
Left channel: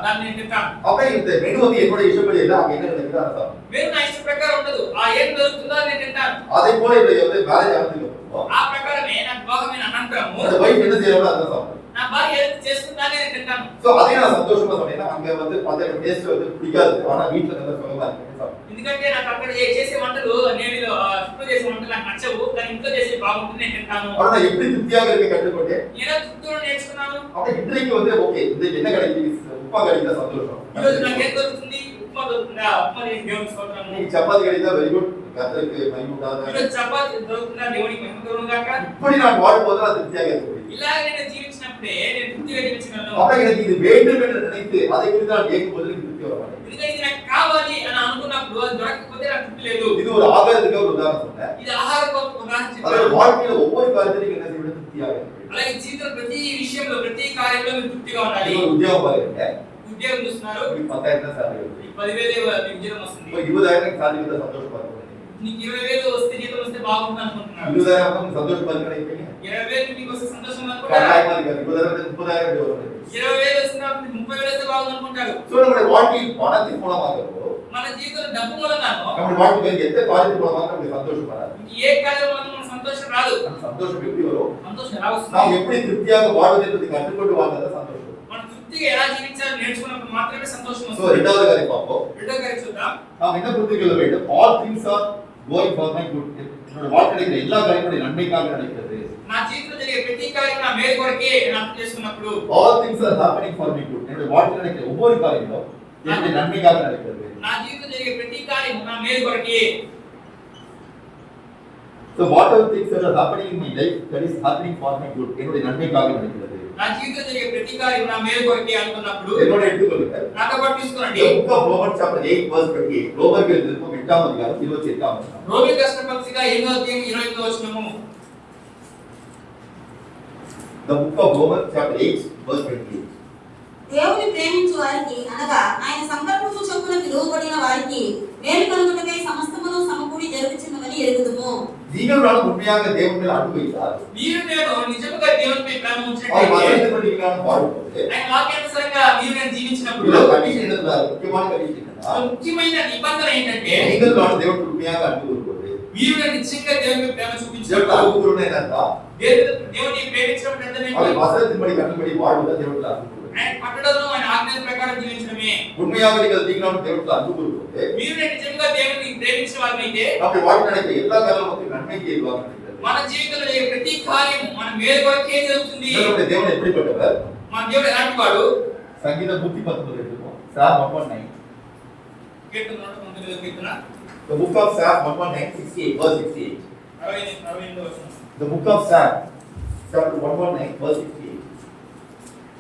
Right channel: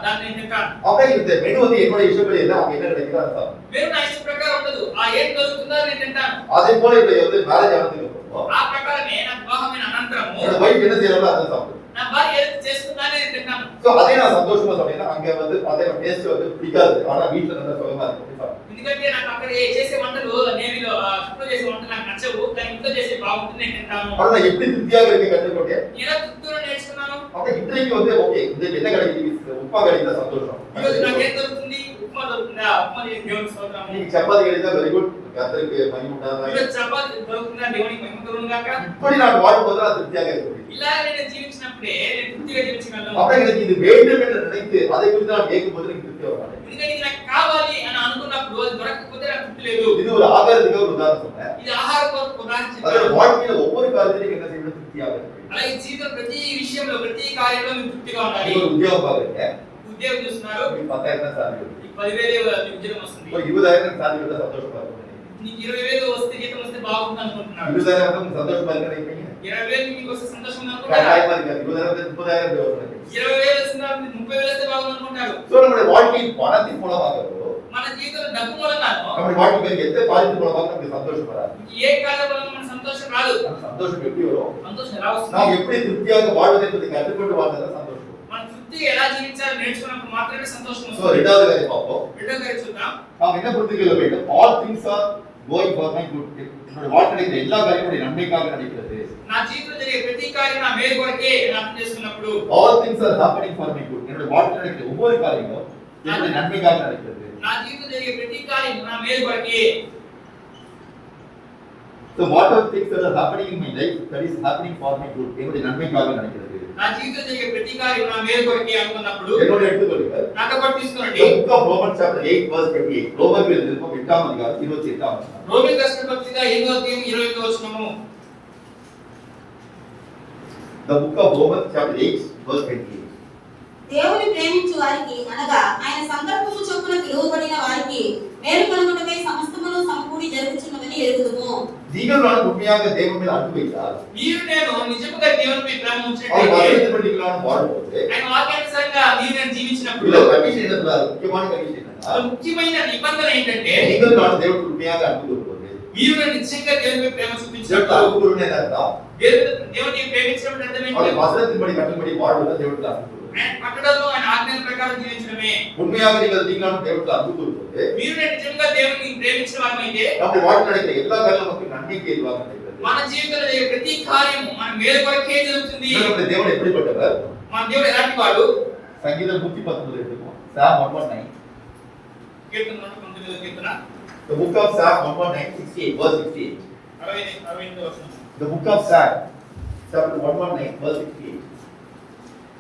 దాన్ని తింటాను. அப்ப இந்த மெனு வந்து என்னோட இஷ்டப்படி இல்ல அங்க என்ன கிடைக்குதோ அதை சாப்பிடுவோம். మెను నా ఇష్ట ప్రకారం ఉండదు. ఆ ఏం దొరుకుతుందో అది తింటాను. அதே போல இப்ப வந்து மேரேஜ் ஆனதுக்கு அப்புறம் ఆ ప్రకారమే నాకు వివాహమైన అనంతరము என்னோட வைஃப் என்ன செய்யறாங்களோ அதை சாப்பிடுவோம். నా భార్య ఏది చేస్తుందానే నేను తింటాను. சோ அதே நான் சந்தோஷமா சொன்னேன்னா அங்க வந்து அதே டேஸ்ட் வந்து பிடிக்காது. ஆனா வீட்ல நல்லா சுகமா இருக்கு. ఎందుకంటే నాకు అక్కడ చేసే వంటలు నేను ఇంట్లో చేసే వంటలు నాకు నచ్చవు, కానీ ఇంట్లో చేసే బాగుంటుంది నేను తింటాను. ஆனா நான் எப்படி திருப்தியாக இருக்க கற்றுக்கொண்டேன். నేను తృప్తిగా నేర్చుకున్నాను. அப்ப இன்றைக்கு வந்து ஓகே இந்த என்ன கிடைக்குது உப்பா கிடைக்குதா சந்தோஷம். ఈ రోజు నాకు ఏం దొరుకుతుంది? ఉప్మా దొరుకుతుందా? ఉప్మా నేను దేవునికి స్తోత్రము. நீங்க சப்பாத்தி கிடைக்குதா வெரி குட் கர்த்தருக்கு மகிமை உண்டாதாக. ఈ రోజు చపాతీ దొరుకుతుందా? దేవునికి మహిమ కలుగును గాక. இப்படி நான் வாழும்போது நான் திருப்தியாக இருக்க முடியும். ఇలా నేను జీవించినప్పుడే నేను తృప్తిగా జీవించగలను. அப்ப எனக்கு இது வேண்டும் என்று நினைத்து அதை குறித்து நான் கேட்கும்போது எனக்கு திருப்தி வர மாட்டேங்குது. ఎందుకంటే ఇది నాకు కావాలి అని అనుకున్నప్పుడు అది దొరకకపోతే నాకు తృప్తి లేదు. இது ஒரு ஆகாரத்துக்கு ஒரு உதாரணம் சொன்னேன். ఇది ఆహార కొరకు ఉదాహరణ அதோட చెప్పాను. வாழ்க்கையில ஒவ்வொரு காரியத்திலும் என்ன செய்வது திருப்தியாக இருக்க முடியும். అలాగే జీవితంలో ప్రతి విషయంలో ప్రతి కార్యంలో మీరు తృప్తిగా ఉండాలి. நீங்க ஒரு உத்தியோகம் பாக்குறீங்க. ఉద్యోగం చూస్తున్నారు, உங்களுக்கு 10,000 சாலரி வருது. నీకు 10,000 ఉద్యోగం వస్తుంది. ஒரு 20,000 சாலரி வந்தா சந்தோஷமா இருக்கும். నీకు 20,000 వస్తే జీతం వస్తే బాగుంటుంది అనుకుంటున్నారు. 20,000 வந்து சந்தோஷமா இருக்க நினைப்பீங்க. 20,000 మీకు వస్తే సంతోషంగా అనుకుంటారు. கட்டாயமா இருக்காது. 20,000 30,000 வரும். 20,000 వస్తున్నా 30,000 వస్తే బాగుంది అనుకుంటారు. சோ நம்முடைய வாழ்க்கையில் பணத்தின் மூலமாகவோ మన జీవితంలో డబ్బు మూలంగానో நம்முடைய வாழ்க்கையில் எந்த காரியத்தின் மூலமாக நமக்கு சந்தோஷம் வராது. ఏ కార్యం వల్ల మన సంతోషం రాదు. அந்த சந்தோஷம் எப்படி வரும்? సంతోషం ఎలా వస్తుంది? நாம் எப்படி திருப்தியாக வாழ்வதை பற்றி கற்றுக்கொண்டு வாழ்ந்தா சந்தோஷம். మనం తృప్తిగా ఎలా జీవించాలో నేర్చుకున్నప్పుడు మాత్రమే సంతోషం சோ వస్తుంది. இரண்டாவது காரியம் பார்ப்போம். రెండో కార్యం చూద్దాం. நாம் என்ன புரிந்துகொள்ள வேண்டும்? all things are going for my good. என்னோட வாழ்க்கையில் எல்லா காரியங்களும் நன்மைக்காக நடக்கிறது. నా జీవితంలో జరిగే ప్రతి కార్యం నా మేలు కొరకే అని అర్థం చేసుకున్నప్పుడు all things are happening for my good. என்னோட வாழ்க்கையில் நடக்கிற ஒவ்வொரு காரியங்களும் என்னுடைய நன்மைக்காக நடக்கிறது. నా జీవితంలో జరిగే ప్రతి కార్యం నా మేలు కొరకే. so whatever things that are happening in my life that is happening for my good. என்னுடைய நன்மைக்காக நடக்கிறது. నా జీవితంలో జరిగే ప్రతి కార్యం నా మేలు కొరకే అనుకున్నప్పుడు என்னோட எடுத்துக்கொள்ளுங்கள். నాతో పాటు తీసుకోండి. The book of Romans chapter 8 verse 28. ரோமர்கள் நிருபம் 8ஆம் அதிகாரம் 28ஆம் வசனம். రోమీయులకు రాసిన పత్రిక 8వ అధ్యాయం 21వ వచనము. The book of Romans chapter 8 verse 28. దేవుని ప్రేమించు వారికి అనగా ఆయన సంకల్పము చొప్పున పిలువబడిన వారికి మేలు కలుగుటకై సమస్తమును సమకూడి జరుగుచున్నదని ఎరుగుదుము. நீங்கள் நான் உண்மையாக தேவன் மேல் அன்பு வைத்தார். మీరు నేను నిజముగా దేవునిపై ప్రేమ அவர் ఉంచినట్లయితే வசனத்தின்படி நான் வாழும்போது ఆయన వాక్యానుసారంగా మీరు నేను జీవించినప్పుడు இதுல கண்டிஷன் என்னதுல முக்கியமான கண்டிஷன் என்னன்னா ముఖ్యమైన నిబంధన ఏంటంటే நீங்கள் நான் தேவன் உண்மையாக அன்பு கூறும்போது మీరు నేను నిశ్చయంగా దేవునిపై ప్రేమ தேவன் చూపించినప్పుడు அன்பு கூறுவது என்னன்னா దేవుని ప్రేమించడం అంటే అర్థం அவர் ఏంటి? வசனத்தின்படி கட்டளை வாழ்வது தேவன் அன்பு கூறுவது. ఆయన పట్టడంలో ఆయన ఆజ్ఞల ప్రకారం జీవించడమే. உண்மையாக நீங்கள் நான் தேவன் அன்பு கூறும்போது మీరు నేను నిజంగా దేవుని ప్రేమించిన వారైతే நம்முடைய வாழ்க்கை நடக்கிற எல்லா காரியமும் நமக்கு நன்மைக்கு ஏதுவாக நடக்கிறது. మన జీవితంలో జరిగే ప్రతి కార్యం మన మేలు కొరకే జరుగుతుంది. நம்முடைய தேவன் எப்படிப்பட்டவர்? మన దేవుడు ఎలాంటి వాడు? சங்கீதம் 119 எடுத்துப்போம். Psalm 119. Keerthana 119వ Keerthana The book of Psalm 119 68 verse 68. 68వ వచనం. The book of Psalm chapter 119 verse 68.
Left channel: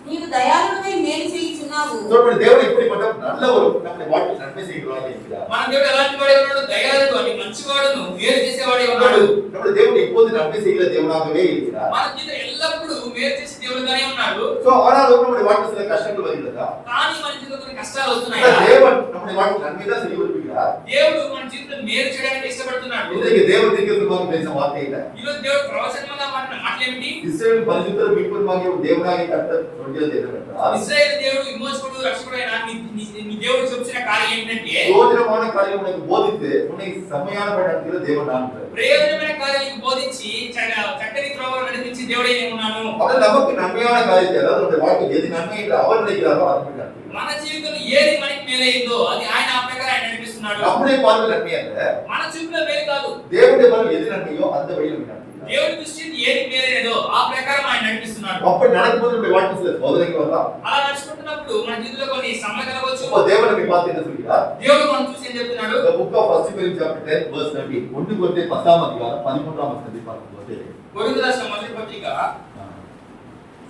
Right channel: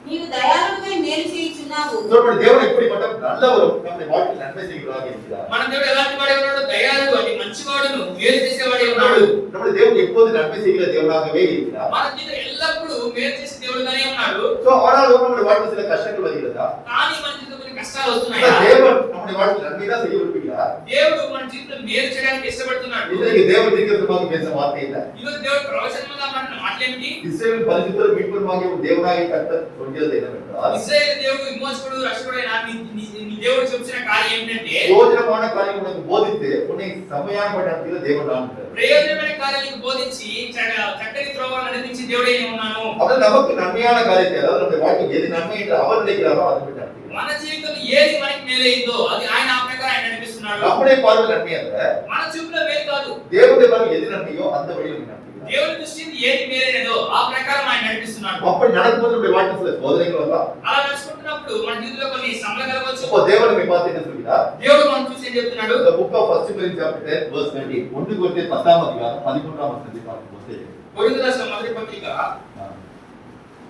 నీవు దయాళువై మేలు చేయుచున్నావు. நம்முடைய தேவன் எப்படிப்பட்டவர்? நல்லவர், நம்முடைய வாழ்க்கையில் நன்மை செய்கிறவராக இருக்கிறார். మన దేవుడు ఎలాంటి వాడే ఉన్నాడు? దయాళుడు అంటే మంచివాడును మేలు చేసేవాడే ఉన్నాడు. நம்முடைய தேவன் எப்போது நன்மை செய்கிற தேவனாகவே இருக்கிறார். మన జీవితం ఎల్లప్పుడూ మేలు చేసే దేవుడుగానే ఉన్నాడు. சோ ஆனாலும் நம்முடைய வாழ்க்கையில் சில கஷ்டங்கள் வருகிறதா? కానీ మన జీవితంలో కొన్ని కష్టాలు அந்த వస్తున్నాయి. தேவன் நம்முடைய வாழ்க்கையில் நன்மை தான் செய்ய விரும்புகிறார். దేవుడు మన జీవితంలో మేలు చేయడానికి ఇష్టపడుతున్నాడు. இன்றைக்கு தேவன் தீர்க்கதரிசனமாக பேசும் வார்த்தை இல்ல. ఈ రోజు దేవుడు ప్రవచనంగా మాట్లాడిన మాటలేమిటి? இஸ்ரவேல் பரிசுத்தரும் மீட்பருமாகிய ஒரு தேவனாகிய கர்த்தர் சொல்கிறது என்னவென்றால் ఇశ్రాయేలు దేవుడు విమోచకుడు రక్షకుడైన నీ దేవుడు చెప్పిన కార్యం ఏంటంటే பிரயோஜனமான காரியம் உனக்கு போதித்து உன்னை செம்மையான நடத்துகிற தேவன் நான். ప్రయోజనమైన కార్యాలకు బోధించి చక్కని త్రోవలో నడిపించి దేవుడే ఉన్నాను. அவர் நமக்கு நன்மையான காரியத்தை அதாவது நம்முடைய வாழ்க்கை எது நன்மை என்று அவர் நினைக்கிறாரோ அதை நடத்துகிறார். మన జీవితంలో ఏది మనకి మేలైందో అది ఆయన ఆ ప్రకారం ఆయన నడిపిస్తున్నాడు. நம்முடைய பார்வை நன்மை அல்ல, మన చూపులో మేలు కాదు. தேவனுடைய பார்வை எது நன்மையோ அந்த வழியில் நடத்துகிறார். దేవుని దృష్టిని ఏది మేలైనదో ఆ ప్రకారం ఆయన నడిపిస్తున్నాడు. அப்படி நடக்கும்போது நம்முடைய வாழ்க்கையில் சில சோதனைகள் வரலாம். అలా నడుచుకుంటున్నప్పుడు మన జీవితంలో కొన్ని శ్రమలు కలగవచ్చు. அப்போ தேவன் நம்மை பார்த்து என்ன சொல்கிறார்? దేవుడు మనం చూసి ఏం చెప్తున్నాడు? The book of 1 Corinthians chapter 10 verse 13. 1 கொரிந்தியர் 10ஆம் அதிகாரம் 13ஆம் வசனத்தை பார்க்கும்போது కొరింథీయులకు రాసిన మొదటి పత్రిక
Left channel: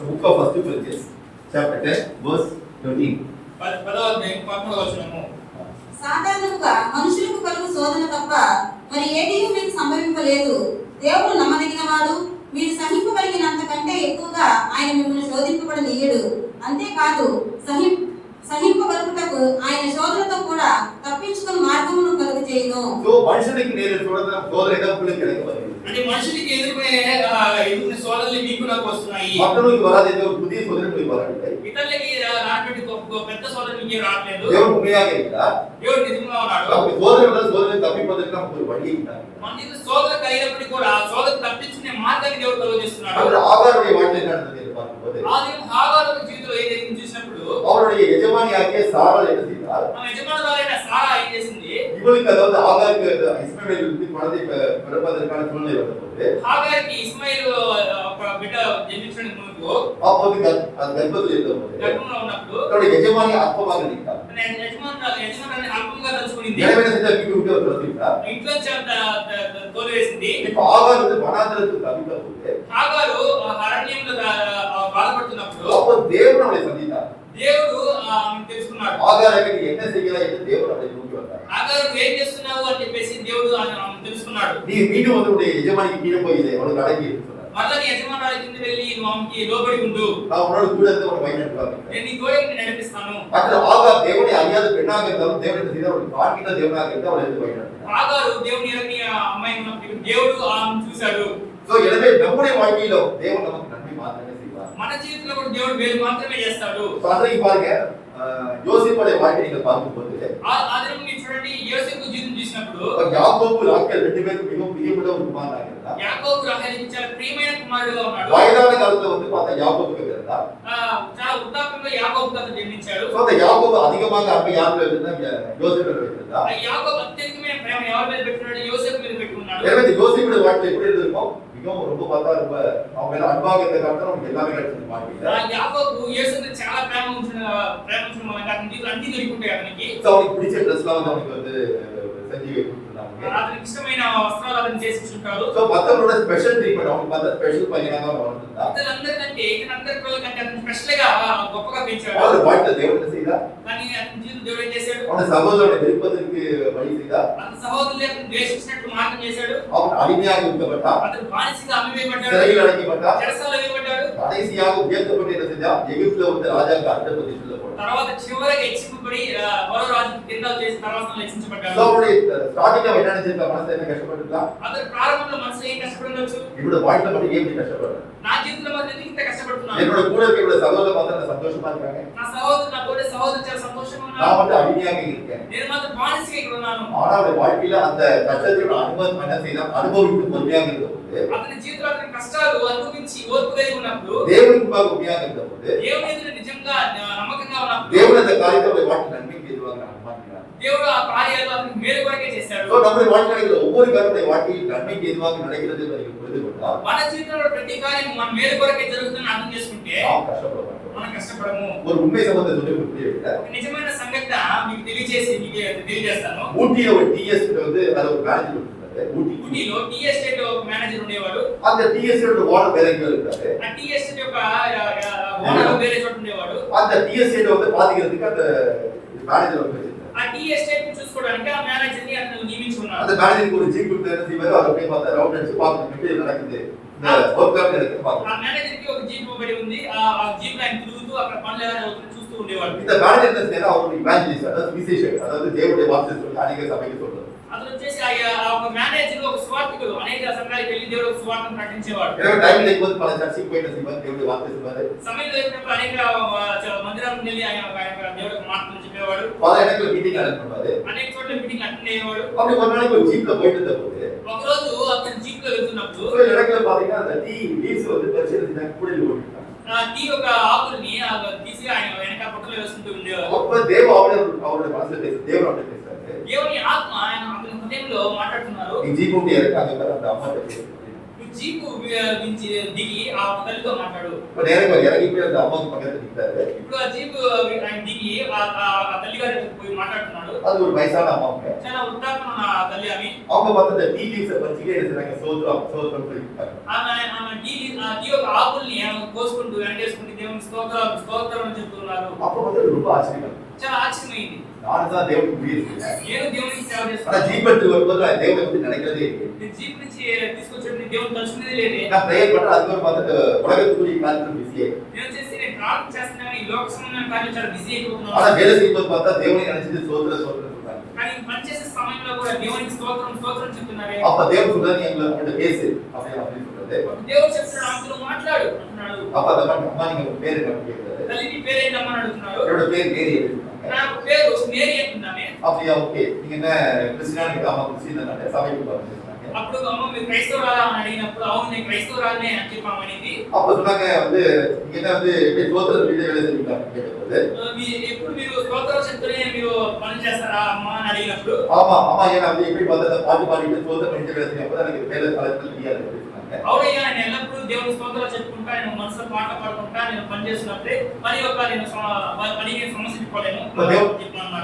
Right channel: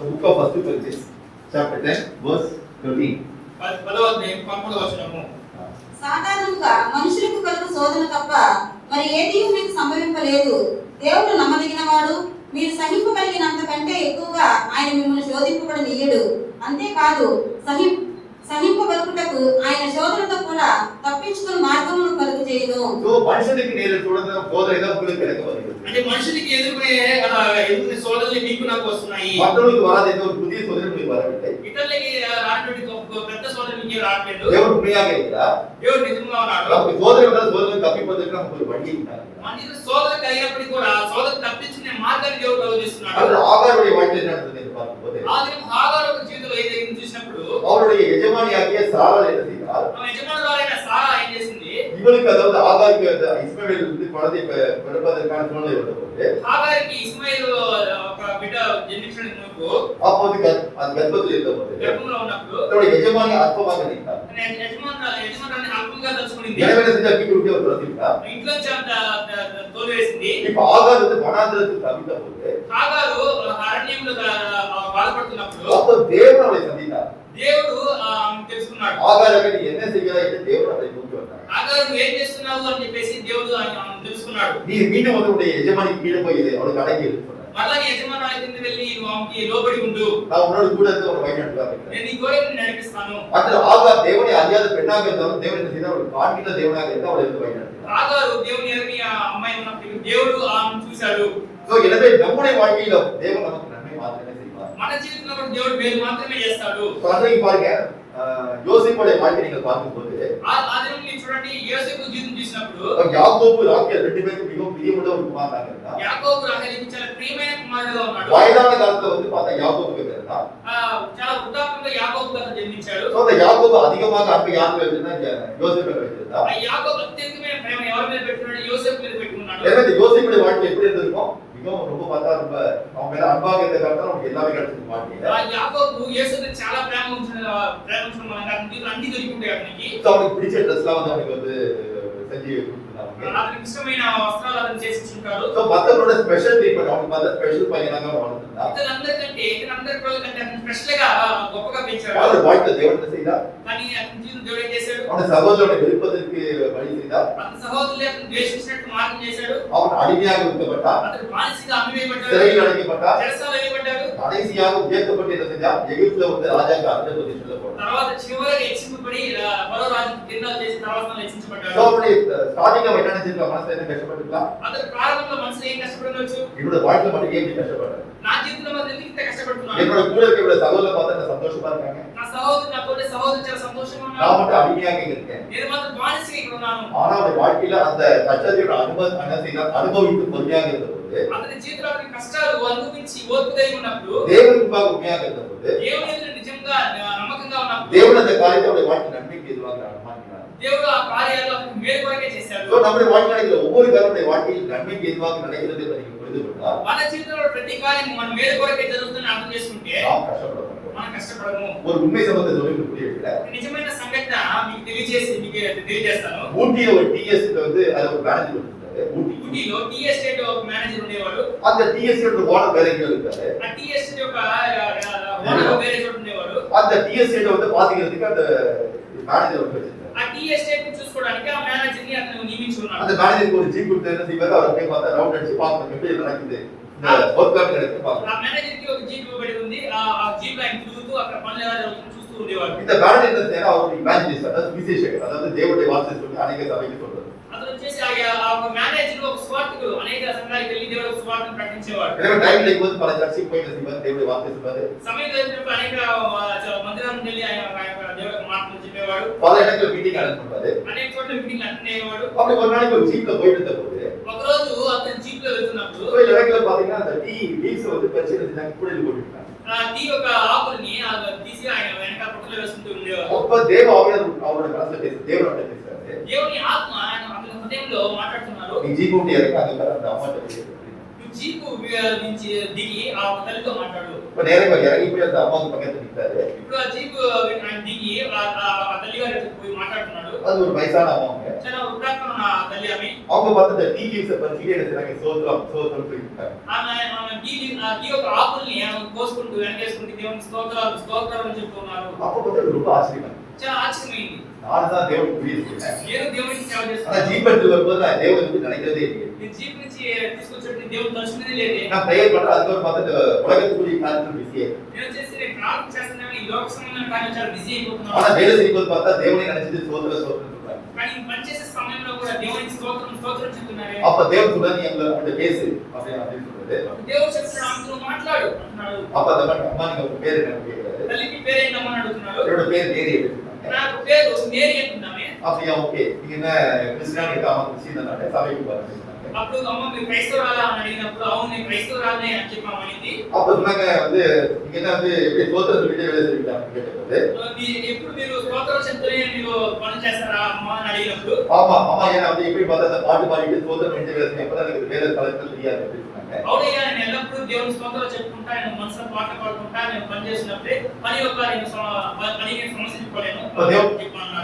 The book of 1 Corinthians chapter 10 verse 13. 10వ అధ్యాయం 11వ వచనము. సాధారణంగా మనుషులకు కలుగు శోధన తప్ప మరి ఏది మీకు సంభవింపలేదు. దేవుడు నమ్మదగినవాడు. మీరు సహింపగలిగినంత కంటే ఎక్కువగా ఆయన మిమ్మల్ని శోధింపబడనీయడు. అంతేకాదు సహింపగలుగుటకు ఆయన శోధనతో కూడా తప్పించుకుని మార్గమును కలుగు చేయను. సో మనుషునికి నేను చూడడం శోధన ఎదుర్కొనే కలగవచ్చు. అంటే మనుషులకి ఎదుర్కొనే శోధనలు మీకు నాకు వస్తున్నాయి. మనుషులకు వరాదేదో புதிய శోధనలు వరాలంటే ఇతరులకి రానటువంటి పెద్ద శోధనలు మీకు రావట్లేదు. దేవుడు ఉண்மையாக இருக்கிறார். దేవుడు నిజంగా ఉన్నాడు. శోధన తప్పిపోతున్న ఒక వడి ఉంటారు. మనిషి శోధన కలిగినప్పుడు కూడా శోధన తప్పించుకునే మార్గాన్ని దేవుడు కలుగజేస్తున్నాడు. అది ఆగారుடைய வாழ்க்கையில் நடந்தது என்று பார்க்கும்போது ఆదిమ హాగారు జీవితంలో ఏదైతే చూసినప్పుడు அவருடைய எஜமானியாகிய சாராள் என்ன செய்தார்? యజమానురాలైన సారా ఏం చేసింది? இவளுக்கு அதாவது ஆகாருக்கு இஸ்மவேல் இருந்து குழந்தை பிறப்பதற்கான சூழ்நிலை வந்தபோது హాగారికి ఇస్మాయిల్ ఒక బిడ్డ జన్మించడానికి ముందు அப்போது அது கர்ப்பத்தில் இருந்தபோது గర్భంలో ఉన్నప్పుడు அவருடைய எஜமானி அற்பமாக நினைத்தார். యజమానురాలు అల్పంగా తలుచుకునింది. எனவே என்ன செஞ்சா வீட்டு விட்டு அவர் துரத்திட்டார். ఇంట్లో తోలివేసింది. இப்ப ஆகார் வந்து வனாந்திரத்துக்கு தவித்த போது హాగారు అరణ్యంలో బాధపడుతున్నప్పుడు அப்போ தேவன் அவளை சந்தித்தார். దేవుడు తెలుసుకున్నాడు. ஆகாருக்கு நீ என்ன செய்யலாம் என்று தேவன் அவளை நோக்கி வந்தார். హాగారు నువ్వు ఏం చేస్తున్నావు అని చెప్పేసి దేవుడు తెలుసుకున్నాడు. நீ மீண்டும் வந்து உன்னுடைய எஜமானிக்கு கீழே போய் அவளுக்கு அடங்கி இருக்கு சொன்னார். మరలా నీ యజమానురాలి కింద వెళ్ళి నువ్వు ఆమెకి లోబడి ఉండు. நான் உன்னோட கூட இருந்து ஒரு வழி நடத்துவார். నేను నీ తోడే నిన్ను నడిపిస్తాను. அந்த ஆகார் தேவனை அறியாத பெண்ணாக இருந்தாலும் தேவன் என்ன செய்தார்? அவளுக்கு காண்கின்ற தேவனாக இருந்தால் அவளை எடுத்து வழி நடத்தினார். హాగారు దేవుని ఎరగని అమ్మాయి ఉన్నప్పుడు దేవుడు ఆమెను చూశాడు. సో எனவே நம்முடைய வாழ்க்கையில தேவன் நமக்கு நன்மை மாத்திரமே செய்வார். మన జీవితంలో కూడా దేవుడు మేలు మాత్రమే చేస్తాడు. அன்றைக்கு பாருங்க யோசேப்புடைய வாழ்க்கை நீங்க பார்க்கும்போது ఆ దినం మీరు చూడండి యోసేపు జీవితం చూసినప్పుడు யாக்கோபு ராகேல் ரெண்டு பேரும் மிகவும் பிரியமுள்ள ஒரு குமாரனாக இருந்தார். యాకోబు రాహేలుకి చాలా ప్రియమైన కుమారుడుగా ఉన్నాడు. வயதான காலத்துல வந்து பார்த்தா யாக்கோபுக்கு பிறந்தார். చాలా వృద్ధాప్యంలో యాకోబు కథ జన్మించాడు. సో அந்த யாக்கோபு அதிகமாக அன்பு யார் வைத்திருந்தா யோசேப்பு வைத்திருந்தார். ఆ యాకోబు అత్యధికమైన ప్రేమ ఎవరి మీద పెట్టున్నాడు? యోసేపు మీద పెట్టుకున్నాడు. எனவே யோசேப்புடைய வாழ்க்கை எப்படி இருந்திருக்கும்? மிகவும் ரொம்ப பார்த்தா ரொம்ப அவங்க மேல அன்பாக இருந்த காரணம் நமக்கு எல்லாமே கிடைச்சது வாழ்க்கையில. ఆ యాకోబు యేసుని చాలా ప్రేమ ఉంచిన మూలంగా అన్ని దొరికింటాయి అతనికి. సో அவனுக்கு பிடிச்ச ட்ரெஸ்லாம் வந்து அவனுக்கு வந்து செஞ்சு கொடுத்துருந்தாங்க. అతనికి ఇష్టమైన వస్త్రాలు అతను చేసి ఉంటాడు. సో மத்தவங்களோட ஸ்பெஷல் ட்ரீட்மெண்ட் அவனுக்கு பார்த்தா ஸ்பெஷల్ பையனாக வளர்ந்துட்டான். ఇతరందరికంటే ఇతరందరి పిల్లలకంటే అతను స్పెషల్ గా గొప్పగా పెంచాడు. அவனோட வாழ்க்கை தேவன் என்ன செய்தார்? కానీ అతని జీవితం దేవుడు ఏం చేశాడు? அவனோட சகோதரனை வெறுப்பதற்கு வழி செய்தார். అతని సహోదరులు అతను ద్వేషించినట్టు మార్గం చేశాడు. அவன் அடிமையாக விற்கப்பட்டான். అతను బానిసగా అమ్మివేయబడ్డాడు. சிறையில் அடைக்கப்பட்டான். చెరసాలలో వేయబడ్డాడు. கடைசியாக உயர்த்தப்பட்டு என்ன செஞ்சான்? எகிப்துல வந்து ராஜாக்கு அடுத்த பொசிஷன்ல போனான். తర్వాత చివరికి హెచ్చింపబడి మరో రాజు కింద చేసి తర్వాత హెచ్చించబడ్డాడు. సో அவனுடைய ஸ்டார்டிங்ல என்ன நினைச்சிருக்க? மனசுல என்ன கஷ்டப்பட்டுக்கலாம்? అతను ప్రారంభంలో మనసులో ఏం కష్టపడవచ్చు? இவனோட வாழ்க்கையில மட்டும் ஏன் இப்படி கஷ்டப்படுறேன்? నా జీవితంలో మరి ఎందుకు ఇంత కష్టపడుతున్నాను? என்னோட கூட இருக்க இவ்வளவு சகோதரரை பார்த்தா என்ன சந்தோஷமா இருக்காங்க. నా సహోదరు నా తోటి సహోదరు చాలా సంతోషంగా நான் ఉన్నారు. மட்டும் அடிமையாக இருக்கேன். నేను మాత్రం బానిసగా ఇక్కడ ఉన్నాను. ஆனா அவருடைய வாழ்க்கையில அந்த கஷ்டத்தையோட அனுபவித்து பொறுமையாக இருந்தபோது అతని జీవితంలో అతని కష్టాలు అనుభవించి ఓర్పు కలిగి ఉన్నప్పుడు தேவனுக்கு முன்பாக உண்மையாக இருந்தபோது దేవుని ఎదుట నిజంగా నమ్మకంగా ఉన్నప్పుడు தேவன் அந்த காரியத்தை அவருடைய வாழ்க்கை நன்மைக்கு எதுவாக அனுமானிக்கிறார். దేవుడు ఆ కార్యాలు అతనికి మేలు కొరకే చేశాడు. సో நம்முடைய வாழ்க்கை நடக்கிற ஒவ்வொரு காரியமுடைய வாழ்க்கையில் நன்மைக்கு எதுவாக நடக்கிறது என்பதை நீங்கள் புரிந்து கொண்டால் మన జీవితంలో ప్రతి కార్యం మన మేలు కొరకే జరుగుతుందని అర్థం చేసుకుంటే நாம் கஷ்டப்பட மாட்டோம். మనం కష్టపడము. ஒரு உண்மை சம்பந்தத்தை சொல்லி உங்களுக்கு புரிய வைக்கிறேன். ఒక నిజమైన సంఘటన మీకు తెలియజేస్తాను. ஊட்டியில ஒரு டிஎஸ் வந்து அது ஒரு மேனேஜர் இருந்தாரு. ఊటీలో టీ ఎస్టేట్ ఒక మేనేజర్ ఉండేవాడు. அந்த டிஎஸ் ஓனர் வேற எங்கேயோ இருக்காரு. ఆ టీ ఎస్టేట్ యొక్క ఓనర్ వేరే చోట ఉండేవాడు. அந்த டிஎஸ் வந்து பாத்துக்கிறதுக்கு அந்த மேனேஜர் வந்து வச்சிருக்காரு. ఆ టీ ఎస్టేట్ ని చూసుకోవడానికి ఆ మేనేజర్ ని అతను నియమించుకున్నాడు. அந்த மேனேஜருக்கு ஒரு ஜீப் கொடுத்து என்ன செய்வாரு? அவர் அப்படியே பார்த்தா ரவுண்ட் அடிச்சு பார்க்கணும் எப்படி நடக்குது இந்த ஒர்க் நடக்குது பார்க்கணும். ఆ మేనేజర్ కి ఒక జీప్ ఇవ్వబడి ఉంది. ఆ జీప్ ఆయన తిరుగుతూ అక్కడ పనులు ఎలా జరుగుతుందో చూస్తూ ఉండేవాడు. இந்த மேனேஜர் என்ன செய்யறாரு? அவர் ஒரு இவாஞ்சலிஸ்ட், அதாவது விசேஷகர், அதாவது தேவனுடைய வார்த்தை சொல்லி அநேக சபைக்கு சொல்றாரு. అతను వచ్చేసి ఆ ఒక మేనేజర్ ఒక స్వార్థకుడు అనేక సంఘాలకు వెళ్ళి దేవుడి స్వార్థను ప్రకటించేవాడు. எனவே டைம் கிடைக்கும்போது பல சர்ச்சுக்கு போயிட்டு செய்வார், தேவனுடைய வார்த்தை சொல்வாரு. సమయం దొరికినప్పుడు అనేక మందిరాలకు వెళ్ళి ఆయన దేవుడికి మాటలు చెప్పేవాడు. பல இடத்துல மீட்டிங் அட்டெண்ட் பண்ணுவாரு. అనేక చోట్ల మీటింగ్ అటెండ్ అయ్యేవాడు. அப்படி ஒரு நாளைக்கு ஒரு ஜீப்ல போயிட்டு இருந்தபோது ఒక రోజు అతను జీప్ లో వెళ్తున్నప్పుడు இந்த இடத்துல பாத்தீங்கன்னா அந்த லீவ்ஸ் வந்து பரிசீலனை செஞ்சாங்க, கூடையில போட்டுட்டாங்க. టీ ఒక ఆకుల్ని తీసి ఆయన వెనక పొట్టలో వేసుకుంటూ ఉండేవాడు. அப்ப தேவ ஆவியானவர் அவருடைய மனசுல பேச தேவனோட பேசுறாரு. దేవుని ఆత్మ ఆయన అతని హృదయంలో మాట్లాడుతున్నారు. நீ ஜீப் ஓட்டி இறக்க அந்த அம்மா பேசுறாரு. జీపు నుంచి దిగి ఆ తల్లితో మాట్లాడు. இப்ப நேரா இறங்கி போய் அந்த அம்மாவுக்கு பக்கத்துல நிற்கிறாரு. ఇప్పుడు ఆ జీపు ఆయన దిగి ఆ తల్లి గారి పోయి మాట్లాడుతున్నాడు. அது ஒரு వయசான అమ్మஅவங்க. చాలా వృద్ధాప్యం ఉన్న ఆ తల్లి ఆమె. அவங்க பார்த்து அந்த டீ லீவ்ஸை பறிச்சு என்ன செய்றாங்க, சோத்திரம் சோத்திரம் சொல்லிட்டாங்க. ఆమె టీ యొక్క ఆకుల్ని కోసుకుంటూ వెనకేసుకుంటూ దేవుని స్తోత్రాలు స్తోత్రాలు అని చెప్తున్నారు. அப்ப பார்த்து ரொம்ப ஆச்சரியம். చాలా ఆశ్చర్యమైంది. நான் தான் தேவனுக்கு ஊழியம் செய்றேன். నేను దేవునికి సేవ ஆனா చేస్తున్నాను. ஜீப் எடுத்து வரும்போது நான் தேவனை பத்தி நினைக்கிறதே இல்லை. నేను జీప్ నుంచి తీసుకొచ్చేది దేవుని తలుచుకునేది లేదే. நான் ப்ரேயர் பண்றேன், அதுக்கு பார்த்துட்டு உலகத்துக்குரிய காரியத்தில் பிஸியே. నేను ప్రార్థన చేస్తున్నాను, ఈ లోక సంబంధమైన కార్యాలు చాలా బిజీ ஆனா అయిపోతున్నాను. வேலை செய்யும்போது பார்த்தா தேவனை நினைச்சிட்டு சோத்திர சோத்திரம் சொல்றாங்க. కానీ పనిచేసే సమయంలో కూడా దేవునికి స్తోత్రం స్తోత్రం చెప్తున్నారే. அப்ப தேவன் சொல்றாரு, நீ எங்களை அவங்கள்ட்ட பேசு அப்படின்னு சொல்றது. దేవుడు చెప్తున్నాడు, ఆమెతో మాట్లాడు అంటున్నాడు. அப்ப அந்த அம்மா நீங்க உங்க பேரு என்ன கேட்கிறாரு. తల్లికి పేరేంటమ్మా అని అడుగుతున్నాడు. என்னோட பேர் மேரி அப்படின்னு சொன்னாங்க. నాకు పేరు మేరీ అంటున్నామే. அப்படியா, ஓகே, நீங்க என்ன கிறிஸ்டியானிக்கு ஆமா கிறிஸ்டியன் தானே, சபைக்கு பாருங்க சொன்னாங்க. అప్పుడు అమ్మ మీరు క్రైస్తవురాలా అని అడిగినప్పుడు అవును నేను క్రైస్తవురాలనే అని చెప్పామనింది. அப்ப சொன்னாங்க வந்து நீங்க என்ன வந்து எப்படி சோத்திர வீடியோ வேலை செய்வீங்களா அப்படின்னு கேட்டபோது, ఎప్పుడు మీరు స్తోత్రం చెప్తూనే మీరు పని చేస్తారా అమ్మ అని అడిగినప్పుడు ஆமா ஆமா ஏன்னா வந்து எப்படி பார்த்தா அந்த பாட்டு பாடிட்டு சோத்திர வீடியோ வேலை செய்யும் அப்பதான் எனக்கு வேலை கலெக்டர் தெரியாது அப்படின்னு சொன்னாங்க. అవునయ్యా నేను ఎల్లప్పుడూ దేవుని స్తోత్రాలు చెప్పుకుంటా, నేను మనసులో పాటలు పాడుకుంటా, నేను పని చేసినప్పుడే పని యొక్క పనిని సమస్యపోలేను అన్నాడు.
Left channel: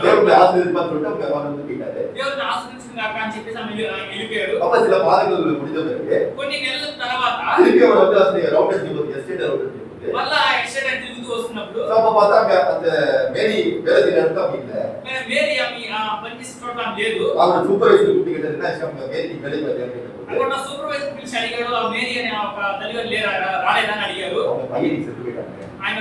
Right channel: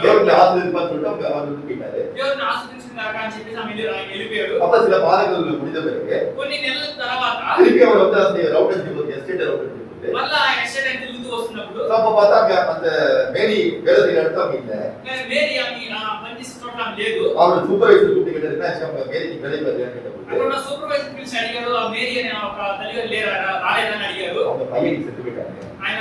தேவனுடைய ஆசீர்வாதம் சொல்லிட்டு அவங்க அவர் வந்து கேட்டாரு. దేవుడిని ఆశ్రయించిన కాక అని చెప్పేసి ఆమె వెళ్ళిపోయాడు. அப்ப சில பாதங்கள் முடிஞ்ச பிறகு కొన్ని నెలల తర్వాత திருப்பி அவர் வந்து அந்த ரவுட் அடிச்சு எஸ்டேட் ரவுட் அடிச்சு మళ్ళా ఎస్టేట్ అని తిరుగుతూ వస్తున్నప్పుడు அப்ப பார்த்தா அந்த மேரி வேலை செய்யற இடத்துல அவங்க இல்ல. మేరీ ఆమె పనిచేసే చోట్ల ఆమె లేదు. அவர் சூப்பர்வைசர் கூப்பிட்டு கேட்டாரு, என்ன ஆச்சு அவங்க மேரி வேலைக்கு வரலையான்னு கேட்டபோது, అక్కడ ఉన్న సూపర్వైజర్ పిలిచి అడిగాడు, ఆ మేరీ అనే ఒక తల్లిగారు రాలేదని అడిగారు. அவங்க பையனுக்கு செத்து போயிட்டாங்க. ఆయన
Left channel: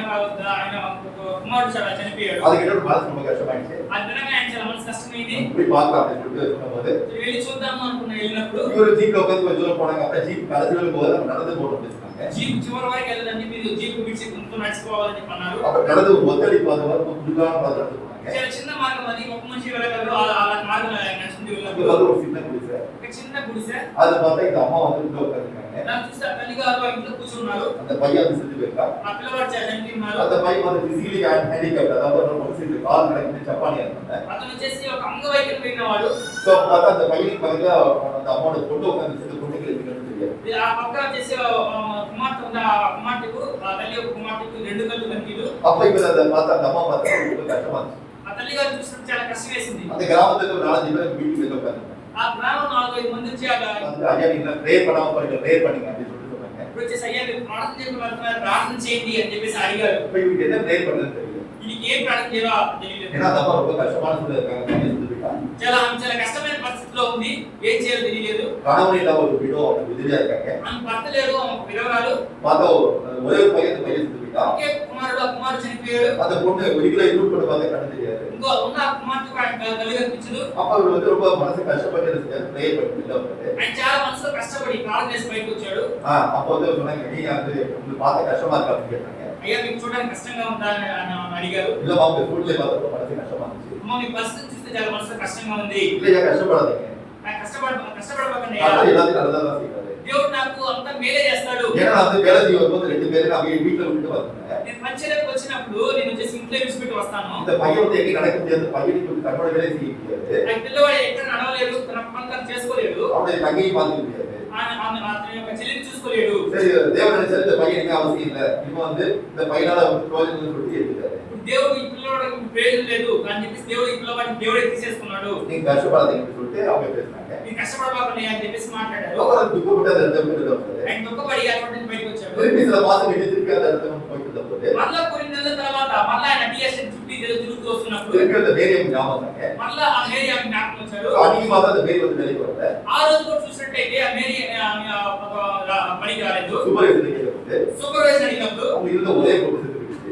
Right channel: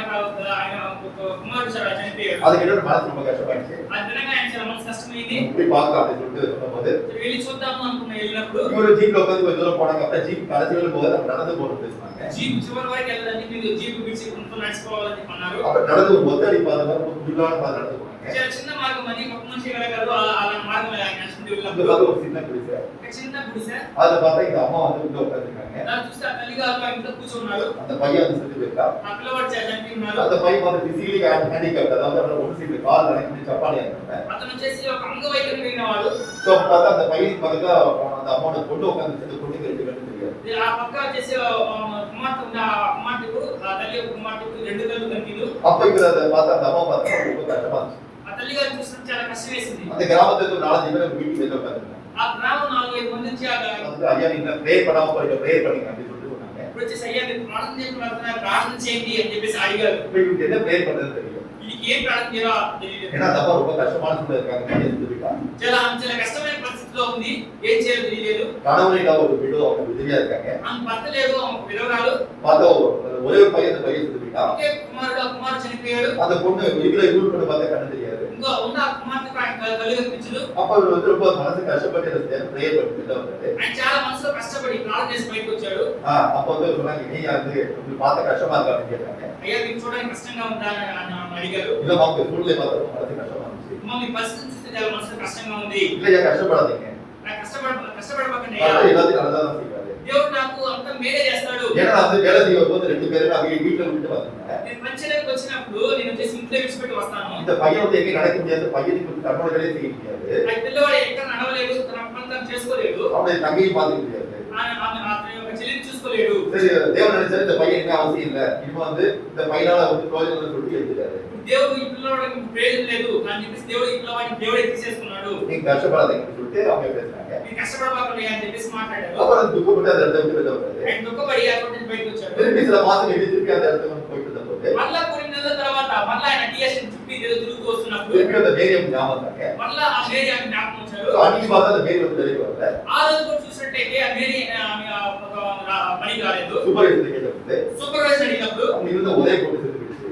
ఒక కుమారుడు చనిపోయాడు. அது கேட்ட மனசு ரொம்ப కష్టமாயிடுச்சு. అది వినగా ఆయన చాలా మనసు కష్టమైంది. போய் பார்க்கலாம் அப்படின்னு சொல்லிட்டு சொன்னபோது వెళ్ళి చూద్దాము అనుకున్న వెళ్ళినప్పుడు இவரு ஜீப்ல உட்காந்து கொஞ்சம் தூரம் போனாங்க. அப்புறம் ஜீப் கடைசியில போது அவங்க நடந்து போறது சொன்னாங்க. జీప్ చివరి వరకు వెళ్ళదండి, మీరు జీప్ విడిచి కొంచెం నడిచిపోవాలని చెప్పి అన్నారు. அப்ப நடந்து ஒரு ஒத்தடி பாதை வர குடுக்கான பாதை நடந்து போனாங்க. చాలా చిన్న మార్గం అది, ఒక మనిషి వెళ్ళగలరు అలాంటి మార్గం నడుచుకుంటూ அங்க వెళ్ళినప్పుడు வந்து ஒரு சின்ன குடிசை. ఒక చిన్న గుడిసె. அதை பார்த்தா இந்த அம்மா வந்து உள்ள உட்காந்துருக்காங்க. దాన్ని చూస్తే ఆ తల్లి గారు ఇంట్లో కూర్చున్నారు. அந்த பையன் வந்து செத்து போயிருக்கான். ఆ పిల్లవాడు చనిపోయి ఉన్నారు. அந்த பையன் வந்து பிசிக்கலி ஹேண்டிகேப்ட், அதாவது அவரோட ஒரு சைடு கால் நடக்குது, சப்பானியா இருந்தாங்க. అతను వచ్చేసి ఒక అంగవైకల్యం కలిగిన వాడు. சோ பார்த்தா அந்த பையனுக்கு பக்கத்துல அந்த அம்மாவோட பொண்ணு உட்காந்து செத்து பொண்ணுக்கு ரெண்டு கண்ணு தெரியாது. ఆ పక్క వచ్చేసి కుమార్తె ఉంది, ఆ కుమార్తెకు ఆ తల్లి యొక్క కుమార్తెకు రెండు కళ్ళు కనిపించదు. அப்ப இவர் அதை பார்த்து அந்த అమ్మ பார்த்தா ரொம்ப கஷ்டமா இருந்துச்சு. ఆ తల్లి గారు చూసినప్పుడు చాలా కష్టం వేసింది. அந்த கிராமத்துல ஒரு 4 பேர் வீட்டுக்கு வெளில உட்காந்துருந்தாங்க. ఆ గ్రామం 4-5 మంది వచ్చి வந்து ஐயா நீங்க ப்ரேயர் பண்ணாம போறீங்க, ப்ரேயர் பண்ணுங்க அப்படின்னு சொல்லிட்டு சொன்னாங்க. ఇప్పుడు వచ్చేసి అయ్యా మీరు ప్రార్థన చేయమని ప్రార్థన చేయండి అని చెప్పేసి అడిగారు. இப்ப இவருக்கு என்ன ப்ரேயர் பண்றதுன்னு தெரியல. వీళ్ళకి ఏం ప్రార్థన చేయాలో తెలియలేదు. ஏன்னா அந்த அம்மா ரொம்ப கஷ்டமான சூழ்நிலை இருக்காங்க, பையன் செத்து போயிட்டான். చాలా చాలా కష్టమైన పరిస్థితిలో ఉంది, ఏం చేయాలో తెలియలేదు. கணவன் இல்லாம ஒரு விடோ அவங்க விதவியா இருக்காங்க. ఆమె భర్త లేడు, ఆమె ఒక విధవరాలు. பார்த்தா ஒரே ஒரு பையன் செத்து போயிட்டான். ఒకే కుమారుడు, ఆ కుమారుడు చనిపోయాడు. அந்த பொண்ணு வீட்டுல இருந்து கொண்டு பார்த்தா கண்ணு தெரியாது. ఇంకో ఉన్న ఆ కుమార్తెకు ఆయన కళ్ళు కనిపించదు. அப்ப இவர் வந்து ரொம்ப மனசு கஷ்டப்பட்டு ப்ரேயர் பண்ணிட்டு வெளில வந்தாரு. ఆయన చాలా మనసులో కష్టపడి ప్రార్థన చేసి బయటకు వచ్చాడు. அப்ப வந்து சொன்னாங்க, நீ வந்து உங்களுக்கு பார்த்த கஷ்டமா இருக்கா அப்படின்னு கேட்டாங்க. అయ్యా మీకు చూడడానికి కష్టంగా ఉందా అని అడిగారు. இல்லம்மா உங்க சூழ்நிலை பார்த்தா மனசு கஷ்டமா இருந்துச்சு. అమ్మ మీ పరిస్థితి చూస్తే చాలా మనసులో కష్టంగా ఉంది. இல்லையா கஷ்டப்படாதீங்க, నాకు కష్టపడబాకండి. கடவுள் எல்லாத்தையும் நல்லதா செய்வாரு. దేవుడు నాకు అంతా మేలే చేస్తాడు. ஏன்னா நான் வந்து வேலை செய்ய வரும்போது 2 பேரும் நான் வீட்டுல விட்டு வந்தேன். నేను పని చేయడానికి వచ్చినప్పుడు నేను వచ్చేసి ఇంట్లో విడిచిపెట్టి వస్తాను. இந்த பையன் வந்து எங்க நடக்க முடியாது, பையனுக்கு வந்து தன்னோட வேலையை செய்ய முடியாது, ఆ పిల్లవాడు ఎక్కడ నడవలేదు, తన పని తను చేసుకోలేదు, அவனுடைய தங்கையும் பார்த்துக்க முடியாது. అతని యొక్క చెల్లిని చూసుకోలేడు. சரி தேவன் நினைச்சாரு இந்த பையன் இனிமே அவசியம் இல்லை, இனிமே வந்து இந்த பையனால வந்து பிரயோஜனம் சொல்லிட்டு எடுத்துட்டாரு. దేవుడు ఈ పిల్లవాడికి ప్రయోజనం లేదు అని చెప్పేసి దేవుడు ఈ పిల్లవాడిని దేవుడే తీసేసుకున్నాడు. நீங்க கஷ்டப்படாதீங்கன்னு சொல்லிட்டு அவங்க பேசுனாங்க. మీరు కష్టపడబాకండి అని చెప్పేసి మాట్లాడారు. அப்புறம் துக்கப்பட்டு அந்த இடத்துல விட்டு வந்தாரு. ఆయన దుఃఖపడి అక్కడి నుంచి బయటకు వచ్చాడు. திருப்பி சில மாசம் திருப்பி அந்த இடத்துல போயிட்டு இருந்தபோது మళ్ళా కొన్ని నెలల తర్వాత మళ్ళా ఆయన టీఎస్ఎన్ చుట్టూ తిరుగుతూ వస్తున్నప్పుడు திருப்பி அந்த மேரியம் ஞாபகம் வந்தாங்க. మళ్ళా ఆ మేరీ ఆమె జ్ఞాపకం వచ్చాడు. அன்னைக்கு பார்த்தா அந்த மேரி வந்து வெளியே வரல. ఆ రోజు కూడా చూసినట్టయితే ఆ మేరీ ఆమె పనికి రాలేదు. சூப்பர்வைசர் கேட்டபோது సూపర్వైజర్ అడిగినప్పుడు அவங்க இருந்த ஒரே போட்டு செத்து போயிடுச்சு.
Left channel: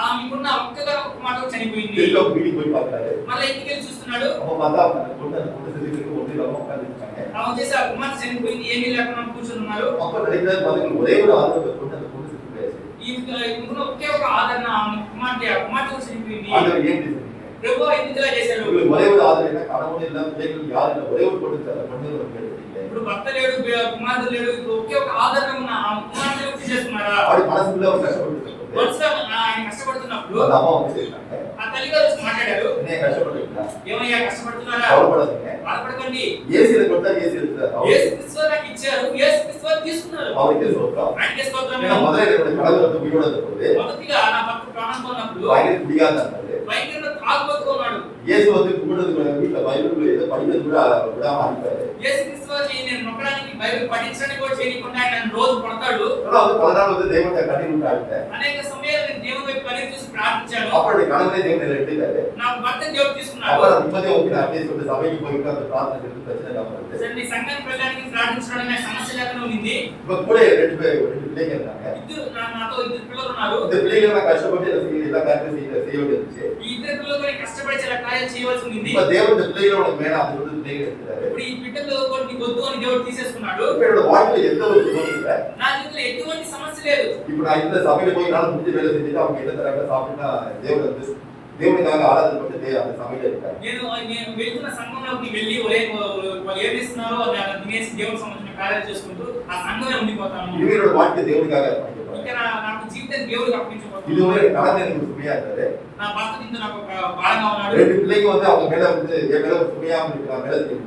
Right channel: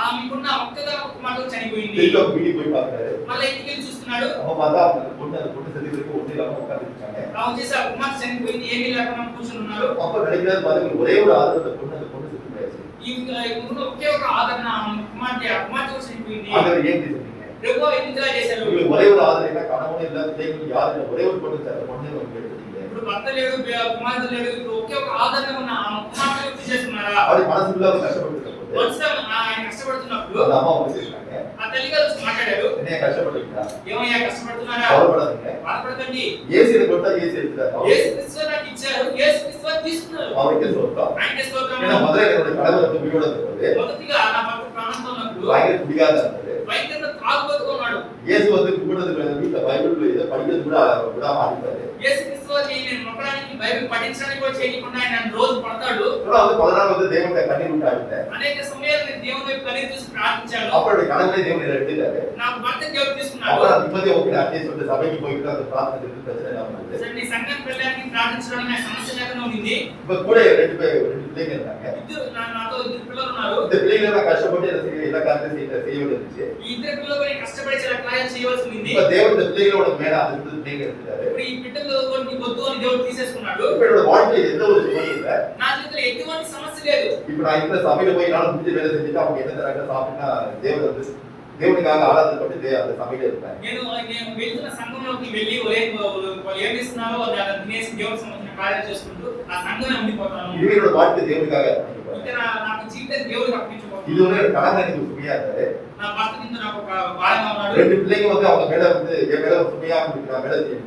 ఆమెకున్న ఒక్కగా ఒక మాట చనిపోయింది. திருப்பி அவங்க வீட்டுக்கு போய் பார்த்தாரு. మళ్ళీ ఇంటికి వెళ్ళి చూస్తున్నాడు. அவங்க பார்த்தா அந்த பொண்ணு செத்துக்கு ஒண்ணு இல்லாம உட்காந்துருக்காங்க. ఆమె చేసి ఆ కుమార్తె చనిపోయింది, ఏమీ లేకుండా కూర్చొని ఉన్నారు. அப்ப நினைக்கிறது பாத்தீங்கன்னா ஒரே ஒரு ஆதரவு அந்த பொண்ணு செத்து போயாச்சு. ఈమెకున్న ఒకే ఒక ఆదరణ ఆమె కుమార్తె చనిపోయింది. ஆதரவு ஏன் சொன்னீங்க? ప్రభు ఎందుకు ఇలా చేశారు? உங்களுக்கு ஒரே ஒரு ஆதரவு என்ன, கணவன் இல்ல, பிள்ளைகள் யாரும் இல்ல, ஒரே ஒரு பொண்ணு சார், பொண்ணு எடுத்துட்டீங்க. ఇప్పుడు భర్త లేడు, కుమార్తె లేడు, ఇప్పుడు ఒకే ఒక ఆదరణ ఉన్న ఆ కుమార్తెను తీసేసుకున్నారా? அப்படி மனசுக்குள்ள அவர் கஷ்டப்பட்டு మనసులో ఆయన కష్టపడుతున్నప్పుడు அந்த அம்மா வந்து கேட்டாங்க, ఆ తల్లిగారు వచ్చి మాట్లాడారు. என்னைய கஷ்டப்பட்டுருக்கா, ఏమయ్యా కష్టపడుతున్నారా? கவலைப்படாதீங்க, బాధపడకండి, ஏசி கொடுத்தா ஏசி எடுத்துறாரு, యేసు క్రీస్తు నాకు ఇచ్చారు, యేసు క్రీస్తు తీసుకున్నారు. அவருக்கு ஸ்தோத்திரம். ఆయనకే స్తోత్రం. ஏன்னா முதல்ல என்னோட கணவர் வந்து உயிரோட இருந்தபோது మొదటిగా నా భర్త ప్రాణంతో ఉన్నప్పుడు பயங்கர குடியாத இருந்தாரு. భయంకరంగా తాగుబోతుగా ఉన్నాడు. இயேசு வந்து கும்பிடுறதுக்கு வீட்டுல பைபிள் ஏதோ படிக்கிறது கூட விடாம அடிப்பாரு. యేసుక్రీస్తు వారిని నేను నొక్కడానికి బైబిల్ పఠించడానికి కూడా చేయకుండా ఆయన నన్ను రోజు పడతాడు. ஆனா வந்து 14 வந்து தேவனை கண்ணீர் விட்டு அழுத்தேன். అనేక సమయాలు నేను దేవుని వైపు కన్నీరు చూసి ప్రార్థించాను. அப்படி கணவனே தேவனை எடுத்துட்டாரு. నాకు భర్త దేవుడు తీసుకున్నాడు. அப்ப நான் நிம்மதியா ஓகே அட்லீஸ்ட் வந்து சபைக்கு போயிட்டு அந்த பிரார்த்தனை இருந்து பிரச்சனை இல்லாம இருந்தது. సరే నీ సంఘానికి వెళ్ళడానికి ప్రార్థించడానికి నాకు సమస్య లేకుండా ఉంది. இப்ப கூட ரெண்டு பிள்ளைங்க இருந்தாங்க. నాతో ఇద్దరు పిల్లలు ఉన్నారు. இந்த பிள்ளைங்க எல்லாம் கஷ்டப்பட்டு எல்லா காரியத்தையும் செய்ய வேண்டியிருந்துச்சு. ఈ ఇద్దరు పిల్లలు కూడా కష్టపడి చాలా కార్యాలు చేయవలసి ఉంది. இப்ப தேவன் இந்த பிள்ளைகளோட மேல அது வந்து பிள்ளைங்க எடுத்துட்டாரு. ఇప్పుడు ఈ బిడ్డలు కొన్ని వద్దు అని దేవుడు తీసేసుకున్నాడు. இப்ப என்னோட வாழ்க்கையில எந்த ஒரு சுகமும் இல்ல. నా జీవితంలో ఎటువంటి సమస్య లేదు. இப்ப நான் இந்த சபையில போய் நானும் முடிஞ்ச வேலை செஞ்சுட்டு அவங்க என்ன தராங்க சாப்பிட்டா தேவன் வந்து దేవునికాக ఆరాధన పట్టి அந்த సభలో இருக்காரு. నేను వెళ్తున్న సంఘంలోకి వెళ్ళి ఏం చేస్తున్నారో అది తినేసి దేవునికి సంబంధించిన కార్యాలు చేసుకుంటూ ఆ సంఘంలో ఉండిపోతాను. இது என்னோட வாழ்க்கை దేవునికాக అర్పించబడింది. ఇంకా నాకు జీవితం దేవుడికి అర్పించబోతున్నాను. இது ஒரு கடமை எனக்கு சுமையா இருந்தது. నా భర్త కింద నాకు ఒక భారంగా ఉన్నాడు. ரெண்டு பிள்ளைங்க வந்து அவங்க மேல வந்து என் மேல சுமையா இருக்கிற மேல இருந்துச்சு.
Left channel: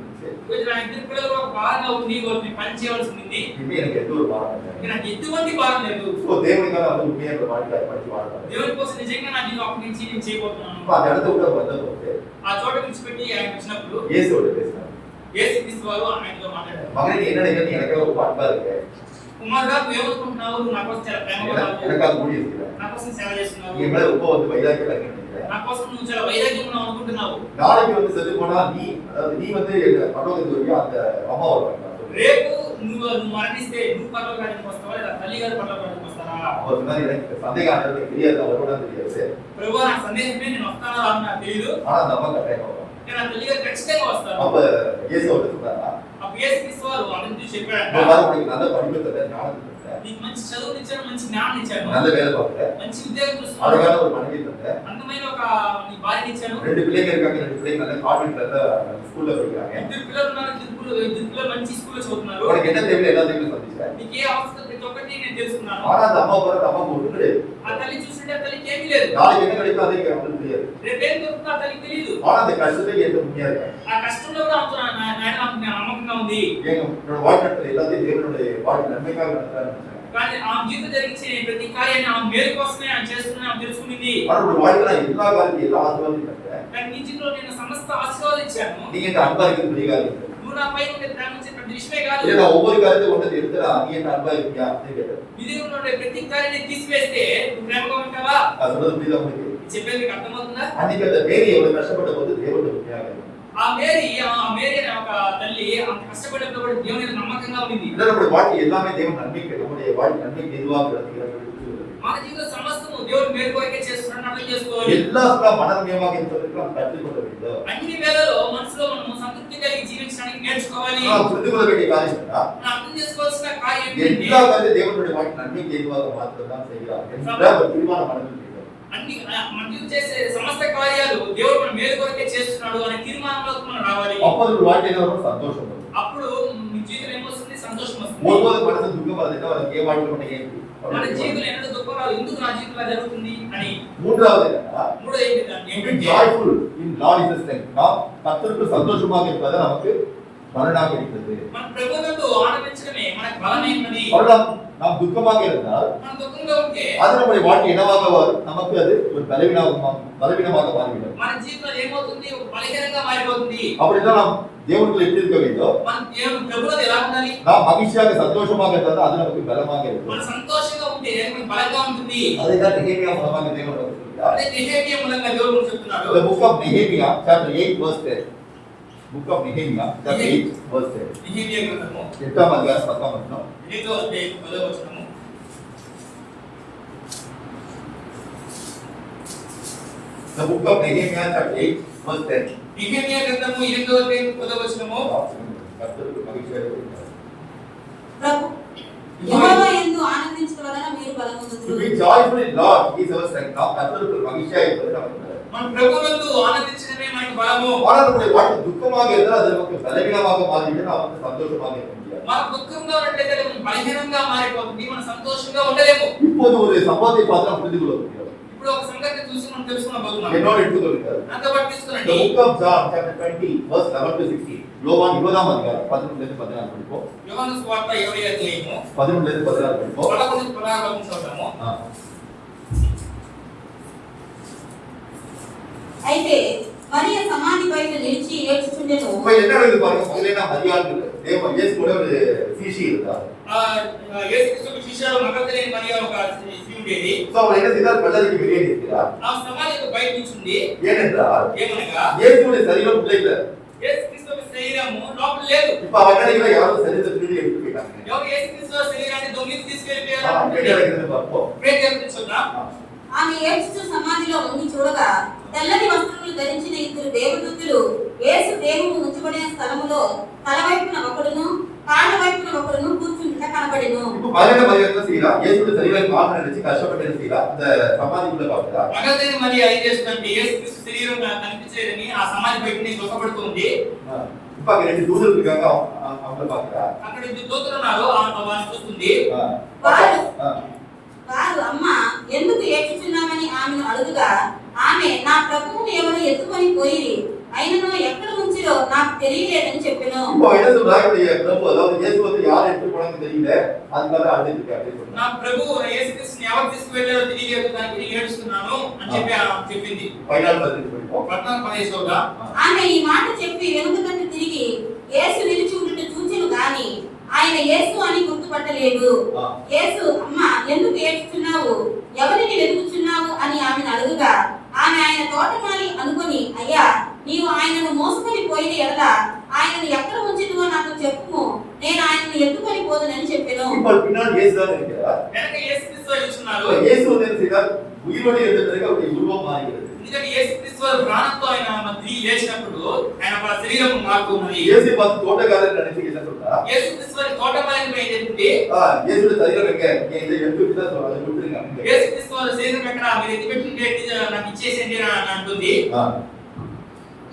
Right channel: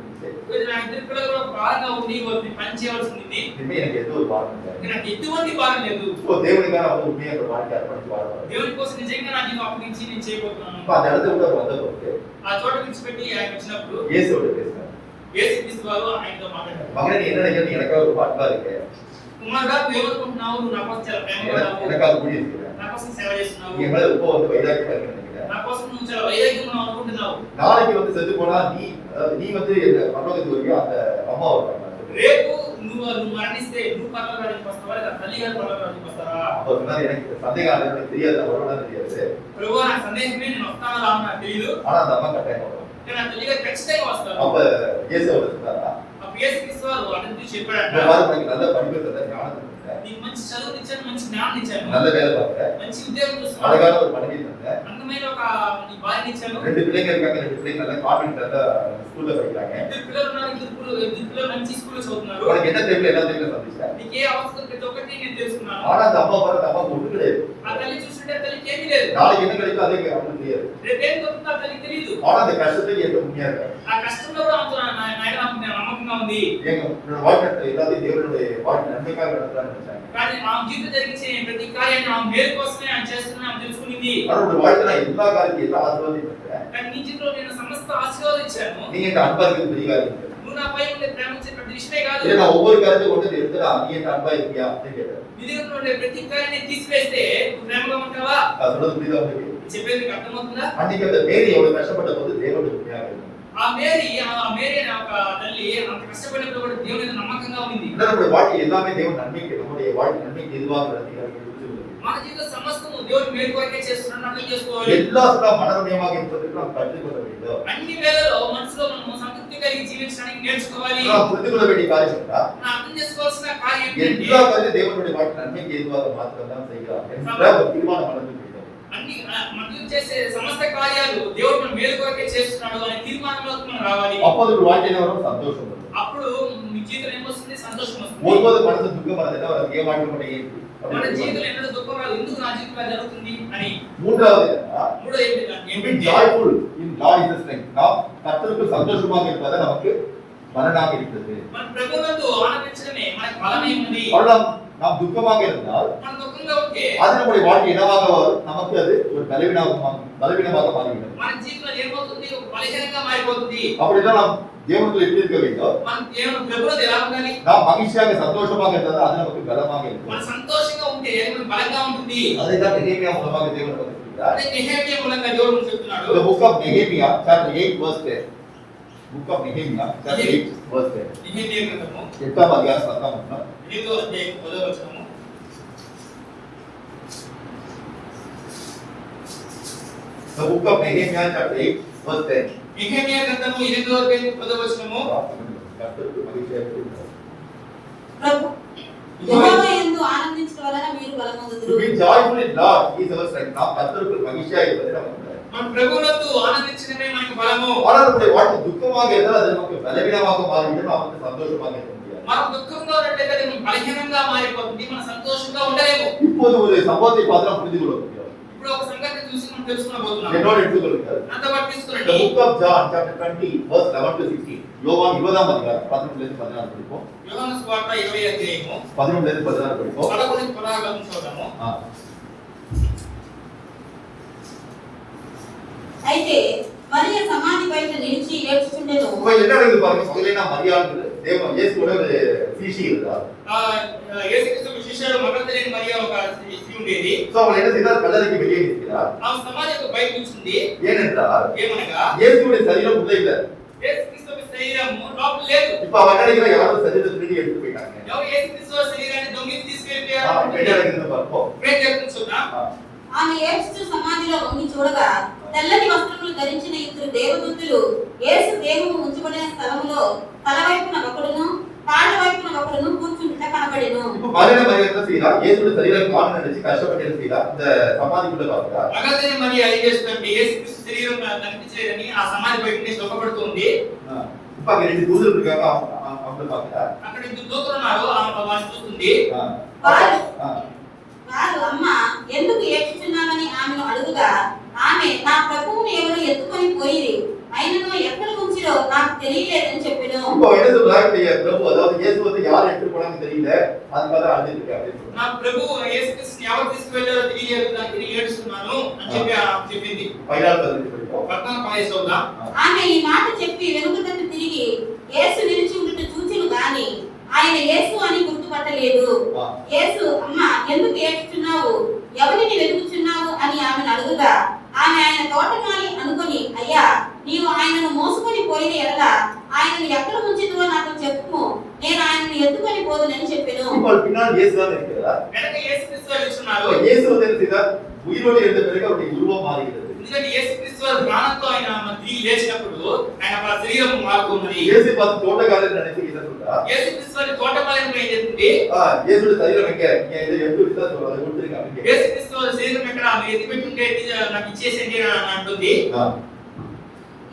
నా ఇద్దరు పిల్లలు ఒక భారంగా ఉంది, వారిని పని చేయవలసి ఉంది. இனிமே எனக்கு எந்த ஒரு பாரம் இல்லை. నాకు ఎటువంటి భారం లేదు. సో దేవునికాக வந்து உண்மையா என்னோட வாழ்க்கை அர்ப்பணிச்சு வாழ்றேன். దేవుని కోసం నిజంగా నా జీవితం అప్పగించి నేను చేయబోతున్నాను. அப்ப அந்த இடத்துல விட்டு வந்தபோது ఆ చోట విడిచిపెట్టి ఆయన వచ్చినప్పుడు இயேசுவோட பேசினார். యేసుక్రీస్తు వారు ఆయనతో మాట్లాడారు. மகனே நீ என்ன நினைக்கிற, எனக்காக ரொம்ப அன்பா இருக்கு. కుమారుడా నువ్వు ఏమనుకుంటున్నావు? నువ్వు నా కోసం చాలా ప్రేమగా ఉన్నావు. எனக்காக ஊழியம் இருக்கிற. నా కోసం సేవ చేస్తున్నావు. நீ மேல ரொம்ப வந்து வைராக்கியமா இருக்க நினைக்கிறேன். నా కోసం నువ్వు చాలా వైరాగ్యంగా ఉన్నావు అనుకుంటున్నావు. நாளைக்கு வந்து செத்து போனா நீ அதாவது நீ வந்து பரலோகத்துக்கு வருவியா, அந்த அம்மா வருவாங்க. రేపు నువ్వు మరణిస్తే నువ్వు పరలోకానికి వస్తావా లేదా తల్లి గారు పరలోకానికి వస్తారా? அவர் சொன்னாரு எனக்கு சந்தேகம் எனக்கு தெரியாது, வருவதா தெரியாது. ప్రభువా నాకు సందేహమే, నేను వస్తానో రానో నాకు తెలియదు. ஆனா அந்த அம்மா கட்டாயம் வருவாங்க. కానీ నా తల్లి గారు ఖచ్చితంగా వస్తారు. அப்ப இயேசு அவர்கிட்ட சொன்னாரா, అప్పుడు యేసుక్రీస్తు వారు అతని చూసి చెప్పాడంట, உனக்கு நல்ல படிப்பு தந்த, ஞானத்தை தந்த, నీకు మంచి చదువు ఇచ్చాను, మంచి జ్ఞానం ఇచ్చాను, நல்ல வேலை பார்க்க, మంచి ఉద్యోగం చూస్తున్నాను, அழகான ஒரு மனைவி தந்த, అందమైన ఒక నీ భార్యని ఇచ్చాను, ரெண்டு பிள்ளைங்க இருக்காங்க, ரெண்டு பிள்ளைங்க நல்ல கான்வென்ட்ல ஸ்கூல்ல படிக்கிறாங்க, ఇద్దరు పిల్లలు ఉన్నారు, ఇద్దరు పిల్లలు మంచి స్కూల్లో చదువుతున్నారు, உனக்கு என்ன தேவை எல்லாத்தையும் சந்திச்சேன். నీకు ఏ అవసరం ప్రతి ఒక్కటి నేను తెలుసుకున్నాను. ஆனா அந்த அம்மா பாரு, அந்த அம்மா ஒண்ணு கிடையாது. ఆ తల్లి చూస్తుంటే ఆ తల్లికి ఏమీ లేదు. நாளைக்கு என்ன கிடைக்கும் அதே அவனுக்கு தெரியாது. రేపు ఏం దొరుకుతుందో ఆ తల్లికి తెలియదు. ஆனா அந்த கஷ்டத்துக்கு ஏற்ற உண்மையா இருக்காங்க. ఆ కష్టంలో కూడా ఆయన నమ్మకంగా ఉంది. என்னோட வாழ்க்கை எல்லாத்தையும் தேவனுடைய வாழ்க்கை நன்மைக்காக நடத்துறான்னு நினைச்சாங்க. కానీ ఆ జీవితం జరిగించే ప్రతి కార్యాన్ని ఆ మేలు కోసమే ఆయన చేస్తున్నా ఆమె తెలుసుకునింది. அவருடைய வாழ்க்கை நான் எல்லா காரியத்தையும் எல்லா ஆசீர்வாதத்தையும் பெற்றேன். కానీ నీ జీవితంలో నేను సమస్త ఆశీర్వాదం ఇచ్చాను. நீங்க இந்த அன்பா இருக்கிறது பெரிய காரியம். నువ్వు నా పై ఉండే ప్రేమించే ప్రతి విషయమే కాదు. இல்ல நான் ஒவ்வொரு காரியத்தையும் கொண்டு எடுத்துடா, நீ என்ன அன்பா இருக்கியா அப்படின்னு கேட்டேன். నీ దగ్గర ఉండే ప్రతి కార్యాన్ని తీసివేస్తే నువ్వు ప్రేమగా ఉంటావా? அது சொல்றது புரியுதா உங்களுக்கு? చెప్పేది నీకు అర్థమవుతుందా? அன்னைக்கு அந்த மேரி எவ்வளவு கஷ்டப்பட்ட போது தேவனுடைய உண்மையாக இருந்தார். ఆ మేరీ అనే ఒక తల్లి అంత కష్టపడినప్పుడు కూడా దేవుని మీద నమ్మకంగా ఉంది. இல்ல நம்முடைய வாழ்க்கை எல்லாமே தேவன் நன்மைக்கு, நம்முடைய வாழ்க்கை நன்மைக்கு எதுவாக நடக்கிறது. మన జీవితం సమస్తము దేవుని మేలు కొరకే చేస్తున్నాడని అర్థం చేసుకోవాలి. எல்லா மனரம்யமாக இருப்பதற்கு நாம் கற்றுக்கொள்ள வேண்டும். అన్ని వేళలో మనసులో మనం సంతృప్తి కలిగి జీవించడానికి నేర్చుకోవాలి. நாம் புரிந்து கொள்ள வேண்டிய காரியம் என்ன? మనం అర్థం చేసుకోవాల్సిన కార్యం ఏంటంటే எல்லா காரியத்தையும் தேவனுடைய வாழ்க்கை நன்மைக்கு எதுவாக மாற்றத்தான் செய்கிறார் என்ற ஒரு தீர்மானம் மனதில் வேண்டும். అన్ని మనం చేసే సమస్త కార్యాలు దేవుడు మన మేలు కొరకే చేస్తున్నాడు అనే తీర్మానంలోకి మనం రావాలి. அப்போது ஒரு வாழ்க்கையில வரும் சந்தோஷம் வரும். అప్పుడు మీ జీవితం ఏమొస్తుంది? సంతోషం వస్తుంది. ஒருபோது மனசு துக்கம் வரது என்ன வரும்? ஏன் வாழ்க்கை மட்டும் ஏன் మన జీవితంలో ఎన్నడూ దుఃఖం రాదు, ఎందుకు నా జీవితంలో జరుగుతుంది అని. மூன்றாவது என்னன்னா, మూడో ఏంటంటే joyful in God is the strength. நாம் கர்த்தருக்கு சந்தோஷமாக இருப்பது நமக்கு பலனாக இருக்கிறது. మన ప్రభువునందు ఆనందించడమే మనకు బలమై ఉన్నది. நாம் துக்கமாக இருந்தால் మన దుఃఖంగా ఉంటే அது நம்முடைய வாழ்க்கை என்னவாக வரும்? நமக்கு அது ஒரு பலவீனமாக மாறிவிடும். మన జీవితంలో ఏమవుతుంది? ఒక బలహీనంగా మారిపోతుంది. அப்படின்னா நாம் தேவனுக்குள்ள எப்படி இருக்க வேண்டும்? మనం దేవుని ప్రభువునందు ఎలా ఉండాలి? நாம் மகிழ்ச்சியாக சந்தோஷமாக இருந்தால் அது நமக்கு பலமாக இருக்கும். మన సంతోషంగా ఉంటే మనకు బలంగా ఉంటుంది. அதைத்தான் நெகேமியா மூலமாக தேவன் நமக்கு சொல்கிறார். అదే నెహెమియా మూలంగా దేవుడు మనకు చెప్తున్నాడు. The book of Nehemiah chapter 8 verse 10. Book of Nehemiah chapter 8 verse 10. Nehemiah గ్రంథము 8వ అధ్యాయం 10వ వచనం. 8వ అధ్యాయం 10వ వచనము. The book of Nehemiah chapter 8 verse 10. Nehemiah గ్రంథము 8వ అధ్యాయం 10వ వచనము. கர்த்தருக்கு மகிழ்ச்சியாக இருக்கிறார். ప్రభు యెహోవా యందు ఆనందించుట వలన మీరు To బలమొందుదురు. be joyful in Lord is our strength. நாம் கர்த்தருக்கு மகிழ்ச்சியாக இருப்பது நமக்கு. మన ప్రభువునందు ఆనందించడమే మనకు బలము. ஆனால் நம்முடைய வாழ்க்கை துக்கமாக இருந்தால் அது நமக்கு பலவீனமாக மாறிவிடும். நாம் வந்து சந்தோஷமாக இருக்க முடியாது. మన దుఃఖంగా ఉన్నట్లయితే అది బలహీనంగా మారిపోతుంది, మన సంతోషంగా ఉండలేము. இப்போது ஒரு சம்பவத்தை பார்த்து நாம் புரிந்து கொள்ள முடியும். ఇప్పుడు ఒక సంగతి చూసి మనం తెలుసుకోబోతున్నాం. என்னோட எடுத்துக்கொள்ளுங்கள். నాతో పాటు The తీసుకురండి. book of John chapter 20 verse 11 to 16. யோவான் 20ஆம் அதிகாரம் 11 ல இருந்து 16 படிப்போம். యోహాను సువార్త 20వ అధ్యాయము 11 ல ఇருந்து 16 படிப்போம். 11 నుంచి 16 వరకు చదువుదాము. అయితే మరియ సమాధి బయట నిలిచి ఏడ్చుచుండెను. இப்போ என்ன நடக்குது பாருங்க. முதல்ல மரியாள் தேவ இயேசு கூட ஒரு சீஷி இருந்தார். యేసుక్రీస్తు శిష్యుడు మగధలేని మరియ ఒక స్త్రీ ఉండేది. సో அவள் என்ன செய்தார்? கல்லறைக்கு வெளியே நிற்கிறார். ఆ సమాధికి బయట నిల్చుంది. ஏனென்றால் ఏమనగా இயேசுவுடைய சரீரம் உள்ளே இல்ல. యేసుక్రీస్తు శరీరము లోపల లేదు. இப்போ அவ என்ன யாரோ சரீரத்தை திருடி எடுத்து போயிட்டாங்க. ఎవరు యేసుక్రీస్తు శరీరాన్ని దొంగిలించి తీసుకెళ్ళిపోయారు? என்ன நடக்குதுன்னு பார்ப்போம். ప్రేమ చేస్తున్నాం. ఆమె ఏడ్చుచు సమాధిలో ఉండి చూడగా తెల్లని వస్త్రములు ధరించిన ఇద్దరు దేవదూతలు యేసు దేహము ఉంచబడిన స్థలములో తల వైపున ఒకడును కాళ్ళ వైపున ఒకడును కూర్చుండుట కనబడెను. இப்போ மரியா என்ன செய்யறா? இயேசுவுடைய சரீரம் காண நினைச்சு கஷ்டப்பட்டு என்ன செய்யறா? இந்த சமாதிக்குள்ள பார்க்கிறா. మగధలేని మరియ ఏం చేస్తుందంటే యేసుక్రీస్తు శరీరం కనిపించలేదని ఆ సమాధి బయట నుంచి దుఃఖపడుతుంది. இப்ப அங்க ரெண்டு தூதர் இருக்காங்க. அவங்கள பார்க்கிறா. అక్కడ ఇద్దరు దూతలు ఉన్నారు. వాళ్ళని చూస్తుంది. వారు అమ్మ ఎందుకు ఏడ్చుచున్నామని ఆమెను అడుగుగా ఆమె నా ప్రభువును ఎవరు ఎత్తుకొని పోయిరి అయినను ఎక్కడ ఉంచిరో నాకు తెలియలేదని చెప్పెను. இப்போ என்ன சொல்றாங்க? பிரபு அதாவது இயேசு வந்து யார் எடுத்து போனாங்கன்னு தெரியல. அதுக்காக அழுதுட்டு இருக்காரு. నా ప్రభువు యేసుక్రీస్తుని ఎవరు తీసుకువెళ్ళారో తెలియలేదు. దానికి నేను ఏడుస్తున్నాను అని చెప్పి చెప్పింది. 14 படிப்போம். 14 చదువుదాం. ఆమె ఈ మాట చెప్పి వెనుక తట్టు తిరిగి యేసు నిలిచి ఉండుట చూచెను గాని ఆయన యేసు అని గుర్తుపట్టలేదు. యేసు అమ్మ ఎందుకు ఏడ్చుచున్నావు ఎవరిని వెతుకుచున్నావు అని ఆమెను అడుగుగా ఆమె ఆయన తోటమాలి అనుకొని అయ్యా నీవు ఆయనను మోసుకొని పోయిన ఎడల ఆయనను ఎక్కడ ఉంచినవో నాకు చెప్పుము నేను ఆయనను ఎత్తుకొని పోదునని చెప్పెను. இப்போ பின்னால் இயேசு தான் இருக்கிறார். వెనక యేసుక్రీస్తు నిల్చున్నారు. இயேசு வந்து என்ன செய்தார்? உயிரோடு எழுந்த பிறகு அவருடைய உருவம் மாறுகிறது. ఎందుకంటే యేసుక్రీస్తు ప్రాణంతో ఆయన తిరిగి లేచినప్పుడు ఆయన శరీరం మారుతున్నది. இயேசு பார்த்து தோட்டக்காரர் நினைச்சு என்ன சொல்றா? యేసుక్రీస్తు తోటమాలిని ఏం చెప్తుంది? இயேசுடைய சரீரம் எங்க? இதை எடுத்து விட்டு தான் அதை கொடுத்துருங்க. యేసుక్రీస్తు శరీరం ఎక్కడ? మీరు ఎత్తి పెట్టుంటే నాకు ఇచ్చేసేయండి అని అంటుంది.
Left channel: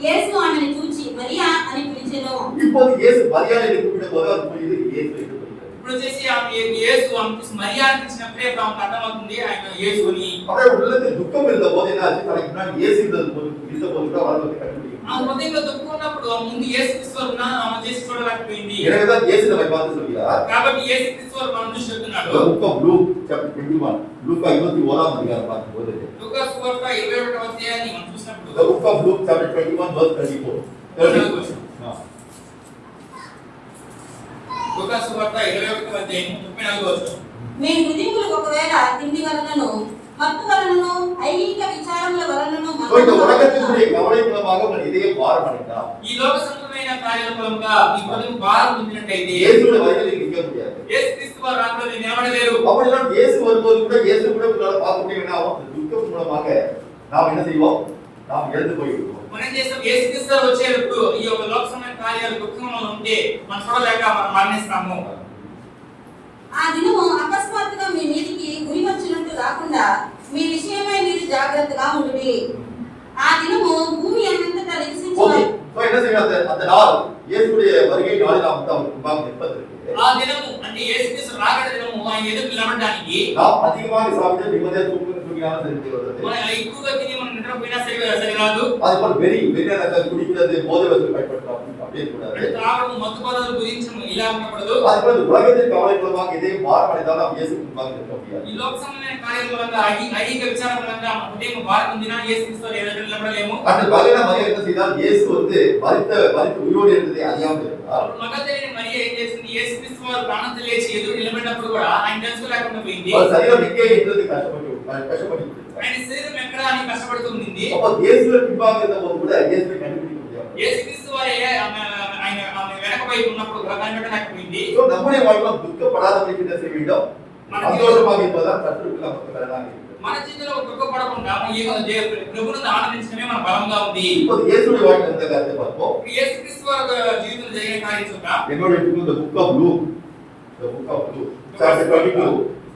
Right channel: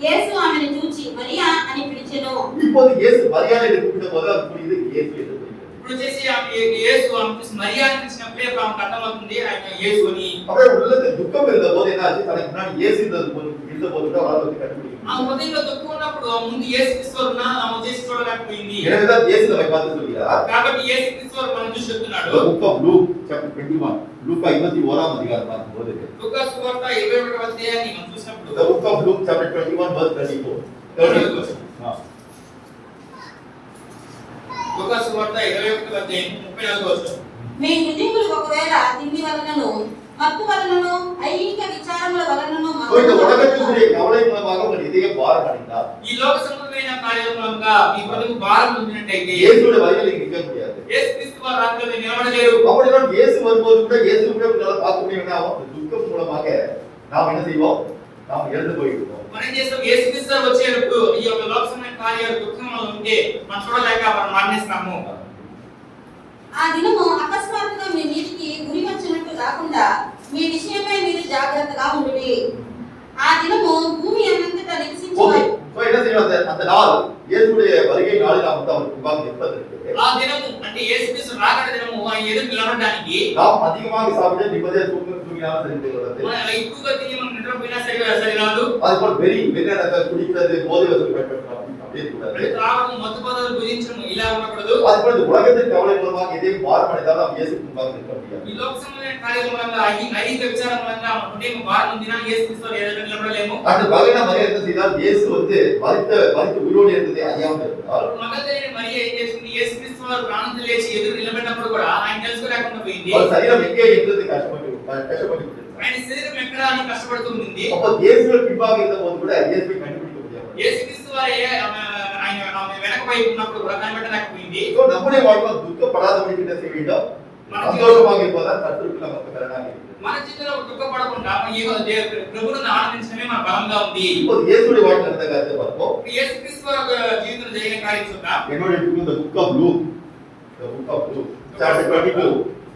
యేసు ఆమెను చూచి మరియా అని పిలిచెను. இப்போது இயேசு மரியாதை என்று கூப்பிட்ட போது அது புரியுது இயேசு என்று புரியுது. ఇప్పుడు వచ్చేసి యేసు మరియా అని పిలిచినప్పుడే ఆమెకు అర్థమవుతుంది ఆయన యేసు అని. அவருடைய உள்ளத்தில் துக்கம் இருந்த போது என்ன ஆச்சு? தனக்கு முன்னாடி இயேசு இருந்த போது கூட அவரால் வந்து கண்டுபிடிக்க ఆ హృదయంలో దుఃఖం ఉన్నప్పుడు ముందు యేసుక్రీస్తు ఆమె చేసి చూడలేకపోయింది. எனவேதான் இயேசு நம்மை பார்த்து சொல்கிறார். కాబట్టి యేసుక్రీస్తు మనం చూసి చెప్తున్నాడు. The book of Luke chapter 21 லூக்கா 21ஆம் அதிகாரம் பார்க்கும்போது లూకా సువార్త 21వ అధ్యాయాన్ని మనం చూసినప్పుడు The book of Luke chapter 21 verse 34 లూకా సువార్త 21వ అధ్యాయం 34వ వచనం. మీ హృదయములు ఒకవేళ తిండి వలనను మత్తు వలనను ఐహిక విచారముల వలనను இந்த உலகத்தினுடைய கவலை மூலமாக உங்கள் இதயம் பாரம் அடைந்தால் ఈ లోక సంబంధమైన కార్యాల మూలంగా మీ హృదయం భారం పొందినట్టయితే இயேசுவோட வருகையில் நீங்க நிற்க முடியாது. యేసుక్రీస్తు వారి రాకడలో నిలబడలేరు. அப்படிதான் இயேசு வரும்போது கூட இயேசு கூட உங்களால பார்க்க முடியும். ஆகும் துக்கம் மூலமாக நாம் என்ன செய்வோம்? நாம் இழந்து போய்விடுவோம். మనం చేస్తాం యేసుక్రీస్తు వచ్చేటప్పుడు ఈ యొక్క లోక సంబంధమైన కార్యాలు దుఃఖంలో ఉంటే మనం చూడలేక మనం మరణిస్తాము. ఆ దినము అకస్మాత్తుగా మీ మీదికి ఉరి వచ్చినట్టు రాకుండా మీ విషయమై మీరు జాగ్రత్తగా ఉండుడి. ఆ దినము భూమి అనంతటా నివసించే என்ன செய்யணும்? அந்த நாள் இயேசுடைய வருகை நாளில் நாம் வந்து அவருக்கு முன்பாக நிற்பதற்கு ఆ దినము అంటే యేసుక్రీస్తు రాకడ దినము ఆయన ఎదురు నిలబడడానికి நாம் அதிகமாக சாப்பிட்டு நிம்மதியாக தூங்கினாலும் சரி வருது. మనం ఎక్కువగా తిని మనం నిద్రపోయినా సరి రాదు. அதுபோல் வெறி குடிக்கிறது போதை வசூல் பயன்படுத்தலாம் அப்படியே கூடாது. తాగడం మత్తు పదార్థాలు భుజించడం ఇలా ఉండకూడదు. அதுபோல் இந்த உலகத்தின் கவலை மூலமாக எதையும் பாரம் அடைந்தாலும் நாம் இயேசுக்கு முன்பாக நிற்க முடியாது. ఈ లోక సంబంధమైన కార్యాల మూలంగా ఐహిక విచారం మూలంగా మన హృదయం భారం ఉందినా యేసుక్రీస్తు ఎదురు నిలబడలేము. அந்த மகன மரியா என்ன செய்தால்? இயேசு வந்து மரித்து உயிரோடு இருந்ததை அறியாமல் இருந்தார். అప్పుడు మగధలేని మరియ ఏం చేసింది? యేసుక్రీస్తు వారు ప్రాణంతో లేచి ఎదురు నిలబడినప్పుడు కూడా ఆయన తెలుసుకోలేకుండా పోయింది. அவர் சரீரம் எங்கே என்றது கஷ்டப்பட்டு ఆయన శరీరం ఎక్కడ అని కష్టపడుతుంది. அப்ப இயேசுவின் பின்பாக இருந்த போது கூட இயேசுவை கண்டுபிடிக்க முடியாது. యేసుక్రీస్తు వారే ఆమె వెనక వైపు ఉన్నప్పుడు కూడా కనిపెట్టలేకపోయింది. நம்முடைய வாழ்க்கையில் துக்கப்படாதபடிக்கு என்ன செய்ய வேண்டும்? சந்தோஷமாக இருப்பதால் கர்த்தருக்கு நமக்கு கடனாக இருக்கிறது. మన జీవితంలో దుఃఖపడకుండా ప్రభువును ఆనందించడమే మన బలంగా ఉంది. இப்போது இயேசுடைய வாழ்க்கையில் இருந்த காரியத்தை பார்ப்போம். యేసుక్రీస్తు జీవితంలో జరిగిన కార్యం చూద్దాం. என்னோட the book of Luke chapter 22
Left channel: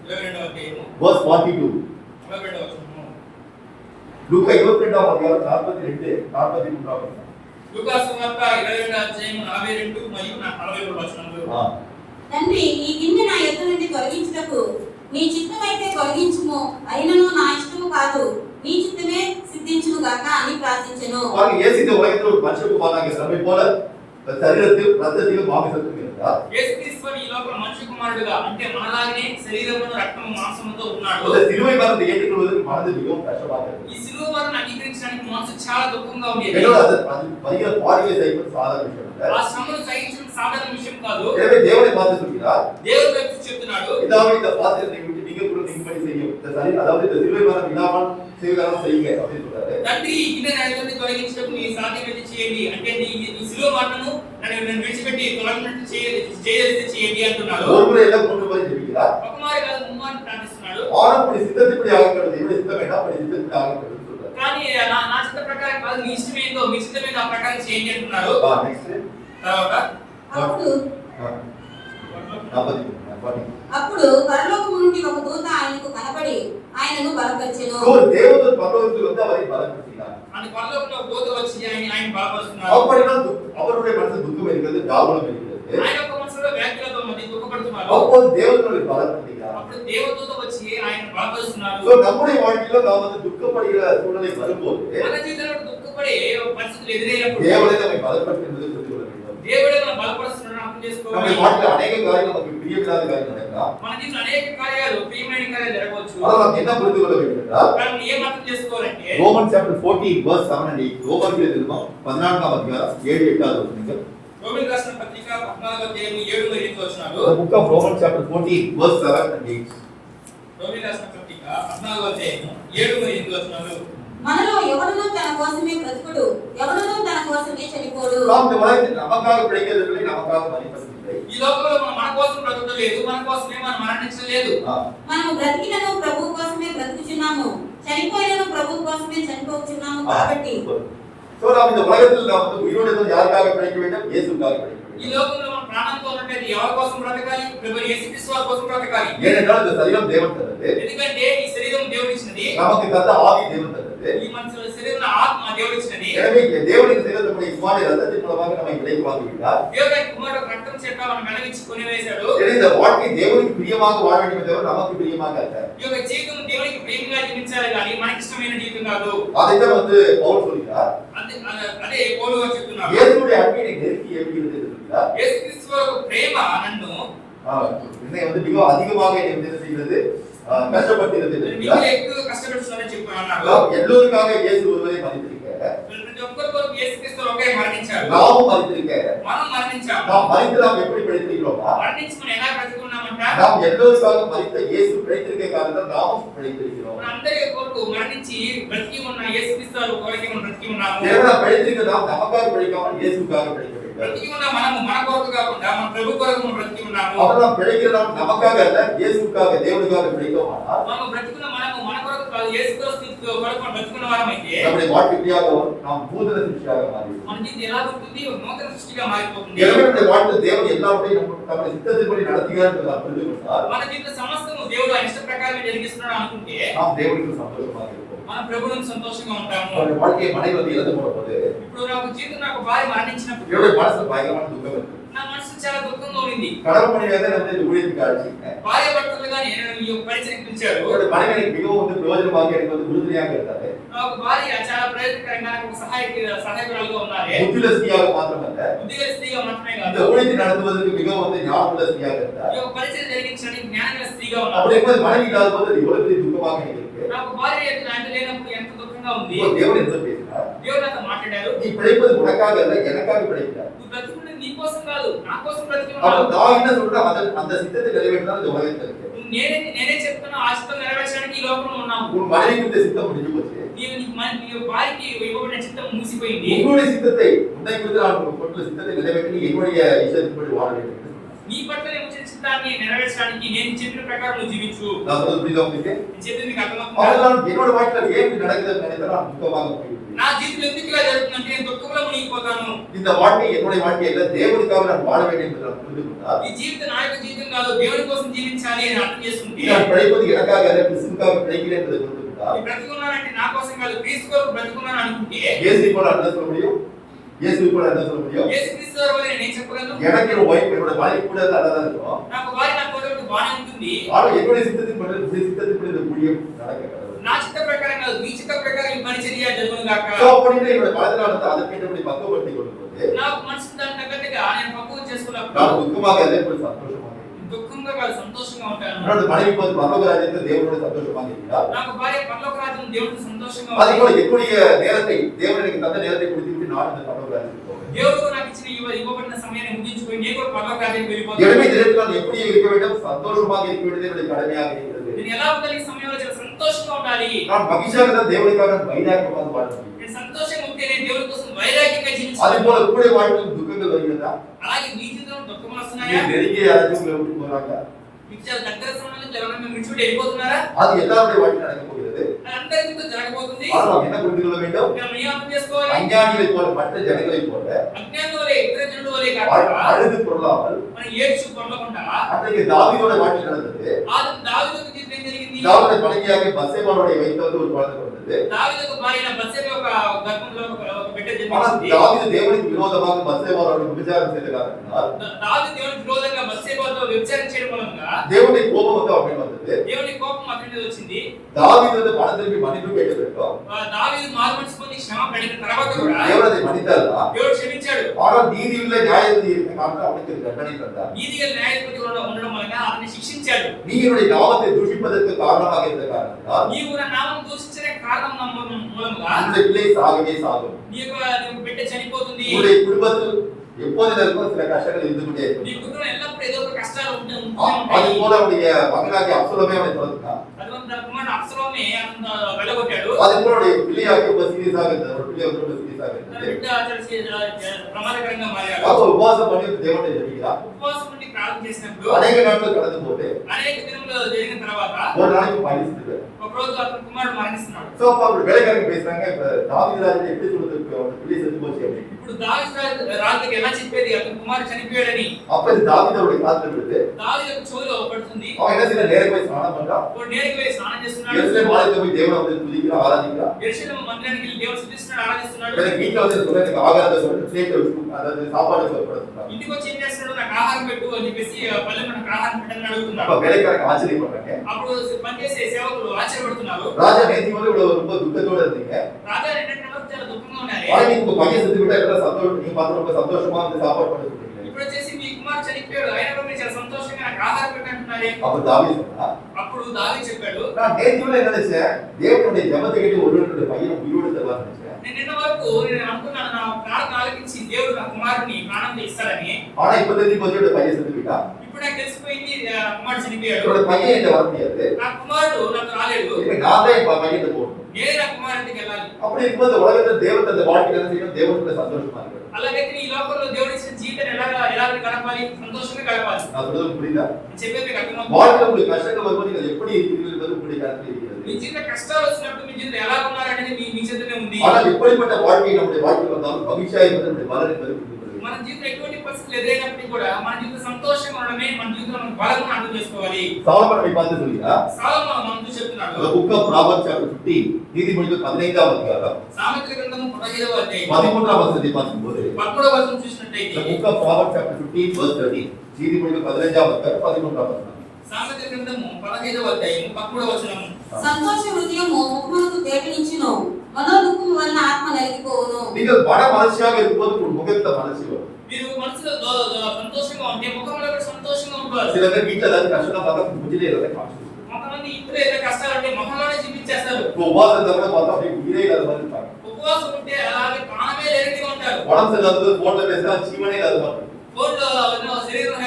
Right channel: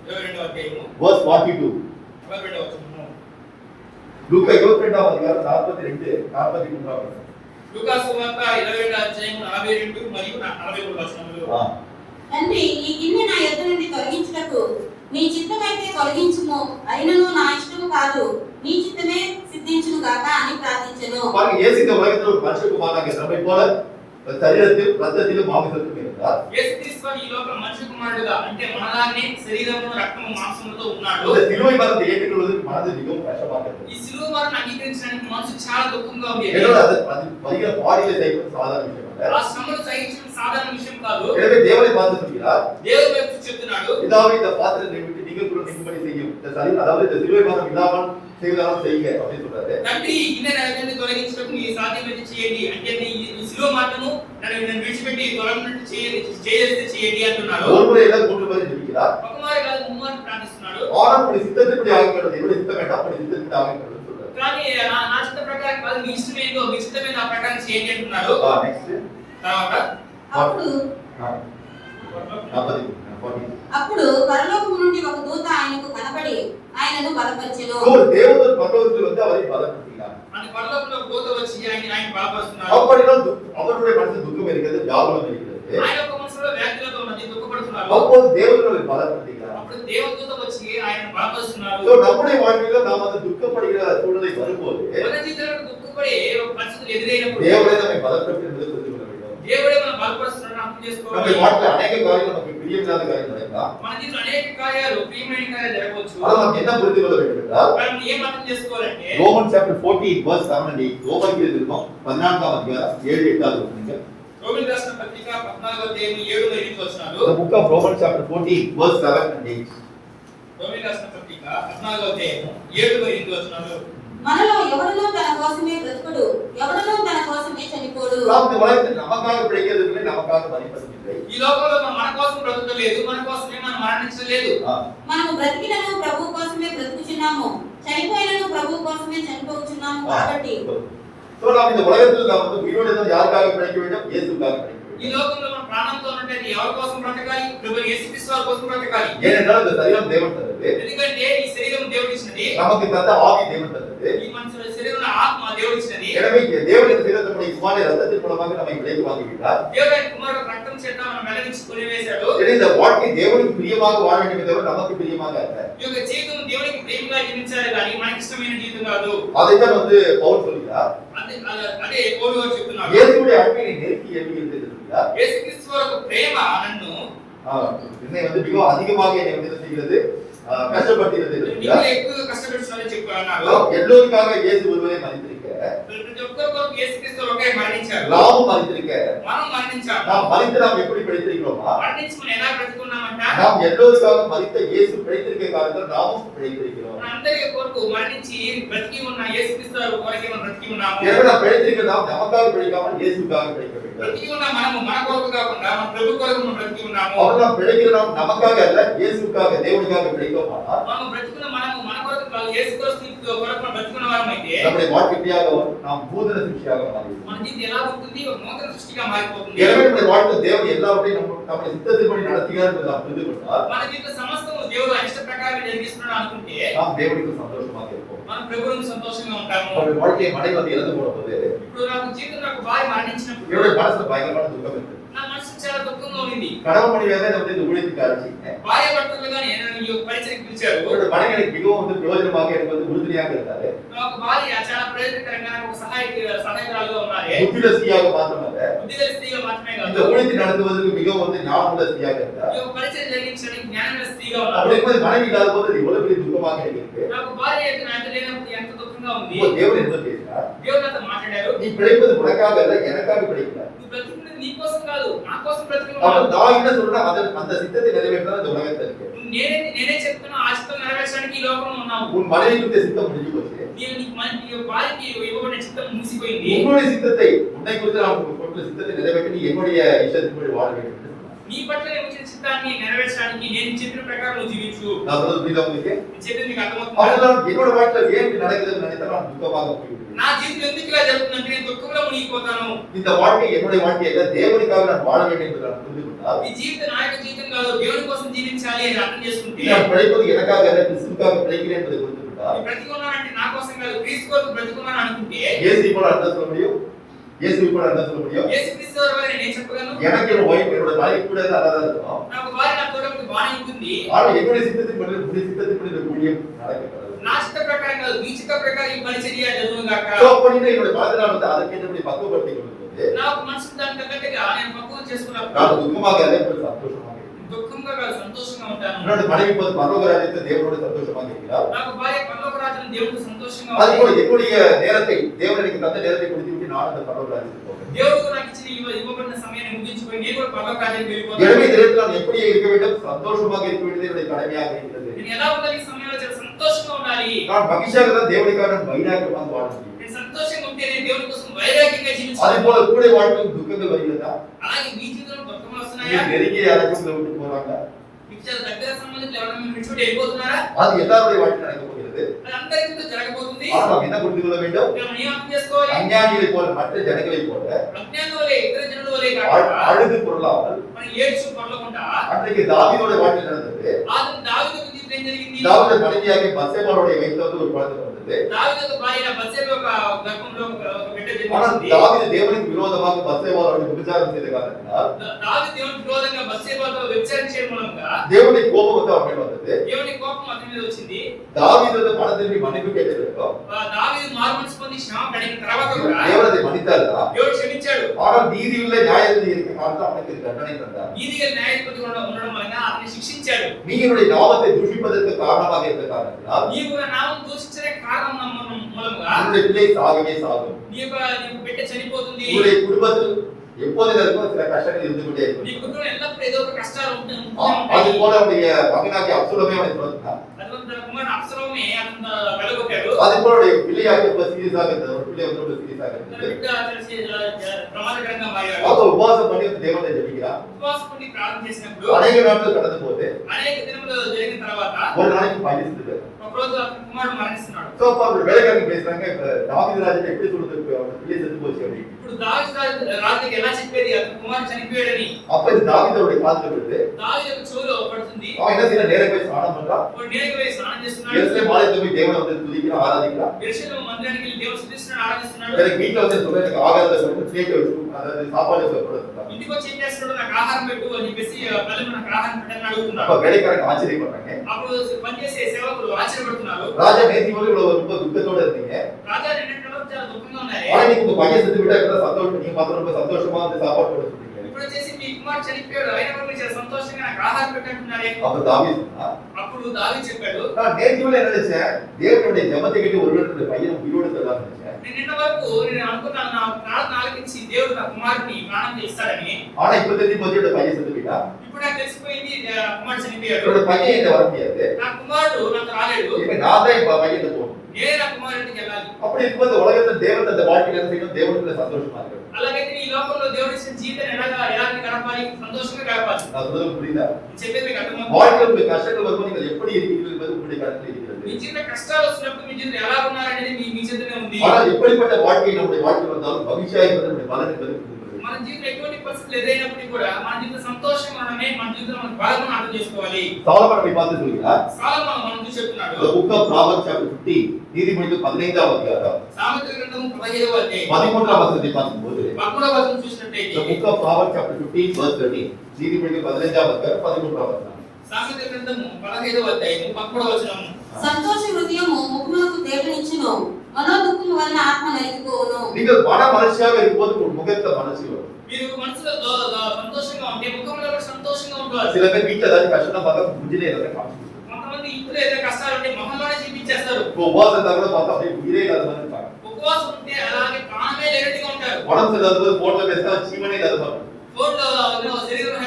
22వ అధ్యాయము verse 42 42వ వచనము. லூக்கா 22ஆம் அதிகாரம் 42 43ஆம் வசனம். లూకా సువార్త 22వ అధ్యాయం 42 మరియు 43 వచనములు. తండ్రి ఈ గిన్నె నా యొద్ద నుండి తొలగించుటకు నీ చిత్తమైతే తొలగించుము, అయినను నా ఇష్టము కాదు, నీ చిత్తమే సిద్ధించును గాక అని ప్రార్థించెను. பாருங்க, இயேசு இந்த உலகத்துல ஒரு மனுஷகுமாரனாக நம்மை போல சரீரத்தில் ரத்தத்திலும் மாமிசத்திலும் இருந்தார். యేసుక్రీస్తు ఈ లోక మనుష్య కుమారుడుగా అంటే మనలాగానే శరీరంలో రక్తము మాంసముతో ఉన్నాడు. இந்த சிலுவை மரணத்தை ஏற்றுக்கொள்வதற்கு மனது மிகவும் கஷ்டமாக இருந்தது. ఈ సిలువ మరణాన్ని అంగీకరించడానికి మనసు చాలా దుఃఖంగా ఉండేది. ஏனென்றால் அது வருகிற பாதையை சகிப்பது சாதாரண விஷயம் அல்ல. ఆ శ్రమను సహించడం సాధారణ విషయం కాదు. எனவே தேவனை பார்த்து சொல்கிறார், దేవుని వైపు చెప్తున్నాడు, பிதாவே இந்த பாத்திரத்தை விட்டு நீங்க கூட நீங்கபடி செய்யும். இந்த சரீரம் அதாவது இந்த சிலுவை மரணம் இல்லாமல் செய்வதான செய்யுங்க அப்படின்னு சொல்றாரு. తండ్రి ఈ గిన్నె నైవేద్యాన్ని తొలగించటకు నీ సాధ్యమైతే చేయండి, అంటే ఈ సిలువ మరణము నన్ను విడిచిపెట్టి తొలగినట్టు చేయండి అంటున్నాడు. ஒரு முறை எல்லாம் கொண்டு போய் ஜெபிக்கிறார். ఒకమారి కాదు ముమ్మారు ప్రార్థిస్తున్నాడు. ஆனப்படி சித்தத்தின்படி ஆகிவிட்டது, இவருடைய சித்தம் வேண்டாம், அப்படி சித்தத்தின்படி ஆகிவிட்டது சொல்றாரு. కానీ నా చిత్త ప్రకారం కాదు, నీ ఇష్టం ఏందో మీ చిత్తమేదో ఆ ప్రకారం చేయండి అంటున్నాడు. నెక్స్ట్ తర్వాత అప్పుడు 40 అప్పుడు పరలోకము నుండి ఒక దూత ఆయనకు కనపడి ఆయనను బలపరిచెను. தேவதூதன் பரலோகத்தில் வந்து அவரை பலப்படுத்தினார். அந்த పరలోకంలో దూత వచ్చి ఆయన బలపరుస్తున్నారు. அப்படினால் அவருடைய மனதில் துக்கம் இருக்கிறது, ஜாபலம் இருக்கிறது. ఆయన యొక్క మనసులో వ్యాఖ్యలతో మధ్య దుఃఖపడుతున్నారు. அப்போது தேவதூதன் பலப்படுத்தினார். అప్పుడు దేవదూత వచ్చి ఆయన బలపరుస్తున్నారు. సో நம்முடைய வாழ்க்கையில நாம் வந்து துக்கப்படுகிற சூழ்நிலை வரும்போது మన జీవితంలో దుఃఖపడే పరిస్థితులు ఎదురైనప్పుడు தேவனே நம்மை பலப்படுத்தி என்பதை புரிந்து கொள்ள வேண்டும். దేవుడే మనం బలపరుస్తున్నాడని అర్థం நம்முடைய చేసుకోవాలి. வாழ்க்கையில் அநேக காரியங்கள் நமக்கு பிரியமில்லாத காரியங்கள் நடக்கலாம். మన జీవితంలో అనేక కార్యాలు ప్రియమైన కార్యాలు జరగవచ్చు. ஆனால் நாம் என்ன புரிந்து கொள்ள வேண்டும் என்றால் మనం ఏం అర్థం చేసుకోవాలంటే ரோமன் சாப்டர் 14 verse 7 and 8 ரோமருக்கு எழுதியிருக்கோம் 14ஆம் அதிகாரம் 7 8வது வசனங்கள். రోమన్ రాసిన పత్రిక 14వ అధ్యాయం 7 మరియు 8 వచనాలు. The book of Romans chapter 14 verse 7 and 8. Roman రాసిన పత్రిక 14వ అధ్యాయం 7 మరియు 8 వచనాలు. మనలో ఎవడునో తన కోసమే బ్రతుకుడు, ఎవడునో తన కోసమే చనిపోడు. நாம் இந்த உலகத்தில் நமக்காக பிழைக்கிறதில்லை, நமக்காக மதிப்பதில்லை. ఈ లోకంలో మన కోసం బ్రతకలేదు, మన కోసమే మనం మరణించలేదు. మనము బ్రతికినను ప్రభువు కోసమే బ్రతుకుచున్నాము, చనిపోయినను ప్రభువు కోసమే చనిపోచున్నాము. కాబట్టి సో நாம் இந்த உலகத்தில் நாம் வந்து உயிரோடு இருந்து யாருக்காக பிழைக்க வேண்டும்? இயேசுவுக்காக பிழைக்க வேண்டும். ఈ లోకంలో మన ప్రాణంతో ఉన్నది ఎవరి కోసం బ్రతకాలి? ప్రభువు యేసుక్రీస్తు వారి కోసం బ్రతకాలి. ஏனென்றால் இந்த சரீரம் தேவன் தந்தது. ఎందుకంటే ఈ శరీరం దేవుడు ఇచ్చినది. நமக்கு தந்த ஆவி தேவன் தந்தது. ఈ మన శరీరంలో ఆత్మ దేవుడు ఇచ్చినది. எனவே தேவனின் சரீரத்தினுடைய குமாரனை ரத்தத்தின் மூலமாக நம்மை விலைக்கு வாங்கி விட்டார். దేవుడు కుమారుడు రక్తం చేత మనం వెలగించుకొని వేశాడు. எனவே இந்த வாழ்க்கை தேவனுக்கு பிரியமாக வாழ வேண்டும் தவிர நமக்கு பிரியமாக அல்ல. ఈ యొక్క జీవితం దేవునికి ప్రియంగా జీవించాలి కానీ మనకి ఇష్టమైన జీవితం కాదు. அதைத்தான் வந்து பவுல் சொல்கிறார். అదే పౌలు గారు చెప్తున్నారు. இயேசுவுடைய அன்பினை நெருக்கி ஏவுகிறது சொல்கிறார். యేసుక్రీస్తు వారి ప్రేమ నన్ను என்னை வந்து மிகவும் அதிகமாக என்னை வந்து செய்கிறது, கஷ்டப்படுத்துகிறது నీకు ఎక్కువ కష్టపెడుతుందని చెప్పారు. எல்லோருக்காக இயேசு ஒருவரை மதித்திருக்க, ప్రతి ఒక్కరి కొరకు యేసుక్రీస్తు ఒకే మరణించారు. நாமும் மதித்திருக்க, మనం మరణించాము. நாம் மதித்து நாம் எப்படி பிழைத்திருக்கிறோமா? మరణించుకుని ఎలా బ్రతుకున్నామంట? நாம் எல்லோருக்காக மதித்த இயேசு பிழைத்திருக்க காரணத்தால் நாமும் பிழைத்திருக்கிறோம். మనందరి కొరకు మరణించి బ్రతికి ఉన్న యేసుక్రీస్తు వారి కొరకే మనం బ్రతికి ఉన్నాము. எனவே நாம் பிழைத்திருக்க நாம் நமக்காக பிழைக்காமல் இயேசுக்காக பிழைக்க வேண்டும். బ్రతికి ఉన్న మనము మన కొరకు కాకుండా మన ప్రభు కొరకు మనం బ్రతికి ఉన్నాము. அப்ப நாம் பிழைக்கிற நாம் நமக்காக அல்ல, இயேசுக்காக தேவனுக்காக பிழைத்தோமானால் మనము బ్రతికున్న మనము మన కొరకు కాదు, యేసుక్రీస్తు కొరకు మనం బ్రతికున్న వారమైతే நம்முடைய வாழ்க்கை எப்படியாக வரும்? நாம் நூதன சிருஷ்டியாக மாறிவிடும். మన జీవితం ఎలా ఉంటుంది? ఒక నూతన సృష్టిగా మారిపోతుంది. எனவே நம்முடைய வாழ்க்கை தேவன் எல்லாவற்றையும் நம்முடைய சித்தத்தின்படி நடத்துகிறார் என்பதை நாம் புரிந்து கொண்டால் మన జీవిత సమస్తము దేవుడు ఆయన ఇష్ట ప్రకారమే జరిగిస్తున్నాడు అనుకుంటే நாம் தேவனுக்கு சந்தோஷமாக இருப்போம். మన ప్రభువునికి సంతోషంగా ఉంటాము. நம்முடைய வாழ்க்கையை மனைவி வந்து இழந்து போடும்போது ఇప్పుడు నాకు జీవితం నాకు భార్య మరణించినప్పుడు என்னுடைய மனசுல பயங்கரமான துக்கம் இருக்கு. నా మనసు చాలా దుఃఖంగా ఉంది. கணவன் மனைவி வந்து நம்ம இந்த ஊழியத்துக்கு அழைச்சிங்க. భార్య భర్తలుగా నేను ఈ యొక్క పరిచయకి పిలిచారు. என்னுடைய மனைவி எனக்கு மிகவும் வந்து பிரயோஜனமாக எனக்கு வந்து உறுதுணையாக இருந்தாரு. నాకు భార్య చాలా ప్రయోజనకరంగా నాకు ఒక సహాయకురాలుగా ఉన్నారు. புத்தியுள்ள ஸ்திரீயாக மாத்திரமல்ல, బుద్ధిగల స్త్రీగా మాత్రమే இந்த కాదు, ஊழியத்தை நடத்துவதற்கு மிகவும் வந்து ஞானமுள்ள ஸ்திரீயாக இருந்தார். ఈ యొక్క పరిచయం జరిగించడానికి జ్ఞానగల స్త్రీగా அப்படி ఉన్నారు. இருக்கும்போது மனைவி இல்லாத போது அது எவ்வளவு பெரிய துக்கமாக எனக்கு இருக்கு. నాకు భార్య ఎంత లేనప్పుడు ఎంత దుఃఖంగా ఉంది. இப்போ தேவன் என்ன பேசினார்? దేవుడు నాతో మాట్లాడారు. நீ பிழைப்பது உனக்காக அல்ல, எனக்காக பிழைக்கிறார். నువ్వు బ్రతుకున్నది నీ కోసం కాదు, నా కోసం బ్రతికి அப்ப ఉన్నావు. நான் என்ன சொல்றேன்? அந்த சித்தத்தை நிறைவேற்றினால் இந்த உலகத்தில் இருக்கு. నేనే చెప్తున్నా, ఆశతో నెరవేర్చడానికి ఈ లోకంలో ఉన్నావు. உன் மனைவி குறித்த சித்தம் முடிஞ்சு போச்சு. నీ భార్యకి ఇవ్వబడిన చిత్తం మూసిపోయింది. உன்னுடைய சித்தத்தை உன்னை குறித்து நான் கொண்டுள்ள சித்தத்தை நிறைவேற்றி நீ என்னுடைய இஷ்டத்தின்படி வாழ வேண்டும் என்று சொன்னார். నీ పట్ల నేను ఇచ్చిన చిత్తాన్ని నెరవేర్చడానికి నేను చెప్పిన ప్రకారం నువ్వు జీవించు. நான் சொல்றது புரியுதா உங்களுக்கு? నేను చెప్పింది మీకు అర్థమవుతుందా? அவர்தான் என்னோட வாழ்க்கையில ஏன் இப்படி நடக்குதுன்னு நினைத்தா நான் துக்கமாக போய்விடுவேன். నా జీవితం ఎందుకు ఇలా జరుగుతుందంటే నేను దుఃఖంలో మునిగిపోతాను. இந்த வாழ்க்கை என்னுடைய வாழ்க்கை அல்ல, தேவனுக்காக நான் வாழ வேண்டும் என்று நான் புரிந்து கொண்டால் ఈ జీవితం నా యొక్క జీవితం కాదు, దేవుని కోసం జీవించాలి అని అర్థం చేసుకుంటే, நான் பிழைப்பது எனக்காக அல்ல, கிறிஸ்துவுக்காக பிழைக்கிறேன் என்பதை புரிந்து கொண்டால் ఈ బ్రతికున్నానంటే నా కోసం కాదు, క్రీస్తు కొరకు బ్రతికున్నాను అనుకుంటే, இயேசு போல அர்த்தம் சொல்ல முடியும். இயேசு கூட என்ன சொல்ல முடியும்? యేసుక్రీస్తు వారి వలె నేను చెప్పగలను. எனக்கு என் ஒய்ஃப் என்னோட மனைவி கூட அதான் இருக்கும். నాకు భార్య నా తోడు బానే ఉంటుంది. ஆனா என்னுடைய சித்தத்தின்படி உங்களுடைய சித்தத்தின்படி இந்த ஊழியம் நடக்கிறது. నా చిత్త ప్రకారం కాదు, మీ చిత్త ప్రకారం ఈ పరిచర్య జరుగును గాక. సో அப்படினா என்னுடைய மனதினால வந்து அதற்கேற்றபடி பக்குவப்படுத்திக் கொள்ளும்போது నాకు మనసు దాని తగ్గట్టుగా నేను పక్వం చేసుకున్నప్పుడు நான் துக்கமாக அதே போல சந்தோஷமாக దుఃఖంగా కాదు సంతోషంగా ఉంటాను. என்னோட மனைவி போது பரலோக ராஜ்யத்தில் தேவனோட சந்தோஷமாக இருக்கிறார். నాకు భార్య పరలోక రాజ్యం దేవుడితో సంతోషంగా அதே ఉంది. போல என்னுடைய நேரத்தை தேவன் எனக்கு தந்த நேரத்தை கொடுத்துவிட்டு நான் அந்த பரலோக ராஜ்யத்துக்கு போகிறேன். దేవుడు నాకు ఇచ్చిన ఇవ్వబడిన సమయాన్ని ముగించుకొని నేను కూడా పరలోక రాజ్యానికి వెళ్ళిపోతాను. எனவே இதற்கு நான் எப்படி இருக்க வேண்டும்? சந்தோஷமாக இருக்க வேண்டியது என்னுடைய கடமையாக இருக்கிறது. నేను ఎలా ఉండాలి? ఈ సమయంలో చాలా సంతోషంగా ఉండాలి. நான் மகிழ்ச்சியாக தான் தேவனுக்காக வைராக்கியமாக வாழ முடியும். నేను సంతోషంగా ఉంటే నేను దేవుడి కోసం వైరాగ్యంగా அதே జీవించాలి. போல கூட வாழ்க்கையில் துக்கங்கள் வருகிறதா? అలాగే మీ జీవితంలో దుఃఖం వస్తున్నాయా? நெருங்கிய யாராச்சும் உங்களை விட்டு போறாங்க. మీకు చాలా దగ్గర సంబంధించిన ఎవరైనా మీ విడిచిపెట్టి వెళ్ళిపోతున్నారా? அது எல்லாருடைய வாழ்க்கையில் நடக்க போகிறது. అది అందరి జీవితంలో జరగబోతుంది. ஆனால் நாம் என்ன புரிந்து கொள்ள வேண்டும்? మనం ఏం అర్థం చేసుకోవాలి? அஞ்ஞானிகளை போல மற்ற ஜனங்களை போல అజ్ఞానుల వలె ఇతర జనుల వలె కాకుండా அழுது பொருளாமல் మనం ఏడ్చు పొరలకుండా அன்றைக்கு தாவீதோட வாழ்க்கை நடந்தது. ఆది దావీదుకు జీవితం ఏం జరిగింది? தாவீது மனைவியாக பத்சேபாவுடைய வயிற்றில் ஒரு குழந்தை பிறந்தது. దావీదు భార్య బత్షెబ ఒక గర్భంలో ఒక బిడ్డ ஆனால் జన్మించింది. தாவீது தேவனுக்கு விரோதமாக பத்சேபாவோட விபச்சாரம் செய்த காரணத்தினால் దావీదు దేవునికి విరోధంగా బత్షెబతో వ్యభిచారం చేయడం మూలంగా தேவனுடைய கோபம் வந்து அவன் மேல் வந்தது. దేవుని కోపం అతని మీద వచ్చింది. தாவீது வந்து மனம் திரும்பி மன்னிப்பு கேட்ட பிறகு దావీదు మారుమనసు పొంది క్షమాపణ అడిగిన తర్వాత కూడా தேவன் அதை மன்னித்தாரா? దేవుడు క్షమించాడు. ஆனால் நீதியுள்ள நியாயத்தில் இருக்க காரணத்தால் அவனுக்கு தண்டனை தந்தார். నీతిగా న్యాయాధిపతి ఉండడం వలన అతన్ని శిక్షించాడు. நீ என்னுடைய நாமத்தை தூஷிப்பதற்கு காரணமாக இருந்த காரணத்தினால் నీవు నా నామం దూషించడానికి కారణం మూలంగా உன்னுடைய பிள்ளை சாகவே சாகும். నీకు బిడ్డ చనిపోతుంది. உன்னுடைய குடும்பத்தில் எப்போது இருக்கும் சில கஷ்டங்கள் இருந்து கொண்டே నీ இருக்கும். కుటుంబంలో ఎల్లప్పుడూ ఏదో ఒక కష్టాలు ఉంటూ அது ఉంటాయి. போல அவனுடைய மகனாகிய அப்சலோமே அவனை துரத்தினான். అటువంటి తన కుమారుడు అబ్సలోమే అతను వెళ్ళగొట్టాడు. அது போல அவனுடைய பிள்ளையாகிய ரொம்ப சீரியஸாக இருந்தது. ஒரு பிள்ளை வந்து ரொம்ப சீரியஸாக తన இருந்தது. బిడ్డ తెలిసి ప్రమాదకరంగా మారాడు. அப்ப உபவாசம் பண்ணி தேவனை ஜெபிக்கிறான். ఉపవాసం ఉండి ప్రార్థన చేసినప్పుడు அநேக நாட்கள் கடந்து போது అనేక దినములు జరిగిన తర్వాత ஒரு நாளைக்கு பையன் செத்துட்டாரு. ఒక రోజు అతని కుమారుడు మరణిస్తున్నాడు. சோ அப்ப அவர் வேலைக்காரங்க பேசுறாங்க, இப்ப தாவீது ராஜா எப்படி சொல்றது அவன் பிள்ளை செத்து போச்சு அப்படின்னு. ఇప్పుడు దావీదు రాజుకి ఎలా చెప్పేది అతని కుమారుడు చనిపోయాడని? அப்ப இது தாவீதோட காதுல விழுது. దావీదు చెవిలో పడుతుంది. அவன் என்ன செய்யறான்? நேரா போய் ஸ்நானம் பண்றான். వాడు నేరుగా పోయి స్నానం చేస్తున్నాడు. எருசலேம் ஆலயத்துல போய் தேவனை வந்து துதிக்கிறான், ஆராதிக்கிறான். యెరూషలేము మందిరానికి వెళ్ళి దేవుని స్తుతిస్తున్నాడు, ఆరాధిస్తున్నాడు. எனக்கு வீட்டுல வந்து சொல்ல எனக்கு ஆகாரத்தை சொல்லி பிளேட் வச்சு அதாவது சாப்பாடு சொல்றான். ఇంటికి వచ్చి ఏం చేస్తున్నాడు? నాకు ఆహారం పెట్టు అని చెప్పేసి పల్లె నాకు ఆహారం పెట్టని అడుగుతున్నాడు. அப்ப வேலைக்காரங்க ஆச்சரியப்படுறாங்க. అప్పుడు పనిచేసే సేవకులు ఆశ్చర్యపడుతున్నారు. ராஜா நேத்தி வந்து இவ்வளவு ரொம்ப துக்கத்தோட இருந்தீங்க. రాజా నిన్నటి వరకు చాలా దుఃఖంగా ఉన్నారు. ஆனா நீங்க உங்க பையன் செத்து விட்டா எவ்வளவு சந்தோஷம், நீங்க மாத்திரம் ரொம்ப சந்தோஷமா வந்து சாப்பாடு போட சொல்றீங்க. ఇప్పుడు వచ్చేసి మీ కుమారుడు చనిపోయాడు, అయినా కూడా మీరు చాలా సంతోషంగా నాకు ఆహారం పెట్టంటున్నారే. அப்ப தாவீது சொன்னா, అప్పుడు దావీదు చెప్పాడు, நான் நேத்தி என்ன நினைச்சேன், தேவனுடைய ஜெபத்தை கேட்டு ஒருவனுடைய பையன் உயிரோடு தருவான்னு நினைச்சேன். నేను నిన్న వరకు నేను అనుకున్నాను నా ప్రార్థన ఆలకించి దేవుడు నా కుమారుడిని ప్రాణం ఇస్తాడని. ஆனா இப்ப தெரிஞ்சு போச்சு என்னோட பையன் செத்து போயிட்டா. ఇప్పుడు నాకు తెలిసిపోయింది నా కుమారుడు చనిపోయాడు. என்னோட பையன் என்கிட்ட வர முடியாது. నా కుమారుడు నాకు రాలేడు. இப்ப நான் தான் என் பையன் போகணும். నేనే నా కుమారుడికి వెళ్ళాలి. அப்படி இருக்கும்போது இந்த உலகத்துல தேவன் அந்த வாழ்க்கையில என்ன செய்யணும்? தேவனுக்குள்ள சந்தோஷமா இருக்கணும். అలాగైతే ఈ లోకంలో దేవుడు ఇచ్చిన జీవితాన్ని ఎలా గడపాలి? సంతోషంగా గడపాలి. நான் சொல்றது புரியுதா? నేను చెప్పేది మీకు అర్థమవుతుందా? வாழ்க்கையில் உங்களுக்கு கஷ்டங்கள் வரும்போது நீங்கள் எப்படி இருக்கிறீர்கள் என்பது உங்களுடைய கருத்தில் இருக்கிறது. మీ జీవితంలో కష్టాలు వచ్చినప్పుడు మీ జీవితం ఎలా ఉన్నారనేది మీ చేతిలో ఉంది. ஆனால் எப்படிப்பட்ட வாழ்க்கை நம்முடைய வாழ்க்கையில் வந்தாலும் மகிழ்ச்சியாக இருப்பது நம்முடைய பலன் என்பது புரிந்து கொள்ளுங்கள். మన జీవితంలో ఎటువంటి పరిస్థితులు ఎదురైనప్పటికీ కూడా మన జీవితం సంతోషంగా ఉండడమే మన జీవితంలో మనకు బలంగా అర్థం చేసుకోవాలి. சாலமோன் நம்மை பார்த்து சொல்கிறார். సాలొమోను మనం చూసి చెప్తున్నాడు. The book of Proverbs chapter 15 நீதிமொழிகள் 15వ அதிகாரம் సామెతల గ్రంథము 15వ అధ్యాయం 13వ వచనத்தை பார்க்கும்போது 13వ వచనం చూసినట్లయితే The book of Proverbs chapter 15 verse 13 நீதிமொழிகள் 15వ அதிகாரம் 13వ వచనం. సామెతల గ్రంథము 15వ అధ్యాయం 13వ వచనము. సంతోష హృదయము ముఖమునకు తేటనిచ్చును, మనోదుఃఖము వలన ఆత్మ నలిగిపోవును. நீங்கள் மன மகிழ்ச்சியாக இருக்கும்போது உங்கள் முகத்துல மகிழ்ச்சி வரும். మీరు మనసులో సంతోషంగా ఉంటే ముఖంలో కూడా సంతోషంగా ఉంటారు. சில பேர் வீட்டுல ஏதாவது கஷ்டம் பார்த்தா முஞ்சிலே இல்லாத காமிச்சு కొంతమంది ఇంట్లో ఏదో కష్టాలు ఉంటే మొహంలోనే చూపించేస్తారు. இப்போ உபவாசம் இருந்தா கூட பார்த்தா அப்படியே உயிரே இல்லாத மாதிரி இருப்பாங்க. ఉపవాసం ఉంటే అలాగే ప్రాణమే లేనట్టుగా ఉంటారు. உடம்பு சரியில்லாத போன்ல பேசினா ஜீவனே இல்லாத மாதிரி இருக்கும். ఫోన్లో శరీరం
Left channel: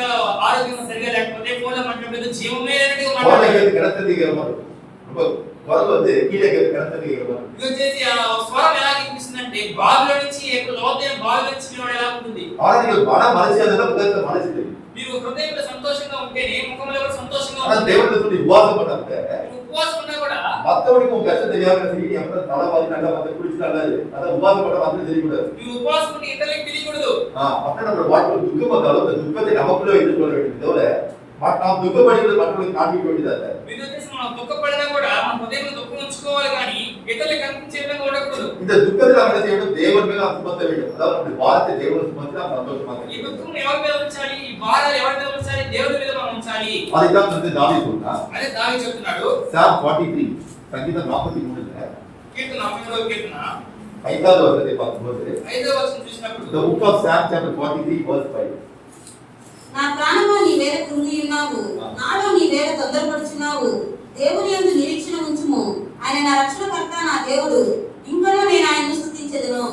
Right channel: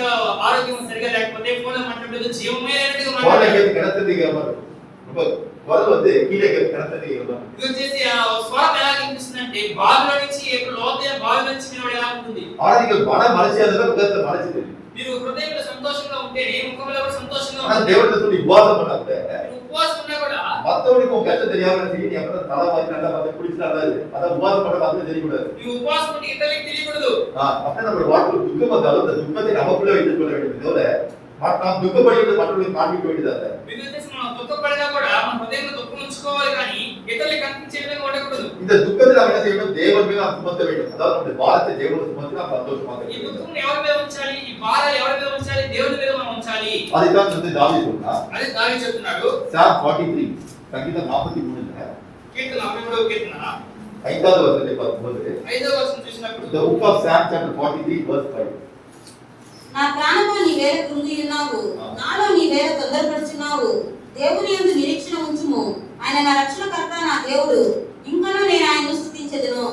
ఆరోగ్యం సరిగా లేకపోతే ఫోన్లో మాట్లాడలేదు జీవమే లేనట్టుగా குரலை మాట్లాడతారు. கேட்டு கிடத்ததிக்கிற மாதிரி இருக்கும். ரொம்ப குரல் வந்து கீழே கிடத்ததிக்கிற மாதிரி. ఇది వచ్చేసి ఆ స్వరం ఎలా వినిపిస్తుందంటే బావిలో నుంచి లోతైన బావిలో నుంచి వినడం ఎలా ఉంటుంది. ஆனா நீங்கள் மன மகிழ்ச்சியா இருந்தா முகத்துல மகிழ்ச்சி தெரியும். మీరు హృదయంలో సంతోషంగా ఉంటేనే ముఖంలో కూడా సంతోషంగా ஆனா ఉంటుంది. தேவனை சொல்லி உபவாசம் பண்ணாங்க. మీరు ఉపవాసం ఉన్నా కూడా மத்தவனுக்கு உங்க கஷ்டம் தெரியாம சரி நீ எப்ப தலை மாதிரி நல்லா பார்த்து குடிச்சு நல்லது. அதான் உபவாசம் பண்ண வந்து தெரியக்கூடாது. ఈ ఉపవాసం ఉంటే ఇతరులకు తెలియకూడదు. அப்படியே நம்ம வாழ்க்கை துக்கம் வந்தாலும் அந்த துக்கத்தை நமக்குள்ள வைத்துக் கொள்ள வேண்டும். தவிர நாம் துக்கப்படுகிறது மற்றவர்களுக்கு காண்பிக்க வேண்டியதல்ல. ఇది వచ్చేసి మనం దుఃఖపడినా కూడా మన హృదయంలో దుఃఖం ఉంచుకోవాలి కానీ ఇతరులకు కనిపించే విధంగా ఉండకూడదు. இந்த துக்கத்தை நாம் என்ன செய்யணும்? தேவன் மேல் நாம் சுமத்த வேண்டும். அதாவது நம்முடைய பாரத்தை தேவனுக்கு சுமத்தி நாம் சந்தோஷமாக ఈ இருக்க வேண்டும். దుఃఖం ఎవరి మీద ఉంచాలి? ఈ భారాలు ఎవరి మీద ఉంచాలి? దేవుని మీద మనం ఉంచాలి. அதைத்தான் வந்து தாவீது சொன்னார். అదే దావీదు చెప్తున్నాడు. சாம் 43 சங்கீதம் 43 కీర్తన 43వ కీర్తన 5வது வசனத்தை பார்க்கும்போது 5వ వచనం చూసినప్పుడు the book of Psalm chapter 43 verse 5. నా ప్రాణమా నీ వేళ కృంగి ఉన్నావు, నాలో నీ వేళ తొందరపడుచున్నావు. దేవుని యందు నిరీక్షణ ఉంచుము, ఆయన నా రక్షణకర్త, నా దేవుడు, ఇంకనూ నేను ఆయనను స్తుతించెదను.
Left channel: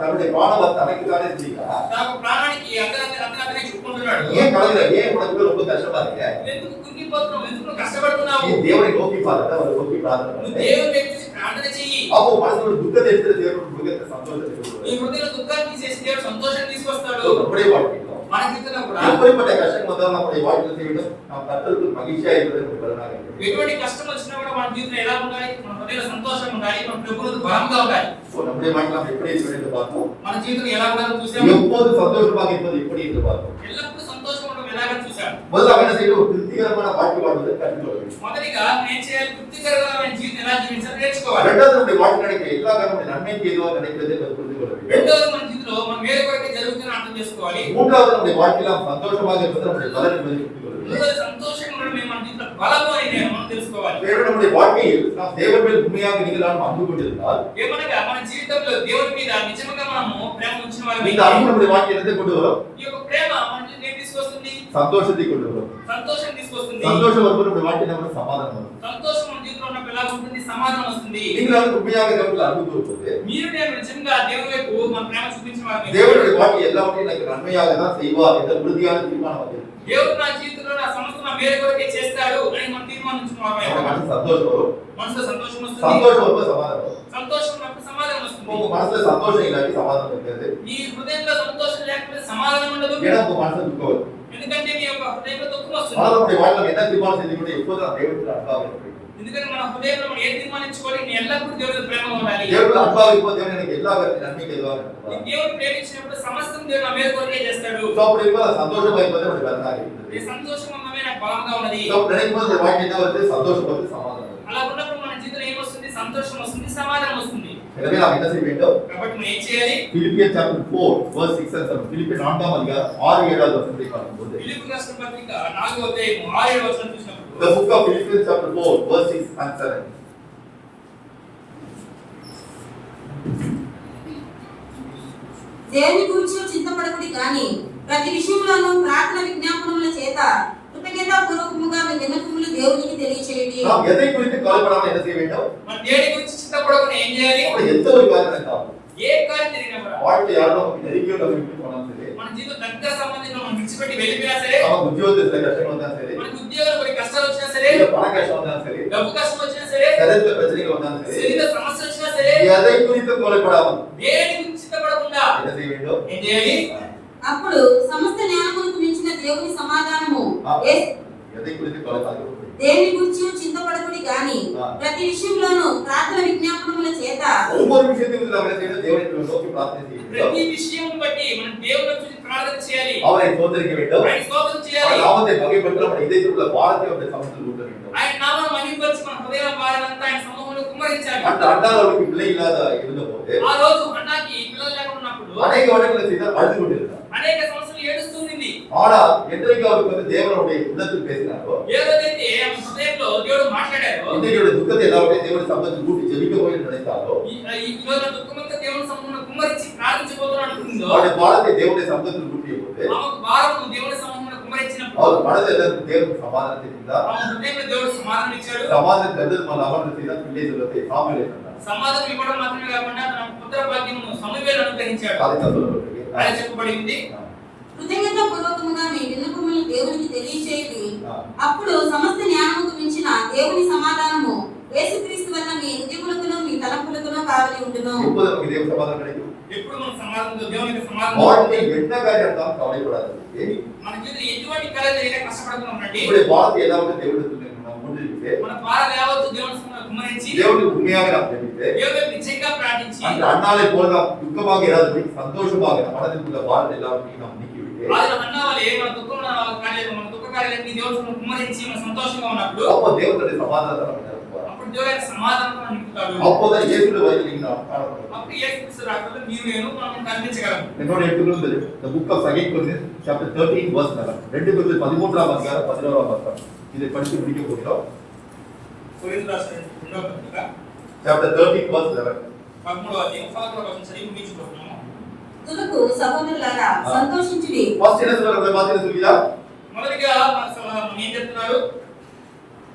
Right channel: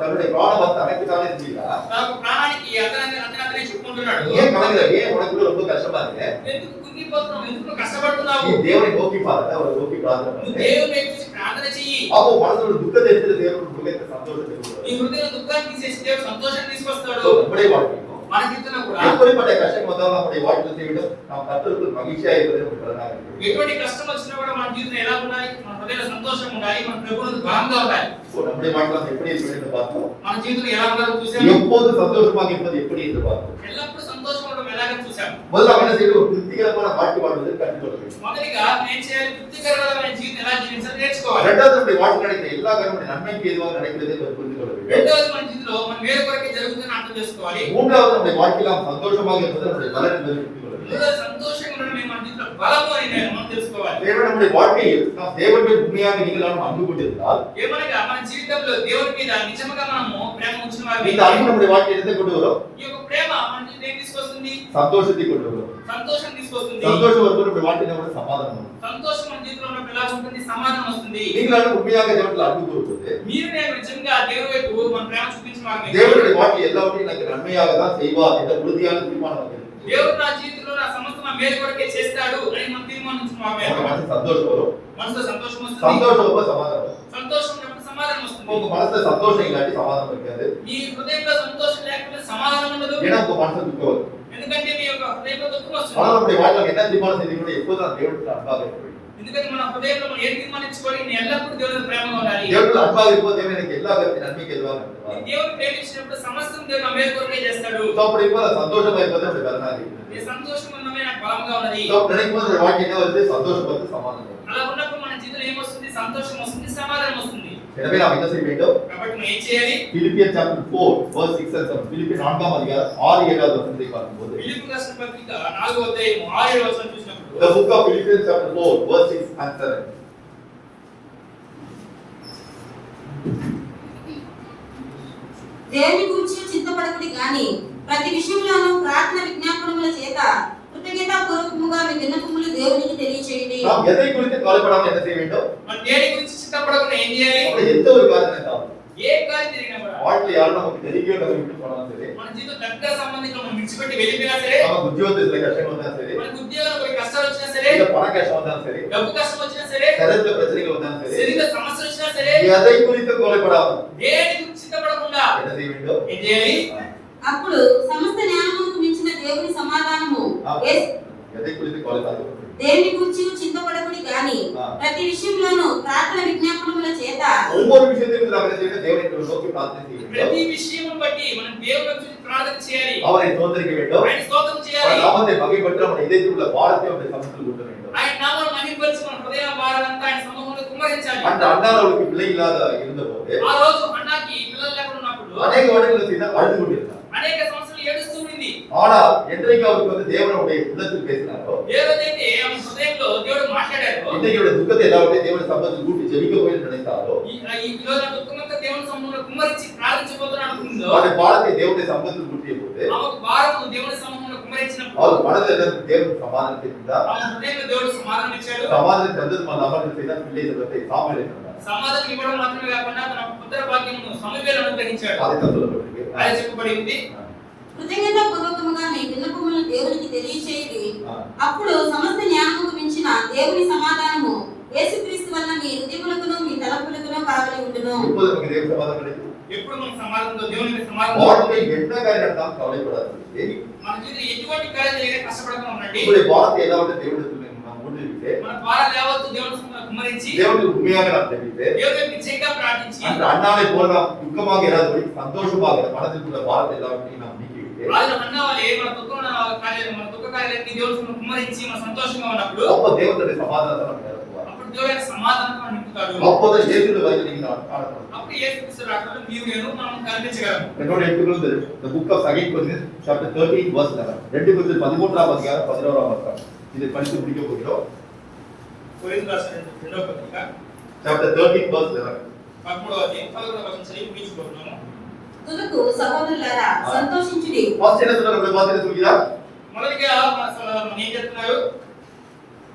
தன்னுடைய பிராணத்தை தனக்கு தானே செஞ்சீங்களா? తన ప్రాణానికి అతనే చెప్పుకుంటున్నాడు. ஏன் கலங்குற? ஏன் உனக்கு ரொம்ப கஷ்டமா இருக்கு? ఎందుకు కుంగిపోతున్నావు? ఎందుకు కష్టపడుతున్నావు? நீ தேவனை நோக்கி பாருங்க, அவரை நோக்கி பிரார்த்தனை నువ్వు பண்ணு. దేవుని వైపు ప్రార్థన చెయ్యి. அப்போ மனசுல துக்கத்தை எடுத்து தேவன் முகத்தை சந்தோஷத்தை నీ கொடுப்பார். హృదయంలో దుఃఖాన్ని తీసేసి దేవుడు సంతోషాన్ని తీసుకొస్తాడు. நம்முடைய வாழ்க்கையிலும் మన జీవితంలో కూడా எப்படிப்பட்ட கஷ்டம் வந்தாலும் நம்முடைய வாழ்க்கையை செய்யணும். நாம் கர்த்தருக்கு மகிழ்ச்சியா இருப்பது நமக்கு பலனாக இருக்கும். ఎటువంటి కష్టం వచ్చినా కూడా మన జీవితంలో ఎలా ఉండాలి? మన హృదయంలో సంతోషం ఉండాలి. మన ప్రభువుకు బలంగా ఉండాలి. சோ நம்முடைய வாழ்க்கை நாம் எப்படி இருக்க வேண்டும் பார்த்தோம். మన జీవితం ఎలా ఉండాలో చూసాము. எப்போது சந்தோஷமாக இருப்பது எப்படி என்று பார்த்தோம். ఎల్లప్పుడూ సంతోషంగా ఉండడం ఎలాగని చూసాము. முதல்ல என்ன செய்யணும்? ஒரு திருப்திகரமான வாழ்க்கை வாழ்வதை கற்றுக்கொள்ள வேண்டும். మొదటిగా నేను చేయాలి తృప్తికరమైన జీవితం ఎలా జీవించాలో నేర్చుకోవాలి. இரண்டாவது நம்முடைய வாழ்க்கை நடக்கிற எல்லா காரியமும் நன்மைக்கு எதுவாக நடக்கிறதை புரிந்து கொள்ள வேண்டும். రెండవది మన జీవితంలో మన మేలు కొరకే జరుగుతుందని అర్థం చేసుకోవాలి. மூன்றாவது நம்முடைய வாழ்க்கையில் நாம் சந்தோஷமாக இருப்பது நம்முடைய பலன் என்பதை புரிந்து கொள்ள வேண்டும். మూడవది సంతోషంగా ఉండడం మన జీవితంలో బలము అని మనం తెలుసుకోవాలి. தேவன் நம்முடைய வாழ்க்கையில் நாம் தேவன் மேல் உண்மையாக நீங்களாம் அன்பு கொண்டிருந்தால் ఏమనగా మన జీవితంలో దేవుని మీద నిజంగా మనము ప్రేమ ఉంచిన వారు இந்த அன்பு நம்முடைய வாழ்க்கையில் எதை கொண்டு வரும்? ఈ యొక్క ప్రేమ మన జీవితం ఏం తీసుకొస్తుంది? சந்தோஷத்தை கொண்டு வரும். సంతోషం తీసుకొస్తుంది. சந்தோஷம் வரும்போது நம்முடைய வாழ்க்கையில் நமக்கு சமாதானம் வரும். సంతోషం మన జీవితంలో ఉన్నప్పుడు ఎలా ఉంటుంది? సమాధానం వస్తుంది. நீங்களாம் உண்மையாக தேவனில் அன்பு கூறும்போது మీరు నేను నిజంగా దేవుని వైపు మన ప్రేమ చూపించిన వారు தேவனுடைய வாழ்க்கை எல்லாவற்றையும் எனக்கு நன்மையாக தான் செய்வார் என்ற உறுதியான தீர்மானம் நமக்கு இருக்கு. దేవుడు నా జీవితంలో నా సమస్త నా మేలు కొరకే చేస్తాడు అని మనం తీర్మానించిన நம்ம వారు மனசு சந்தோஷம் வரும். మనసులో సంతోషం వస్తుంది. சந்தோஷம் ரொம்ப சமாதானம் வரும். సంతోషం ఉన్నప్పుడు సమాధానం వస్తుంది. உங்க மனசுல சந்தோஷம் இல்லாட்டி சமாதானம் இருக்காது. నీ హృదయంలో సంతోషం లేకపోతే సమాధానం ఉండదు. ஏன்னா உங்க மனசுல துக்கம் வரும். ఎందుకంటే నీ యొక్క హృదయంలో దుఃఖం వస్తుంది. ஆனால் நம்முடைய வாழ்க்கையில் என்ன தீர்மானம் செய்து கூட எப்போதும் நான் தேவனிடத்தில் அன்பாக இருக்க வேண்டும். ఎందుకంటే మన హృదయంలో మనం ఏం తీర్మానించుకోవాలి? నేను ఎల్లప్పుడూ దేవుని ప్రేమగా ఉండాలి. தேவனில் அன்பாக இருக்கும்போது தேவன் எனக்கு எல்லா காரியத்தையும் நன்மைக்கு எதுவாக నీ நடத்துவார். దేవుని ప్రేమించినప్పుడు సమస్తం దేవుడు నా మేలు కొరకే చేస్తాడు. So, அப்படி இருக்கும்போது சந்தோஷமா இருப்பது நம்முடைய பலனாக இருக்கிறது. నీ సంతోషం ఉన్నమే నాకు బలంగా ఉన్నది. So, நினைக்கும் போது நம்முடைய வாழ்க்கை என்ன வருது? சந்தோஷம் வருது, சமாதானம் வருது. అలా ఉన్నప్పుడు మన జీవితంలో ఏమొస్తుంది? సంతోషం వస్తుంది, సమాధానం వస్తుంది. எனவே நாம் என்ன செய்ய வேண்டும்? కాబట్టి మనం ఏం చేయాలి? பிலிப்பியர் chapter 4 verse 6 and 7. பிலிப்பியர் 4ஆம் அதிகாரம் 6 7வது வசனத்தை பார்க்கும்போது ఫిలిప్పీ రాసిన పత్రిక 4వ అధ్యాయం 6వ వచనం చూసినప్పుడు the book of Philippians chapter 4 verse 6 and 7. దేవుని గురించి చింతపడకుడి గాని ప్రతి విషయంలోనూ ప్రార్థన విజ్ఞాపనముల చేత కృతజ్ఞతాపూర్వకముగా మీ విన్నపములు దేవునికి తెలియచేయండి. நாம் எதை குறித்து கவலைப்படாமல் என்ன செய்ய வேண்டும்? మన దేని గురించి చింతపడకుండా ఏం చేయాలి? நம்முடைய எந்த ஒரு காரியம் இருந்தாலும் ఏ కార్యం జరిగినా కూడా வாழ்க்கையில் யாரும் நமக்கு நெருங்கியோ நம்ம விட்டு போனாலும் சரி, మన జీవితం దగ్గర సంబంధించిన మనం విడిచిపెట్టి వెళ్ళిపోయినా సరే, நமக்கு உத்தியோகத்தில் சில கஷ்டங்கள் வந்தாலும் சரி, మనకు ఉద్యోగంలో కొన్ని కష్టాలు వచ్చినా సరే, இல்ல பண கஷ்டம் வந்தாலும் சரி, డబ్బు కష్టం వచ్చినా సరే, சரீரத்துல பிரச்சனைகள் வந்தாலும் சரி, శరీర సమస్య వచ్చినా సరే, எதை குறித்து கவலைப்படாமல் దేని గురించి చింతపడకుండా என்ன செய்ய வேண்டும்? ఏం చేయాలి? అప్పుడు సమస్త జ్ఞానమునకు మించిన దేవుని సమాధానము எதை குறித்து கவலைப்படாமல் దేవుని గురించి చింతపడకుడి గాని ప్రతి విషయంలోనూ ప్రార్థన విజ్ఞాపనముల చేత ஒவ்வொரு விஷயத்திலும் நாம் என்ன செய்ய வேண்டும்? தேவனை நோக்கி பிரார்த்தனை செய்ய வேண்டும். ప్రతి విషయం బట్టి మనం దేవుని గురించి ప్రార్థన చేయాలి. அவரை ஸ்தோத்திரிக்க வேண்டும். ఆయన స్తోత్రం அவர் చేయాలి. நாமத்தை மகிமைப்படுத்த நம்முடைய இதயத்தில் உள்ள பாரத்தை அவருடைய சமூகத்தில் ஊட்ட வேண்டும். ఆయన నామమును మహిమపరిచి మన హృదయ భారాలంతా ఆయన సముఖంలో కుమ్మరించాలి. அந்த அன்னார் அவருக்கு பிள்ளை இல்லாத இருந்தபோது ఆ రోజు అన్నాకి పిల్లలు లేకుండా ఉన్నప్పుడు அநேக வருடங்களை செய்தால் அழுது கொண்டிருந்தார். అనేక సంవత్సరాలు ఏడుస్తూ ఉంది. ஆனால் என்றைக்கு அவருக்கு வந்து தேவனுடைய உள்ளத்தில் பேசினாரோ, ఏ రోజైతే ఆమె హృదయంలో దేవుడు మాట్లాడారో, இன்றைக்கு அவருடைய துக்கத்தை எல்லாவற்றையும் தேவனுடைய சமூகத்தில் கூட்டி ஜெபிக்க போய் நினைத்தாரோ, ఈ రోజు దుఃఖమంతా దేవుని సముఖంలో కుమ్మరించి ప్రార్థించబోతున్నాను అనుకుందో, அவருடைய பாரத்தை தேவனுடைய சமூகத்தில் கூட்டிய போது ఆమెకు భారము దేవుని సముఖంలో కుమ్మరించినప్పుడు அவர் மனதில் எல்லாம் தேவன் சமாதானத்தை தந்தார். ఆమె హృదయంలో దేవుడు సమాధానం ఇచ్చాడు. சமாதானம் தந்தது மன அமர்ந்து செய்தார். பிள்ளை செல்வத்தை சாமுவேலை தந்தார். సమాధానం ఇవ్వడం మాత్రమే కాకుండా తన పుత్ర భాగ్యమును సమూయేలు అనుగ్రహించాడు. அதை சொல்லப்பட்டிருக்கு. అలా చెప్పబడి ఉంది. కృతజ్ఞతాపూర్వకముగా మీ విన్నపములు దేవునికి తెలియచేయండి. అప్పుడు సమస్త జ్ఞానముకు మించిన దేవుని సమాధానము యేసుక్రీస్తు వలన మీ హృదయములకును మీ తలంపులకును కావలి ఉండును. எப்போது நமக்கு தேவ சமாதானம் கிடைக்கும்? ఎప్పుడు మన సమాధానంతో దేవునికి సమాధానం வாழ்க்கை என்ன காரியம் இருந்தாலும் கவலைப்படாது. మన జీవితంలో ఎటువంటి కార్యాలు జరిగినా కష్టపడకుండా ఉండండి. உங்களுடைய பாரத்தை எல்லாவற்றையும் தேவனிடத்தில் நாம் கொடுத்துட்டு మన భారాలు యావత్తు దేవుని సన్నిధిలో కుమ్మరించి தேவனுக்கு உண்மையாக நாம் ஜெபித்து దేవునికి నిజంగా ప్రార్థించి அந்த அண்ணாவை போல நாம் துக்கமாக இராதபடி சந்தோஷமாக மனதில் உள்ள பாரத்தை எல்லாவற்றையும் நாம் நீக்கிவிட்டு ఆయన అన్నవాళ్ళే మన దుఃఖ కార్యాలన్నీ దేవుని సన్నిధిలో కుమ్మరించి మన సంతోషంగా ఉన్నప్పుడు அப்போ தேவனுடைய சமாதானத்தை நமக்கு நிரப்புவார். అప్పుడు దేవుడు ఆయన సమాధానంతో నింపుతాడు. அப்போதான் இயேசுவின் வயதில் நீங்கள் காணப்படும். అప్పుడు యేసుక్రీస్తు రాకడలో మీరు నేను మనం కనిపించగలము. என்னோட எடுத்துக்கொண்டு the book of 2 Corinthians chapter 13 verse 11. 2 கொரிந்தியர் 13ஆம் அதிகாரம் 11ஆம் வசனம். இதை படித்து முடிக்க போகிறோம். కొరింథీయులకు రాసిన రెండవ పత్రిక chapter 13 verse 11. 13వ అధ్యాయం 11వ వచనం చదివి ముగించుకుంటున్నాము. తుదకు సహోదరులారా సంతోషించుడి. ஃபர்ஸ்ட் என்ன சொல்றாரு? வாசிக்க சொல்லுங்க. మొదటిగా నేను చెప్తున్నారు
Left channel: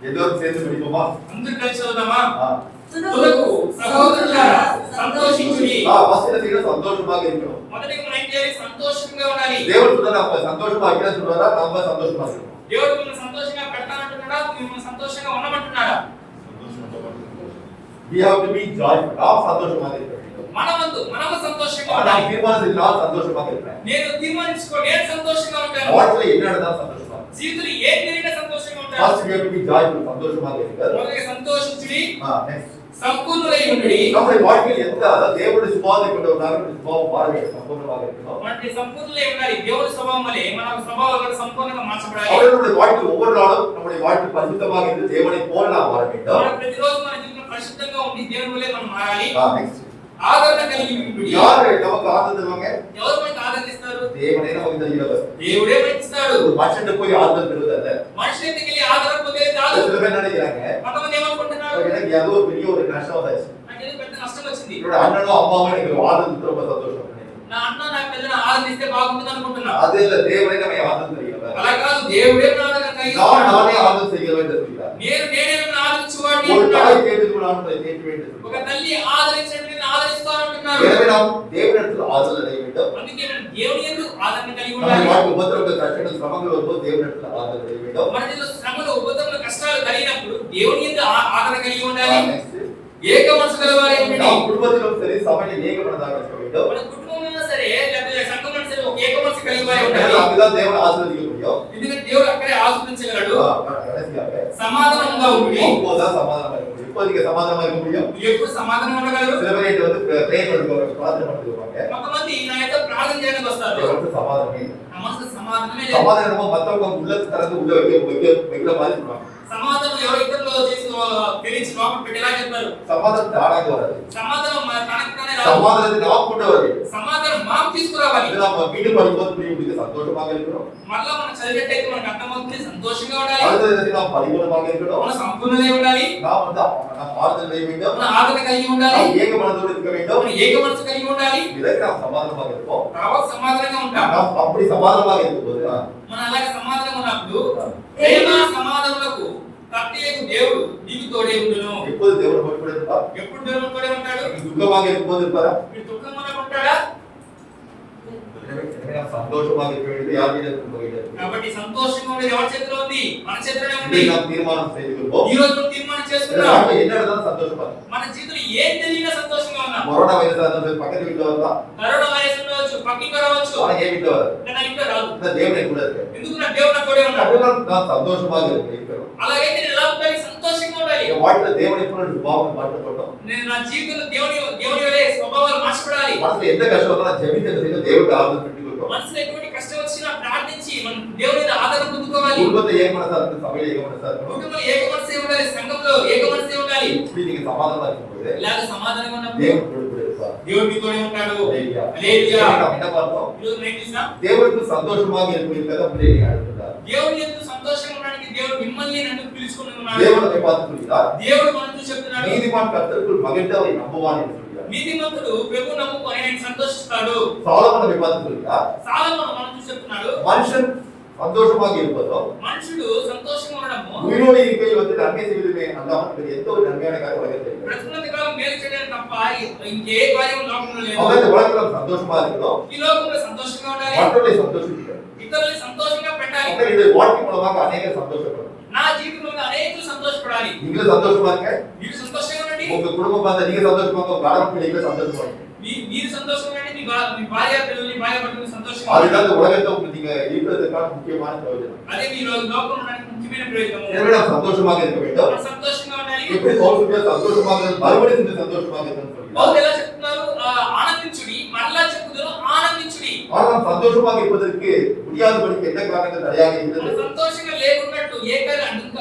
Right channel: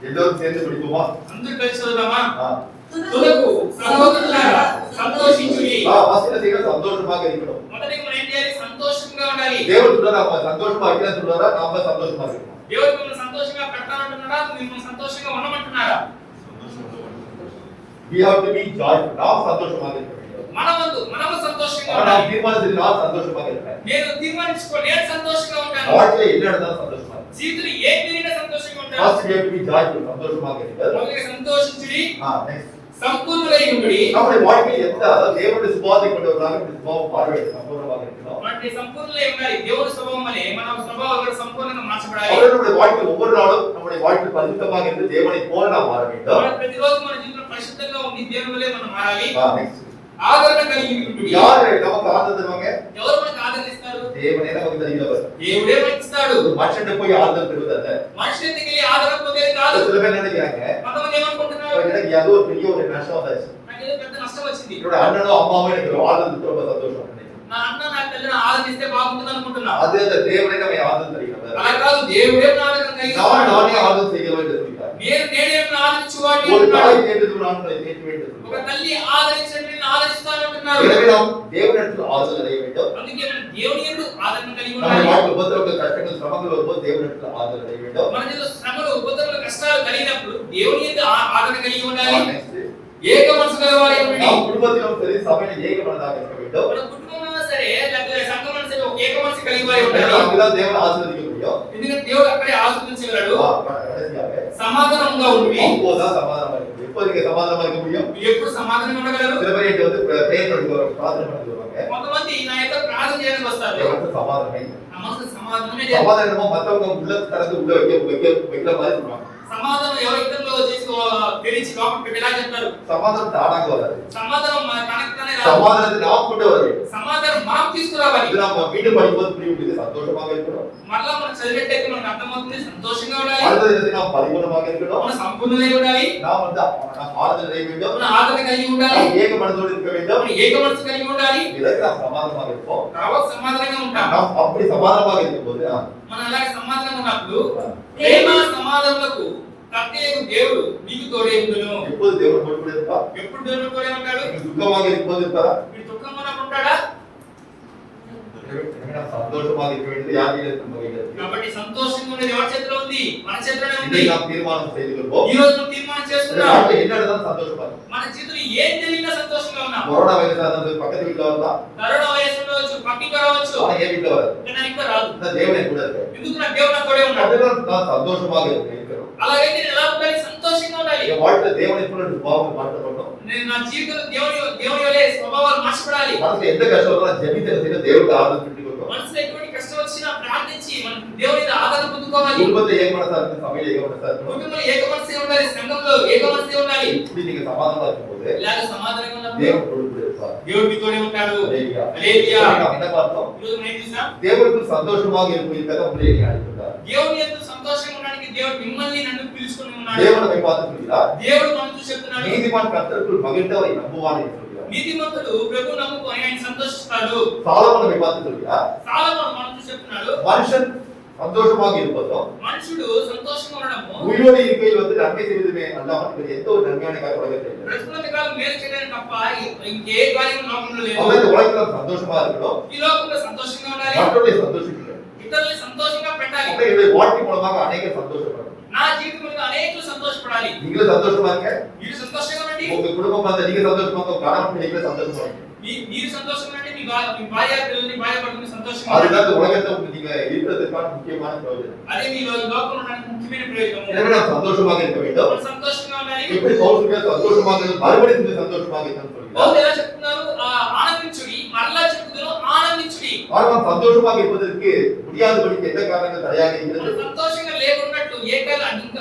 எல்லாரும் சேர்ந்து படிப்போமா? అందరూ కలిసి చదువుదామా? తుదకు తుదకు సహోదరులారా సంతోషించుడి. ஃபர்ஸ்ட் என்ன சந்தோஷமாக இருக்கணும். మొదటిగా మనం ఏం చేయాలి? సంతోషంగా ఉండాలి. தேவன் சொல்றாரு அவங்க சந்தோஷமா இருக்கணும் சொல்றாரா? நாம சந்தோஷமா இருக்கணும். దేవుడు మిమ్మల్ని సంతోషంగా పెడతానంటున్నాడా? మిమ్మల్ని సంతోషంగా ఉండమంటున్నాడా? we have to be joyful. நாம் சந்தோஷமாக இருக்க வேண்டும். మనము సంతోషంగా நாம் ఉండాలి. தீர்மானம் செய்து நான் சந்தோஷமாக இருப்பேன். నేను నేను సంతోషంగా ఉంటాను. வாழ்க்கையில என்ன நடந்தாலும் சந்தோஷமா இருப்பேன். జీవితంలో ఏ జరిగినా సంతోషంగా ఉంటాను. first we have to be joyful. சந்தோஷமாக இருங்கள். మొదటిగా సంతోషించుడి. next సంపూర్ణులై ఉండుడి. நம்முடைய வாழ்க்கையில் எந்த தேவனுடைய சுபாவத்தை கொண்டவர்களாக நம்முடைய சுபாவம் மாற வேண்டும். சம்பூர்ணமாக இருக்கணும். మనకి సంపూర్ణులై ఉండాలి. దేవుని స్వభావం వలె మన స్వభావం కూడా సంపూర్ణంగా మార్చబడాలి. அவர்களுடைய வாழ்க்கையில் ஒவ்வொரு நாளும் நம்முடைய வாழ்க்கை பரிசுத்தமாக இருந்து தேவனை போல நாம் மாற வேண்டும். మనం ప్రతిరోజు మన జీవితంలో పరిశుద్ధంగా ఉండి దేవుని వలె మనం మారాలి. next ఆదరణ కలిగి ఉండుడి. யார் நமக்கு ஆறுதல் தருவாங்க? ఎవరు మనకు ఆదరిస్తారు? தேவனே நமக்கு தருகிறவர். దేవుడే మనకి ఇస్తాడు. ஒரு மனுஷன் போய் ஆறுதல் பெறுவதல்ல. మనిషి దగ్గరికి వెళ్ళి ఆదరణ పొందేది కాదు. சில பேர் நினைக்கிறாங்க కొంతమంది ఏమనుకుంటున్నారు? எனக்கு ஏதோ ஒரு பெரிய ஒரு நஷ்டம் வந்தாச்சு. నాకేదో పెద్ద నష్టం వచ్చింది. என்னோட அண்ணனோ அம்மாவோ எனக்கு ஒரு ஆறுதல் கொடுத்து ரொம்ப சந்தோஷம். నా అన్న నా తల్లిని ఆదరిస్తే బాగుంటుంది అనుకుంటున్నా. அது இல்ல, தேவனே நம்மை ஆறுதல் தருகிறவர். అలా కాదు, దేవుడే మన ఆదరణ కలిగి நான் ఉన్నాడు. நானே ஆறுதல் செய்கிறவர் என்று சொல்கிறார். నేనే ఆదరించువాడిని ஒரு అంటున్నాడు. தாய் கேட்டது நான் உங்களை கேட்க வேண்டும். ఒక తల్లి ఆదరించినట్టు నేను ఆదరిస్తానంటున్నాడు. எனவே நாம் தேவனிடத்தில் ஆறுதல் அடைய வேண்டும். అందుకే మనం దేవుని యందు ఆదరణ కలిగి நம்முடைய ఉండాలి. வாழ்க்கை உபத்திரவங்கள் கஷ்டங்கள் சிரமங்கள் வரும்போது தேவனிடத்தில் ஆறுதல் அடைய வேண்டும். మన జీవితంలో శ్రమలు ఉపద్రవములు కష్టాలు కలిగినప్పుడు దేవుని యందు ఆదరణ కలిగి ఉండాలి. next ఏక మనసు గలవారై ఉండండి. நாம் குடும்பத்திலும் சரி சபையிலும் ஏக மனதாக இருக்க வேண்டும். మన కుటుంబంలో సరే లేకపోతే సంఘంలో సరే ఒక ఏక మనసు కలిగి వారై ఉండాలి. ஏன்னா அங்கதான் தேவன் ஆசீர்வதிக்க முடியும். ఎందుకంటే దేవుడు అక్కడే ఆశీర్వదించగలడు. கடைசியாக సమాధానంగా ఉండి அப்போதான் சமாதானமா இருக்க முடியும். எப்போ நீங்க சமாதானமா இருக்க முடியும்? ఎప్పుడు సమాధానం ఉండగలరు? சில பேர் என்கிட்ட வந்து பிரேயர் பண்ணுவாங்க, பிரார்த்தனை பண்ண வருவாங்க. కొంతమంది నా యొక్క ప్రార్థన చేయడానికి వస్తారు. தேவனுக்கு சமாதானமே. నా మనసు సమాధానమే లేదు. சமாதானமா மத்தவங்க உள்ள திறந்து உள்ள வைக்கிற மாதிரி சொல்றாங்க. సమాధానం ఎవరో ఇతరులు చేసి తెరిచి లోపల పెట్టేలా చెప్తారు. சமாதானம் தானாக வராது. సమాధానం తనకు తానే రాదు. சமாதானத்தை நாம் கொண்டு வர வேண்டும். సమాధానం మనం తీసుకురావాలి. இது நம்ம வீடு படிக்கும்போது புரியும், உங்களுக்கு சந்தோஷமாக இருக்கணும். మరలా మనం చదివేటప్పుడు మనకు అర్థమవుతుంది, సంతోషంగా ఉండాలి. அடுத்தது நாம் பரிபூர்ணமாக இருக்கணும். మనం సంపూర్ణంగా ఉండాలి. நாம் வந்து நாம் ஆறுதல் அடைய வேண்டும். మన ఆదరణ కలిగి ఉండాలి. நாம் ஏக மனதோடு இருக்க வேண்டும். మనం ఏక మనసు కలిగి ఉండాలి. இதற்கு நாம் சமாதானமாக இருப்போம். తర్వాత సమాధానంగా ఉంటాం. நாம் அப்படி சமாதானமாக இருக்கும்போது మనం అలాగే సమాధానంగా ఉన్నప్పుడు ప్రేమ సమాధానములకు కర్తయ్యకు దేవుడు మీకు తోడే ఉండును. எப்போது தேவன் கூட இருப்பார்? ఎప్పుడు దేవుడు తోడే ఉంటాడు? துக்கமாக இருக்கும்போது இருப்பாரா? మీరు దుఃఖంగా ఉన్నప్పుడు ఉంటాడా? எனவே நாம் சந்தோஷமாக இருக்க வேண்டியது யார் கையில் இருக்கிறது? కాబట్టి సంతోషంగా ఉండేది ఎవరి చేతిలో ఉంది? మన చేతిలోనే ఉంది. இதை நாம் தீர்மானம் செய்து கொள்வோம். ఈ రోజు మనం తీర్మానం చేసుకుందాం. வாழ்க்கை என்ன நடந்தாலும் சந்தோஷமா இருக்கும். మన జీవితంలో ఏం జరిగినా సంతోషంగా ఉన్నాం. கொரோனா வைரஸ் அந்த பக்கத்து வீட்டுல வரலாம், కరోనా వైరస్ ఉండవచ్చు, పక్కింటి రావచ్చు, ஆனா என் வீட்டுல வராது. కానీ ఇంట్లో రాదు. இந்த தேவனை கூட இருக்கு. ఎందుకు? నా దేవుడు నా తోడే ఉన్నాడు. அதெல்லாம் நான் சந்தோஷமாக இருக்கிறோம். అలాగైతే నేను ఎలా ఉండాలి? సంతోషంగా ఉండాలి. என் வாழ்க்கை தேவனை போல சுபாவம் மாற்றப்பட்டோம். నేను నా జీవితంలో దేవుని వలె స్వభావాలు మార్చబడాలి. மனசுல எந்த கஷ்டம் வந்தாலும் ஜெபித்து செய்து தேவனுக்கு ஆறுதல் பெற்றுக் கொள்வோம். మనసులో ఎటువంటి కష్టం వచ్చినా ప్రార్థించి మనం దేవుని మీద ఆదరణ పొందుకోవాలి. குடும்பத்தை ஏக மனசா இருக்கு, சபையில ஏக மனசா இருக்கணும். కుటుంబంలో ఏక మనసే ఉండాలి, సంఘంలో ఏక మనసే ఉండాలి. இப்படி நீங்க சமாதானமா இருக்கும்போது ఇలాగ సమాధానంగా ఉన్నప్పుడు தேவன் கூட இருப்பார். దేవుడు మీతోనే ఉంటాడు. ஹல்லேலூயா. హల్లెలూయా. நாம் என்ன பார்த்தோம்? ఈ రోజు మనం ఏం చూసాం? தேவனுக்கு சந்தோஷமாக இருப்பதற்காக பிள்ளைகளை அழைத்தார். దేవుని యందు సంతోషంగా ఉండడానికి దేవుడు మిమ్మల్ని నన్ను పిలుచుకొని ఉన్నాడు. தேவன் நம்மை பார்த்து சொல்கிறார், దేవుడు మనం చూసి చెప్తున్నాడు, நீதிமான் கர்த்தருக்குள் மகிழ்ந்து அவரை நம்புவான் என்று சொல்கிறார். నీతిమంతుడు ప్రభు నమ్ముకొని ఆయన సంతోషిస్తాడు. சாலமோன் நம்மை பார்த்து சொல்கிறார், సాలొమోను మనం చూసి చెప్తున్నాడు, மனுஷன் சந்தோஷமாக இருப்பதும் మనుషుడు సంతోషంగా ఉండడము உயிரோடு இருக்கையில் வந்து நன்மை செய்வதுமே அல்லாமல் வேறு எந்த ஒரு நன்மையான காரியம் உலகத்தில் இல்லை. బ్రతుకున్నంత కాలం మేలు చేయడానికి తప్ప ఇంకే కార్యం లోకంలో లేదు. அவன் இந்த உலகத்துல சந்தோஷமா இருக்கணும், ఈ లోకంలో సంతోషంగా ఉండాలి, மற்றவர்களை சந்தோஷிக்கணும். ఇతరుల్ని సంతోషంగా పెట్టాలి. அப்ப என்னுடைய வாழ்க்கை மூலமாக அநேகர் சந்தோஷப்படும். నా జీవితంలో అనేకులు సంతోషపడాలి. நீங்களும் சந்தோஷமா இருக்க, మీరు సంతోషంగా ఉండండి. உங்க குடும்பம் பார்த்து நீங்க சந்தோஷமா இருக்க, கணவன் பிள்ளைகளை சந்தோஷமா இருக்க. మీరు సంతోషంగా ఉండండి. మీ భార్య పిల్లల్ని భార్య భర్తని సంతోషంగా సంతోషంగా அதுதான் ఉండండి. இந்த உலகத்தை நீங்க இருக்கிறதுக்கான முக்கியமான பிரயோஜனம். అదే మీరు ఈ లోకంలో ఉండడానికి ముఖ్యమైన ప్రయోజనం. எனவே நாம் சந்தோஷமாக இருக்க வேண்டும். మనం సంతోషంగా ఉండాలి. எப்படி பவுல் சொல்றார் சந்தோஷமாக இரு, மறுபடியும் இந்த சந்தோஷமாக இருக்கணும்னு சொல்றார். పౌలు ఎలా చెప్తున్నారు? ఆనందించుడి, మరలా చెప్పుదును ఆనందించుడి. ஆனால் நாம் சந்தோஷமாக இருப்பதற்கு முடியாதபடிக்கு எந்த காரணங்கள் தடையாக మనం இருக்கிறது? సంతోషంగా లేకున్నట్టు ఏ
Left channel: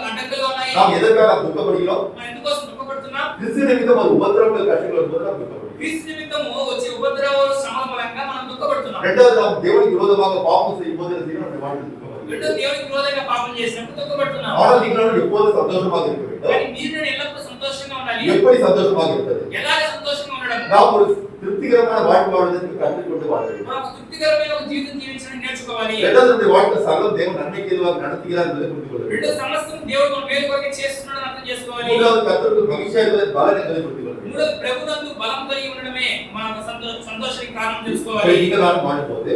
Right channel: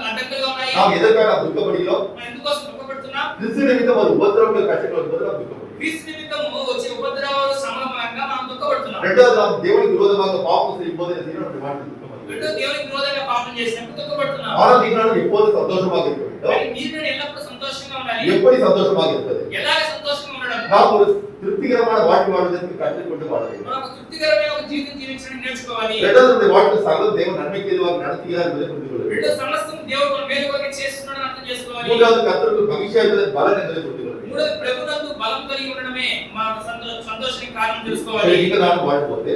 అడ్డంకులుగా ఉన్నాయి? நாம் எதற்காக துக்கப்படுகிறோம்? మనం ఎందుకోసం దుఃఖపడుతున్నాం? கிறிஸ்து நிமித்தம் ஒரு உபத்திரவங்கள் கஷ்டங்கள் வரும்போது நாம் துக்கப்படுகிறோம். క్రీస్తు నిమిత్తము వచ్చే ఉపద్రవాలు శ్రమల మూలంగా మనం దుఃఖపడుతున్నాం. இரண்டாவது நாம் தேவனுக்கு விரோதமாக பாவம் செய்யும் போது என்ன செய்யணும்? நம்முடைய வாழ்க்கையில் துக்கம் வருகிறது. రెండో దేవునికి విరోధంగా పాపం చేసినప్పుడు దుఃఖపడుతున్నాం. ஆனால் நீங்கள் எப்போது சந்தோஷமாக இருக்க வேண்டும்? కానీ మీరు నేను ఎల్లప్పుడూ సంతోషంగా ఉండాలి. எப்படி சந்தோஷமாக இருப்பது? ఎలాగ సంతోషంగా ఉండడం? நாம் ஒரு திருப்திகரமான வாழ்க்கை வாழ்வதற்கு கற்றுக்கொண்டு வாழ வேண்டும். మనం ఒక తృప్తికరమైన ఒక జీవితం జీవించడం నేర్చుకోవాలి. இரண்டாவது நம்முடைய வாழ்க்கை சகல தேவன் நன்மைக்கு எதுவாக நடத்துகிறார் என்பதை புரிந்து கொள்ள வேண்டும். రెండు సమస్తం దేవుడు మన మేలు కొరకే చేస్తున్నాడని అర్థం చేసుకోవాలి. மூன்றாவது கர்த்தருக்கு மகிழ்ச்சியாக இருப்பதன் பலன் என்பதை புரிந்து கொள்ள வேண்டும். మూడోది ప్రభునందు బలం కలిగి ఉండడమే మన సంతోషానికి కారణం சரி, తెలుసుకోవాలి. நீங்கள் நானும் வாழும்போது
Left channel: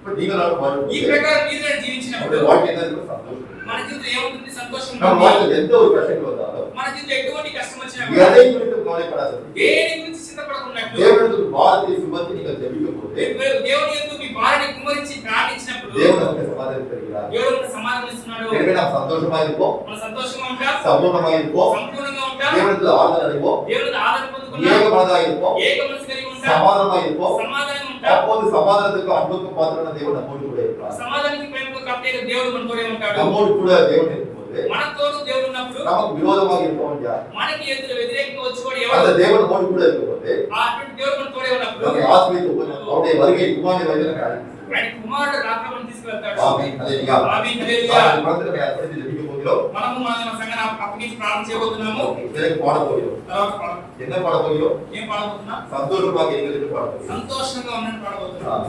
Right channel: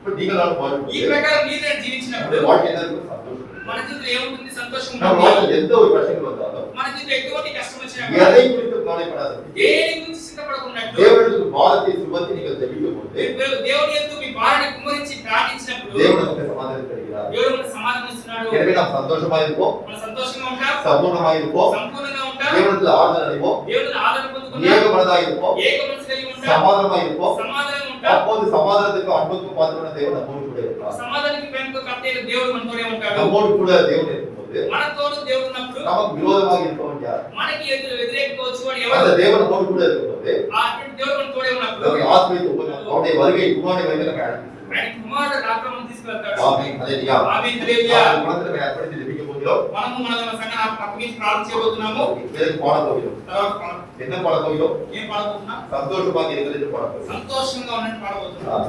இப்ப நீங்கள் நானும் ఈ வாழும்போது ప్రకారం మీరు నేను జీవించినప్పుడు நம்முடைய வாழ்க்கை என்ன இருக்கும்? சந்தோஷம். మన జీవితం ఏముంటుంది? సంతోషం நம்ம ఉంటుంది. வாழ்க்கையில் எந்த ஒரு கஷ்டம் வந்தாலும் మన జీవితం ఎటువంటి కష్టం వచ్చినా எதை குறித்து கவலைப்படாது. దేని గురించి చింతపడకున్నట్టు தேவனுக்கு பாரத்தை சுமத்தி நீங்கள் ஜெபிக்கும் போது దేవుని యందు మీ భార్యని కుమ్మరించి ప్రార్థించినప్పుడు தேவன் நமக்கு சமாதானம் தருகிறார். దేవుడు మనకు సమాధానం ఇస్తున్నాడు. எனவே நாம் சந்தோஷமா இருப்போம், మనం సంతోషంగా ఉంటాం, சம்பூர்ணமாக இருப்போம், సంపూర్ణంగా ఉంటాం, தேவனிடத்தில் ஆறுதல் அடைவோம், దేవుని ఆదరణ పొందుకుంటాం, ஏக மனதாக இருப்போம், ఏక మనసు కలిగి ఉంటాం, சமாதானமாக இருப்போம். సమాధానంగా ఉంటాం. அப்போது சமாதானத்துக்கு அன்புக்கும் பாத்திரமான தேவன் நம்மோடு கூட இருக்கிறார். సమాధానానికి ప్రేమకు కర్త అయిన దేవుడు మనతోనే ఉంటాడు. நம்மோடு கூட தேவன் இருக்கும்போது మనతోడు దేవుడు ఉన్నప్పుడు நமக்கு விரோதமாக இருப்பவன் யார்? మనకి వ్యతిరేకంగా వచ్చేవాడు அந்த ఎవరు? தேவன் நம்மோடு கூட இருக்கும்போது అటువంటి దేవుడు మనతోడే ఉన్నప్పుడు நம்மை ஆசீர்வதித்து அவருடைய வருகை குமாரனை வருகை நமக்கு அழைக்கிறது. ఆయన కుమారుడు రాకమని తీసుకెళ్తాడు. ஆமென். ஹல்லேலூயா. ఆమేన్. హల్లెలూయా. நாம் குழந்தை நம்மை அர்ப்பணித்து ஜெபிக்க போகிறோம். మనము మన సంఘాన్ని అప్పగించి ప్రార్థన చేయబోతున్నాము. இதற்கு பாட போகிறோம். తర్వాత என்ன பாட போகிறோம்? ఏం పాడబోతున్నాం? சந்தோஷமாக இருங்கள் என்று பாட போகிறோம். సంతోషంగా ఉన్నట్టు పాడబోతున్నాం.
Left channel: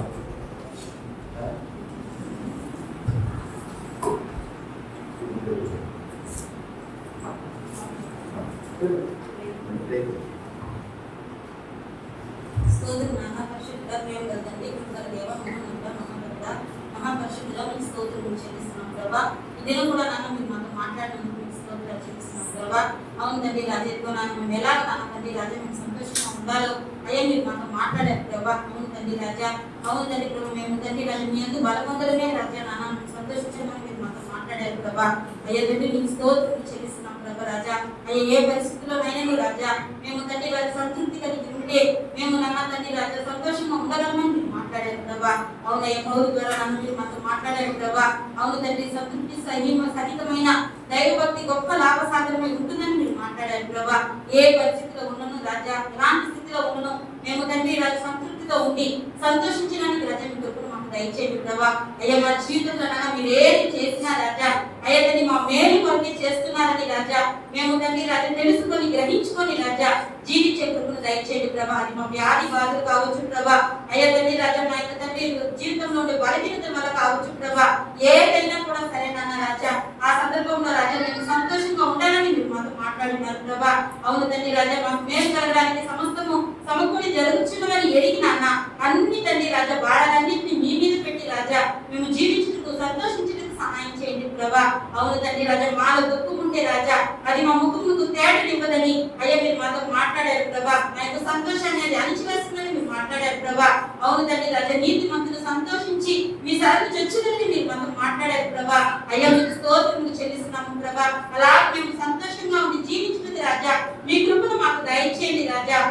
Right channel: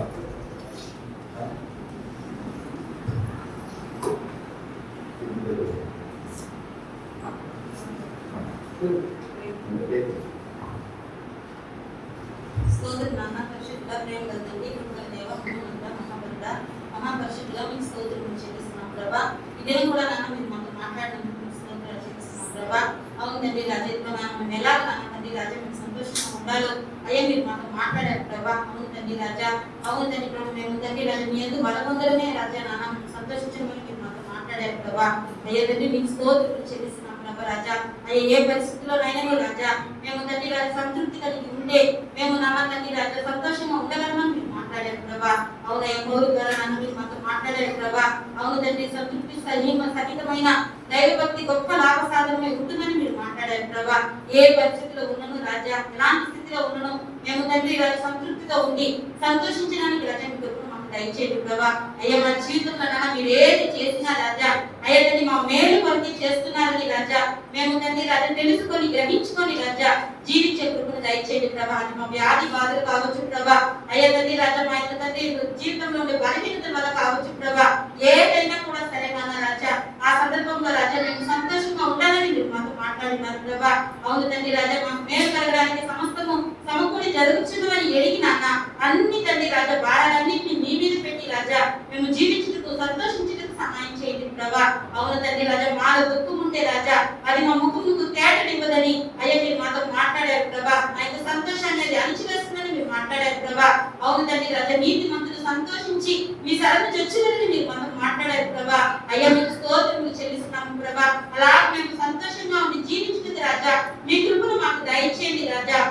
స్తోత్రం నాన్న పరిశుద్ధ ప్రేమ తండ్రి కృపగల దేవ మహోన్నత మహోన్నత మహాపరిశుద్ధుడా మీకు స్తోత్రం చెల్లిస్తున్నాం ప్రభా. ఈ దినం కూడా నాన్న మీరు మనతో మాట్లాడినందుకు మీకు స్తోత్రాలు చెల్లిస్తున్నాం ప్రభా. అవును తండ్రి రాజేత్వ నాన్న మేము ఎలా నాన్న తండ్రి రాజా మేము సంతోషంగా ఉండాలో అయ్యా మీరు మనతో మాట్లాడారు ప్రభా. అవును తండ్రి రాజా, అవును తండ్రి ప్రభు మేము తండ్రి రాజా మీ ఎందుకు బలపొందడమే రాజా నాన్న మేము సంతోషించమని మీరు మనతో మాట్లాడారు ప్రభా. అయ్యా తండ్రి మీకు స్తోత్రం చెల్లిస్తున్నాం ప్రభా రాజా. అయ్యా ఏ పరిస్థితుల్లోనైనా రాజా మేము తండ్రి రాజా సంతృప్తి కలిగి ఉంటే మేము నాన్న తండ్రి రాజా సంతోషంగా ఉండగలమని మీరు మాట్లాడారు ప్రభా. అవునయ్య పౌరు ద్వారా నన్ను మీరు మాతో మాట్లాడారు ప్రభా. అవును తండ్రి సంతృప్తి సహితమైన దైవభక్తి గొప్ప లాభ సాధనమై ఉంటుందని మీరు మాట్లాడారు ప్రభా. ఏ పరిస్థితిలో ఉన్నను రాజా, ఎలాంటి స్థితిలో ఉన్నను మేము తండ్రి రాజా సంతృప్తిగా ఉండి సంతోషించడానికి రాజా మీ కృపను మాకు దయచేయండి ప్రభా. అయ్యా మా జీవితంలో నాన్న మీరు ఏది చేసినా రాజా అయ్యా తండ్రి మా మేలు కొరకే చేస్తున్నారని రాజా మేము తండ్రి రాజా తెలుసుకొని గ్రహించుకొని రాజా జీవించే కృపను దయచేయండి ప్రభా. అది మా వ్యాధి బాధలు కావచ్చు ప్రభా. అయ్యా తండ్రి రాజా మా యొక్క తండ్రి జీవితంలో ఉండే బలహీనత వల్ల కావచ్చు ప్రభా. ఏదైనా కూడా సరే నాన్న రాజా ఆ సందర్భంలో రాజా మేము సంతోషంగా ఉండాలని మీరు మాతో మాట్లాడినారు ప్రభా. అవును తండ్రి రాజా మాకు మేలు కలగడానికి సమస్తము సమకూడి జరుగుతున్నవని ఎరిగి నాన్న అన్ని తండ్రి రాజా భారాలన్నింటినీ మీ మీద పెట్టి రాజా మేము జీవించుటకు సంతోషించుటకు సహాయం చేయండి ప్రభా. అవును తండ్రి రాజా మాలో దుఃఖం ఉంటే రాజా అది మా ముఖముకు తేటనివ్వదని అయ్యా మీరు మాతో మాట్లాడారు ప్రభా. ఆ యొక్క సంతోషాన్ని అది అణిచివేస్తుందని మీరు మాట్లాడారు ప్రభా. అవును తండ్రి రాజా నీతి మంతులు సంతోషించి మీ సరళ చొచ్చులని మీరు మాతో మాట్లాడారు ప్రభా. అయ్యా మీకు స్తోత్రములు చెల్లిస్తున్నాము ప్రభా. అలా మేము సంతోషంగా ఉండి జీవించుతుంది రాజా మీ కృపను మాకు దయచేయండి రాజా.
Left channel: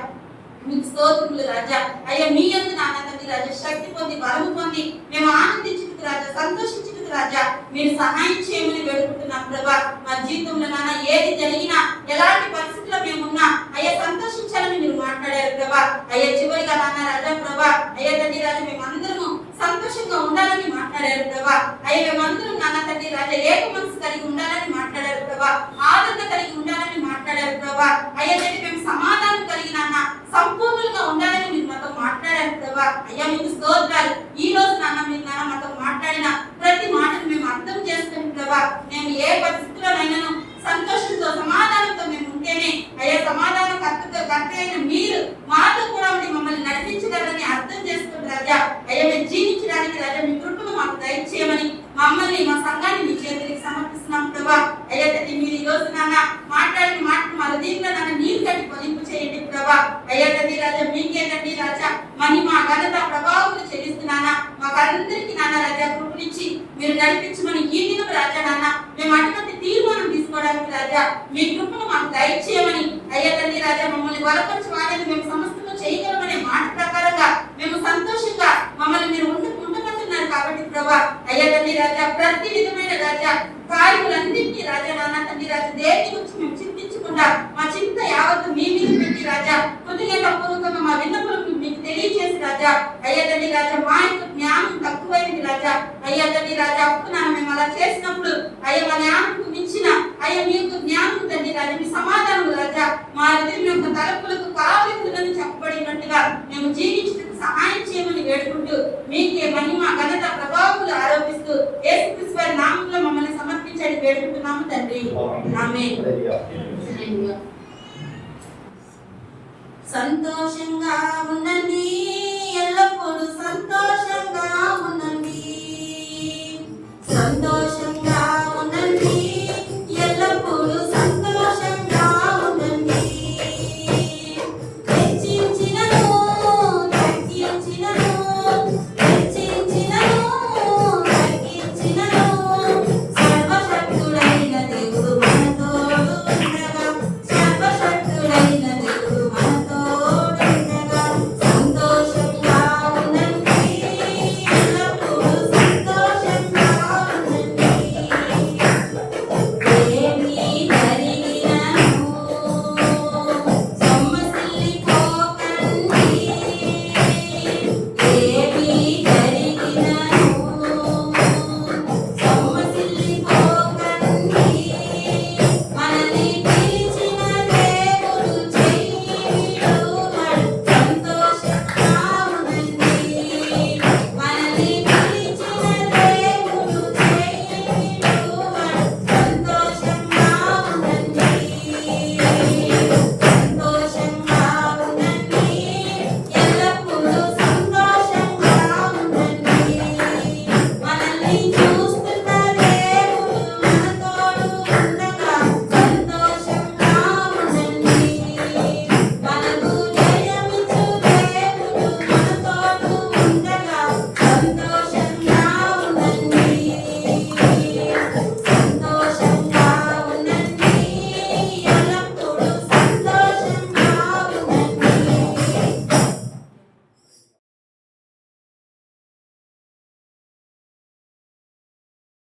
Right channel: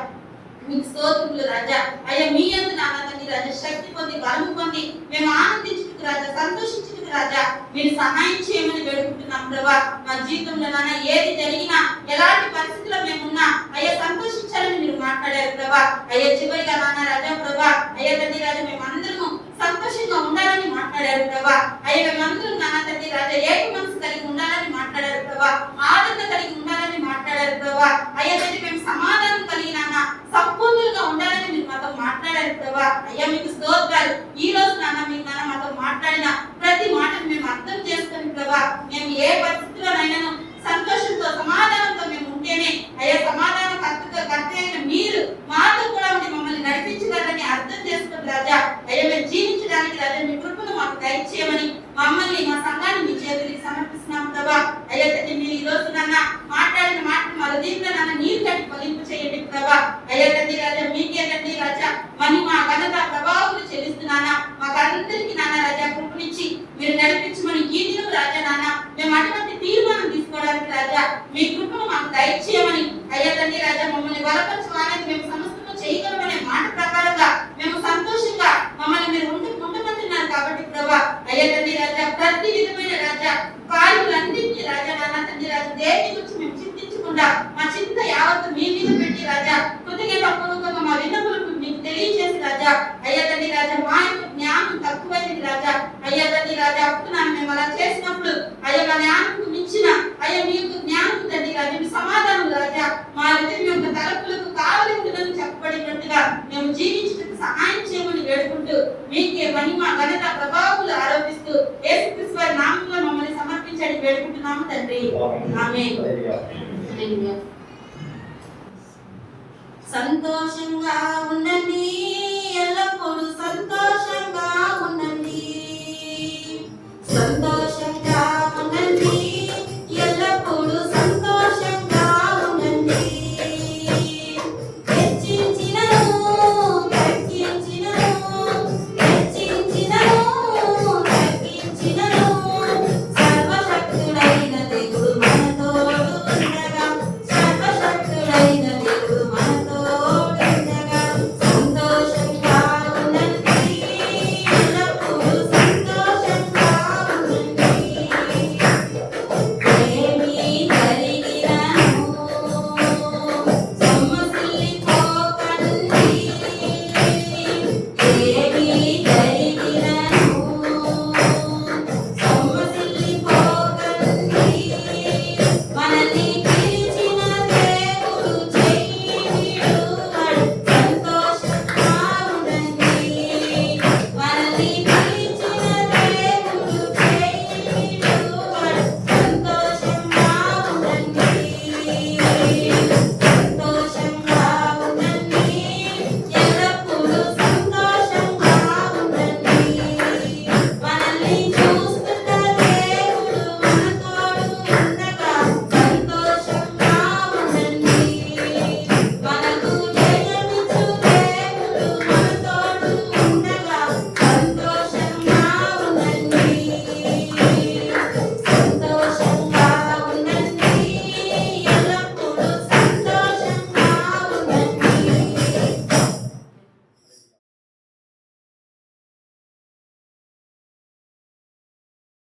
మీకు స్తోత్రములు రాజా. అయ్యా మీ యందు నాన్న తండ్రి రాజా శక్తి పొంది బలము పొంది మేము ఆనందించుటకు రాజా సంతోషించుటకు రాజా మీరు సహాయం చేయమని వేడుకుంటున్నాం ప్రభా. మా జీవితంలో నాన్న ఏది జరిగినా ఎలాంటి పరిస్థితుల్లో మేమున్నా అయ్యా సంతోషించాలని మీరు మాట్లాడారు ప్రభా. అయ్యా చివరిగా నాన్న రాజా ప్రభా అయ్యా తండ్రి రాజా మేమందరము సంతోషంగా ఉండాలని మాట్లాడారు ప్రభా. అయ్యా మేమందరం నాన్న తండ్రి రాజా ఏక మనసు కలిగి ఉండాలని మాట్లాడారు ప్రభా. ఆదరణ కలిగి ఉండాలని మాట్లాడారు ప్రభా. అయ్యా తండ్రి మేము సమాధానం కలిగి నాన్న సంపూర్ణంగా ఉండాలని మీరు మాతో మాట్లాడారు ప్రభా. అయ్యా మీకు స్తోత్రాలు. ఈ రోజు నాన్న మీరు నాన్న మాతో మాట్లాడిన ప్రతి మాటను మేము అర్థం చేసుకుని ప్రభా మేము ఏ పరిస్థితుల్లోనైనాను సంతోషంతో సమాధానంతో మేము ఉంటేనే అయ్యా సమాధానం కర్త అయిన మీరు మాతో కూడా ఉండి మమ్మల్ని నడిపించగలరని అర్థం చేసుకుని రాజా అయ్యా మేము జీవించడానికి రాజా మీ కృపను మాకు దయచేయమని మమ్మల్ని మా సంఘాన్ని మీ చేతులకు సమర్పిస్తున్నాం ప్రభా. అయ్యా తండ్రి మీరు ఈ రోజు నాన్న మాట్లాడిన మాటలు మా హృదయంలో నాన్న నీరు కట్టి ఫలింపు చేయండి ప్రభా. అయ్యా తండ్రి రాజా మీకే తండ్రి రాజా మహిమ ఘనత ప్రభావం చెల్లిస్తున్నానా మా కర్ణ అందరికీ నాన్న రాజా కృపనిచ్చి మీరు నడిపించమని ఈ దినం రాజా నాన్న మేము అటువంటి తీర్మానం తీసుకోవడానికి రాజా మీ కృపను మాకు దయచేయమని అయ్యా తండ్రి రాజా మమ్మల్ని బలపరిచి వాడేది మేము సమస్తము చేయగలమనే మాట ప్రకారంగా మేము సంతోషంగా మమ్మల్ని మీరు ఉండమంటున్నారు కాబట్టి ప్రభా అయ్యా తండ్రి రాజా ప్రతి విధమైన రాజా కార్యములన్నింటినీ రాజా నాన్న తండ్రి రాజా దేని గురించి మేము చింతించకుండా మా చింత యావత్తు మీ మీద పెట్టి రాజా కొద్దిగా పూర్వకంగా మా విన్నపులకు మీకు తెలియజేసి రాజా అయ్యా తండ్రి రాజా మా యొక్క జ్ఞానం తక్కువైంది రాజా అయ్యా తండ్రి రాజా అప్పుడు మేము అలా చేసినప్పుడు అయ్యా మా జ్ఞానంకు మించిన అయ్యా మీ యొక్క జ్ఞానం తండ్రి రాజా మీ సమాధానం రాజా మా హృదయం యొక్క తలపులకు కావలిందని చెప్పబడినట్టుగా మేము జీవించడానికి సహాయం చేయమని వేడుకుంటూ మీకే మహిమ ఘనత ప్రభావాలు ఆరోపిస్తూ యేసుక్రీస్తు వారి నామములో మమ్మల్ని సమర్పించండి వేడుకుంటున్నాము తండ్రి ఆమేన్. హల్లెలూయా. సంతోషంగా ఉండండి